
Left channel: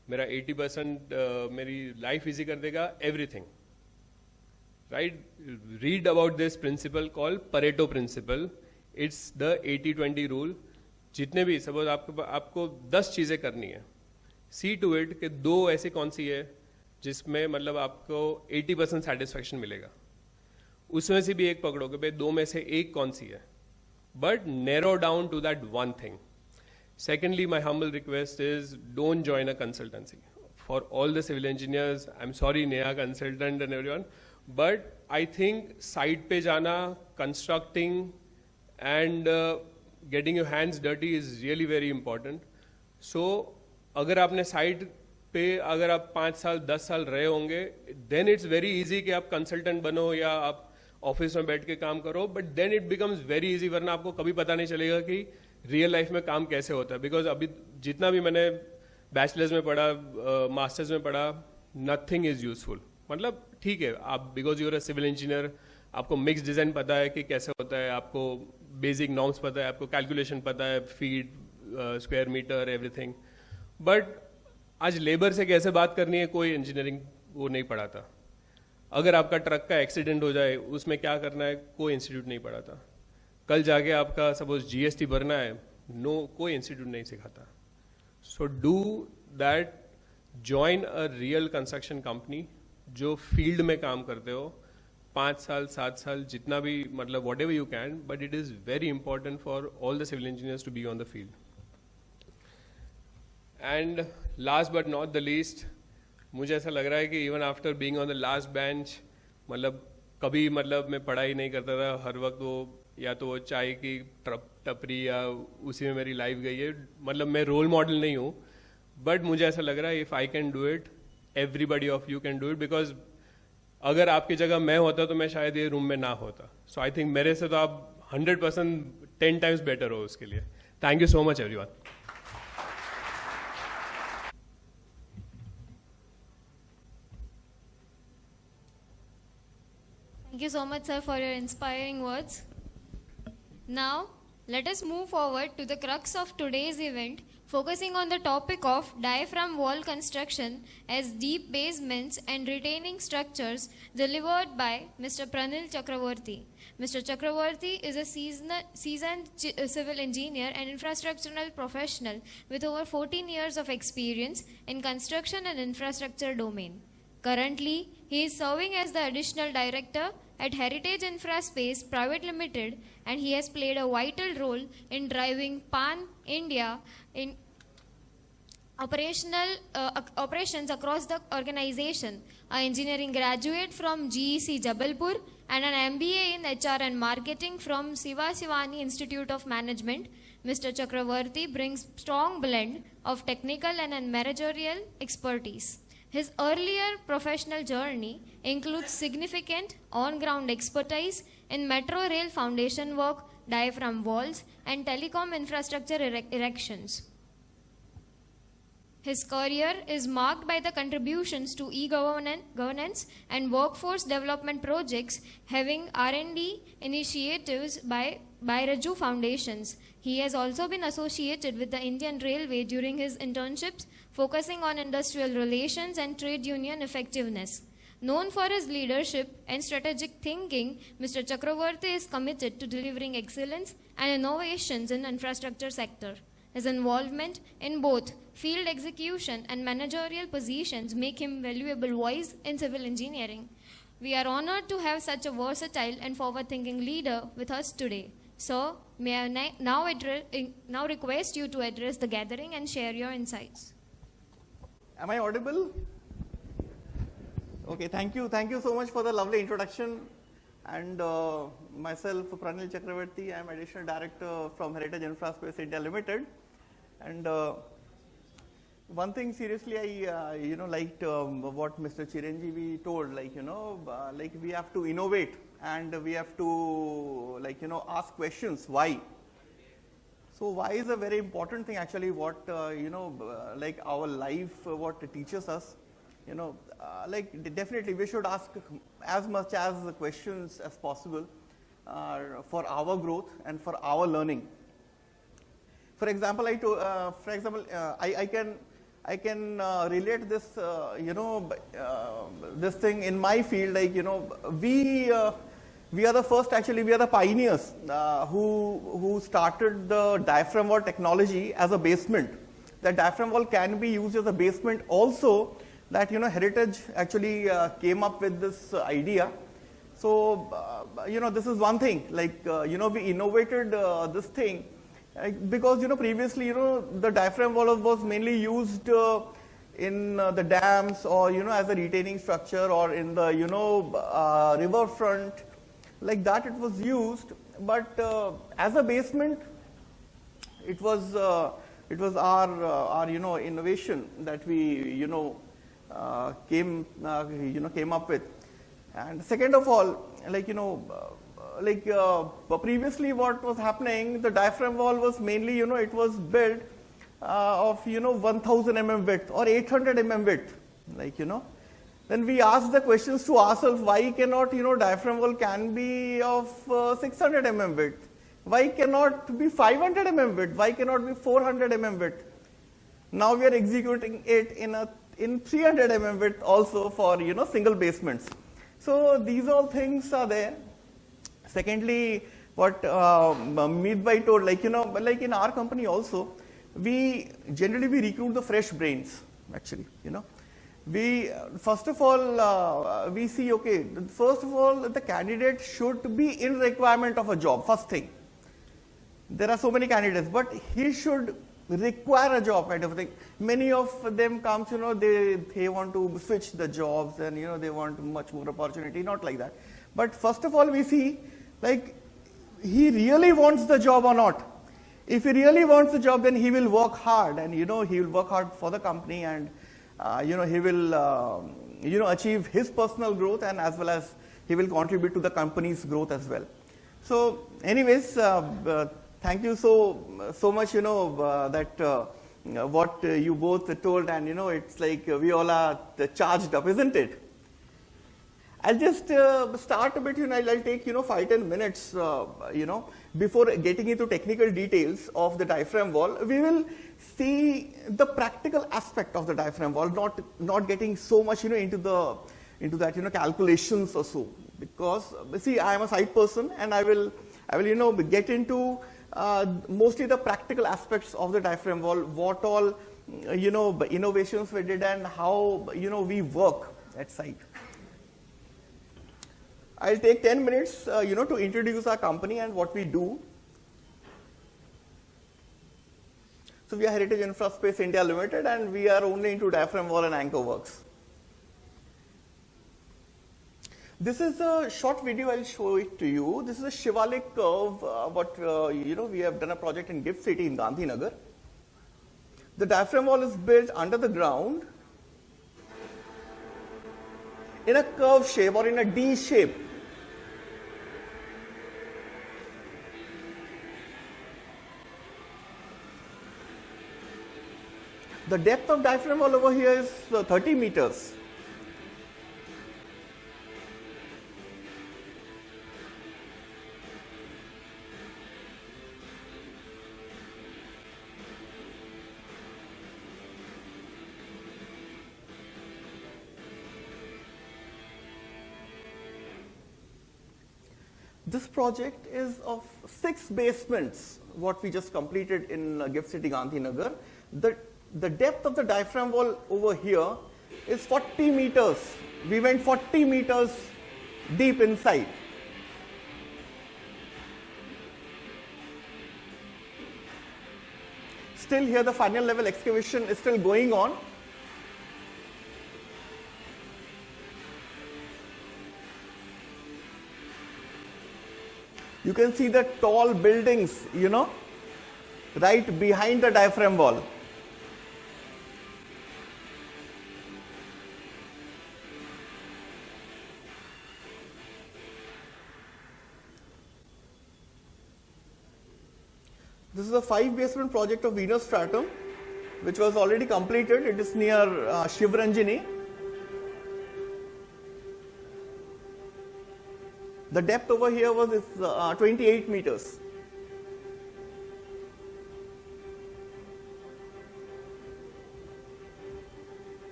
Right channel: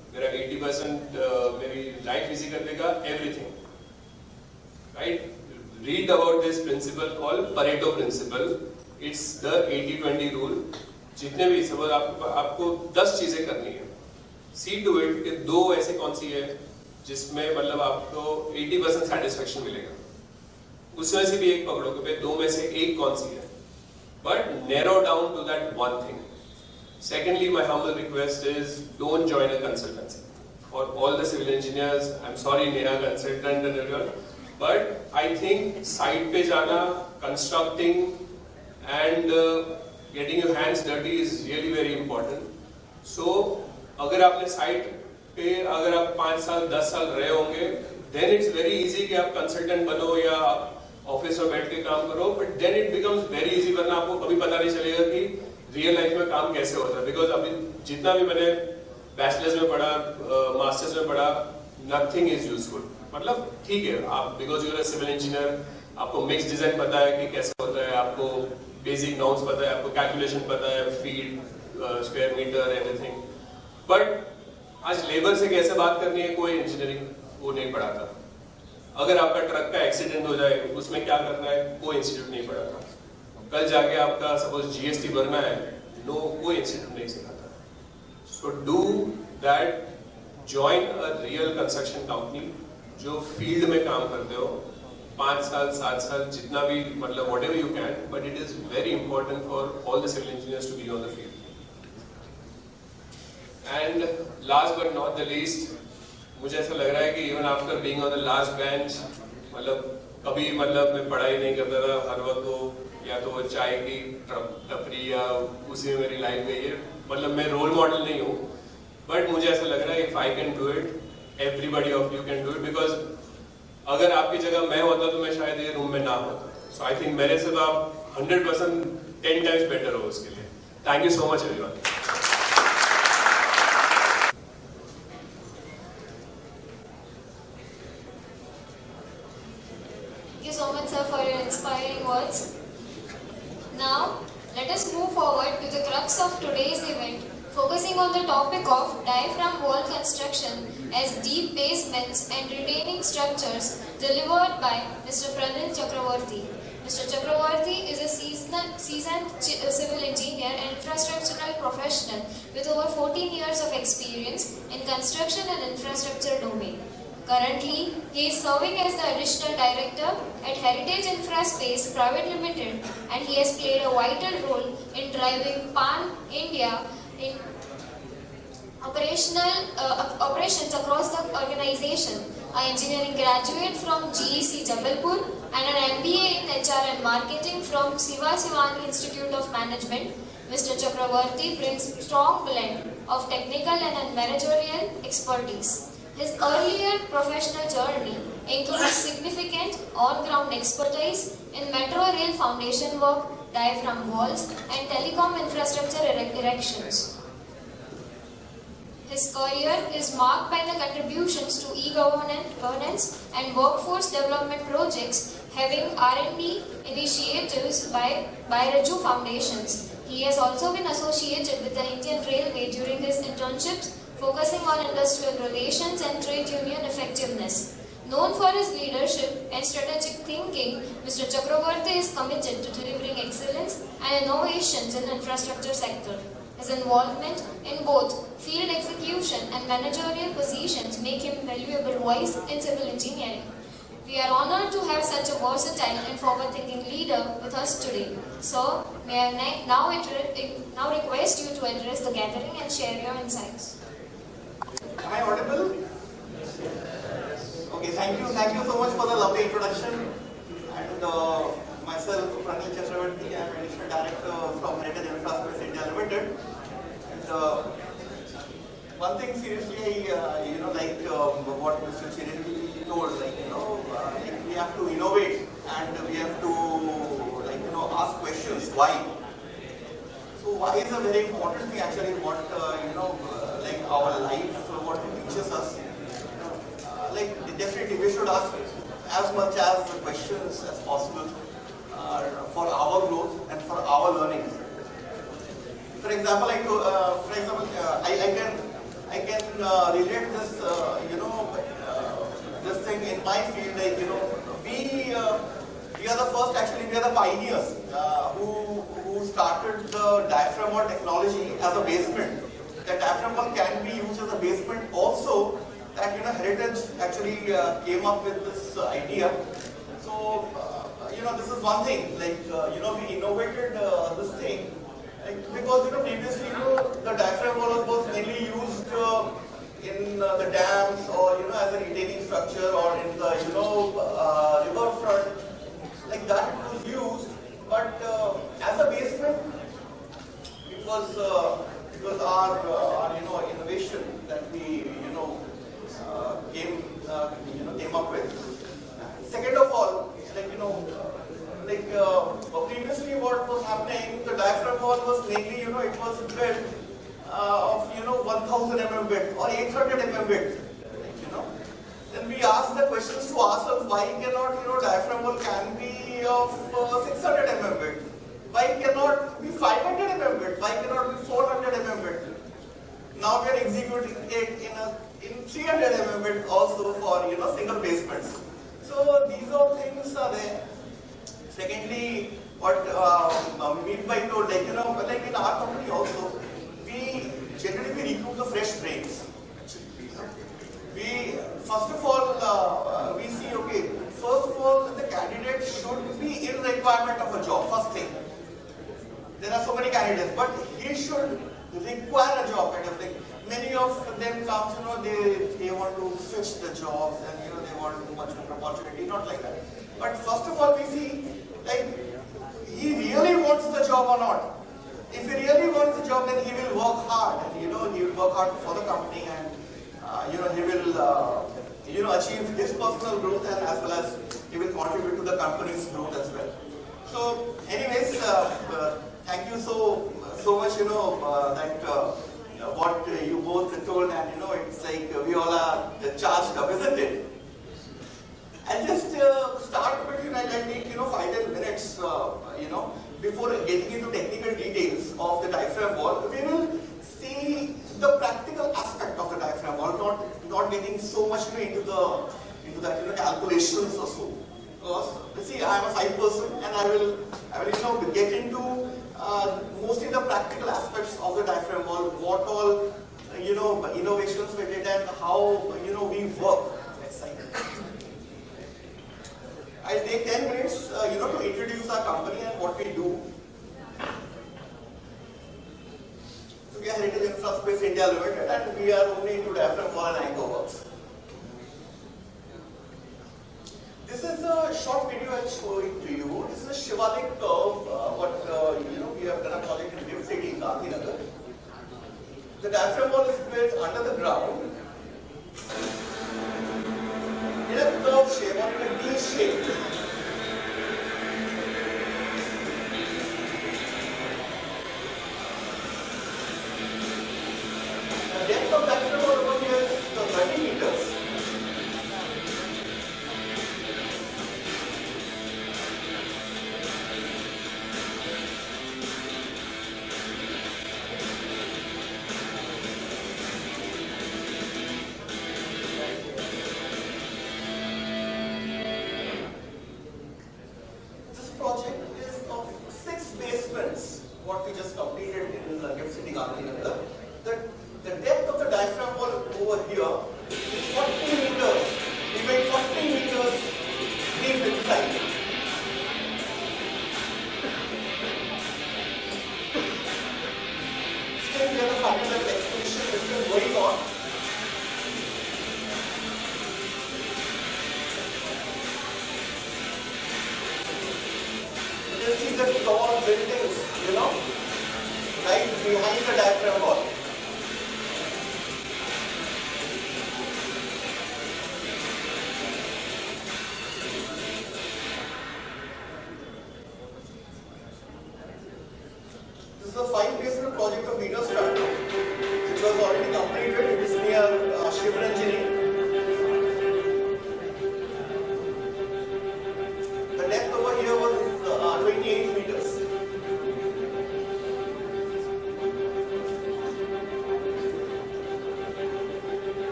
मेरा 80% मेरी लाइफ इजी कर देगा, everything. Right? Read about this principle called Pareto principle. It's the 80-20 rule. जितने भी सपोज आपको 10 चीजें करनी है, see to it कि 2 ऐसी कौन सी है जिसमें मतलब आपको 80% satisfaction मिलेगा, उसमें से भी एक पकड़ो कि 2 में से एक कौन सी है, but narrow down to that one thing. Secondly, my humble request is don't join a consultancy. For all the civil engineers, I'm sorry, Neha consultant, but I think site पे जाना, constructing and getting your hands dirty is really very important. So, अगर आपने site पे अगर आप 5 साल 10 साल रहे होंगे, then it's very easy कि आप consultant बनो या ऑफिस में बैठ के काम करो, but then it becomes very easy, वरना आपको कभी पता नहीं चलेगा कि रियल लाइफ में काम कैसे होता है. बिकॉज अभी जितना भी मैंने बैचलर्स में पढ़ा, मास्टर्स में पढ़ा, नथिंग इज यूजफुल. मतलब ठीक है, आप because you're a civil engineer, आपको मिक्स डिजाइन पता है कि कैसे होता है, आपको बेसिक नॉर्म्स पता है, आपको कैलकुलेशन पता है, feet, square metre, everything. But आज लेबर से कैसे बात करनी है, कोई इंजीनियरिंग वो नहीं पढ़ाता. अगर आपका ट्रक का एक्सीडेंट हो जाए, उसमें क्या करना है, कोई इंस्टीट्यूट नहीं पढ़ाता. कल जाके आपका सपोज जीएसटी भरना है, नो, कोई इंस्टीट्यूट नहीं सिखाता. So do that, join a real construction company जो फील्ड में काम करते हो, 5 साल 7 साल जितना भी, मतलब what ever you can, but it is very important for all the civil engineers to be on the field. And last but not the least, मुझे ऐसा लग रहा है कि even after being on the last bench, मतलब कभी मतलब मैं पढ़ाई नहीं करता रहा, हर वक्त वो या तो वो चाय की टपरी या उसी में मेरी लाइफ गई है. मतलब मैं रोल मॉडल नहीं हूँ, बट मुझे ऐसा लग रहा है if I can do it, everybody of you can do it. Because अगर आपकी जगह मैं होता तो मैं शायद ये रूम में ना होता. सो आई थिंक मेरे से तो आप 100% 10 टाइम्स बेटर हो उसके लिए. Thank you so much everyone. Thank you so much, sir, for your inspiring words. Now, let us move forward to the crux of today's event, focusing on the topic of diaphragm wall construction as deep basements and retaining structures, delivered by Mr. Pranil Chakraborty. Mr. Chakraborty is a seasoned civil engineer and infrastructural professional with over 14 years of experience in construction and infrastructure domain. Currently, he is serving as the Additional Director at Heritage Infraspace Private Limited, and he has played a vital role in driving Pan-India operations across the organization. An engineering graduate from GEC Jabalpur and an MBA in HR and Marketing from Sivajivan Institute of Management, Mr. Chakraborty brings a strong blend of technical and managerial expertise. His earlier professional journey includes significant on-ground expertise in metro rail foundation work, diaphragm walls, and telecom infrastructure erections. His career is marked by the contributions to e-governance and workforce development projects, having R&D initiatives by Raju Foundations. He has also been associated with the Indian Railway during his internships, focusing on industrial relations and trade union effectiveness. Known for his leadership and strategic thinking, Mr. Chakraborty is committed to delivering excellence and innovations in the infrastructure sector. His involvement in both field execution and managerial positions make him valuable voice in civil engineering. We are honored to have such a versatile and forward-thinking leader with us today. So, may I now request you to address the gathering and share your insights. Am I audible? Okay, thank you so much for the lovely introduction. And myself, Pranil Chakraborty, I am Additional Director from Heritage Infraspace India Limited. And one thing seriously, like what Mr. Chiranjiv told, like we have to innovate and we have to, ask questions. Why? So why is a very important thing actually. What like our life, what it teaches us. Like definitely we should ask as much as the questions as possible for our growth and for our learning. For example, I I can relate this, this thing in my field. Like, we are the first. Actually, we are the pioneers who started the diaphragm wall technology as a basement. The diaphragm wall can be used as a basement. Also, that Heritage actually came up with this idea. So this is one thing. Like we innovated this thing. Because previously the diaphragm wall was mainly used in the dams or as a retaining structure or in the river front, like that it was used. But as a basement, it was our innovation that we came up with. And second of all, previously what was happening, the diaphragm wall was mainly, it was built of 1000 mm width or 800 mm width, Then we asked the questions to ourselves, why cannot diaphragm wall can be of 600 mm width? Why cannot be 500 mm width? Why cannot be 400 mm width? Now we are executing it in 300 mm width also for single basements. So these all things are there. Secondly, what Meetbhai told, like in our company also, we generally recruit the fresh brains. Actually, we first of all we see, okay, first of all the candidate should be in requirement of a job. First thing, there are so many candidates, but he should require a job kind of thing. Many of them comes, they want to switch the jobs and they want much more opportunity. Not like that. But first of all, we see like he really wants the job or not. If he really wants the job, then he will work hard, and he will work hard for the company, and he will achieve his personal growth, and as well as he will contribute to the company's growth as well. So, anyways, thank you so much. That what you both told, and it's like we all are charged up, isn't it? I'll just start a bit, I'll take 5-10 minutes, before getting into technical details of the diaphragm wall. We will see the practical aspect of the diaphragm wall, not getting so much into that calculations or so. Because see, I am a site person, and I will get into mostly the practical aspects of the diaphragm wall, what all innovations we did, and how we work at site. I'll take 10 minutes, to introduce our company and what we do. So we are Heritage Infraspace India Limited, and we are only into diaphragm wall and anchor works. This is a short video. I'll show it to you. This is a Shivalik curve. We have done a project in Gift City in Gandhinagar. The diaphragm wall is built under the ground in a curve shape or in a D shape. The depth of diaphragm wall over here is 30 meters. This project is of 6 basements, what we just completed in Gift City, Gandhinagar. The depth of the diaphragm wall over here is 40 meters. We went 40 meters deep inside. Still here the final level excavation is still going on. You can see the tall buildings, right behind the diaphragm wall. This is a 5-basement project of Venus Stratum, which was already completed. It is near Chiranjiv. The depth over here was 28 meters.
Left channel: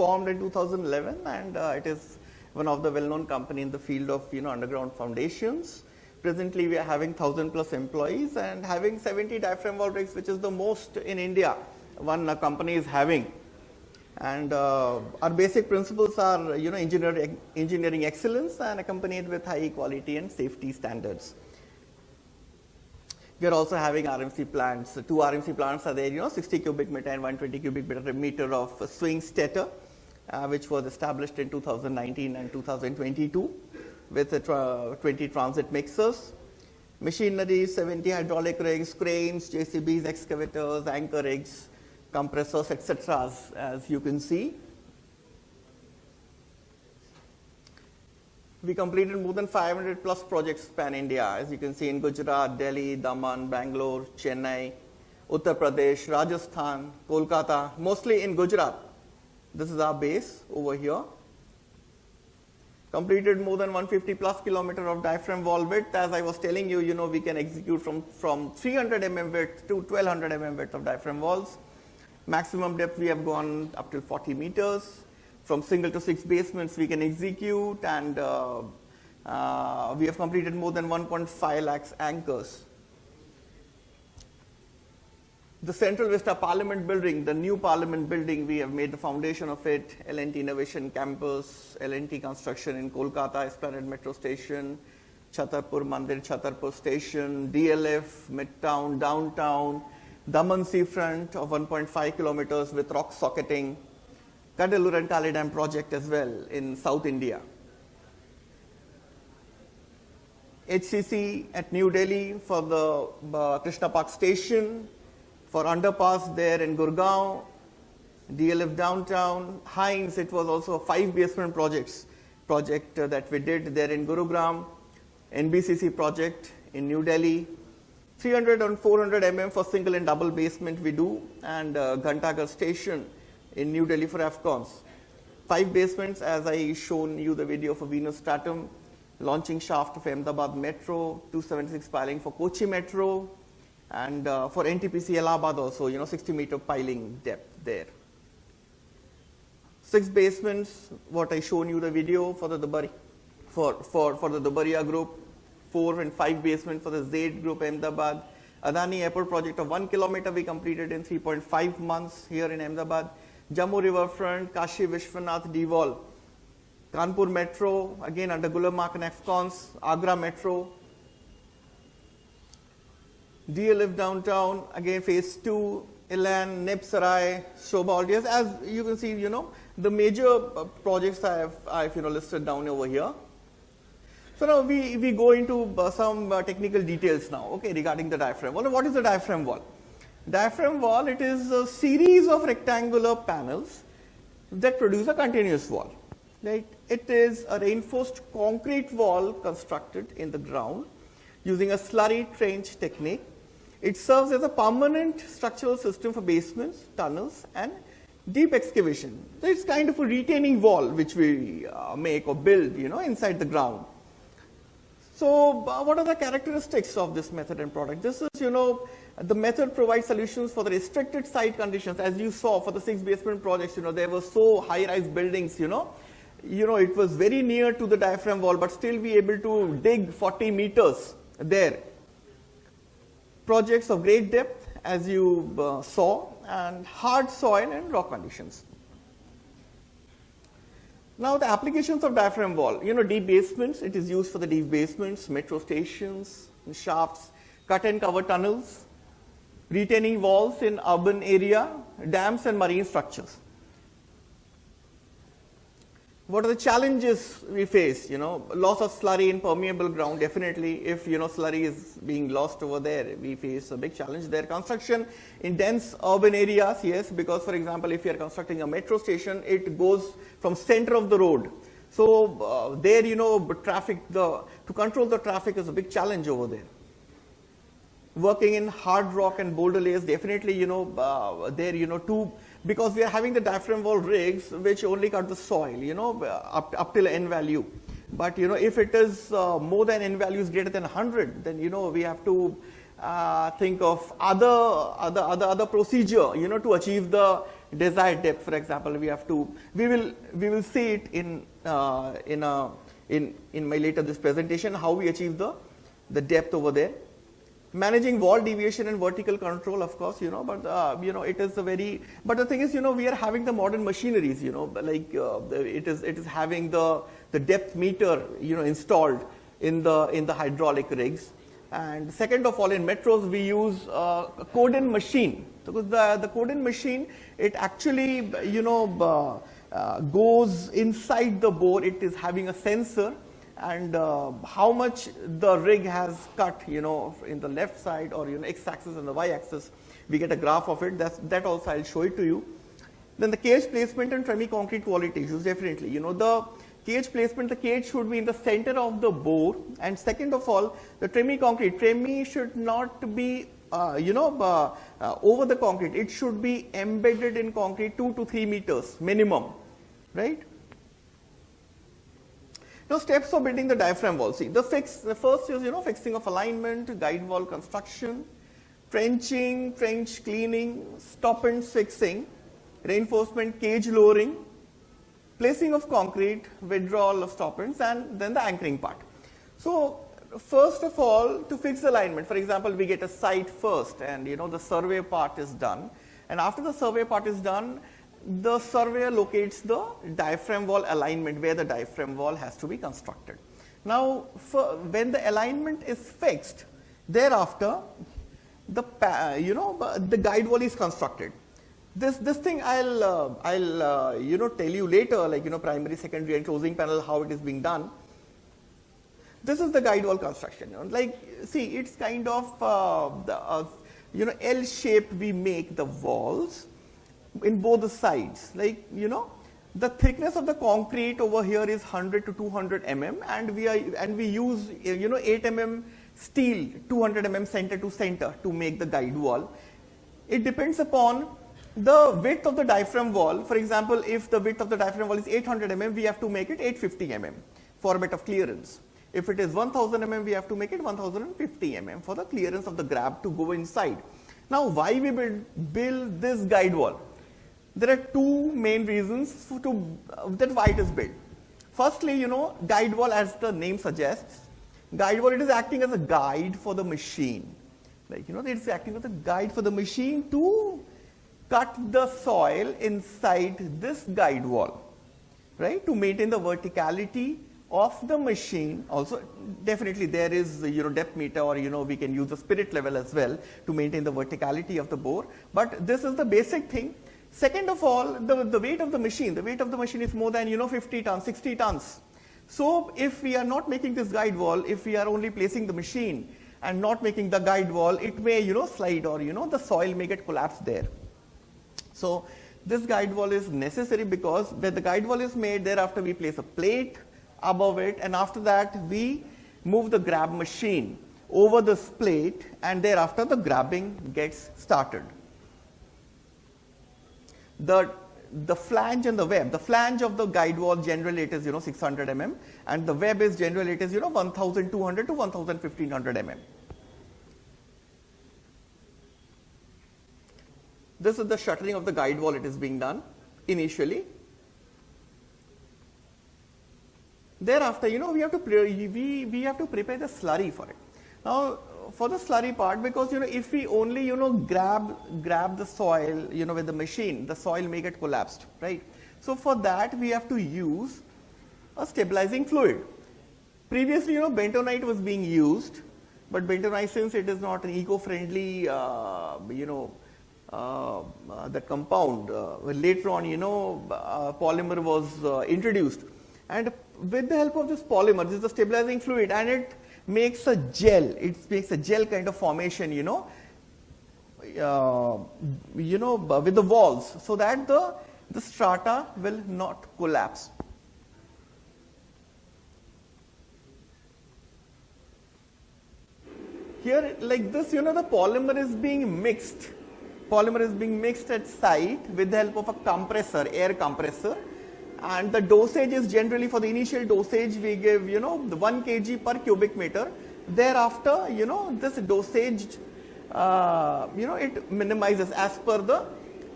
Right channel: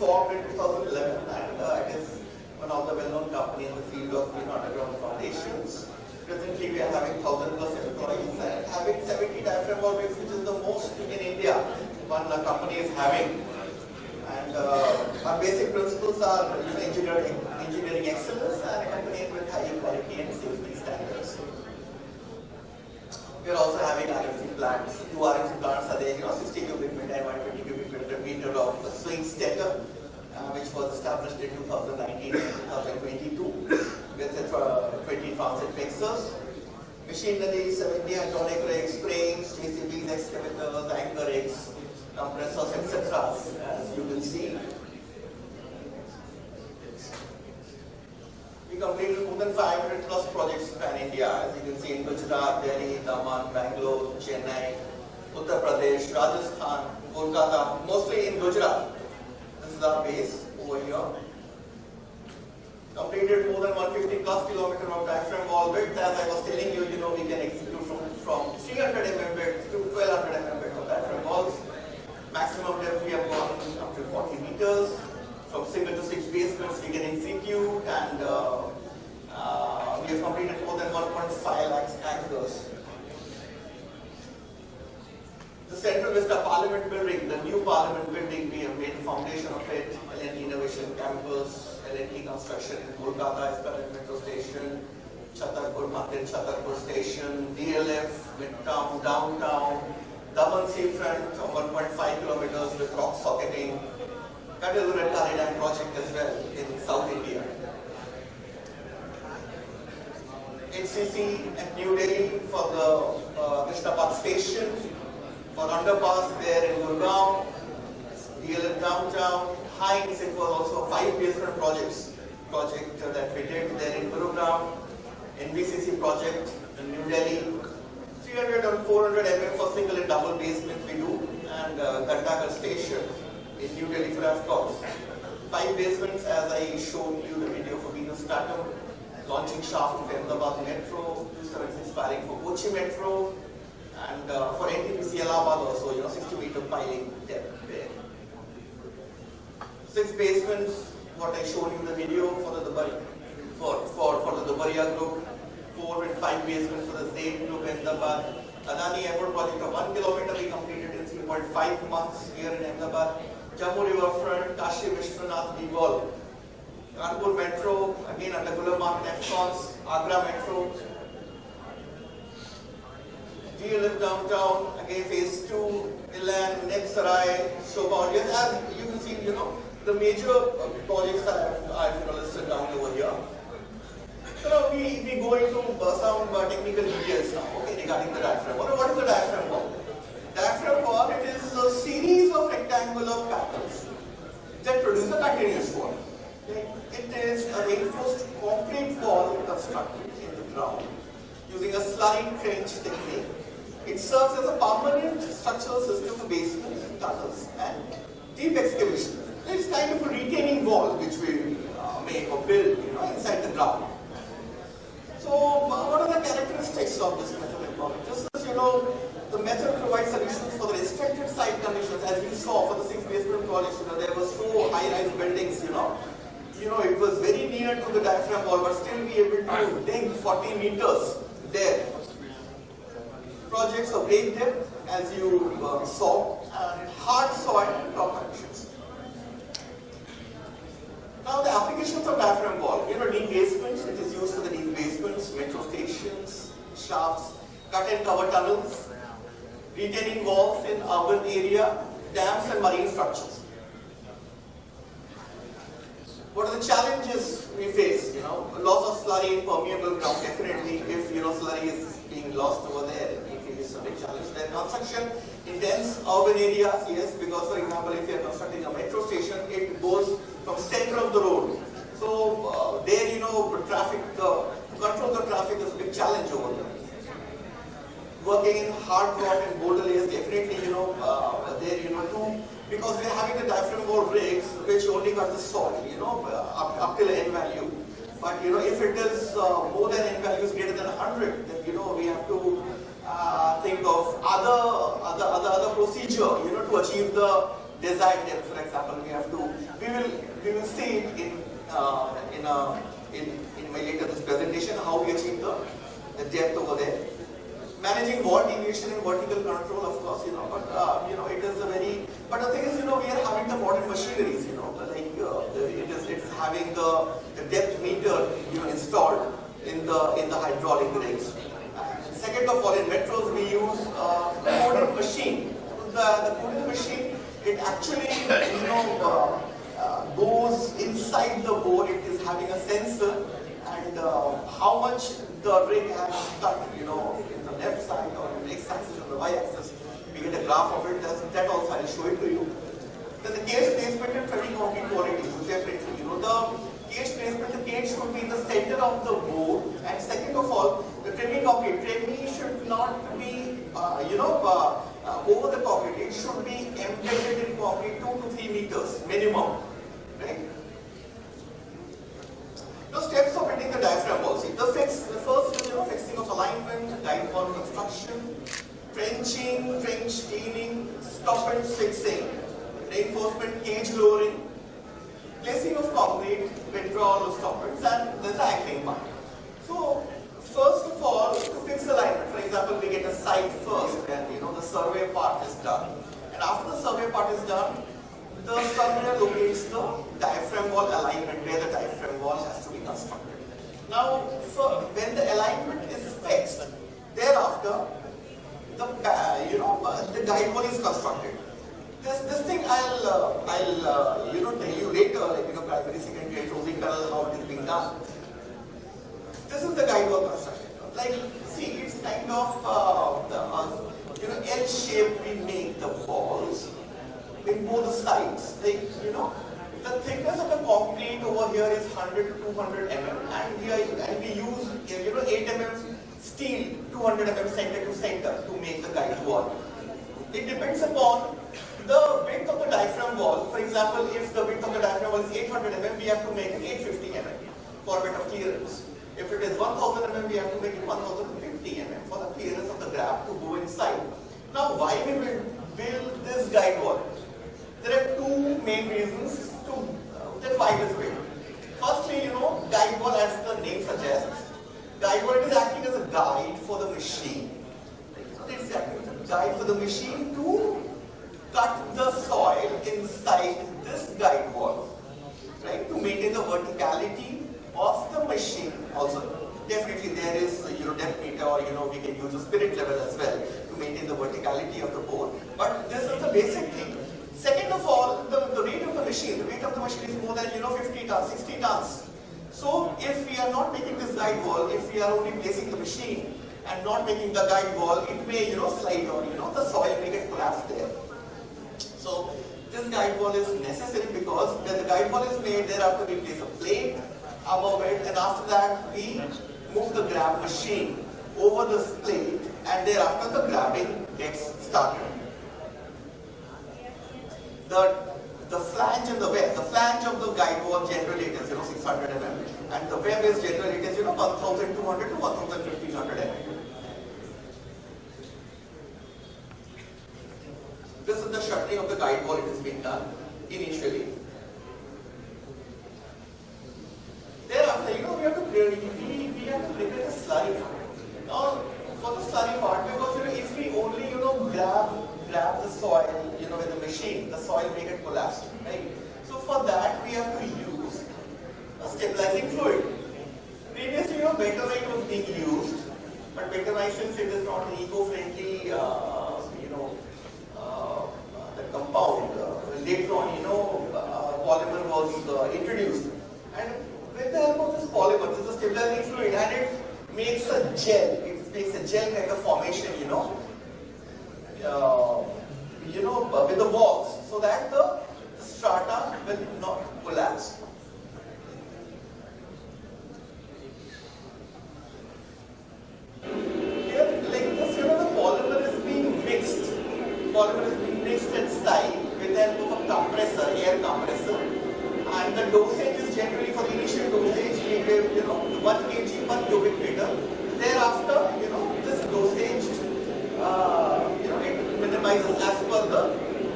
formed in 2011 and it is one of the well-known company in the field of underground foundations. Presently we are having 1,000+ employees and having 70 diaphragm wall rigs, which is the most in India one company is having. And our basic principles are engineering excellence and accompanied with high quality and safety standards. We are also having RMC plants. The two RMC plants are there, 60 cubic meter and 120 cubic meter of swing stator, which was established in 2019 and 2022 with 20 transit mixers. Machinery, 70 hydraulic rigs, cranes, JCBs, excavators, anchor rigs, compressors, etc. as you can see. We completed more than 500+ projects pan-India, as you can see in Gujarat, Delhi, Daman, Bangalore, Chennai, Uttar Pradesh, Rajasthan, Kolkata, mostly in Gujarat. This is our base over here. Completed more than 150+ kilometer of diaphragm wall width. As I was telling you, we can execute from 300 mm width to 1200 mm width of diaphragm walls. Maximum depth we have gone up to 40 meters. From single to 6 basements we can execute, and we have completed more than 1.5 lakhs anchors. The Central Vista Parliament building, the new Parliament building, we have made the foundation of it. L&T Innovation Campus, L&T Construction in Kolkata, Esplanade Metro Station, Chhatarpur Mandir, Chhatarpur Station, DLF, Midtown, Downtown, Daman Seafront of 1.5 kilometers with rock socketing, Kadalur and Kali Dam project as well in South India. HCC at New Delhi for the Krishna Park station, for underpass there in Gurgaon, DLF downtown, Hines, it was also a 5 basement project that we did there in Gurugram, NBCC project in New Delhi, 300 and 400 mm for single and double basement we do, and Ghantaghar station in New Delhi for AFCONs. 5 basements, as I shown you the video for Venus Stratum, launching shaft of Ahmedabad Metro, 276 piling for Kochi Metro, and for NTPC Allahabad also, 60 meter piling depth there. 6 basements, what I showed you the video for the Dubaria group, 4 and 5 basements for the Zaid group Ahmedabad. Adani Airport project of 1 kilometer we completed in 3.5 months here in Ahmedabad. Jammu Riverfront, Kashi Vishwanath D-Wall, Kanpur Metro, again under Gulam and AFCONs, Agra Metro, DLF downtown, again phase 2, Ilan, Nexarai, Shobha. As you can see, the major projects I have listed down over here. So now we go into some technical details now, okay, regarding the diaphragm wall. What is the diaphragm wall? Diaphragm wall, it is a series of rectangular panels that produce a continuous wall. Right? It is a reinforced concrete wall constructed in the ground using a slurry trench technique. It serves as a permanent structural system for basements, tunnels, and deep excavation. So it's kind of a retaining wall which we make or build, inside the ground. So what are the characteristics of this method and product? This is, the method provides solutions for the restricted site conditions. As you saw for the 6 basement projects, there were so high-rise buildings, it was very near to the diaphragm wall, but still be able to dig 40 meters there. Projects of great depth, as you saw, and hard soil and rock conditions. Now the applications of diaphragm wall, deep basements, it is used for the deep basements, metro stations, shafts, cut and cover tunnels, retaining walls in urban area, dams and marine structures. What are the challenges we face? Loss of slurry in permeable ground, definitely if slurry is being lost over there, we face a big challenge there. Construction in dense urban areas, yes, because for example, if you are constructing a metro station, it goes from center of the road. So there, traffic, to control the traffic is a big challenge over there. Working in hard rock and boulder layers, definitely, there, because we are having the diaphragm wall rigs which only cut the soil, up till N value. But if it is more than N value is greater than 100, then we have to think of other procedure, to achieve the desired depth, for example, we will see it in my later this presentation, how we achieve the depth over there. Managing wall deviation and vertical control, of course, but it is but the thing is, we are having the modern machineries, it is having the depth meter, installed in the hydraulic rigs. And second of all, in metros, we use coding machine. The coding machine, it actually, goes inside the bore. It is having a sensor, and how much the rig has cut, in the left side or x-axis and the y-axis, we get a graph of it. That also I'll show it to you. Then the cage placement and semi-concrete qualities, definitely. The cage placement, the cage should be in the center of the bore. And second of all, the tremie should not be, over the concrete. It should be embedded in concrete 2 to 3 meters minimum, right? The steps for building the diaphragm wall. See, the first is, fixing of alignment, guide wall construction, trenching, trench cleaning, stoppant fixing, reinforcement, cage lowering, placing of concrete, withdrawal of stoppants, and then the anchoring part. So, first of all, to fix alignment, for example, we get a site first, and the survey part is done. And after the survey part is done, the surveyor locates the diaphragm wall alignment where the diaphragm wall has to be constructed. Now, when the alignment is fixed, thereafter, the guide wall is constructed. This thing I'll tell you later, primary, secondary, and closing panel, how it is being done. This is the guide wall construction. See, it's kind of L shape we make the walls in both the sides. The thickness of the concrete over here is 100 to 200 mm, and we use 8 mm steel, 200 mm center to center to make the guide wall. It depends upon the width of the diaphragm wall. For example, if the width of the diaphragm wall is 800 mm, we have to make it 850 mm for a bit of clearance. If it is 1000 mm, we have to make it 1050 mm for the clearance of the grab to go inside. Now, why we build this guide wall? There are two main reasons that why it is built. Firstly, guide wall, as the name suggests, guide wall, it is acting as a guide for the machine. It's acting as a guide for the machine to cut the soil inside this guide wall, right? To maintain the verticality of the machine. Also, definitely there is depth meter, or we can use the spirit level as well to maintain the verticality of the bore. But this is the basic thing. Second of all, the weight of the machine. The weight of the machine is more than 50 tons, 60 tons. So if we are not making this guide wall, if we are only placing the machine and not making the guide wall, it may slide, or the soil may get collapsed there. So this guide wall is necessary because when the guide wall is made, thereafter we place a plate above it, and after that we move the grab machine over this plate, and thereafter the grabbing gets started. The flange and the web. The flange of the guide wall generally it is 600 mm, and the web is generally it is 1200 to 1500 mm. This is the shuttering of the guide wall. It is being done initially. Thereafter, we have to prepare the slurry part. Now, for the slurry part, because if we only grab the soil with the machine, the soil may get collapsed, right? So for that we have to use a stabilizing fluid. Previously, bentonite was being used, but bentonite, since it is not eco-friendly, the compound. Later on, polymer was introduced, and with the help of this polymer, this is the stabilizing fluid, and it makes a gel. It makes a gel kind of formation, with the walls, so that the strata will not collapse. Here, like this, the polymer is being mixed. Polymer is being mixed at side with the help of a compressor, air compressor. And the dosage is generally, for the initial dosage, we give, 1 kg per cubic meter. Thereafter, this dosage, it minimizes as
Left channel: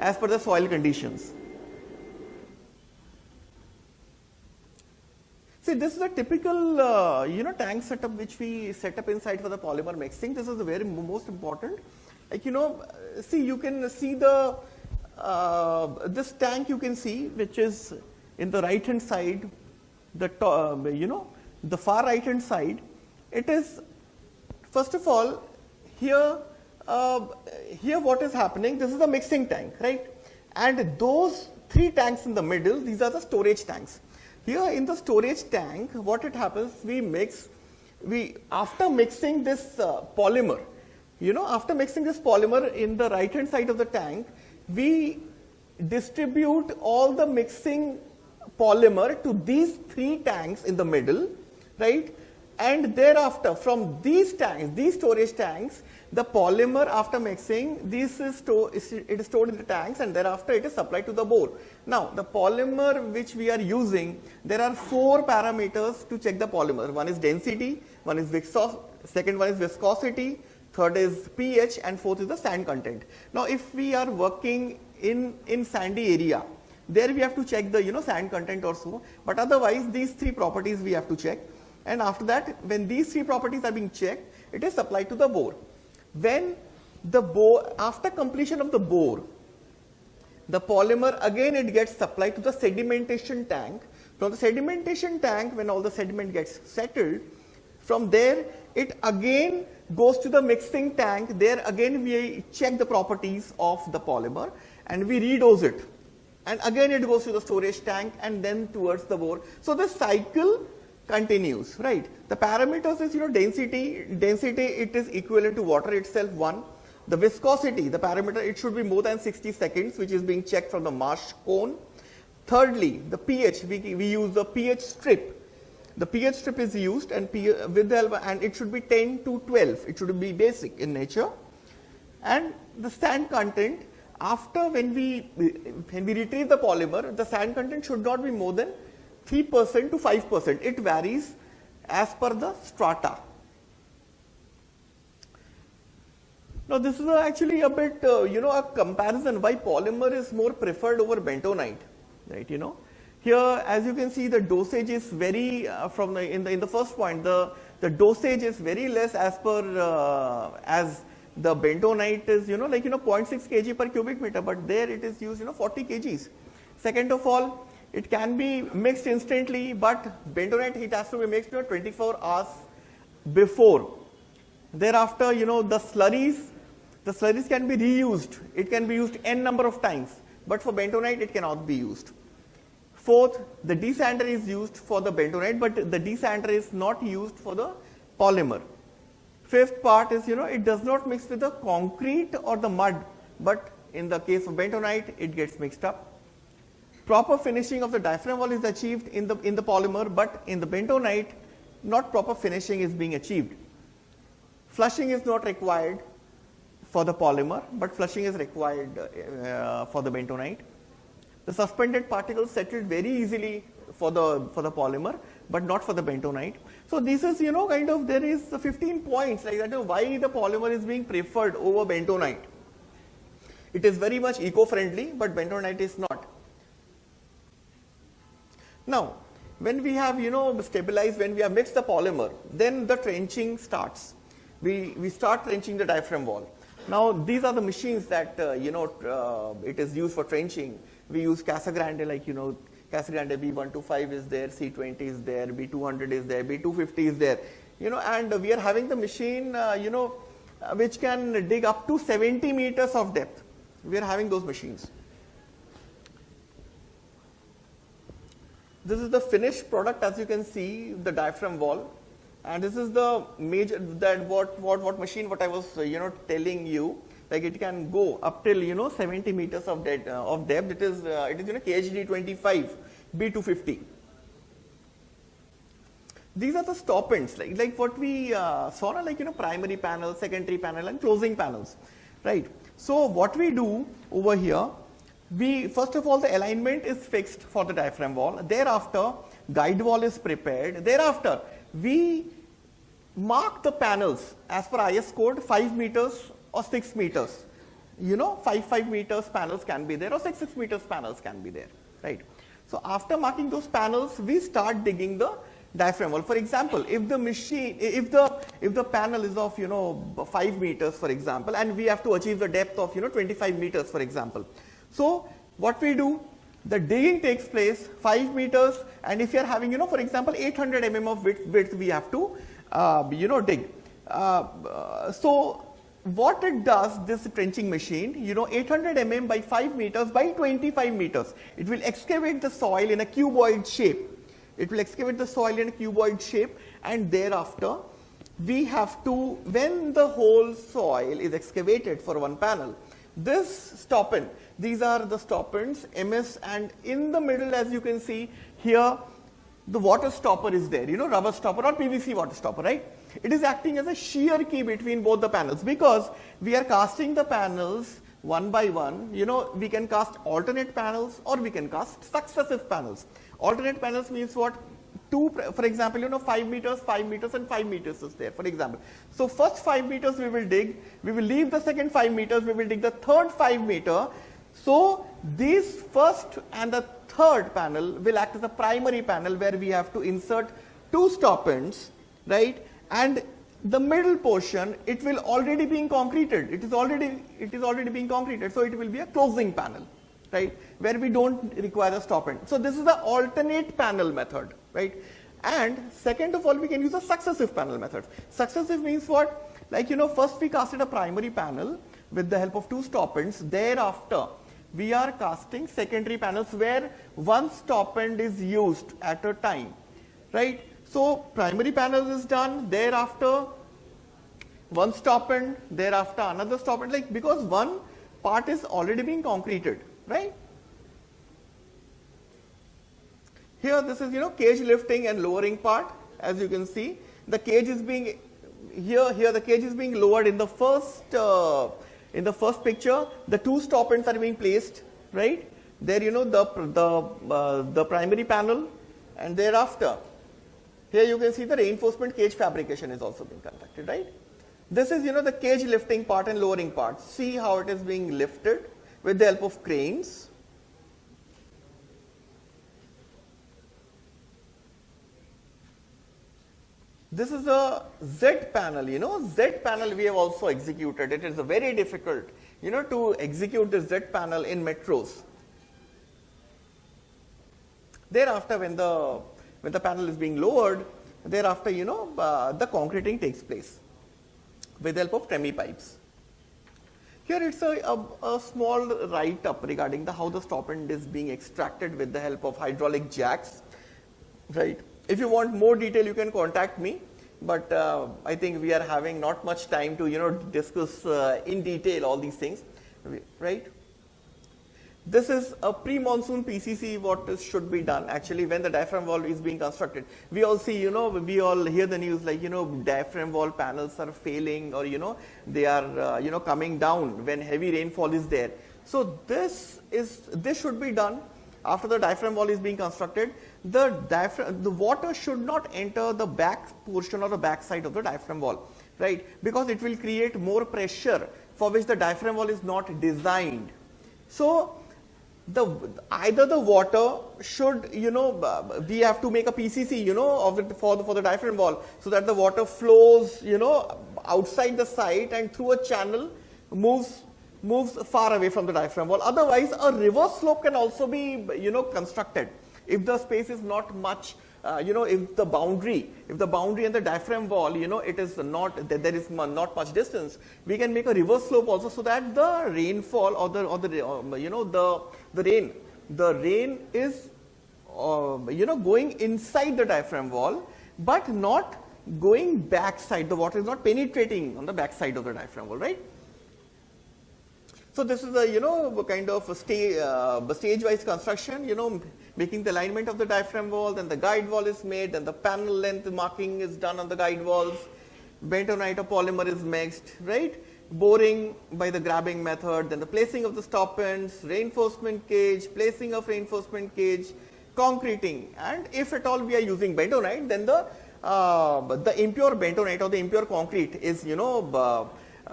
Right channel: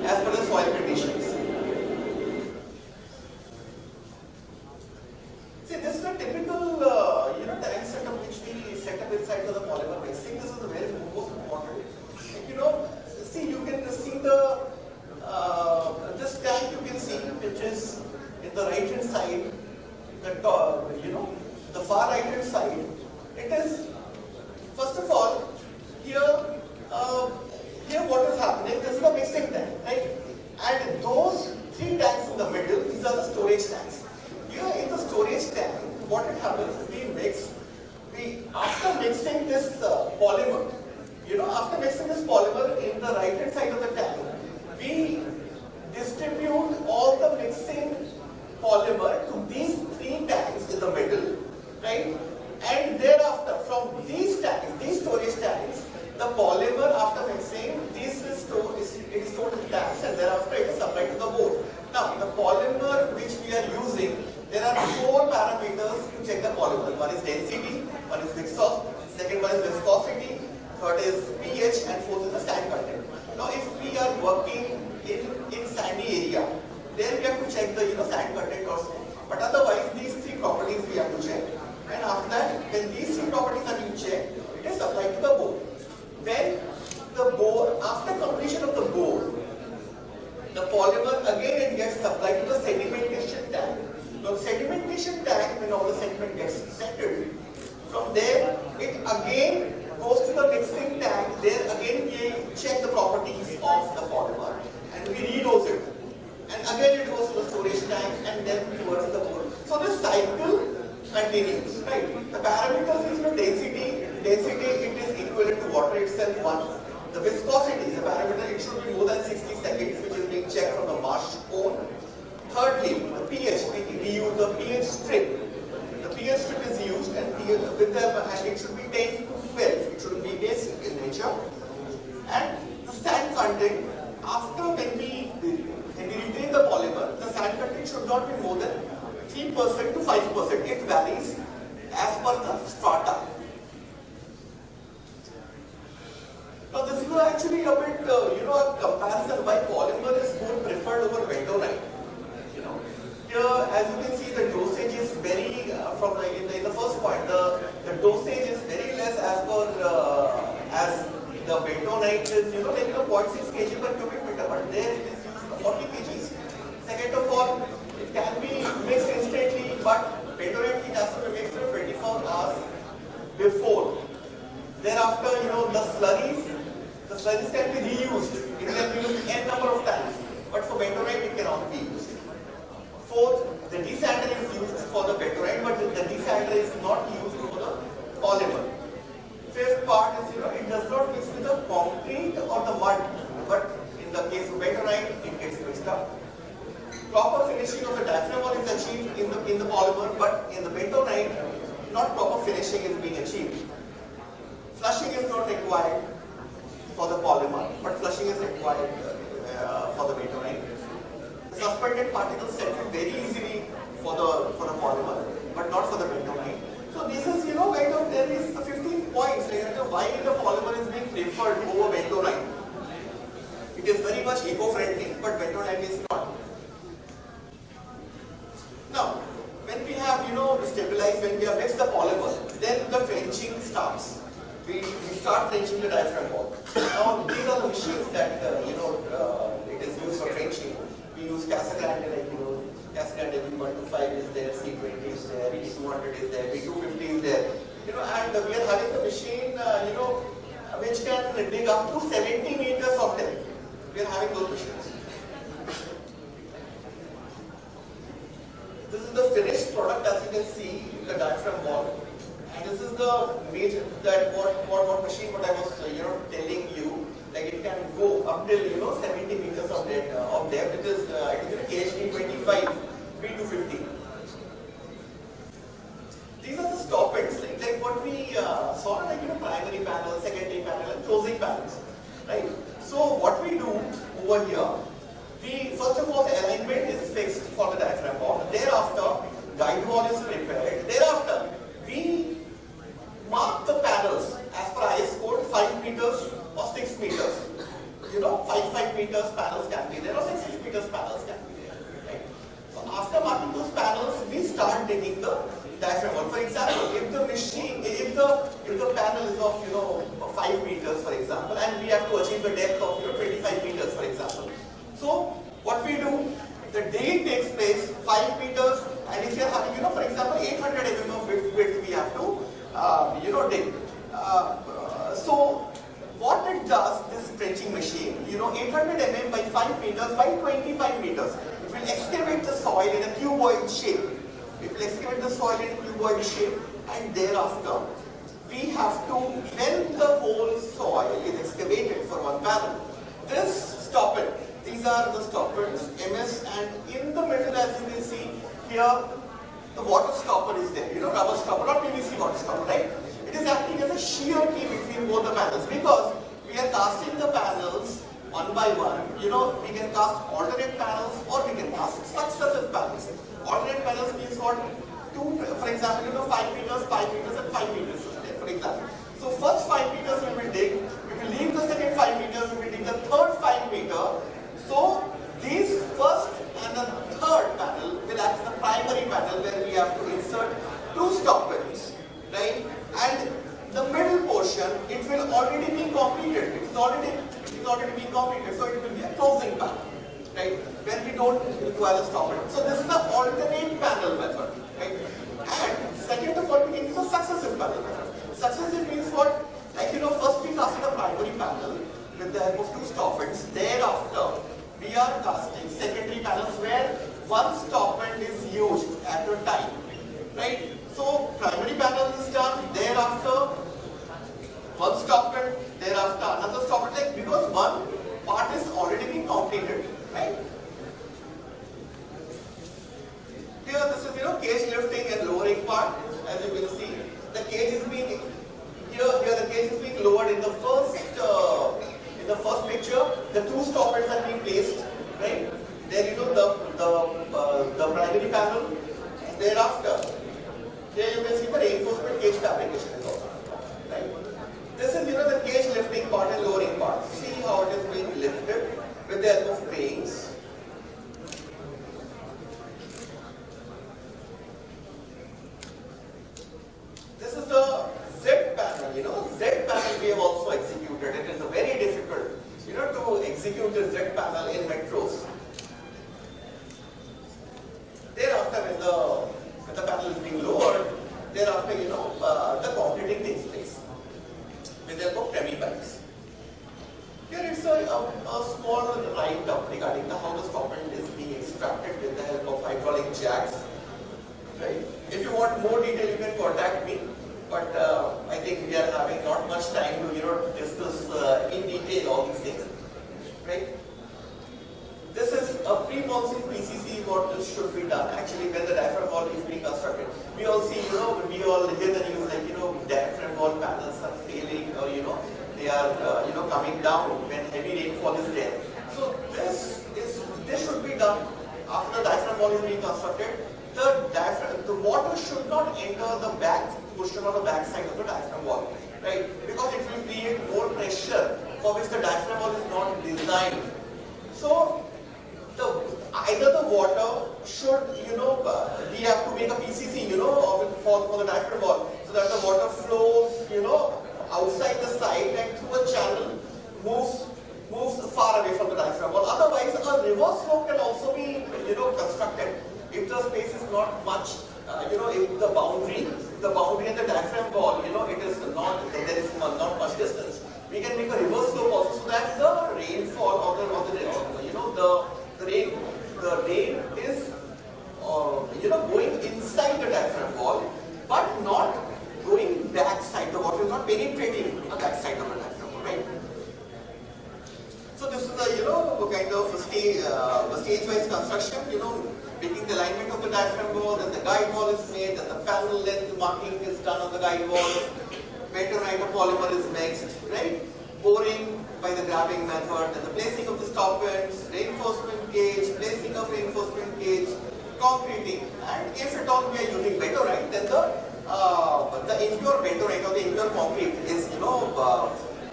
as per the soil conditions. See, this is a typical, tank setup which we set up inside for the polymer mixing. This is the very most important. See, you can see the this tank you can see, which is in the right hand side, the far right hand side. It is, first of all, here what is happening, this is the mixing tank, right? And those 3 tanks in the middle, these are the storage tanks. Here in the storage tank, what it happens, after mixing this polymer, after mixing this polymer in the right hand side of the tank, we distribute all the mixing polymer to these 3 tanks in the middle, right? And thereafter, from these tanks, these storage tanks, the polymer after mixing, it is stored in the tanks, and thereafter it is supplied to the board. Now, the polymer which we are using, there are 4 parameters to check the polymer. One is density, one is second one is viscosity, third is pH, and fourth is the sand content. Now, if we are working in sandy area, there we have to check the sand content or so. But otherwise, these 3 properties we have to check. And after that, when these 3 properties are being checked, it is supplied to the board. When the board, after completion of the board, the polymer again it gets supplied to the sedimentation tank. From the sedimentation tank, when all the sediment gets settled, from there it again goes to the mixing tank. There again we check the properties of the polymer and we redose it. And again it goes to the storage tank and then towards the board. So this cycle continues, right? The parameters is density. Density, it is equivalent to water itself, 1. The viscosity, the parameter, it should be more than 60 seconds, which is being checked from the marsh cone. Thirdly, the pH, we use the pH strip. The pH strip is used and it should be 10 to 12. It should be basic in nature. And the sand content, after when we retrieve the polymer, the sand content should not be more than 3% to 5%. It varies as per the strata. Now this is actually a bit, a comparison why polymer is more preferred over bentonite. Right, Here, as you can see, the dosage is very, in the first point, the dosage is very less as per, as the bentonite is, 0.6 kg per cubic meter, but there it is used, 40 kgs. Second of all, it can be mixed instantly, but bentonite it has to be mixed 24 hours before. Thereafter, the slurries can be reused. It can be used n number of times, but for bentonite it cannot be used. Fourth, the desander is used for the bentonite, but the desander is not used for the polymer. Fifth part is, it does not mix with the concrete or the mud, but in the case of bentonite, it gets mixed up. Proper finishing of the diaphragm wall is achieved in the polymer, but in the bentonite, not proper finishing is being achieved. Flushing is not required for the polymer, but flushing is required for the bentonite. The suspended particles settle very easily for the polymer, but not for the bentonite. So this is, there is the 15 points, why the polymer is being preferred over bentonite. It is very much eco-friendly, but bentonite is not. Now, when we have, stabilized, when we have mixed the polymer, then the trenching starts. We start trenching the diaphragm wall. Now, these are the machines that, it is used for trenching. We use Casa Grande, Casa Grande B125 is there, C20 is there, B200 is there, B250 is there. And we are having the machine, which can dig up to 70 meters of depth. We are having those machines. This is the finished product, as you can see, the diaphragm wall. And this is the major, what machine, what I was, telling you, it can go up till, 70 meters of depth. It is KHD 25, B250. These are the stop ends, like what we saw, primary panel, secondary panel, and closing panels, right? So what we do over here, first of all, the alignment is fixed for the diaphragm wall. Thereafter, guide wall is prepared. Thereafter, we mark the panels as per IS code 5 meters or 6 meters. 5 meters panels can be there, or 6 meters panels can be there, right? So after marking those panels, we start digging the diaphragm wall. For example, if the panel is of 5 meters, for example, and we have to achieve the depth of 25 meters, for example. So what we do, the digging takes place 5 meters, and if you are having for example 800 mm of width, we have to dig. So what it does, this trenching machine, 800 mm by 5 meters by 25 meters, it will excavate the soil in a cuboid shape. It will excavate the soil in a cuboid shape, and thereafter we have to, when the whole soil is excavated for one panel, this stoppant, these are the stoppants, MS, and in the middle, as you can see here, the water stopper is there, rubber stopper or PVC water stopper, right? It is acting as a shear key between both the panels, because we are casting the panels one by one. We can cast alternate panels or we can cast successive panels. Alternate panels means what? For example, 5 meters, 5 meters, and 5 meters is there, for example. So first 5 meters we will dig, we will leave the second 5 meters, we will dig the third 5 meter. So these first and the third panel will act as a primary panel where we have to insert 2 stoppants, right? And the middle portion, it will already be completed. It is already being completed. So it will be a closing panel, right? Where we don't require a stoppant. So this is the alternate panel method, right? And second of all, we can use a successive panel method. Successive means what? Like first we casted a primary panel with the help of 2 stoppants. Thereafter, we are casting secondary panels where one stoppant is used at a time, right? So primary panel is done, thereafter one stoppant, thereafter another stoppant, like, because one part is already being completed, right? Here this is cage lifting and lowering part. As you can see, the cage is being here the cage is being lowered in the first picture. The 2 stoppants are being placed, right? There the primary panel, and thereafter here you can see the reinforcement cage fabrication is also done, right? This is the cage lifting part and lowering part. See how it is being lifted with the help of cranes. This is a Z panel, Z panel we have also executed. It is very difficult, to execute the Z panel in metros. Thereafter, when the panel is being lowered, thereafter, the concreting takes place with the help of tremie pipes. Here it's a small write-up regarding how the stoppant is being extracted with the help of hydraulic jacks. Right. If you want more detail, you can contact me. But I think we are having not much time to discuss in detail all these things. Right. This is a pre-monsoon PCC. What should be done actually when the diaphragm wall is being constructed? We all see, we all hear the news like diaphragm wall panels are failing, or they are coming down when heavy rainfall is there. So this should be done after the diaphragm wall is being constructed. The water should not enter the back portion or the back side of the diaphragm wall, right? Because it will create more pressure for which the diaphragm wall is not designed. So either the water should, we have to make a PCC, for the diaphragm wall, so that the water flows, outside the site and through a channel moves far away from the diaphragm wall. Otherwise, a reverse slope can also be, constructed. If the space is not much, if the boundary and the diaphragm wall, it is not, there is not much distance, we can make a reverse slope also, so that the rainfall the rain is going inside the diaphragm wall, but not going backside. The water is not penetrating on the backside of the diaphragm wall, right? So this is a kind of the stage-wise construction. Making the alignment of the diaphragm wall, then the guide wall is made, then the panel length marking is done on the guide wall. Bentonite polymer is mixed, right? Boring by the grabbing method, then the placing of the stoppants, reinforcement cage, placing of reinforcement cage, concreting, and if at all we are using bentonite, then the impure bentonite or the impure concrete is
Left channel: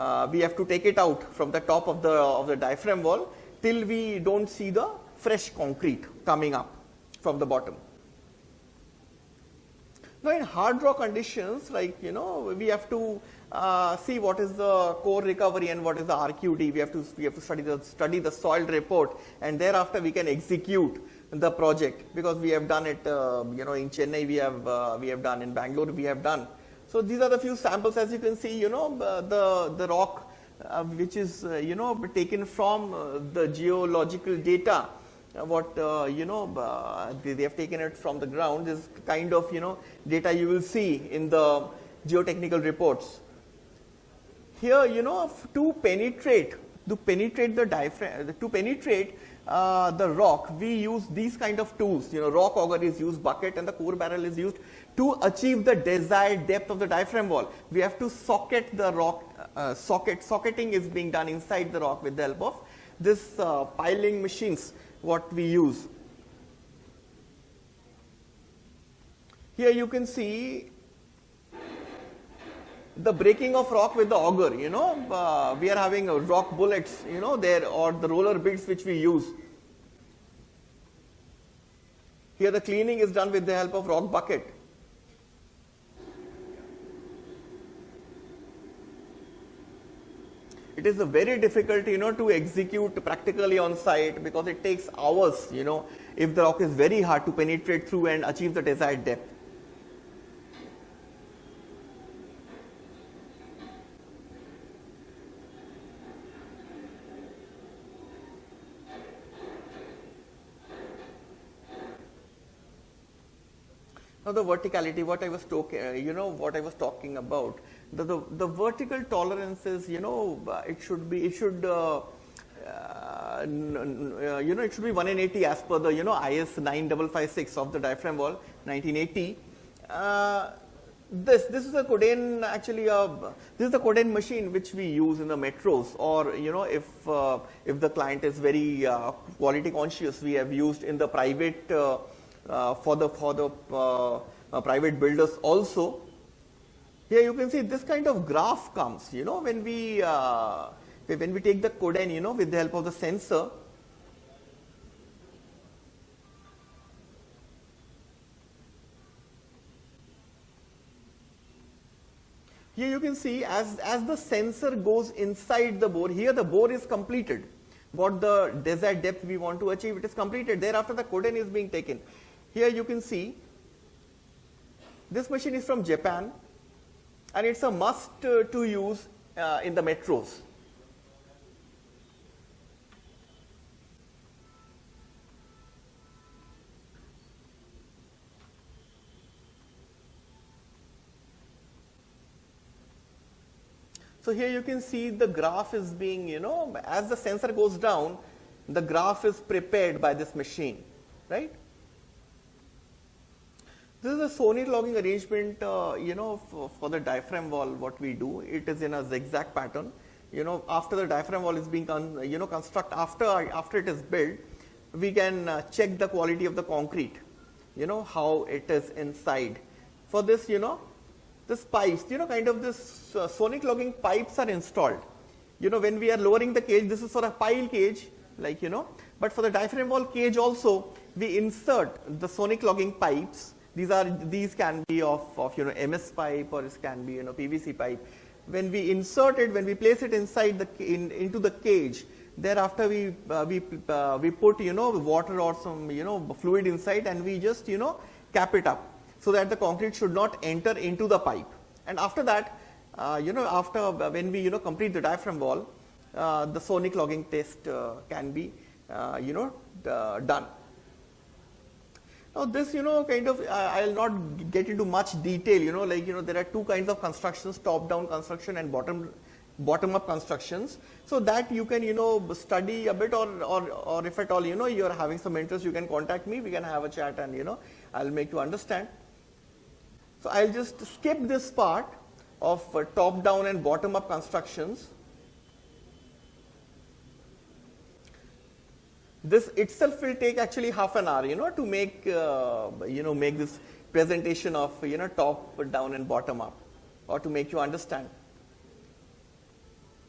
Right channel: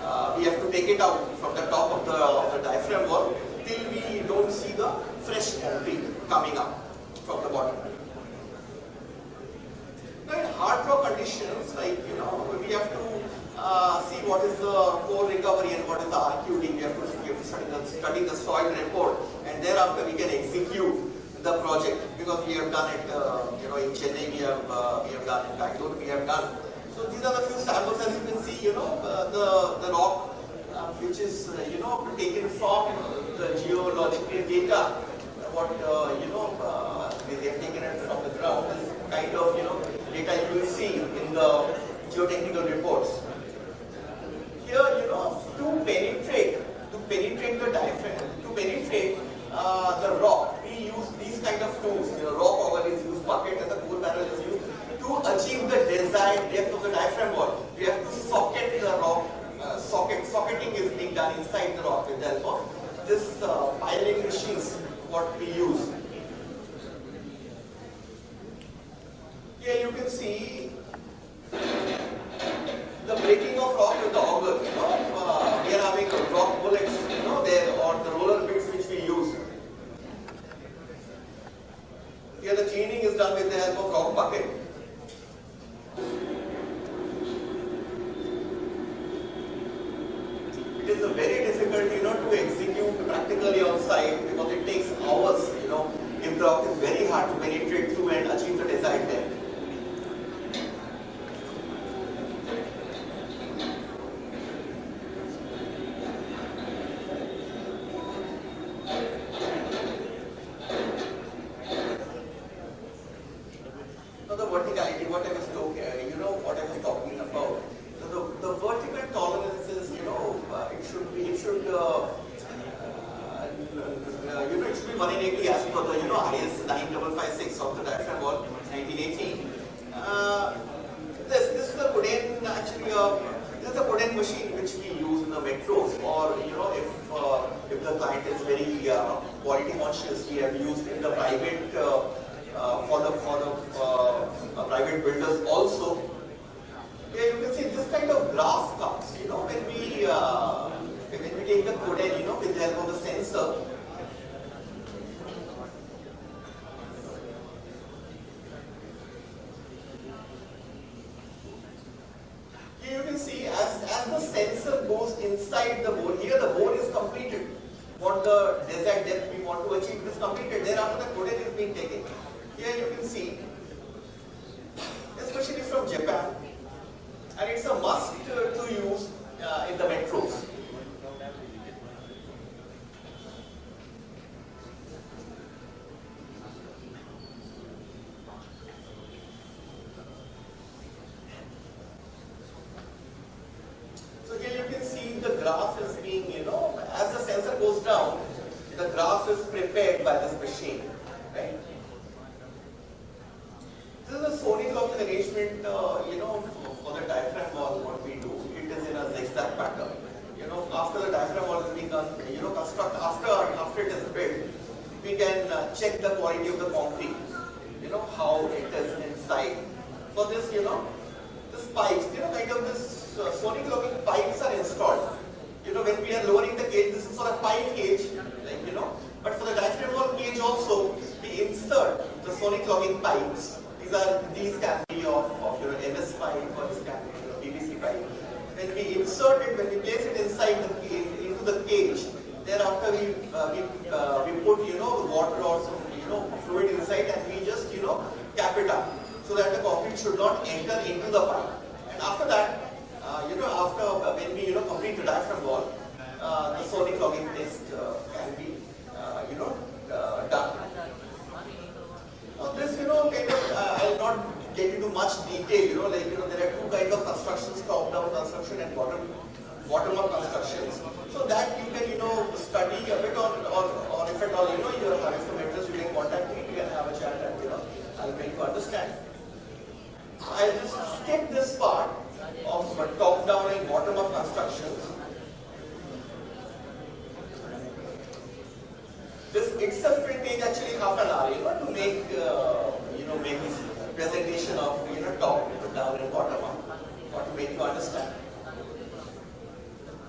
we have to take it out from the top of the diaphragm wall till we don't see the fresh concrete coming up from the bottom. Now in hard rock conditions, like we have to see what is the core recovery and what is the RQD. We have to study the soil report, and thereafter we can execute the project, because we have done it in Chennai, we have done in Bangalore, we have done. So these are the few samples. As you can see, the rock which is taken from the geological data. What they have taken it from the ground is kind of data you will see in the geotechnical reports. Here, to penetrate the diaphragm, to penetrate the rock, we use these kind of tools. Rock auger is used, bucket and the core barrel is used to achieve the desired depth of the diaphragm wall. We have to socket the rock. Socketing is being done inside the rock with the help of this piling machines what we use. Here you can see the breaking of rock with the auger. We are having rock bullets, there, or the roller bits which we use. Here the cleaning is done with the help of rock bucket. It is very difficult, to execute practically on site, because it takes hours, if the rock is very hard to penetrate through and achieve the desired depth. Now the verticality, what I was talking about. The vertical tolerances, it should be 180 as per the IS 9556 of the diaphragm wall 1980. This is the Coden, actually this is the Coden machine which we use in the metros, or if the client is very quality conscious, we have used in the private for the private builders also. Here you can see this kind of graph comes, when we take the Coden, with the help of the sensor. Here you can see as the sensor goes inside the bore, here the bore is completed. What the desired depth we want to achieve, it is completed. Thereafter the Coden is being taken. Here you can see this machine is from Japan, and it's a must to use in the metros. So here you can see the graph is being, as the sensor goes down, the graph is prepared by this machine, right? This is a Sony logging arrangement, for the diaphragm wall. What we do, it is in a zigzag pattern. After the diaphragm wall is being, construct, after it is built, we can check the quality of the concrete. How it is inside. For this, this pipes, kind of this sonic logging pipes are installed. When we are lowering the cage, this is for a pile cage, but for the diaphragm wall cage also, we insert the sonic logging pipes. These can be of MS pipe, or it can be PVC pipe. When we insert it, when we place it inside into the cage, thereafter we put water or some fluid inside, and we just cap it up so that the concrete should not enter into the pipe. And after that, after when we complete the diaphragm wall, the sonic logging test can be done. Now this, kind of, I'll not get into much detail, there are two kinds of constructions, top-down construction and bottom-up constructions. So that you can, study a bit, or if at all, you are having some interest, you can contact me, we can have a chat, and, I'll make you understand. So I'll just skip this part of top-down and bottom-up constructions. This itself will take actually half an hour, to make, make this presentation of, top, down and bottom up, or to make you understand.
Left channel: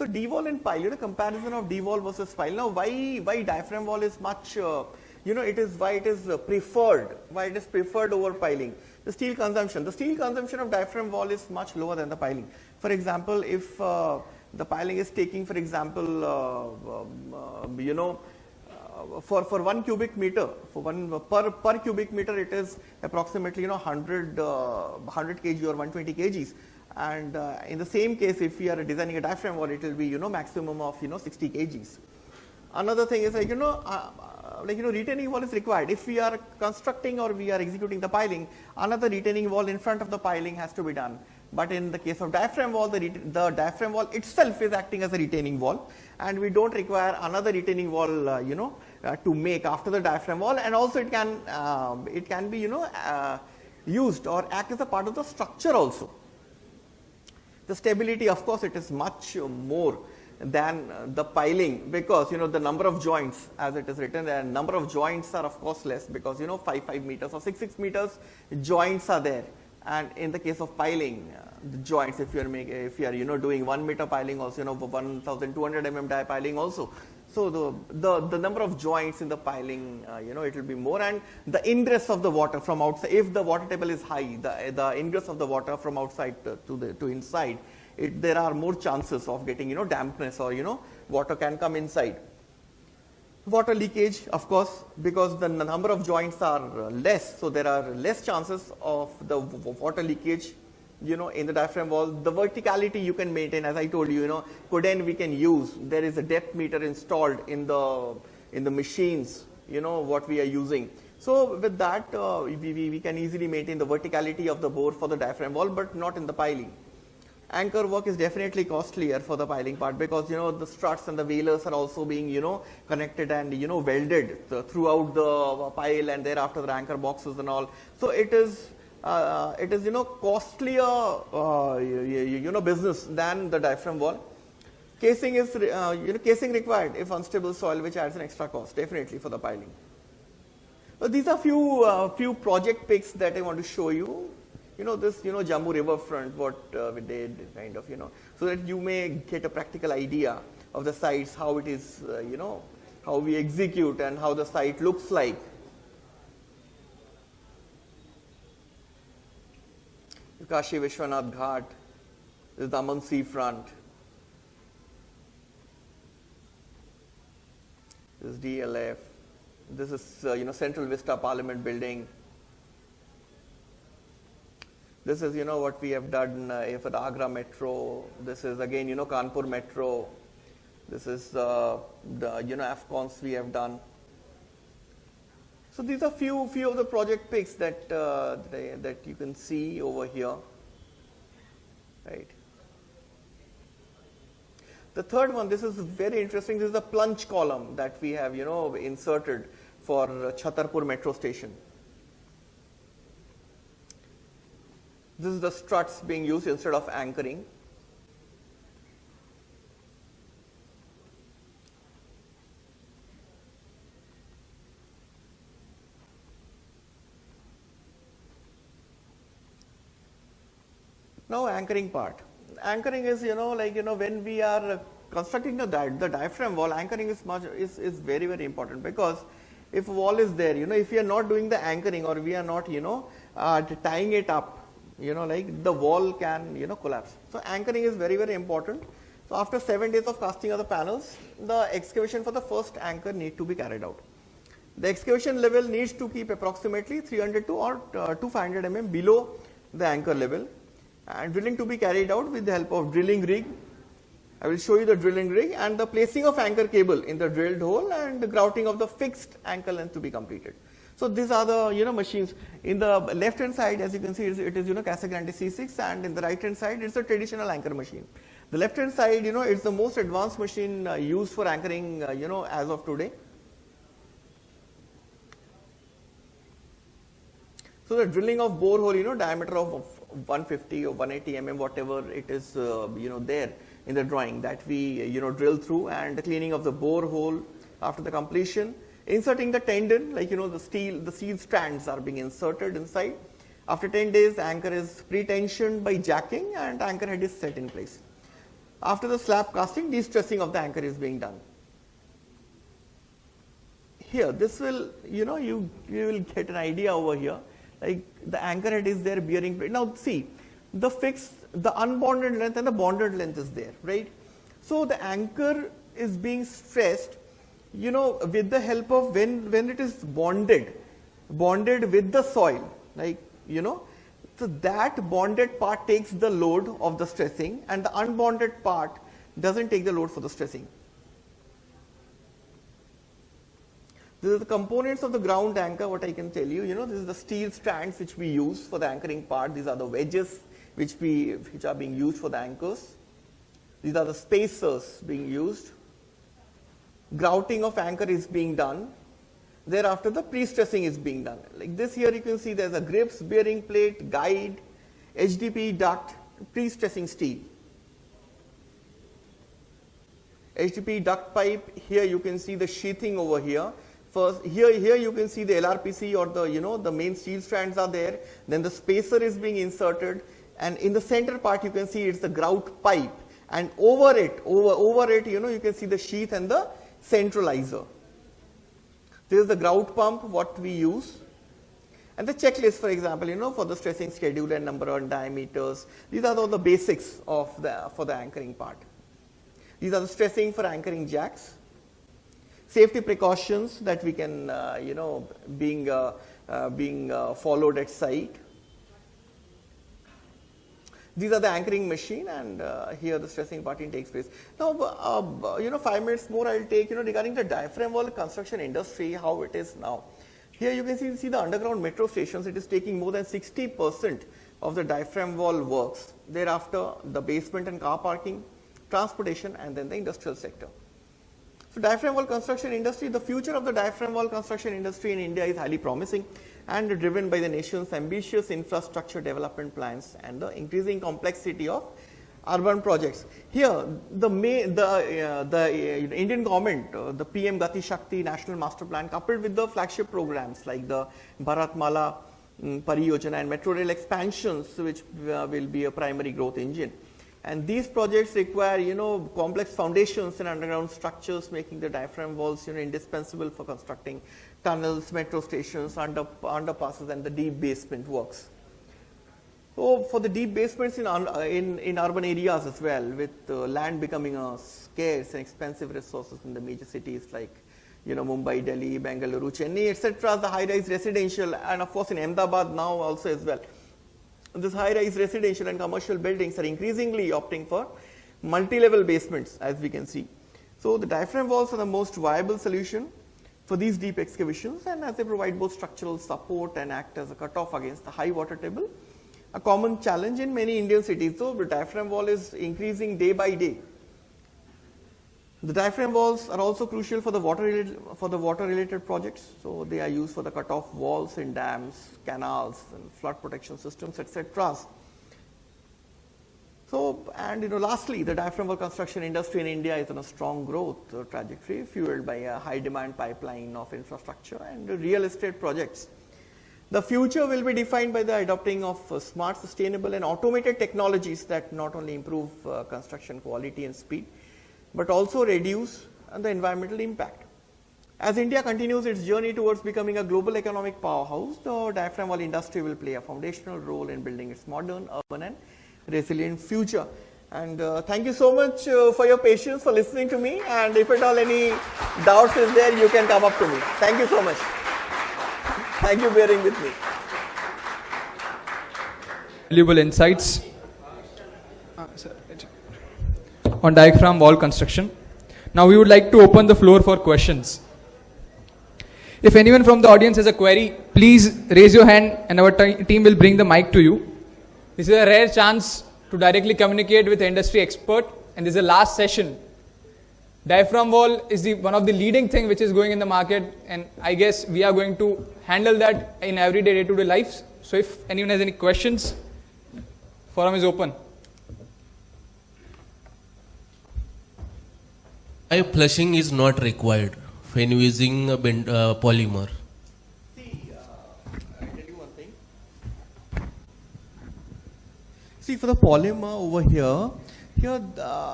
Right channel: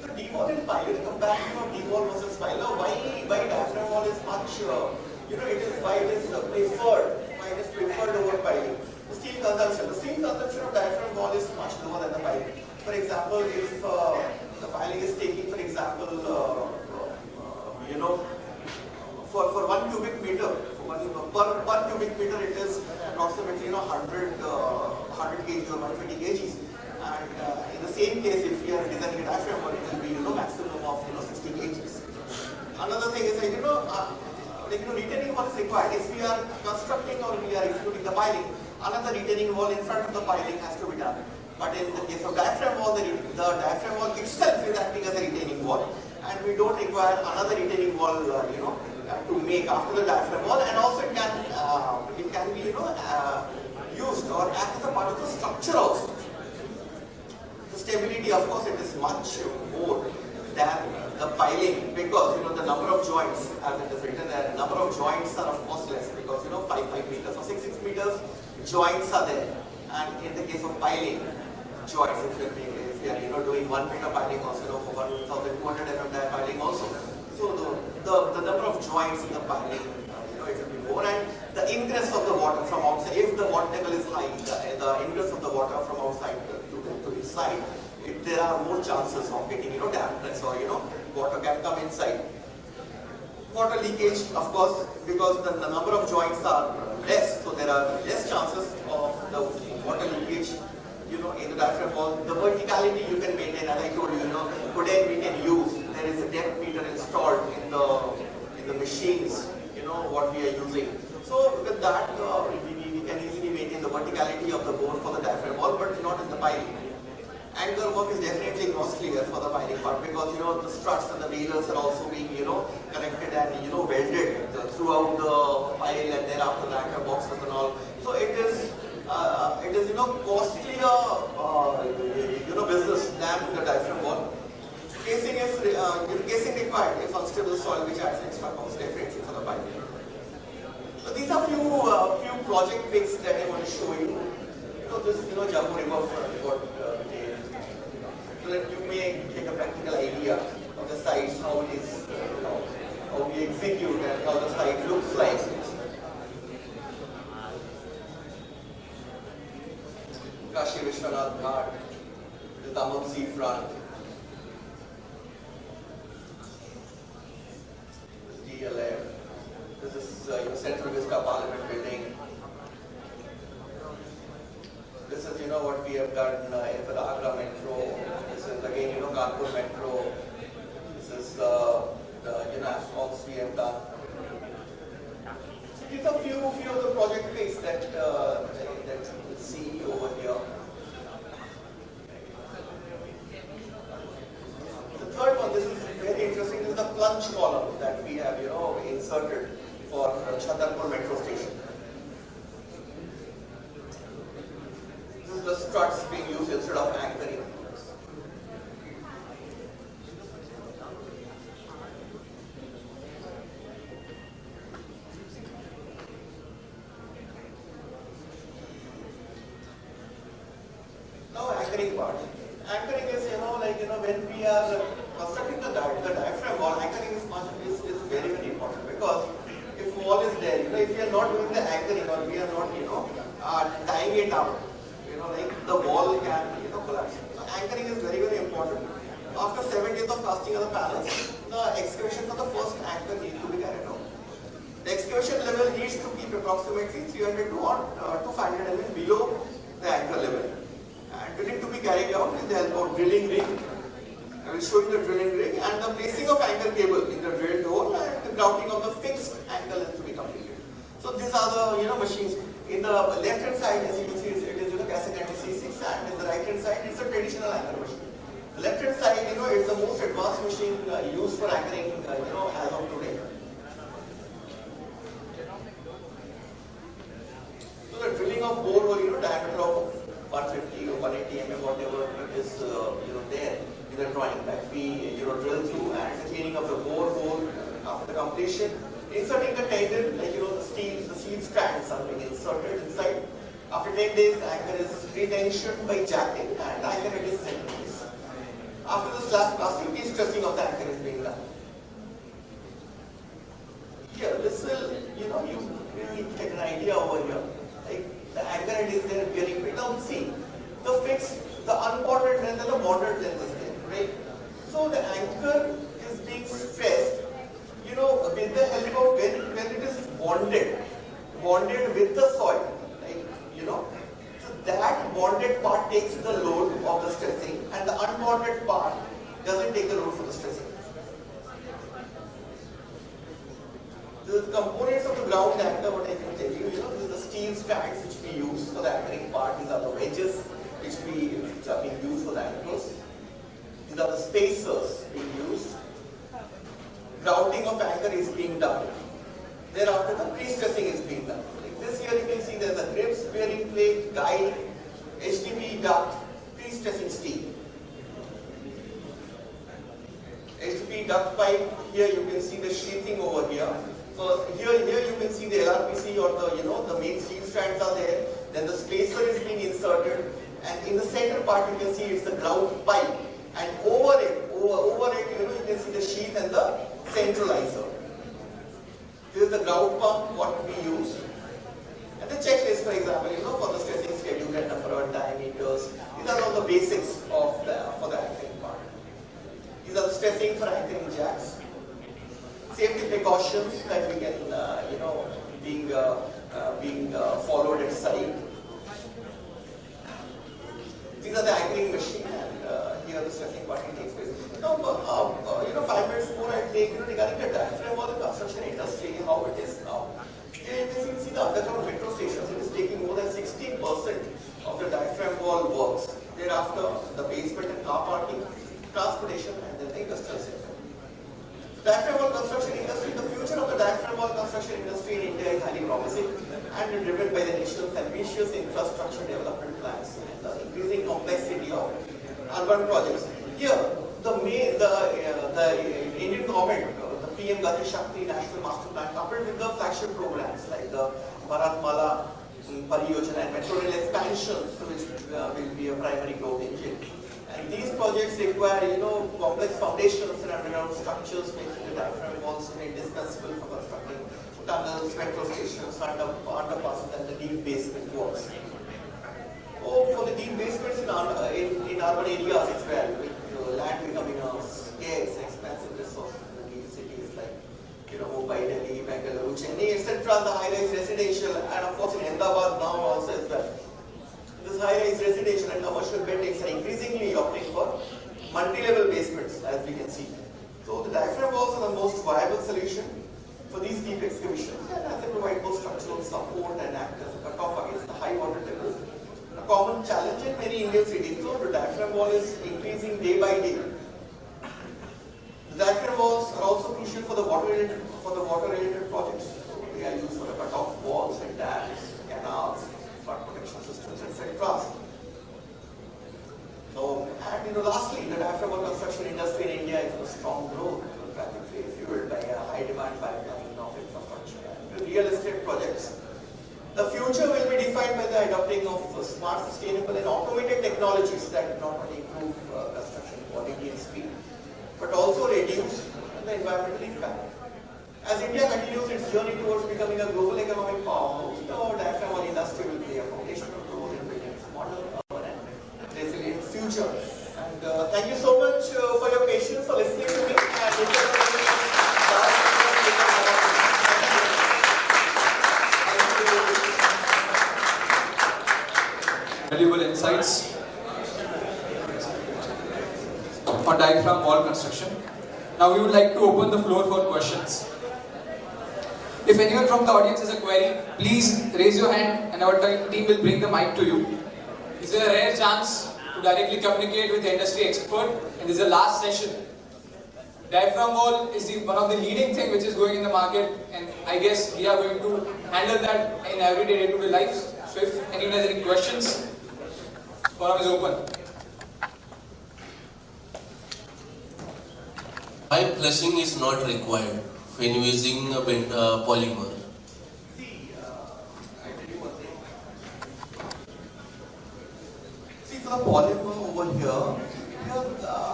So D-wall and pile, comparison of D-wall versus pile. Now why diaphragm wall is much, it is why it is preferred over piling. The steel consumption of diaphragm wall is much lower than the piling. For example, if the piling is taking, for example, for 1 cubic meter, per cubic meter it is approximately 100 kg or 120 kgs. And in the same case, if we are designing a diaphragm wall, it will be maximum of 60 kgs. Another thing is retaining wall is required. If we are constructing or we are executing the piling, another retaining wall in front of the piling has to be done. But in the case of diaphragm wall, the diaphragm wall itself is acting as a retaining wall, and we don't require another retaining wall, to make after the diaphragm wall. And also it can be used or act as a part of the structure also. The stability, of course, it is much more than the piling, because the number of joints, as it is written, the number of joints are of course less, because 5 meters or 6 meters joints are there. And in the case of piling, joints, if you are doing 1 meter piling also, 1200 mm die piling also. So the number of joints in the piling, it will be more, and the ingress of the water from outside, if the water table is high, the ingress of the water from outside to inside, there are more chances of getting dampness, or water can come inside. Water leakage, of course, because the number of joints are less, so there are less chances of the water leakage in the diaphragm wall. The verticality you can maintain, as I told you, Coden we can use. There is a depth meter installed in the machines, what we are using. So with that, we can easily maintain the verticality of the bore for the diaphragm wall, but not in the piling. Anchor work is definitely costlier for the piling part, because the struts and the bailers are also being connected and welded throughout the pile, and thereafter the anchor boxes and all. So it is costlier business than the diaphragm wall. Casing is casing required if unstable soil, which adds an extra cost definitely for the piling. So these are few project pics that I want to show you. This Jammu riverfront, what we did, kind of, so that you may get a practical idea of the sites, how it is, how we execute and how the site looks like. Kashi Vishwanath Ghat, this is Daman seafront. This is DLF. This is Central Vista Parliament building. This is what we have done for the Agra Metro. This is again Kanpur Metro. This is the AFCONs we have done. So these are few of the project pics that you can see over here. Right. The third one, this is very interesting. This is the plunge column that we have inserted for Chhatarpur Metro Station. This is the struts being used instead of anchoring. Now anchoring part. Anchoring is when we are constructing the diaphragm wall, anchoring is very, very important, because if wall is there, if we are not doing the anchoring, or we are not tying it up, the wall can collapse. So anchoring is very, very important. After 7 days of casting of the panels, the excavation for the first anchor needs to be carried out. The excavation level needs to keep approximately 300 to 500 mm below the anchor level, and drilling to be carried out with the help of drilling rig. I will show you the drilling rig, and the placing of anchor cable in the drilled hole, and the grouting of the fixed anchor length to be completed. So these are the machines. In the left hand side, as you can see, it is Casagrande C6, and in the right hand side, it's a traditional anchor machine. The left hand side, is the most advanced machine used for anchoring, as of today. So the drilling of bore hole, diameter of 150 or 180 mm, whatever it is, there in the drawing, that we, drill through, and the cleaning of the bore hole after the completion. Inserting the tendon, the steel strands are being inserted inside. After 10 days, the anchor is retensioned by jacking, and the anchor head is set in place. After the slab casting, de-stressing of the anchor is being done. Here, this will, you will get an idea over here. Like the anchor end is there bearing. Now see, the fixed, the unbonded length and the bonded length is there, right? So the anchor is being stressed, with the help of when it is bonded with the soil, so that bonded part takes the load of the stressing and the unbonded part doesn't take the load for the stressing. This is the components of the ground anchor, what I can tell you, this is the steel strands which we use for the anchoring part. These are the wedges which are being used for the anchors. These are the spacers being used. Grouting of anchor is being done. Thereafter the pre-stressing is being done. Like this here you can see there's a grips, bearing plate, guide, HDP duct, pre-stressing steel. HDP duct pipe, here you can see the sheathing over here. First, here you can see the LRPC or the main steel strands are there. Then the spacer is being inserted, and in the center part you can see it's the grout pipe, and over it, you can see the sheath and the centralizer. This is the grout pump what we use, and the checklist, for example, for the stressing schedule and number of diameters. These are all the basics of for the anchoring part. These are the stressing for anchoring jacks. Safety precautions that we can, being followed at site. These are the anchoring machine, and here the stressing parting takes place. Now, 5 minutes more I'll take, regarding the diaphragm wall construction industry, how it is now. Here you can see the underground metro stations. It is taking more than 60% of the diaphragm wall works. Thereafter, the basement and car parking, transportation, and then the industrial sector. Diaphragm wall construction industry, the future of the diaphragm wall construction industry in India is highly promising and driven by the nation's ambitious infrastructure development plans and the increasing complexity of urban projects. Here, the Indian government, the PM Gati Shakti National Master Plan, coupled with the flagship programs like the Bharatmala Pariyojana and Metro Rail expansions, which will be a primary growth engine. And these projects require, complex foundations and underground structures, making the diaphragm walls indispensable for constructing tunnels, metro stations, underpasses, and the deep basement works. So, for the deep basements in urban areas as well, with land becoming a scarce and expensive resources in the major cities like, Mumbai, Delhi, Bengaluru, Chennai, etc., the high-rise residential, and of course in Ahmedabad now also as well. This high-rise residential and commercial buildings are increasingly opting for multi-level basements, as we can see. So the diaphragm walls are the most viable solution for these deep excavations, and as they provide both structural support and act as a cutoff against the high water tables. A common challenge in many Indian cities, though, the diaphragm wall is increasing day by day. The diaphragm walls are also crucial for the water-related projects. So they are used for the cutoff walls in dams, canals, flood protection systems, etc. So, and lastly, the diaphragm wall construction industry in India is on a strong growth trajectory, fueled by a high demand pipeline of infrastructure and real estate projects. The future will be defined by the adopting of smart, sustainable, and automated technologies that not only improve construction quality and speed, but also reduce the environmental impact. As India continues its journey towards becoming a global economic powerhouse, the diaphragm wall industry will play a foundational role in building its modern, urban, and resilient future. And thank you so much for your patience, for listening to me. And if at all any doubts is there, you can come up to me. Thank you so much. Thank you for bearing with me. Valuable insights on diaphragm wall construction. Now we would like to open the floor for questions. If anyone from the audience has a query, please raise your hand and our team will bring the mic to you. This is a rare chance to directly communicate with an industry expert, and this is the last session. Diaphragm wall is one of the leading thing which is going in the market, and I guess we are going to handle that in everyday day-to-day life. So if anyone has any questions, forum is open. Flushing is not required when using a polymer. See, for the polymer over here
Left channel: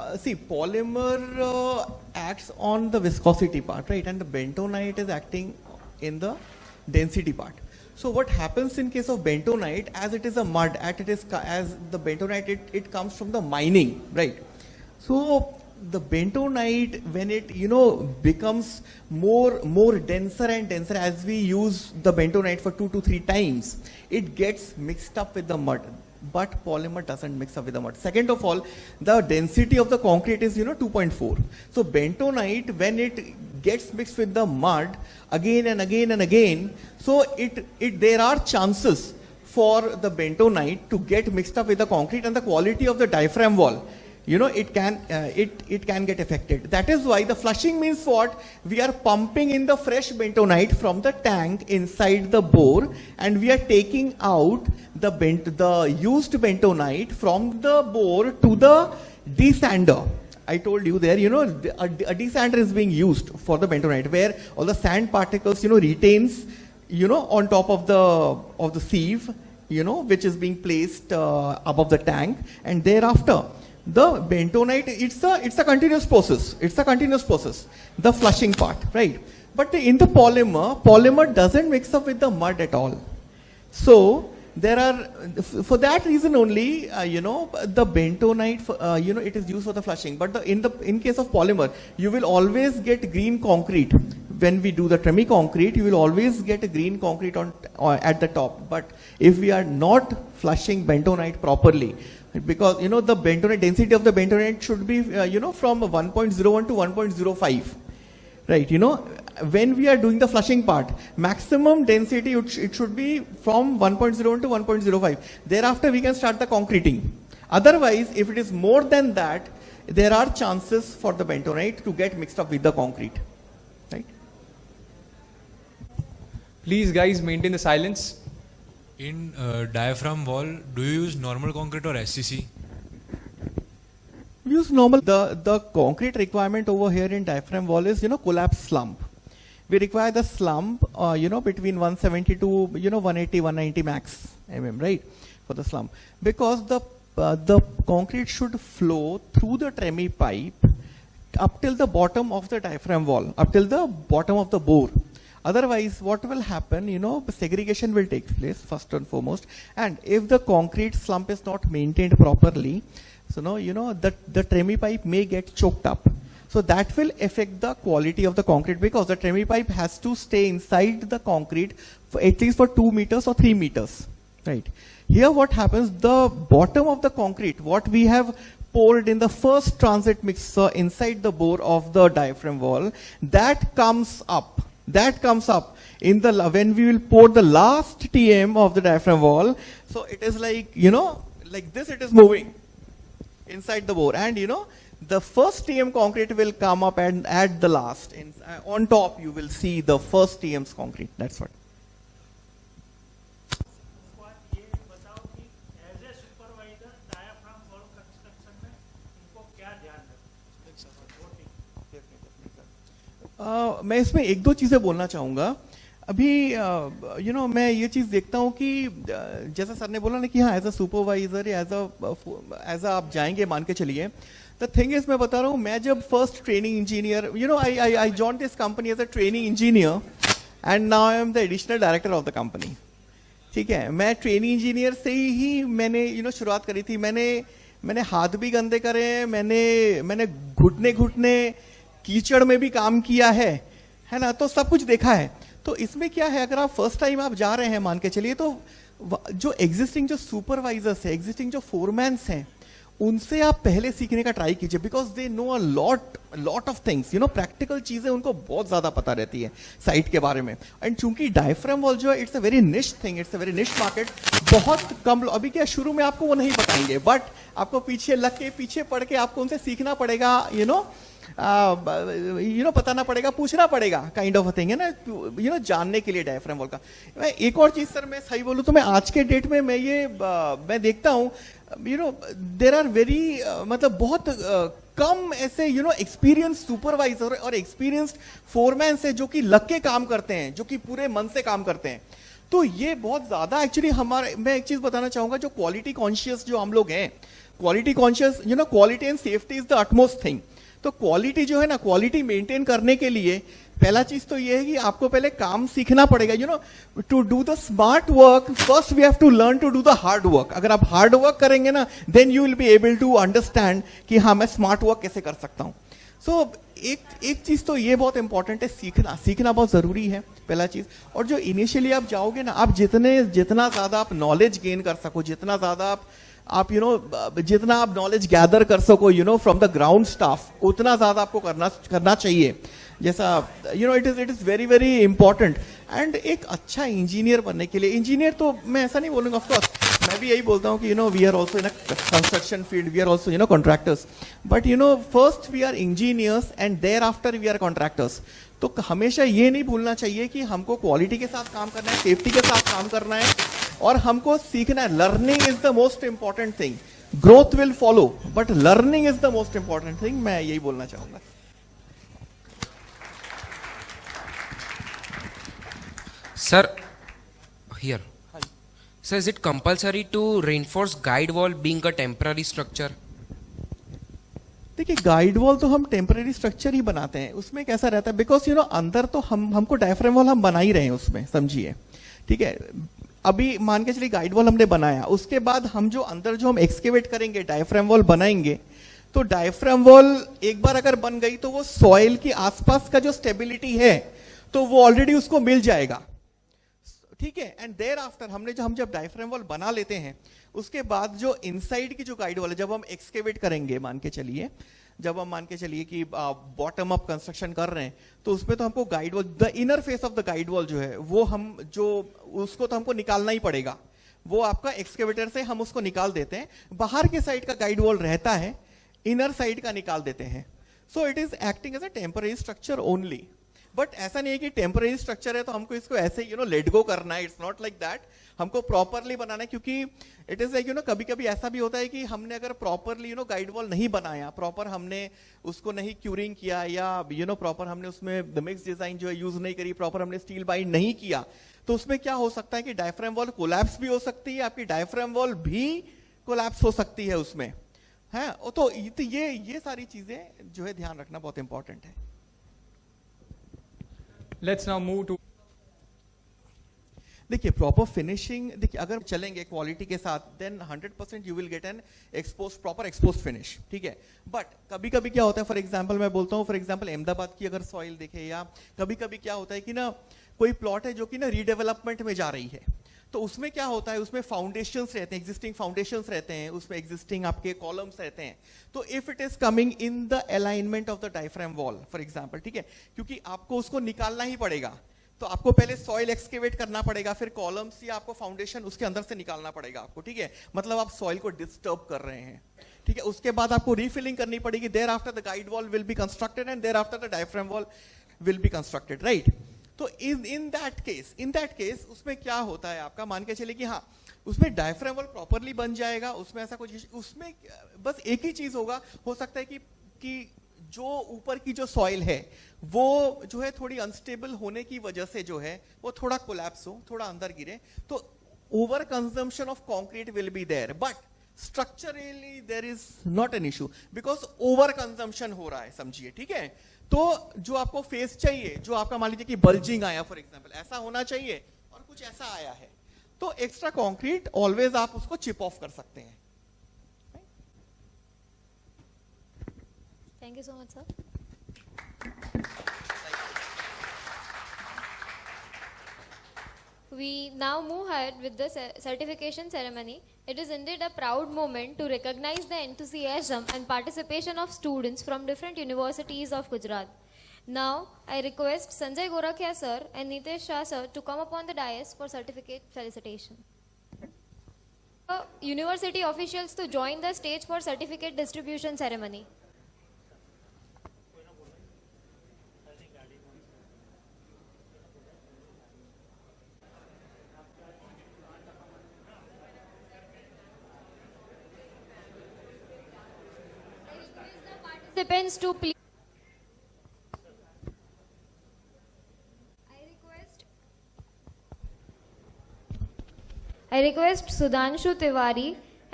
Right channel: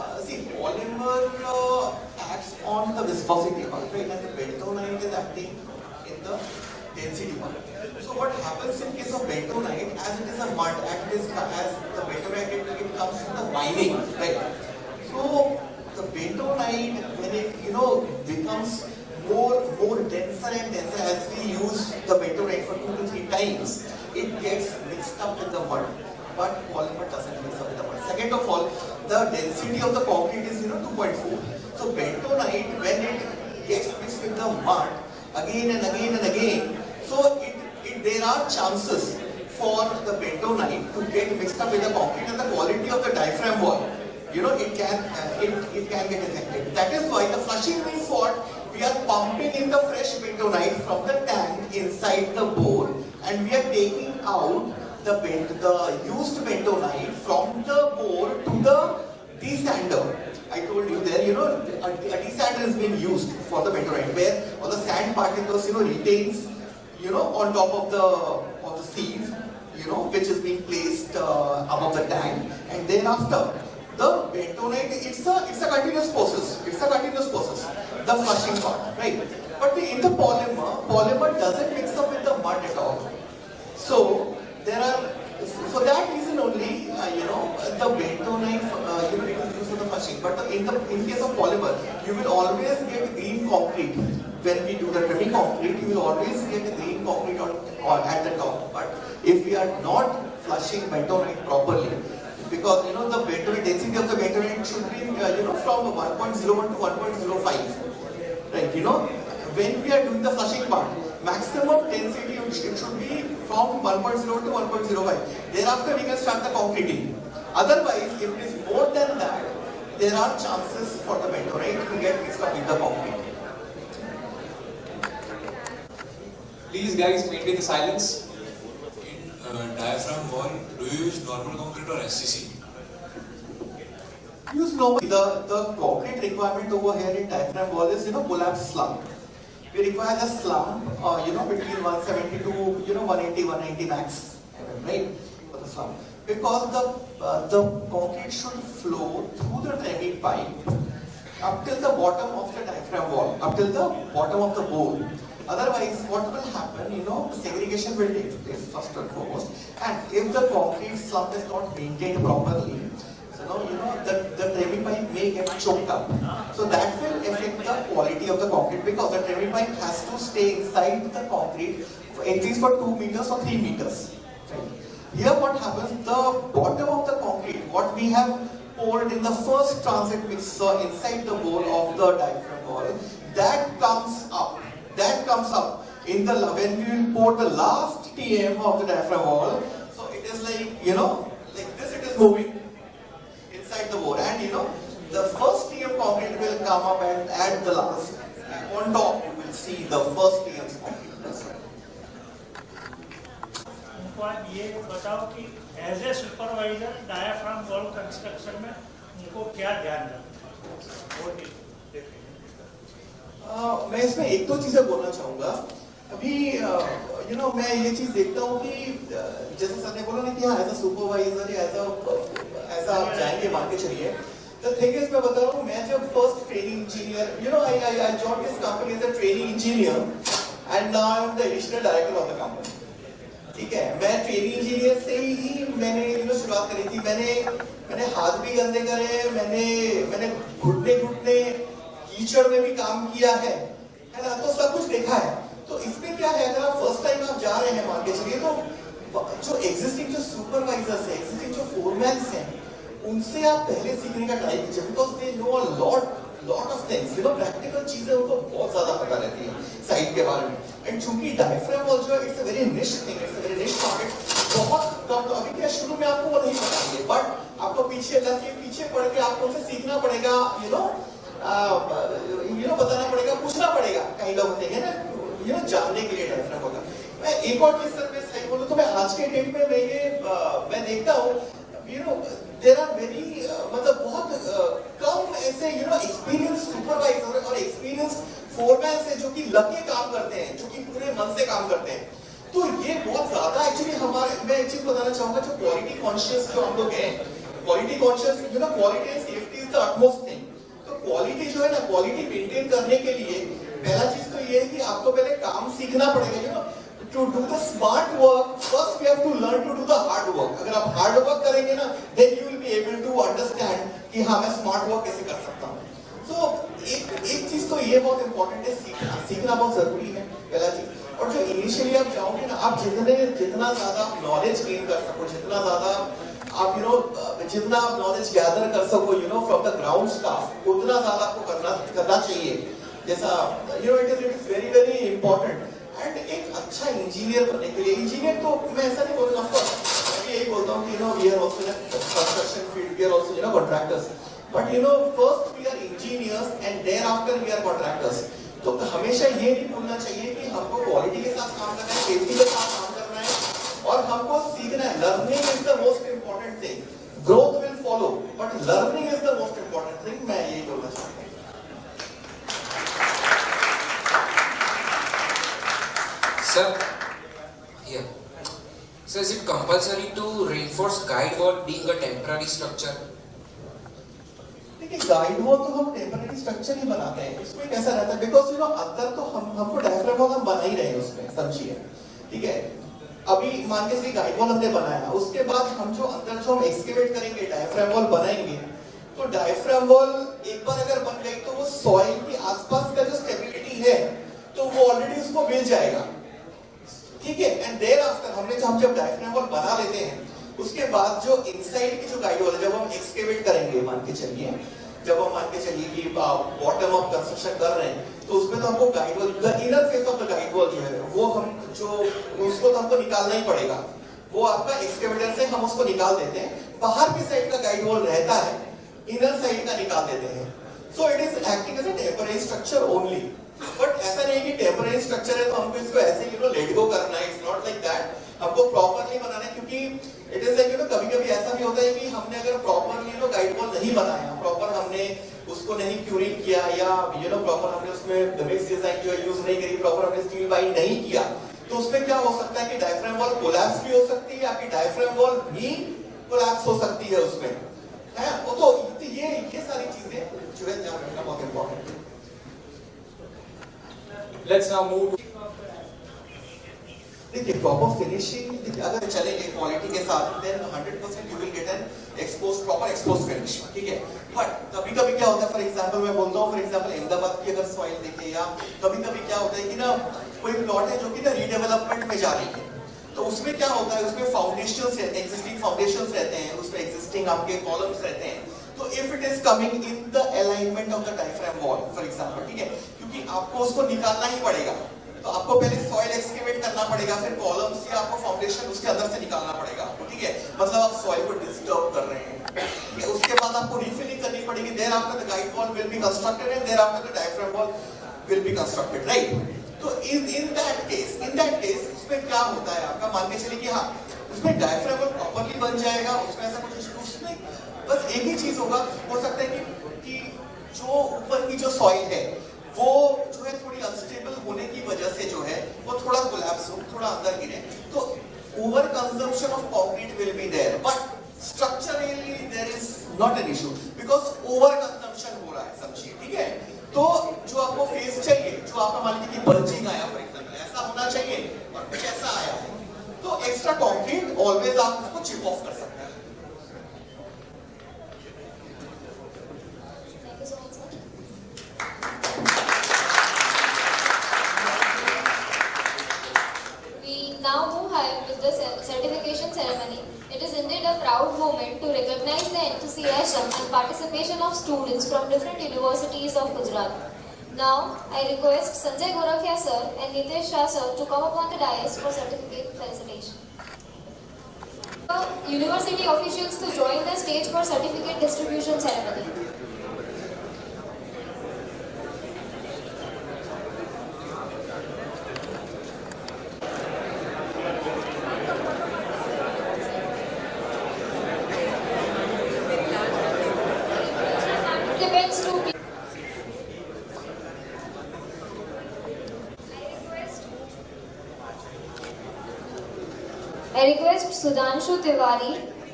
See, polymer acts on the viscosity part, right? And the bentonite is acting in the density part. So what happens in case of bentonite, as it is a mud, as the bentonite, it comes from the mining, right? So the bentonite, when it becomes more denser and denser as we use the bentonite for 2 to 3 times, it gets mixed up with the mud. But polymer doesn't mix up with the mud. Second of all, the density of the concrete is 2.4. So bentonite, when it gets mixed with the mud again and again and again, so there are chances for the bentonite to get mixed up with the concrete, and the quality of the diaphragm wall, it can get affected. That is why the flushing means what? We are pumping in the fresh bentonite from the tank inside the bore, and we are taking out the used bentonite from the bore to the desander. I told you there, a desander is being used for the bentonite, where all the sand particles, retains, on top of the sieve, which is being placed above the tank, and thereafter the bentonite, it's a continuous process. It's a continuous process. The flushing part, right? But in the polymer doesn't mix up with the mud at all. So there are, for that reason only, the bentonite, it is used for the flushing. But in case of polymer, you will always get green concrete. When we do the tremi concrete, you will always get a green concrete at the top. But if we are not flushing bentonite properly, because the bentonite density of the bentonite should be from 1.01 to 1.05, right? When we are doing the flushing part, maximum density it should be from 1.0 to 1.05. Thereafter we can start the concreting. Otherwise, if it is more than that, there are chances for the bentonite to get mixed up with the concrete. Right? Please guys maintain the silence. In diaphragm wall, do you use normal concrete or SCC? Use normal. The concrete requirement over here in diaphragm wall is collapse slump. We require the slump between 170 to 180, 190 max right, for the slump, because the concrete should flow through the tremi pipe up till the bottom of the diaphragm wall, up till the bottom of the bore. Otherwise, what will happen, segregation will take place first and foremost, and if the concrete slump is not maintained properly, so the tremi pipe may get choked up. So that will affect the quality of the concrete, because the tremi pipe has to stay inside the concrete for at least for 2 meters or 3 meters, right? Here what happens, the bottom of the concrete, what we have poured in the first transit mixer inside the bore of the diaphragm wall, that comes up in the, when we will pour the last TM of the diaphragm wall. So it is like, like this, it is moving inside the bore, and the first TM concrete will come up, and at the last, on top, you will see the first TM's concrete. That's it. ये बताओ कि as a supervisor diaphragm wall construction में उनको क्या ध्यान रखना? मैं इसमें एक दो चीजें बोलना चाहूँगा. अभी मैं ये चीज़ देखता हूँ कि जैसे सर ने बोला ना कि हाँ एज अ सुपरवाइजर या एज अ आप जाएंगे, मान के चलिए. The thing is, मैं बता रहा हूँ, मैं जब first training engineer, I joined this company as a training engineer, and now I am the additional director of the company. ठीक है, मैं ट्रेनिंग इंजीनियर से ही मैंने शुरुआत करी थी. मैंने हाथ भी गंदे करे हैं, मैंने घुटने कीचड़ में भी काम किया है ना, तो सब कुछ देखा है. तो इसमें क्या है, अगर आप फर्स्ट टाइम आप जा रहे हैं, मान के चलिए, तो जो एग्जिस्टिंग जो सुपरवाइजर्स हैं, एग्जिस्टिंग जो फोरमैन्स हैं, उनसे आप पहले सीखने का ट्राई कीजिए, because they know a lot of things, practical चीजें उनको बहुत ज्यादा पता रहती है साइट के बारे में. एंड चूंकि डायफ्राम वॉल जो है, इट्स अ वेरी निश थिंग, इट्स अ वेरी निश मार्केट. बहुत कम लोग, अभी क्या शुरू में आपको वो नहीं बताएंगे, बट आपको पीछे लग के, पीछे पढ़ के आपको उनसे सीखना पड़ेगा, बताना पड़ेगा, पूछना पड़ेगा, काइंड ऑफ थिंग है ना, जानने के लिए डायफ्राम वॉल का. मैं एक और चीज सर, मैं सही बोलूं तो मैं आज के डेट में मैं देखता हूँ, देर आर वेरी, मतलब बहुत कम ऐसे एक्सपीरियंस सुपरवाइजर और एक्सपीरियंस फोरमैन से जो कि लग के काम करते हैं, जो कि पूरे मन से काम करते हैं. तो ये बहुत ज्यादा एक्चुअली हमारे, मैं एक चीज बताना चाहूंगा, जो क्वालिटी कॉन्शियस जो हम लोग हैं, quality conscious, quality and safety is the utmost thing. तो क्वालिटी जो है ना, क्वालिटी मेंटेन करने के लिए पहला चीज तो ये है कि आपको पहले काम सीखना पड़ेगा. To do the smart work first we have to learn to do the hard work. अगर आप हार्ड वर्क करेंगे ना, then you will be able to understand कि हाँ मैं स्मार्ट वर्क कैसे कर सकता हूँ. सो एक चीज तो ये बहुत इंपॉर्टेंट है, सीखना बहुत जरूरी है पहला चीज. और जो इनिशियली आप जाओगे ना, आप जितना ज्यादा आप नॉलेज गेन कर सको, जितना ज्यादा आप जितना आप नॉलेज गैदर कर सको फ्रॉम द ग्राउंड स्टाफ, उतना ज्यादा आपको करना चाहिए. जैसा it is very very important. And एक अच्छा इंजीनियर बनने के लिए, इंजीनियर तो मैं ऐसा नहीं बोलूँगा, ऑफकोर्स मैं भी यही बोलता हूँ कि we are also in a construction field, we are also contractors, but first we are engineers and there after we are contractors. तो हमेशा ये नहीं भूलना चाहिए कि हमको क्वालिटी के साथ काम करना है, सेफ्टी के साथ काम करना है, और हमको सीखना है. Learning is the most important thing. Growth will follow, but learning is the most important thing. मैं यही बोलना चाहता हूँ. Sir, here. Sir, is it compulsory to reinforce guide wall being a temporary structure? देखिए, गाइड वॉल तो हम temporary structure ही बनाते हैं. उसमें कैसा रहता है, बिकॉज अंदर तो हमको डायफ्राम वॉल हम बना ही रहे हैं उसमें, समझिए. ठीक है, अभी मान के चलिए गाइड वॉल हमने बनाया, उसके बाद हम जो अंदर जो हम एक्सकेवेट करेंगे, डायफ्राम वॉल बनाएंगे, तो डायफ्राम वॉल एक बार अगर बन गई तो वो सॉइल के आसपास का जो स्टेबिलिटी है तो वो ऑलरेडी उसको मिल जाएगा. ठीक है, एंड देयर आफ्टर हम जब डायफ्राम वॉल बना लेते हैं, उसके बाद जो इनसाइड की जो गाइड वॉल है, जब हम एक्सकेवेट करेंगे, मान के चलिए कि बॉटम ऑफ कंस्ट्रक्शन कर रहे हैं, तो उसमें तो हमको guide wall, the inner face of the guide wall जो है, वो उसको तो हमको निकालना ही पड़ेगा. वो आपका एक्सकेवेटर से हम उसको निकाल देते हैं. बाहर की साइड का गाइड वॉल रहता है, इनर साइड का निकाल देते हैं. So it is acting as a temporary structure only. But ऐसा नहीं है कि टेम्पररी स्ट्रक्चर है तो हमको इसको ऐसे लेट गो करना है. It's not like that. हमको प्रॉपर्ली बनाना है, क्योंकि इट इज लाइक कभी-कभी ऐसा भी होता है कि हमने अगर प्रॉपर्ली गाइड वॉल नहीं बनाया, प्रॉपर हमने उसको नहीं क्यूरिंग किया, या प्रॉपर हमने उसमें मिक्स डिजाइन जो है यूज नहीं करी, प्रॉपर हमने स्टील बाइंड नहीं किया, तो उसमें क्या हो सकता है कि डायफ्राम वॉल कोलैप्स भी हो सकती है, आपकी डायफ्राम वॉल भी कोलैप्स हो सकती है उसमें, है. तो ये सारी चीजें जो है ध्यान रखना बहुत इंपॉर्टेंट है. Let's now move to. देखिए, प्रॉपर फिनिशिंग अगर चलेंगे क्वालिटी के साथ, then 100% you will get an proper expose finish. ठीक है, बट कभी-कभी क्या होता है, फॉर एग्जांपल मैं बोलता हूँ, फॉर एग्जांपल अहमदाबाद की अगर सॉइल देखें, या कभी-कभी क्या होता है कि कोई प्लॉट है जो कि रीडेवलपमेंट में जा रही है, तो उसमें क्या होता है, उसमें फाउंडेशंस रहते हैं, एग्जिस्टिंग फाउंडेशंस रहते हैं, उसमें एग्जिस्टिंग आपके कॉलम्स रहते हैं. तो if it is coming in the alignment of the diaphragm wall for example, ठीक है, क्योंकि आपको उसको निकालना ही पड़ेगा, तो आपको पहले सॉइल एक्सकेवेट करना पड़ेगा, फिर कॉलम्स या आपको फाउंडेशन उसके अंदर से निकालना पड़ेगा. ठीक है, मतलब आप सॉइल को डिस्टर्ब कर रहे हैं. ठीक है, उसके बाद आपको रीफिलिंग करनी पड़ेगी. There after the guide wall will be constructed and there after the diaphragm wall will be constructed, right. तो इन दैट केस उसमें क्या होता है, आपका मान के चलिए कि हाँ उसमें डायफ्राम वॉल प्रॉपर्ली बन जाएगा, उसमें ऐसा कुछ, उसमें बस एक ही चीज होगा, हो सकता है कि जो ऊपर की जो सॉइल है वो जो है थोड़ी अनस्टेबल होने की वजह से जो है वो थोड़ा कोलैप्स हो, थोड़ा अंदर गिरे, तो over consumption of concrete will be there, but structurally there is not an issue because over consumption हो रहा है, समझिए. ठीक है, तो जो आपको फेस चाहिए, जो आपका मान लीजिए कि बल्जिंग आया फॉर एग्जांपल, ऐसा होना चाहिए, और कुछ ऐसा आया, तो एक्स्ट्रा कंक्रीट ऑलवेज आप उसको चिप ऑफ कर सकते हैं. Now move ahead with the certification ceremony. It is indeed a proud moment to recognize the enthusiasm and participation of students from different universities of Gujarat. Now, I request Sanjay Gorakhia sir and Nitesh Shah sir to come upon the dais for certificate felicitation. University officials to join the stage for certificate distribution ceremony. I request Sudhanshu Tiwari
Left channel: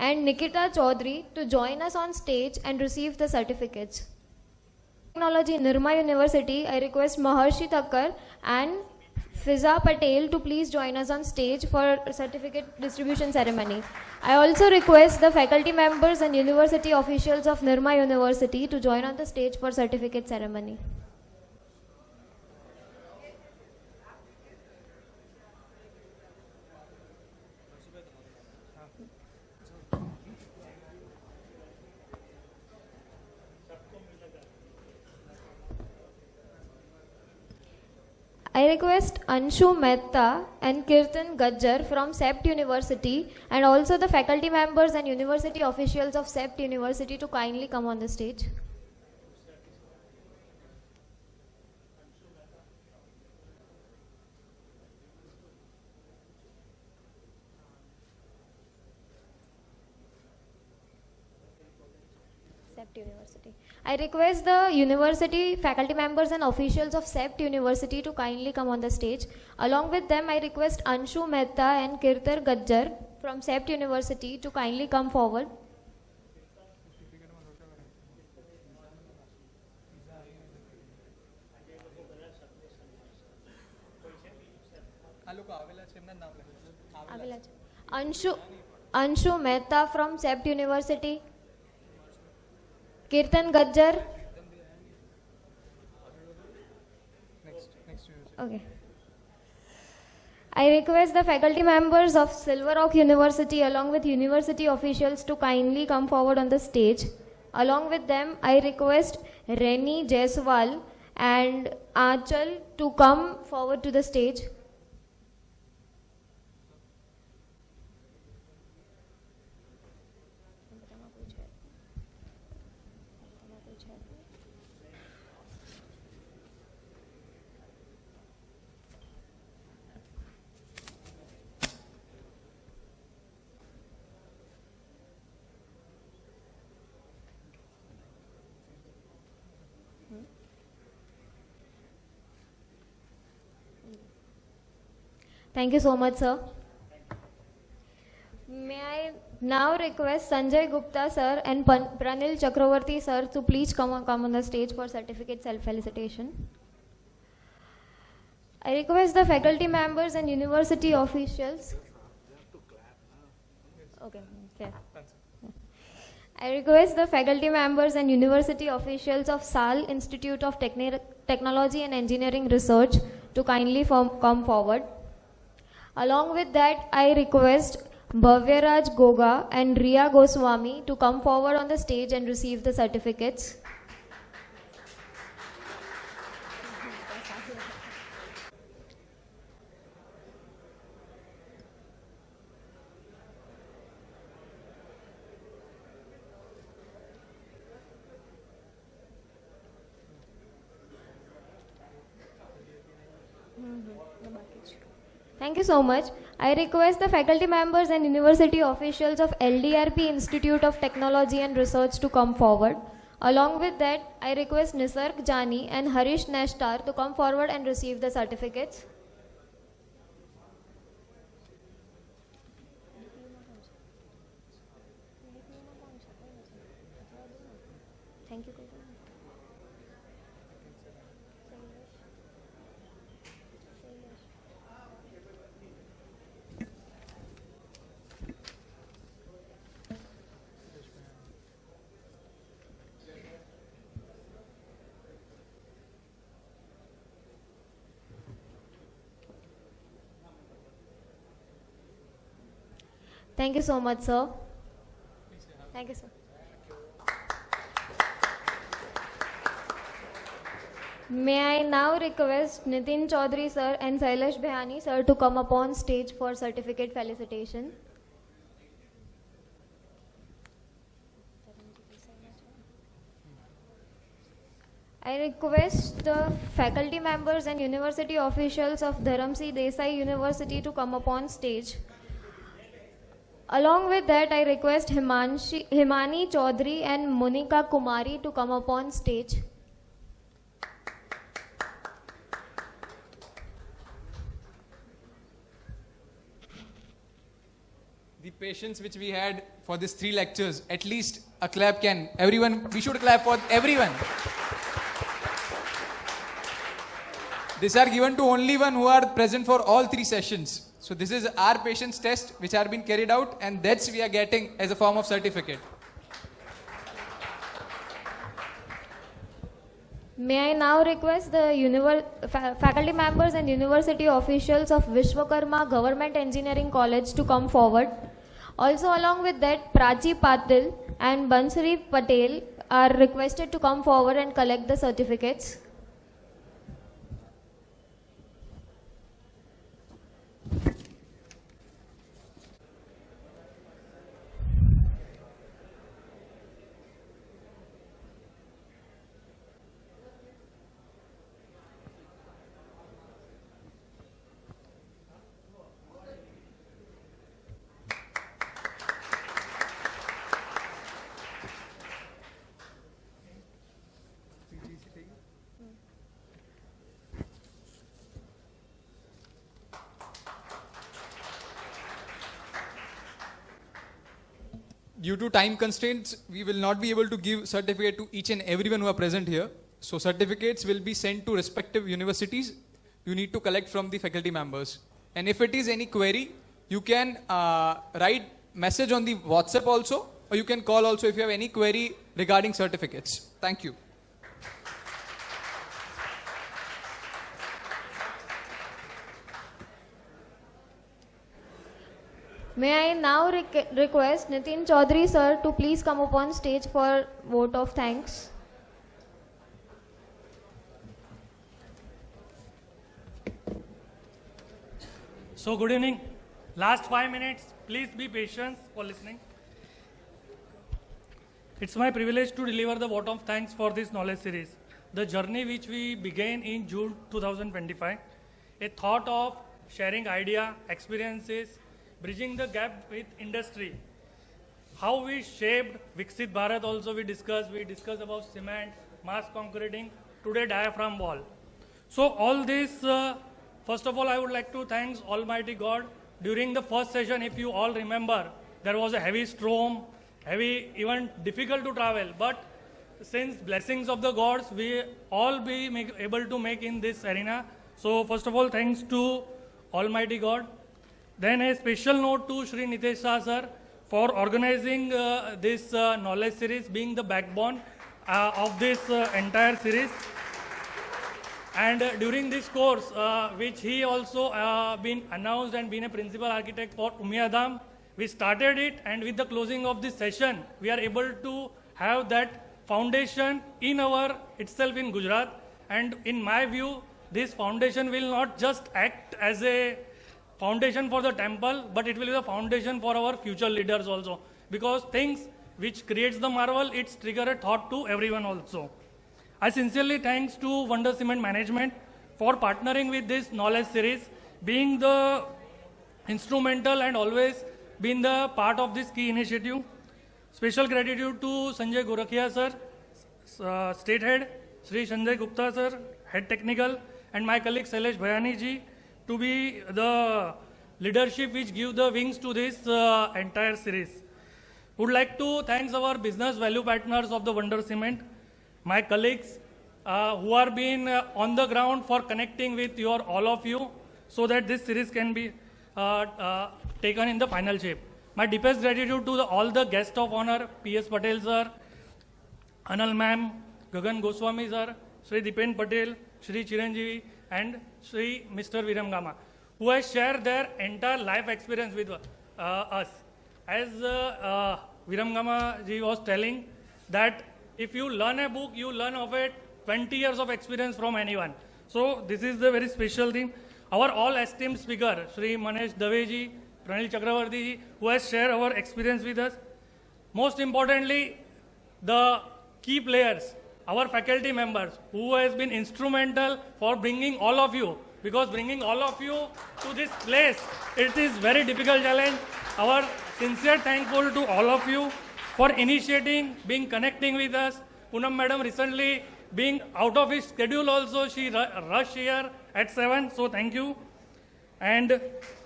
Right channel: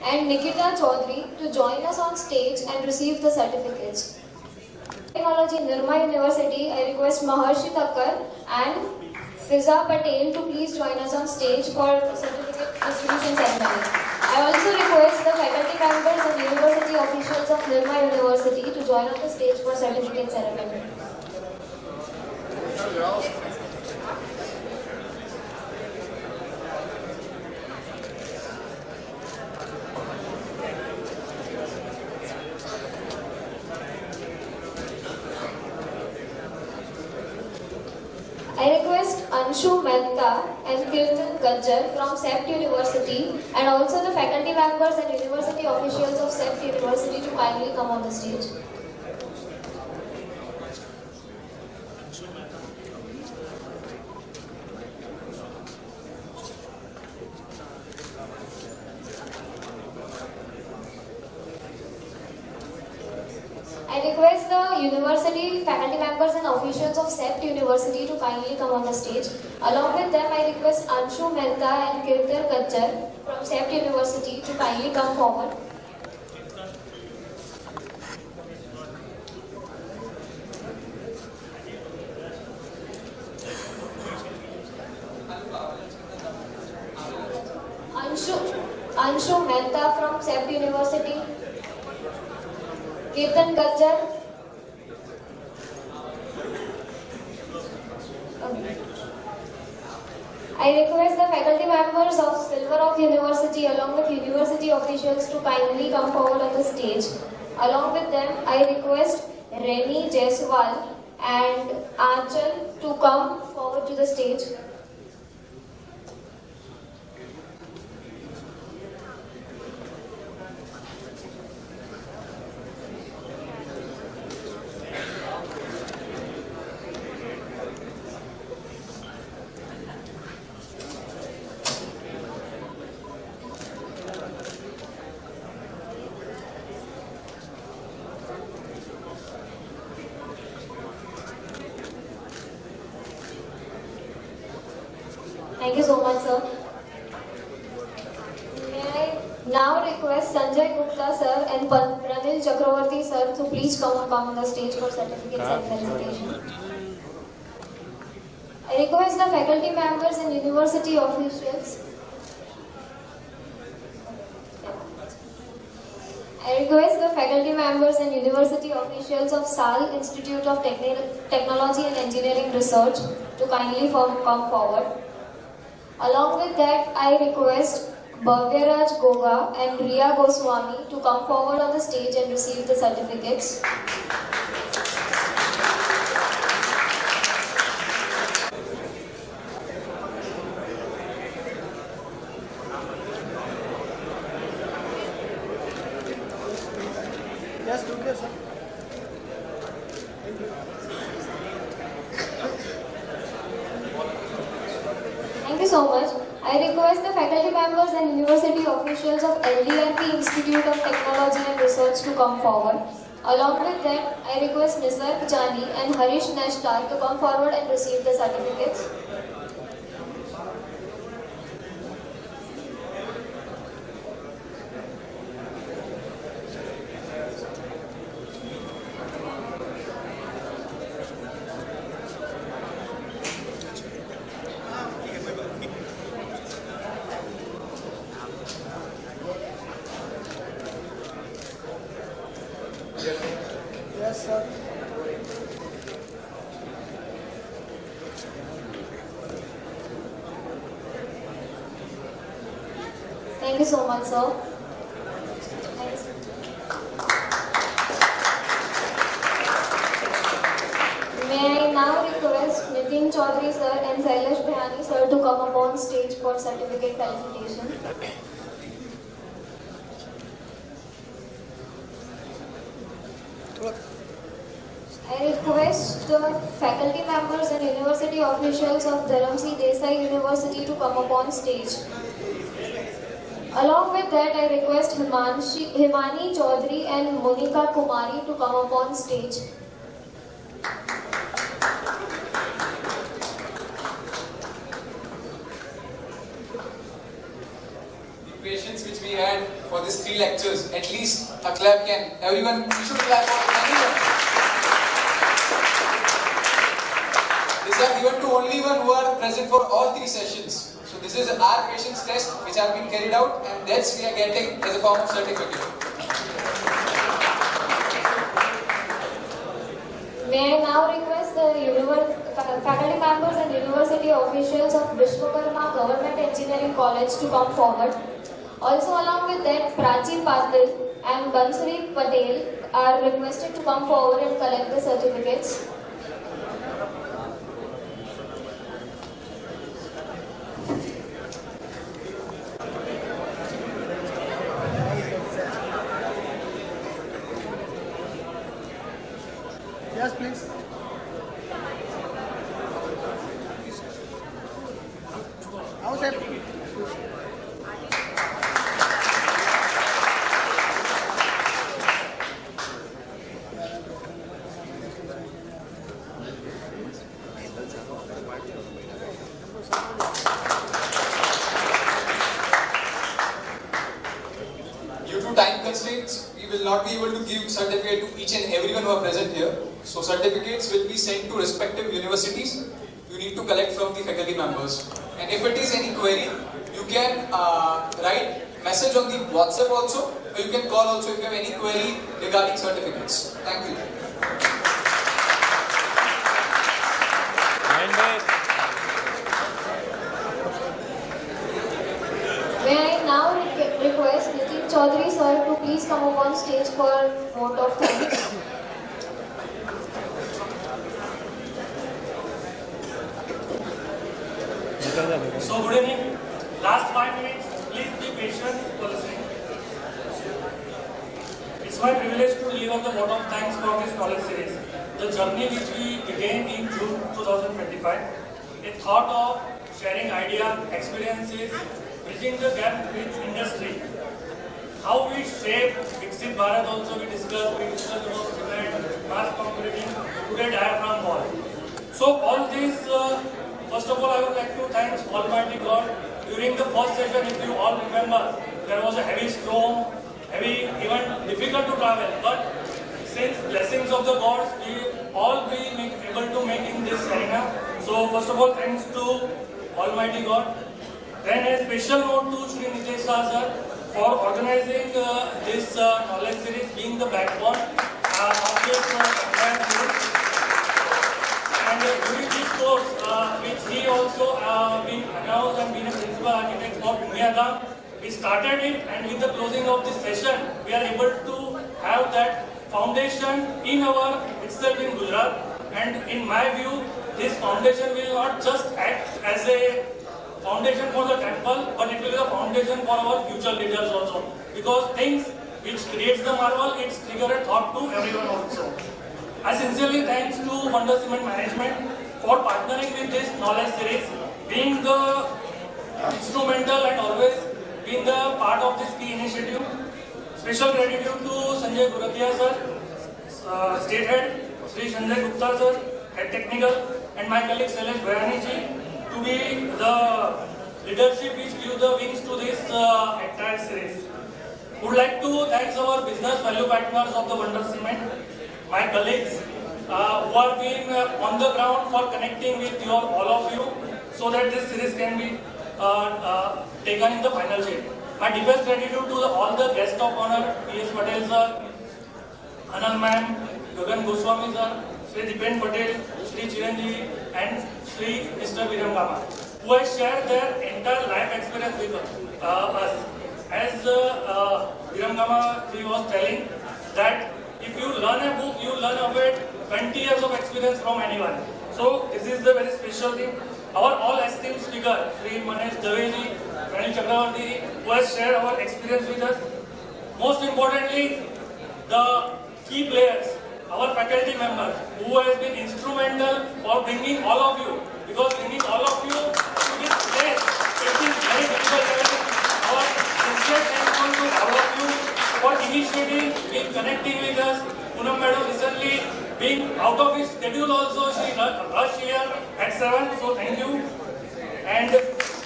and Nikita Chaudhary to join us on stage and receive the certificates. Technology, Nirma University, I request Maharshi Thakkar and Fiza Patel to please join us on stage for certificate distribution ceremony. I also request the faculty members and university officials of Nirma University to join on the stage for certificate ceremony. I request Anshu Mehta and Kirtan Gajjar from SEPT University and also the faculty members and university officials of SEPT University to kindly come on the stage. I request the university faculty members and officials of SEPT University to kindly come on the stage. Along with them, I request Anshu Mehta and Kirtan Gajjar from SEPT University to kindly come forward. Anshu Mehta from SEPT University. Kirtan Gajjar. I request the faculty members of Silver Oak University along with university officials to kindly come forward on the stage. Along with them, I request Reni Jaiswal and Achal to come forward to the stage. Thank you so much, sir. May I now request Sanjay Gupta, sir, and Pranil Chakraborty, sir, to please come on the stage for certificates and felicitation. I request the faculty members and university officials. I request the faculty members and university officials of SAL Institute of Technology and Engineering Research to kindly come forward. Along with that, I request Bhavyaraj Goga and Riya Goswami to come forward on the stage and receive the certificates. Yes, do this, sir. Thank you so much. I request the faculty members and university officials of LDRP Institute of Technology and Research to come forward. Along with that, I request Nisarg Jani and Harish Nashtar to come forward and receive the certificates. Yes, sir. Thank you so much, sir. May I now request Nitin Chaudhary, sir, and Sailesh Bhayani, sir, to come upon stage for certificate felicitation. I request the faculty members and university officials of Dharamsi Desai University to come upon stage. Along with that, I request Himani Chaudhary and Monika Kumari to come upon stage. The patience which we had for these 3 lectures, at least a clap can. Everyone, we should clap for everyone. These are given to only one who are present for all 3 sessions. So this is our patience test which are being carried out, and that's we are getting as a form of certificate. May I now request the faculty members and university officials of Viramgama Government Engineering College to come forward. Also along with that, Prachi Patel and Bansuri Patel are requested to come forward and collect the certificates. Yes, please. Outside. Due to time constraints, we will not be able to give certificate to each and everyone who are present here. So certificates will be sent to respective universities. You need to collect from the faculty members. And if it is any query, you can write message on the WhatsApp also, or you can call also if you have any query regarding certificates. Thank you. May I now request Nitin Chaudhary sir to please come up on stage for vote of thanks. So good evening. Last 5 minutes, please be patient for listening. It's my privilege to deliver the vote of thanks for this knowledge series. The journey which we began in June 2025, a thought of sharing ideas, experiences, bridging the gap with industry. How we shape Viksit Bharat also we discussed about cement, fast concreting, today diaphragm wall. So all this, first of all I would like to thank Almighty God. During the first session, if you all remember, there was a heavy storm, heavy, even difficult to travel. But since blessings of the gods, we all be able to make in this arena. So first of all, thanks to Almighty God. Then a special note to Shri Nitesh Shah sir for organizing this knowledge series, being the backbone of this entire series. And during this course, which he also been announced and been a principal architect for Umyadam, we started it, and with the closing of this session, we are able to have that foundation in our itself in Gujarat. And in my view, this foundation will not just act as a foundation for the temple, but it will be a foundation for our future leaders also. Because things which creates the marvel, it's trigger a thought to everyone also. I sincerely thanks to Wonder Cement Management for partnering with this knowledge series, being the instrumental and always being the part of this key initiative. Special gratitude to Sanjay Guratia sir, State Head, Sri Sanjay Gupta sir, Head Technical, and my colleague Shailesh Bhayani ji to be the leadership which give the wings to this entire series. Would like to thank our business value partners of the Wonder Cement, my colleagues who are being on the ground for connecting with all of you so that this series can be taken in the final shape. My deepest gratitude to all the guests of honor, P.S. Patel sir, Anand ma'am, Yogan Goswami sir, Sri Dipen Patel, Sri Chiranjiv, and Sri Mr. Viramgama, who has shared their entire life experience with us. As Viramgama ji was telling that if you learn a book, you learn of it 20 years of experience from anyone. So this is the very special thing. Our all esteemed speaker, Sri Manesh Daveji, Pranil Chakraborty, who has shared our experience with us. Most importantly, the key players, our faculty members, who has been instrumental for bringing all of you, because bringing all of you to this place, it is very difficult challenge. Our sincere thankful to all of you for initiating, being connecting with us. Poonam madam recently being out of his schedule also, she rushed here at 7, so thank you. And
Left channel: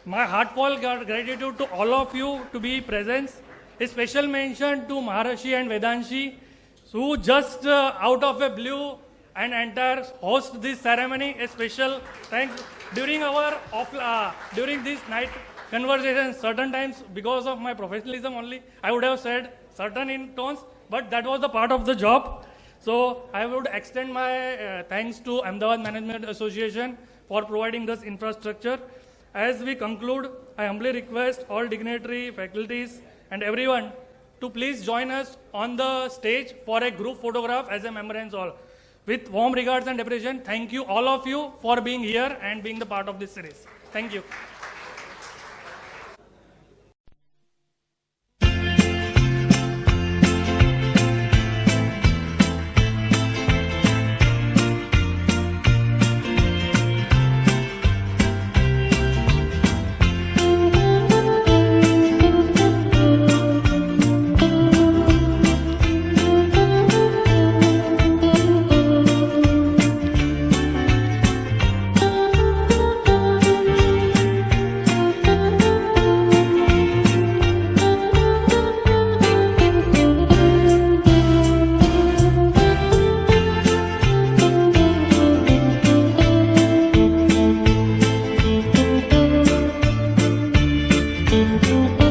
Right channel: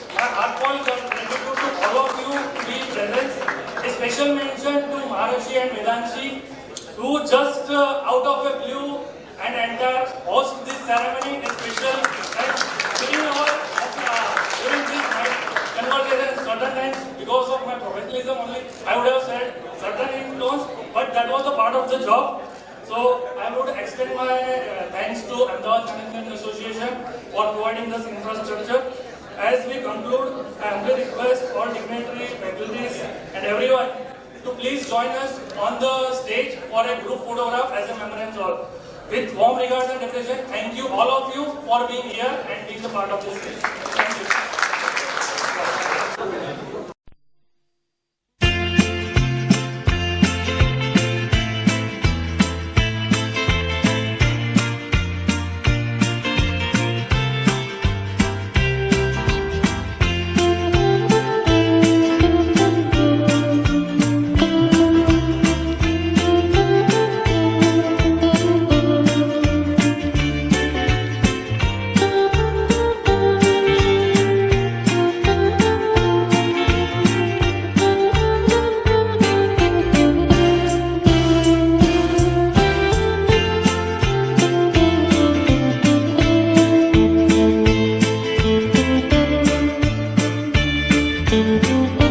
my heartfelt gratitude to all of you to be present. A special mention to Maharashi and Vedanshi, who just out of a blue and entire host this ceremony. A special thanks during this night conversation. Certain times, because of my professionalism only, I would have said certain in tones, but that was a part of the job. So I would extend my thanks to Ahmedabad Management Association for providing this infrastructure. As we conclude, I humbly request all dignitaries, faculties and everyone to please join us on the stage for a group photograph as a memorial tour. With warm regards and appreciation, thank you all of you for being here and being a part of this stage. Thank you. Thank you.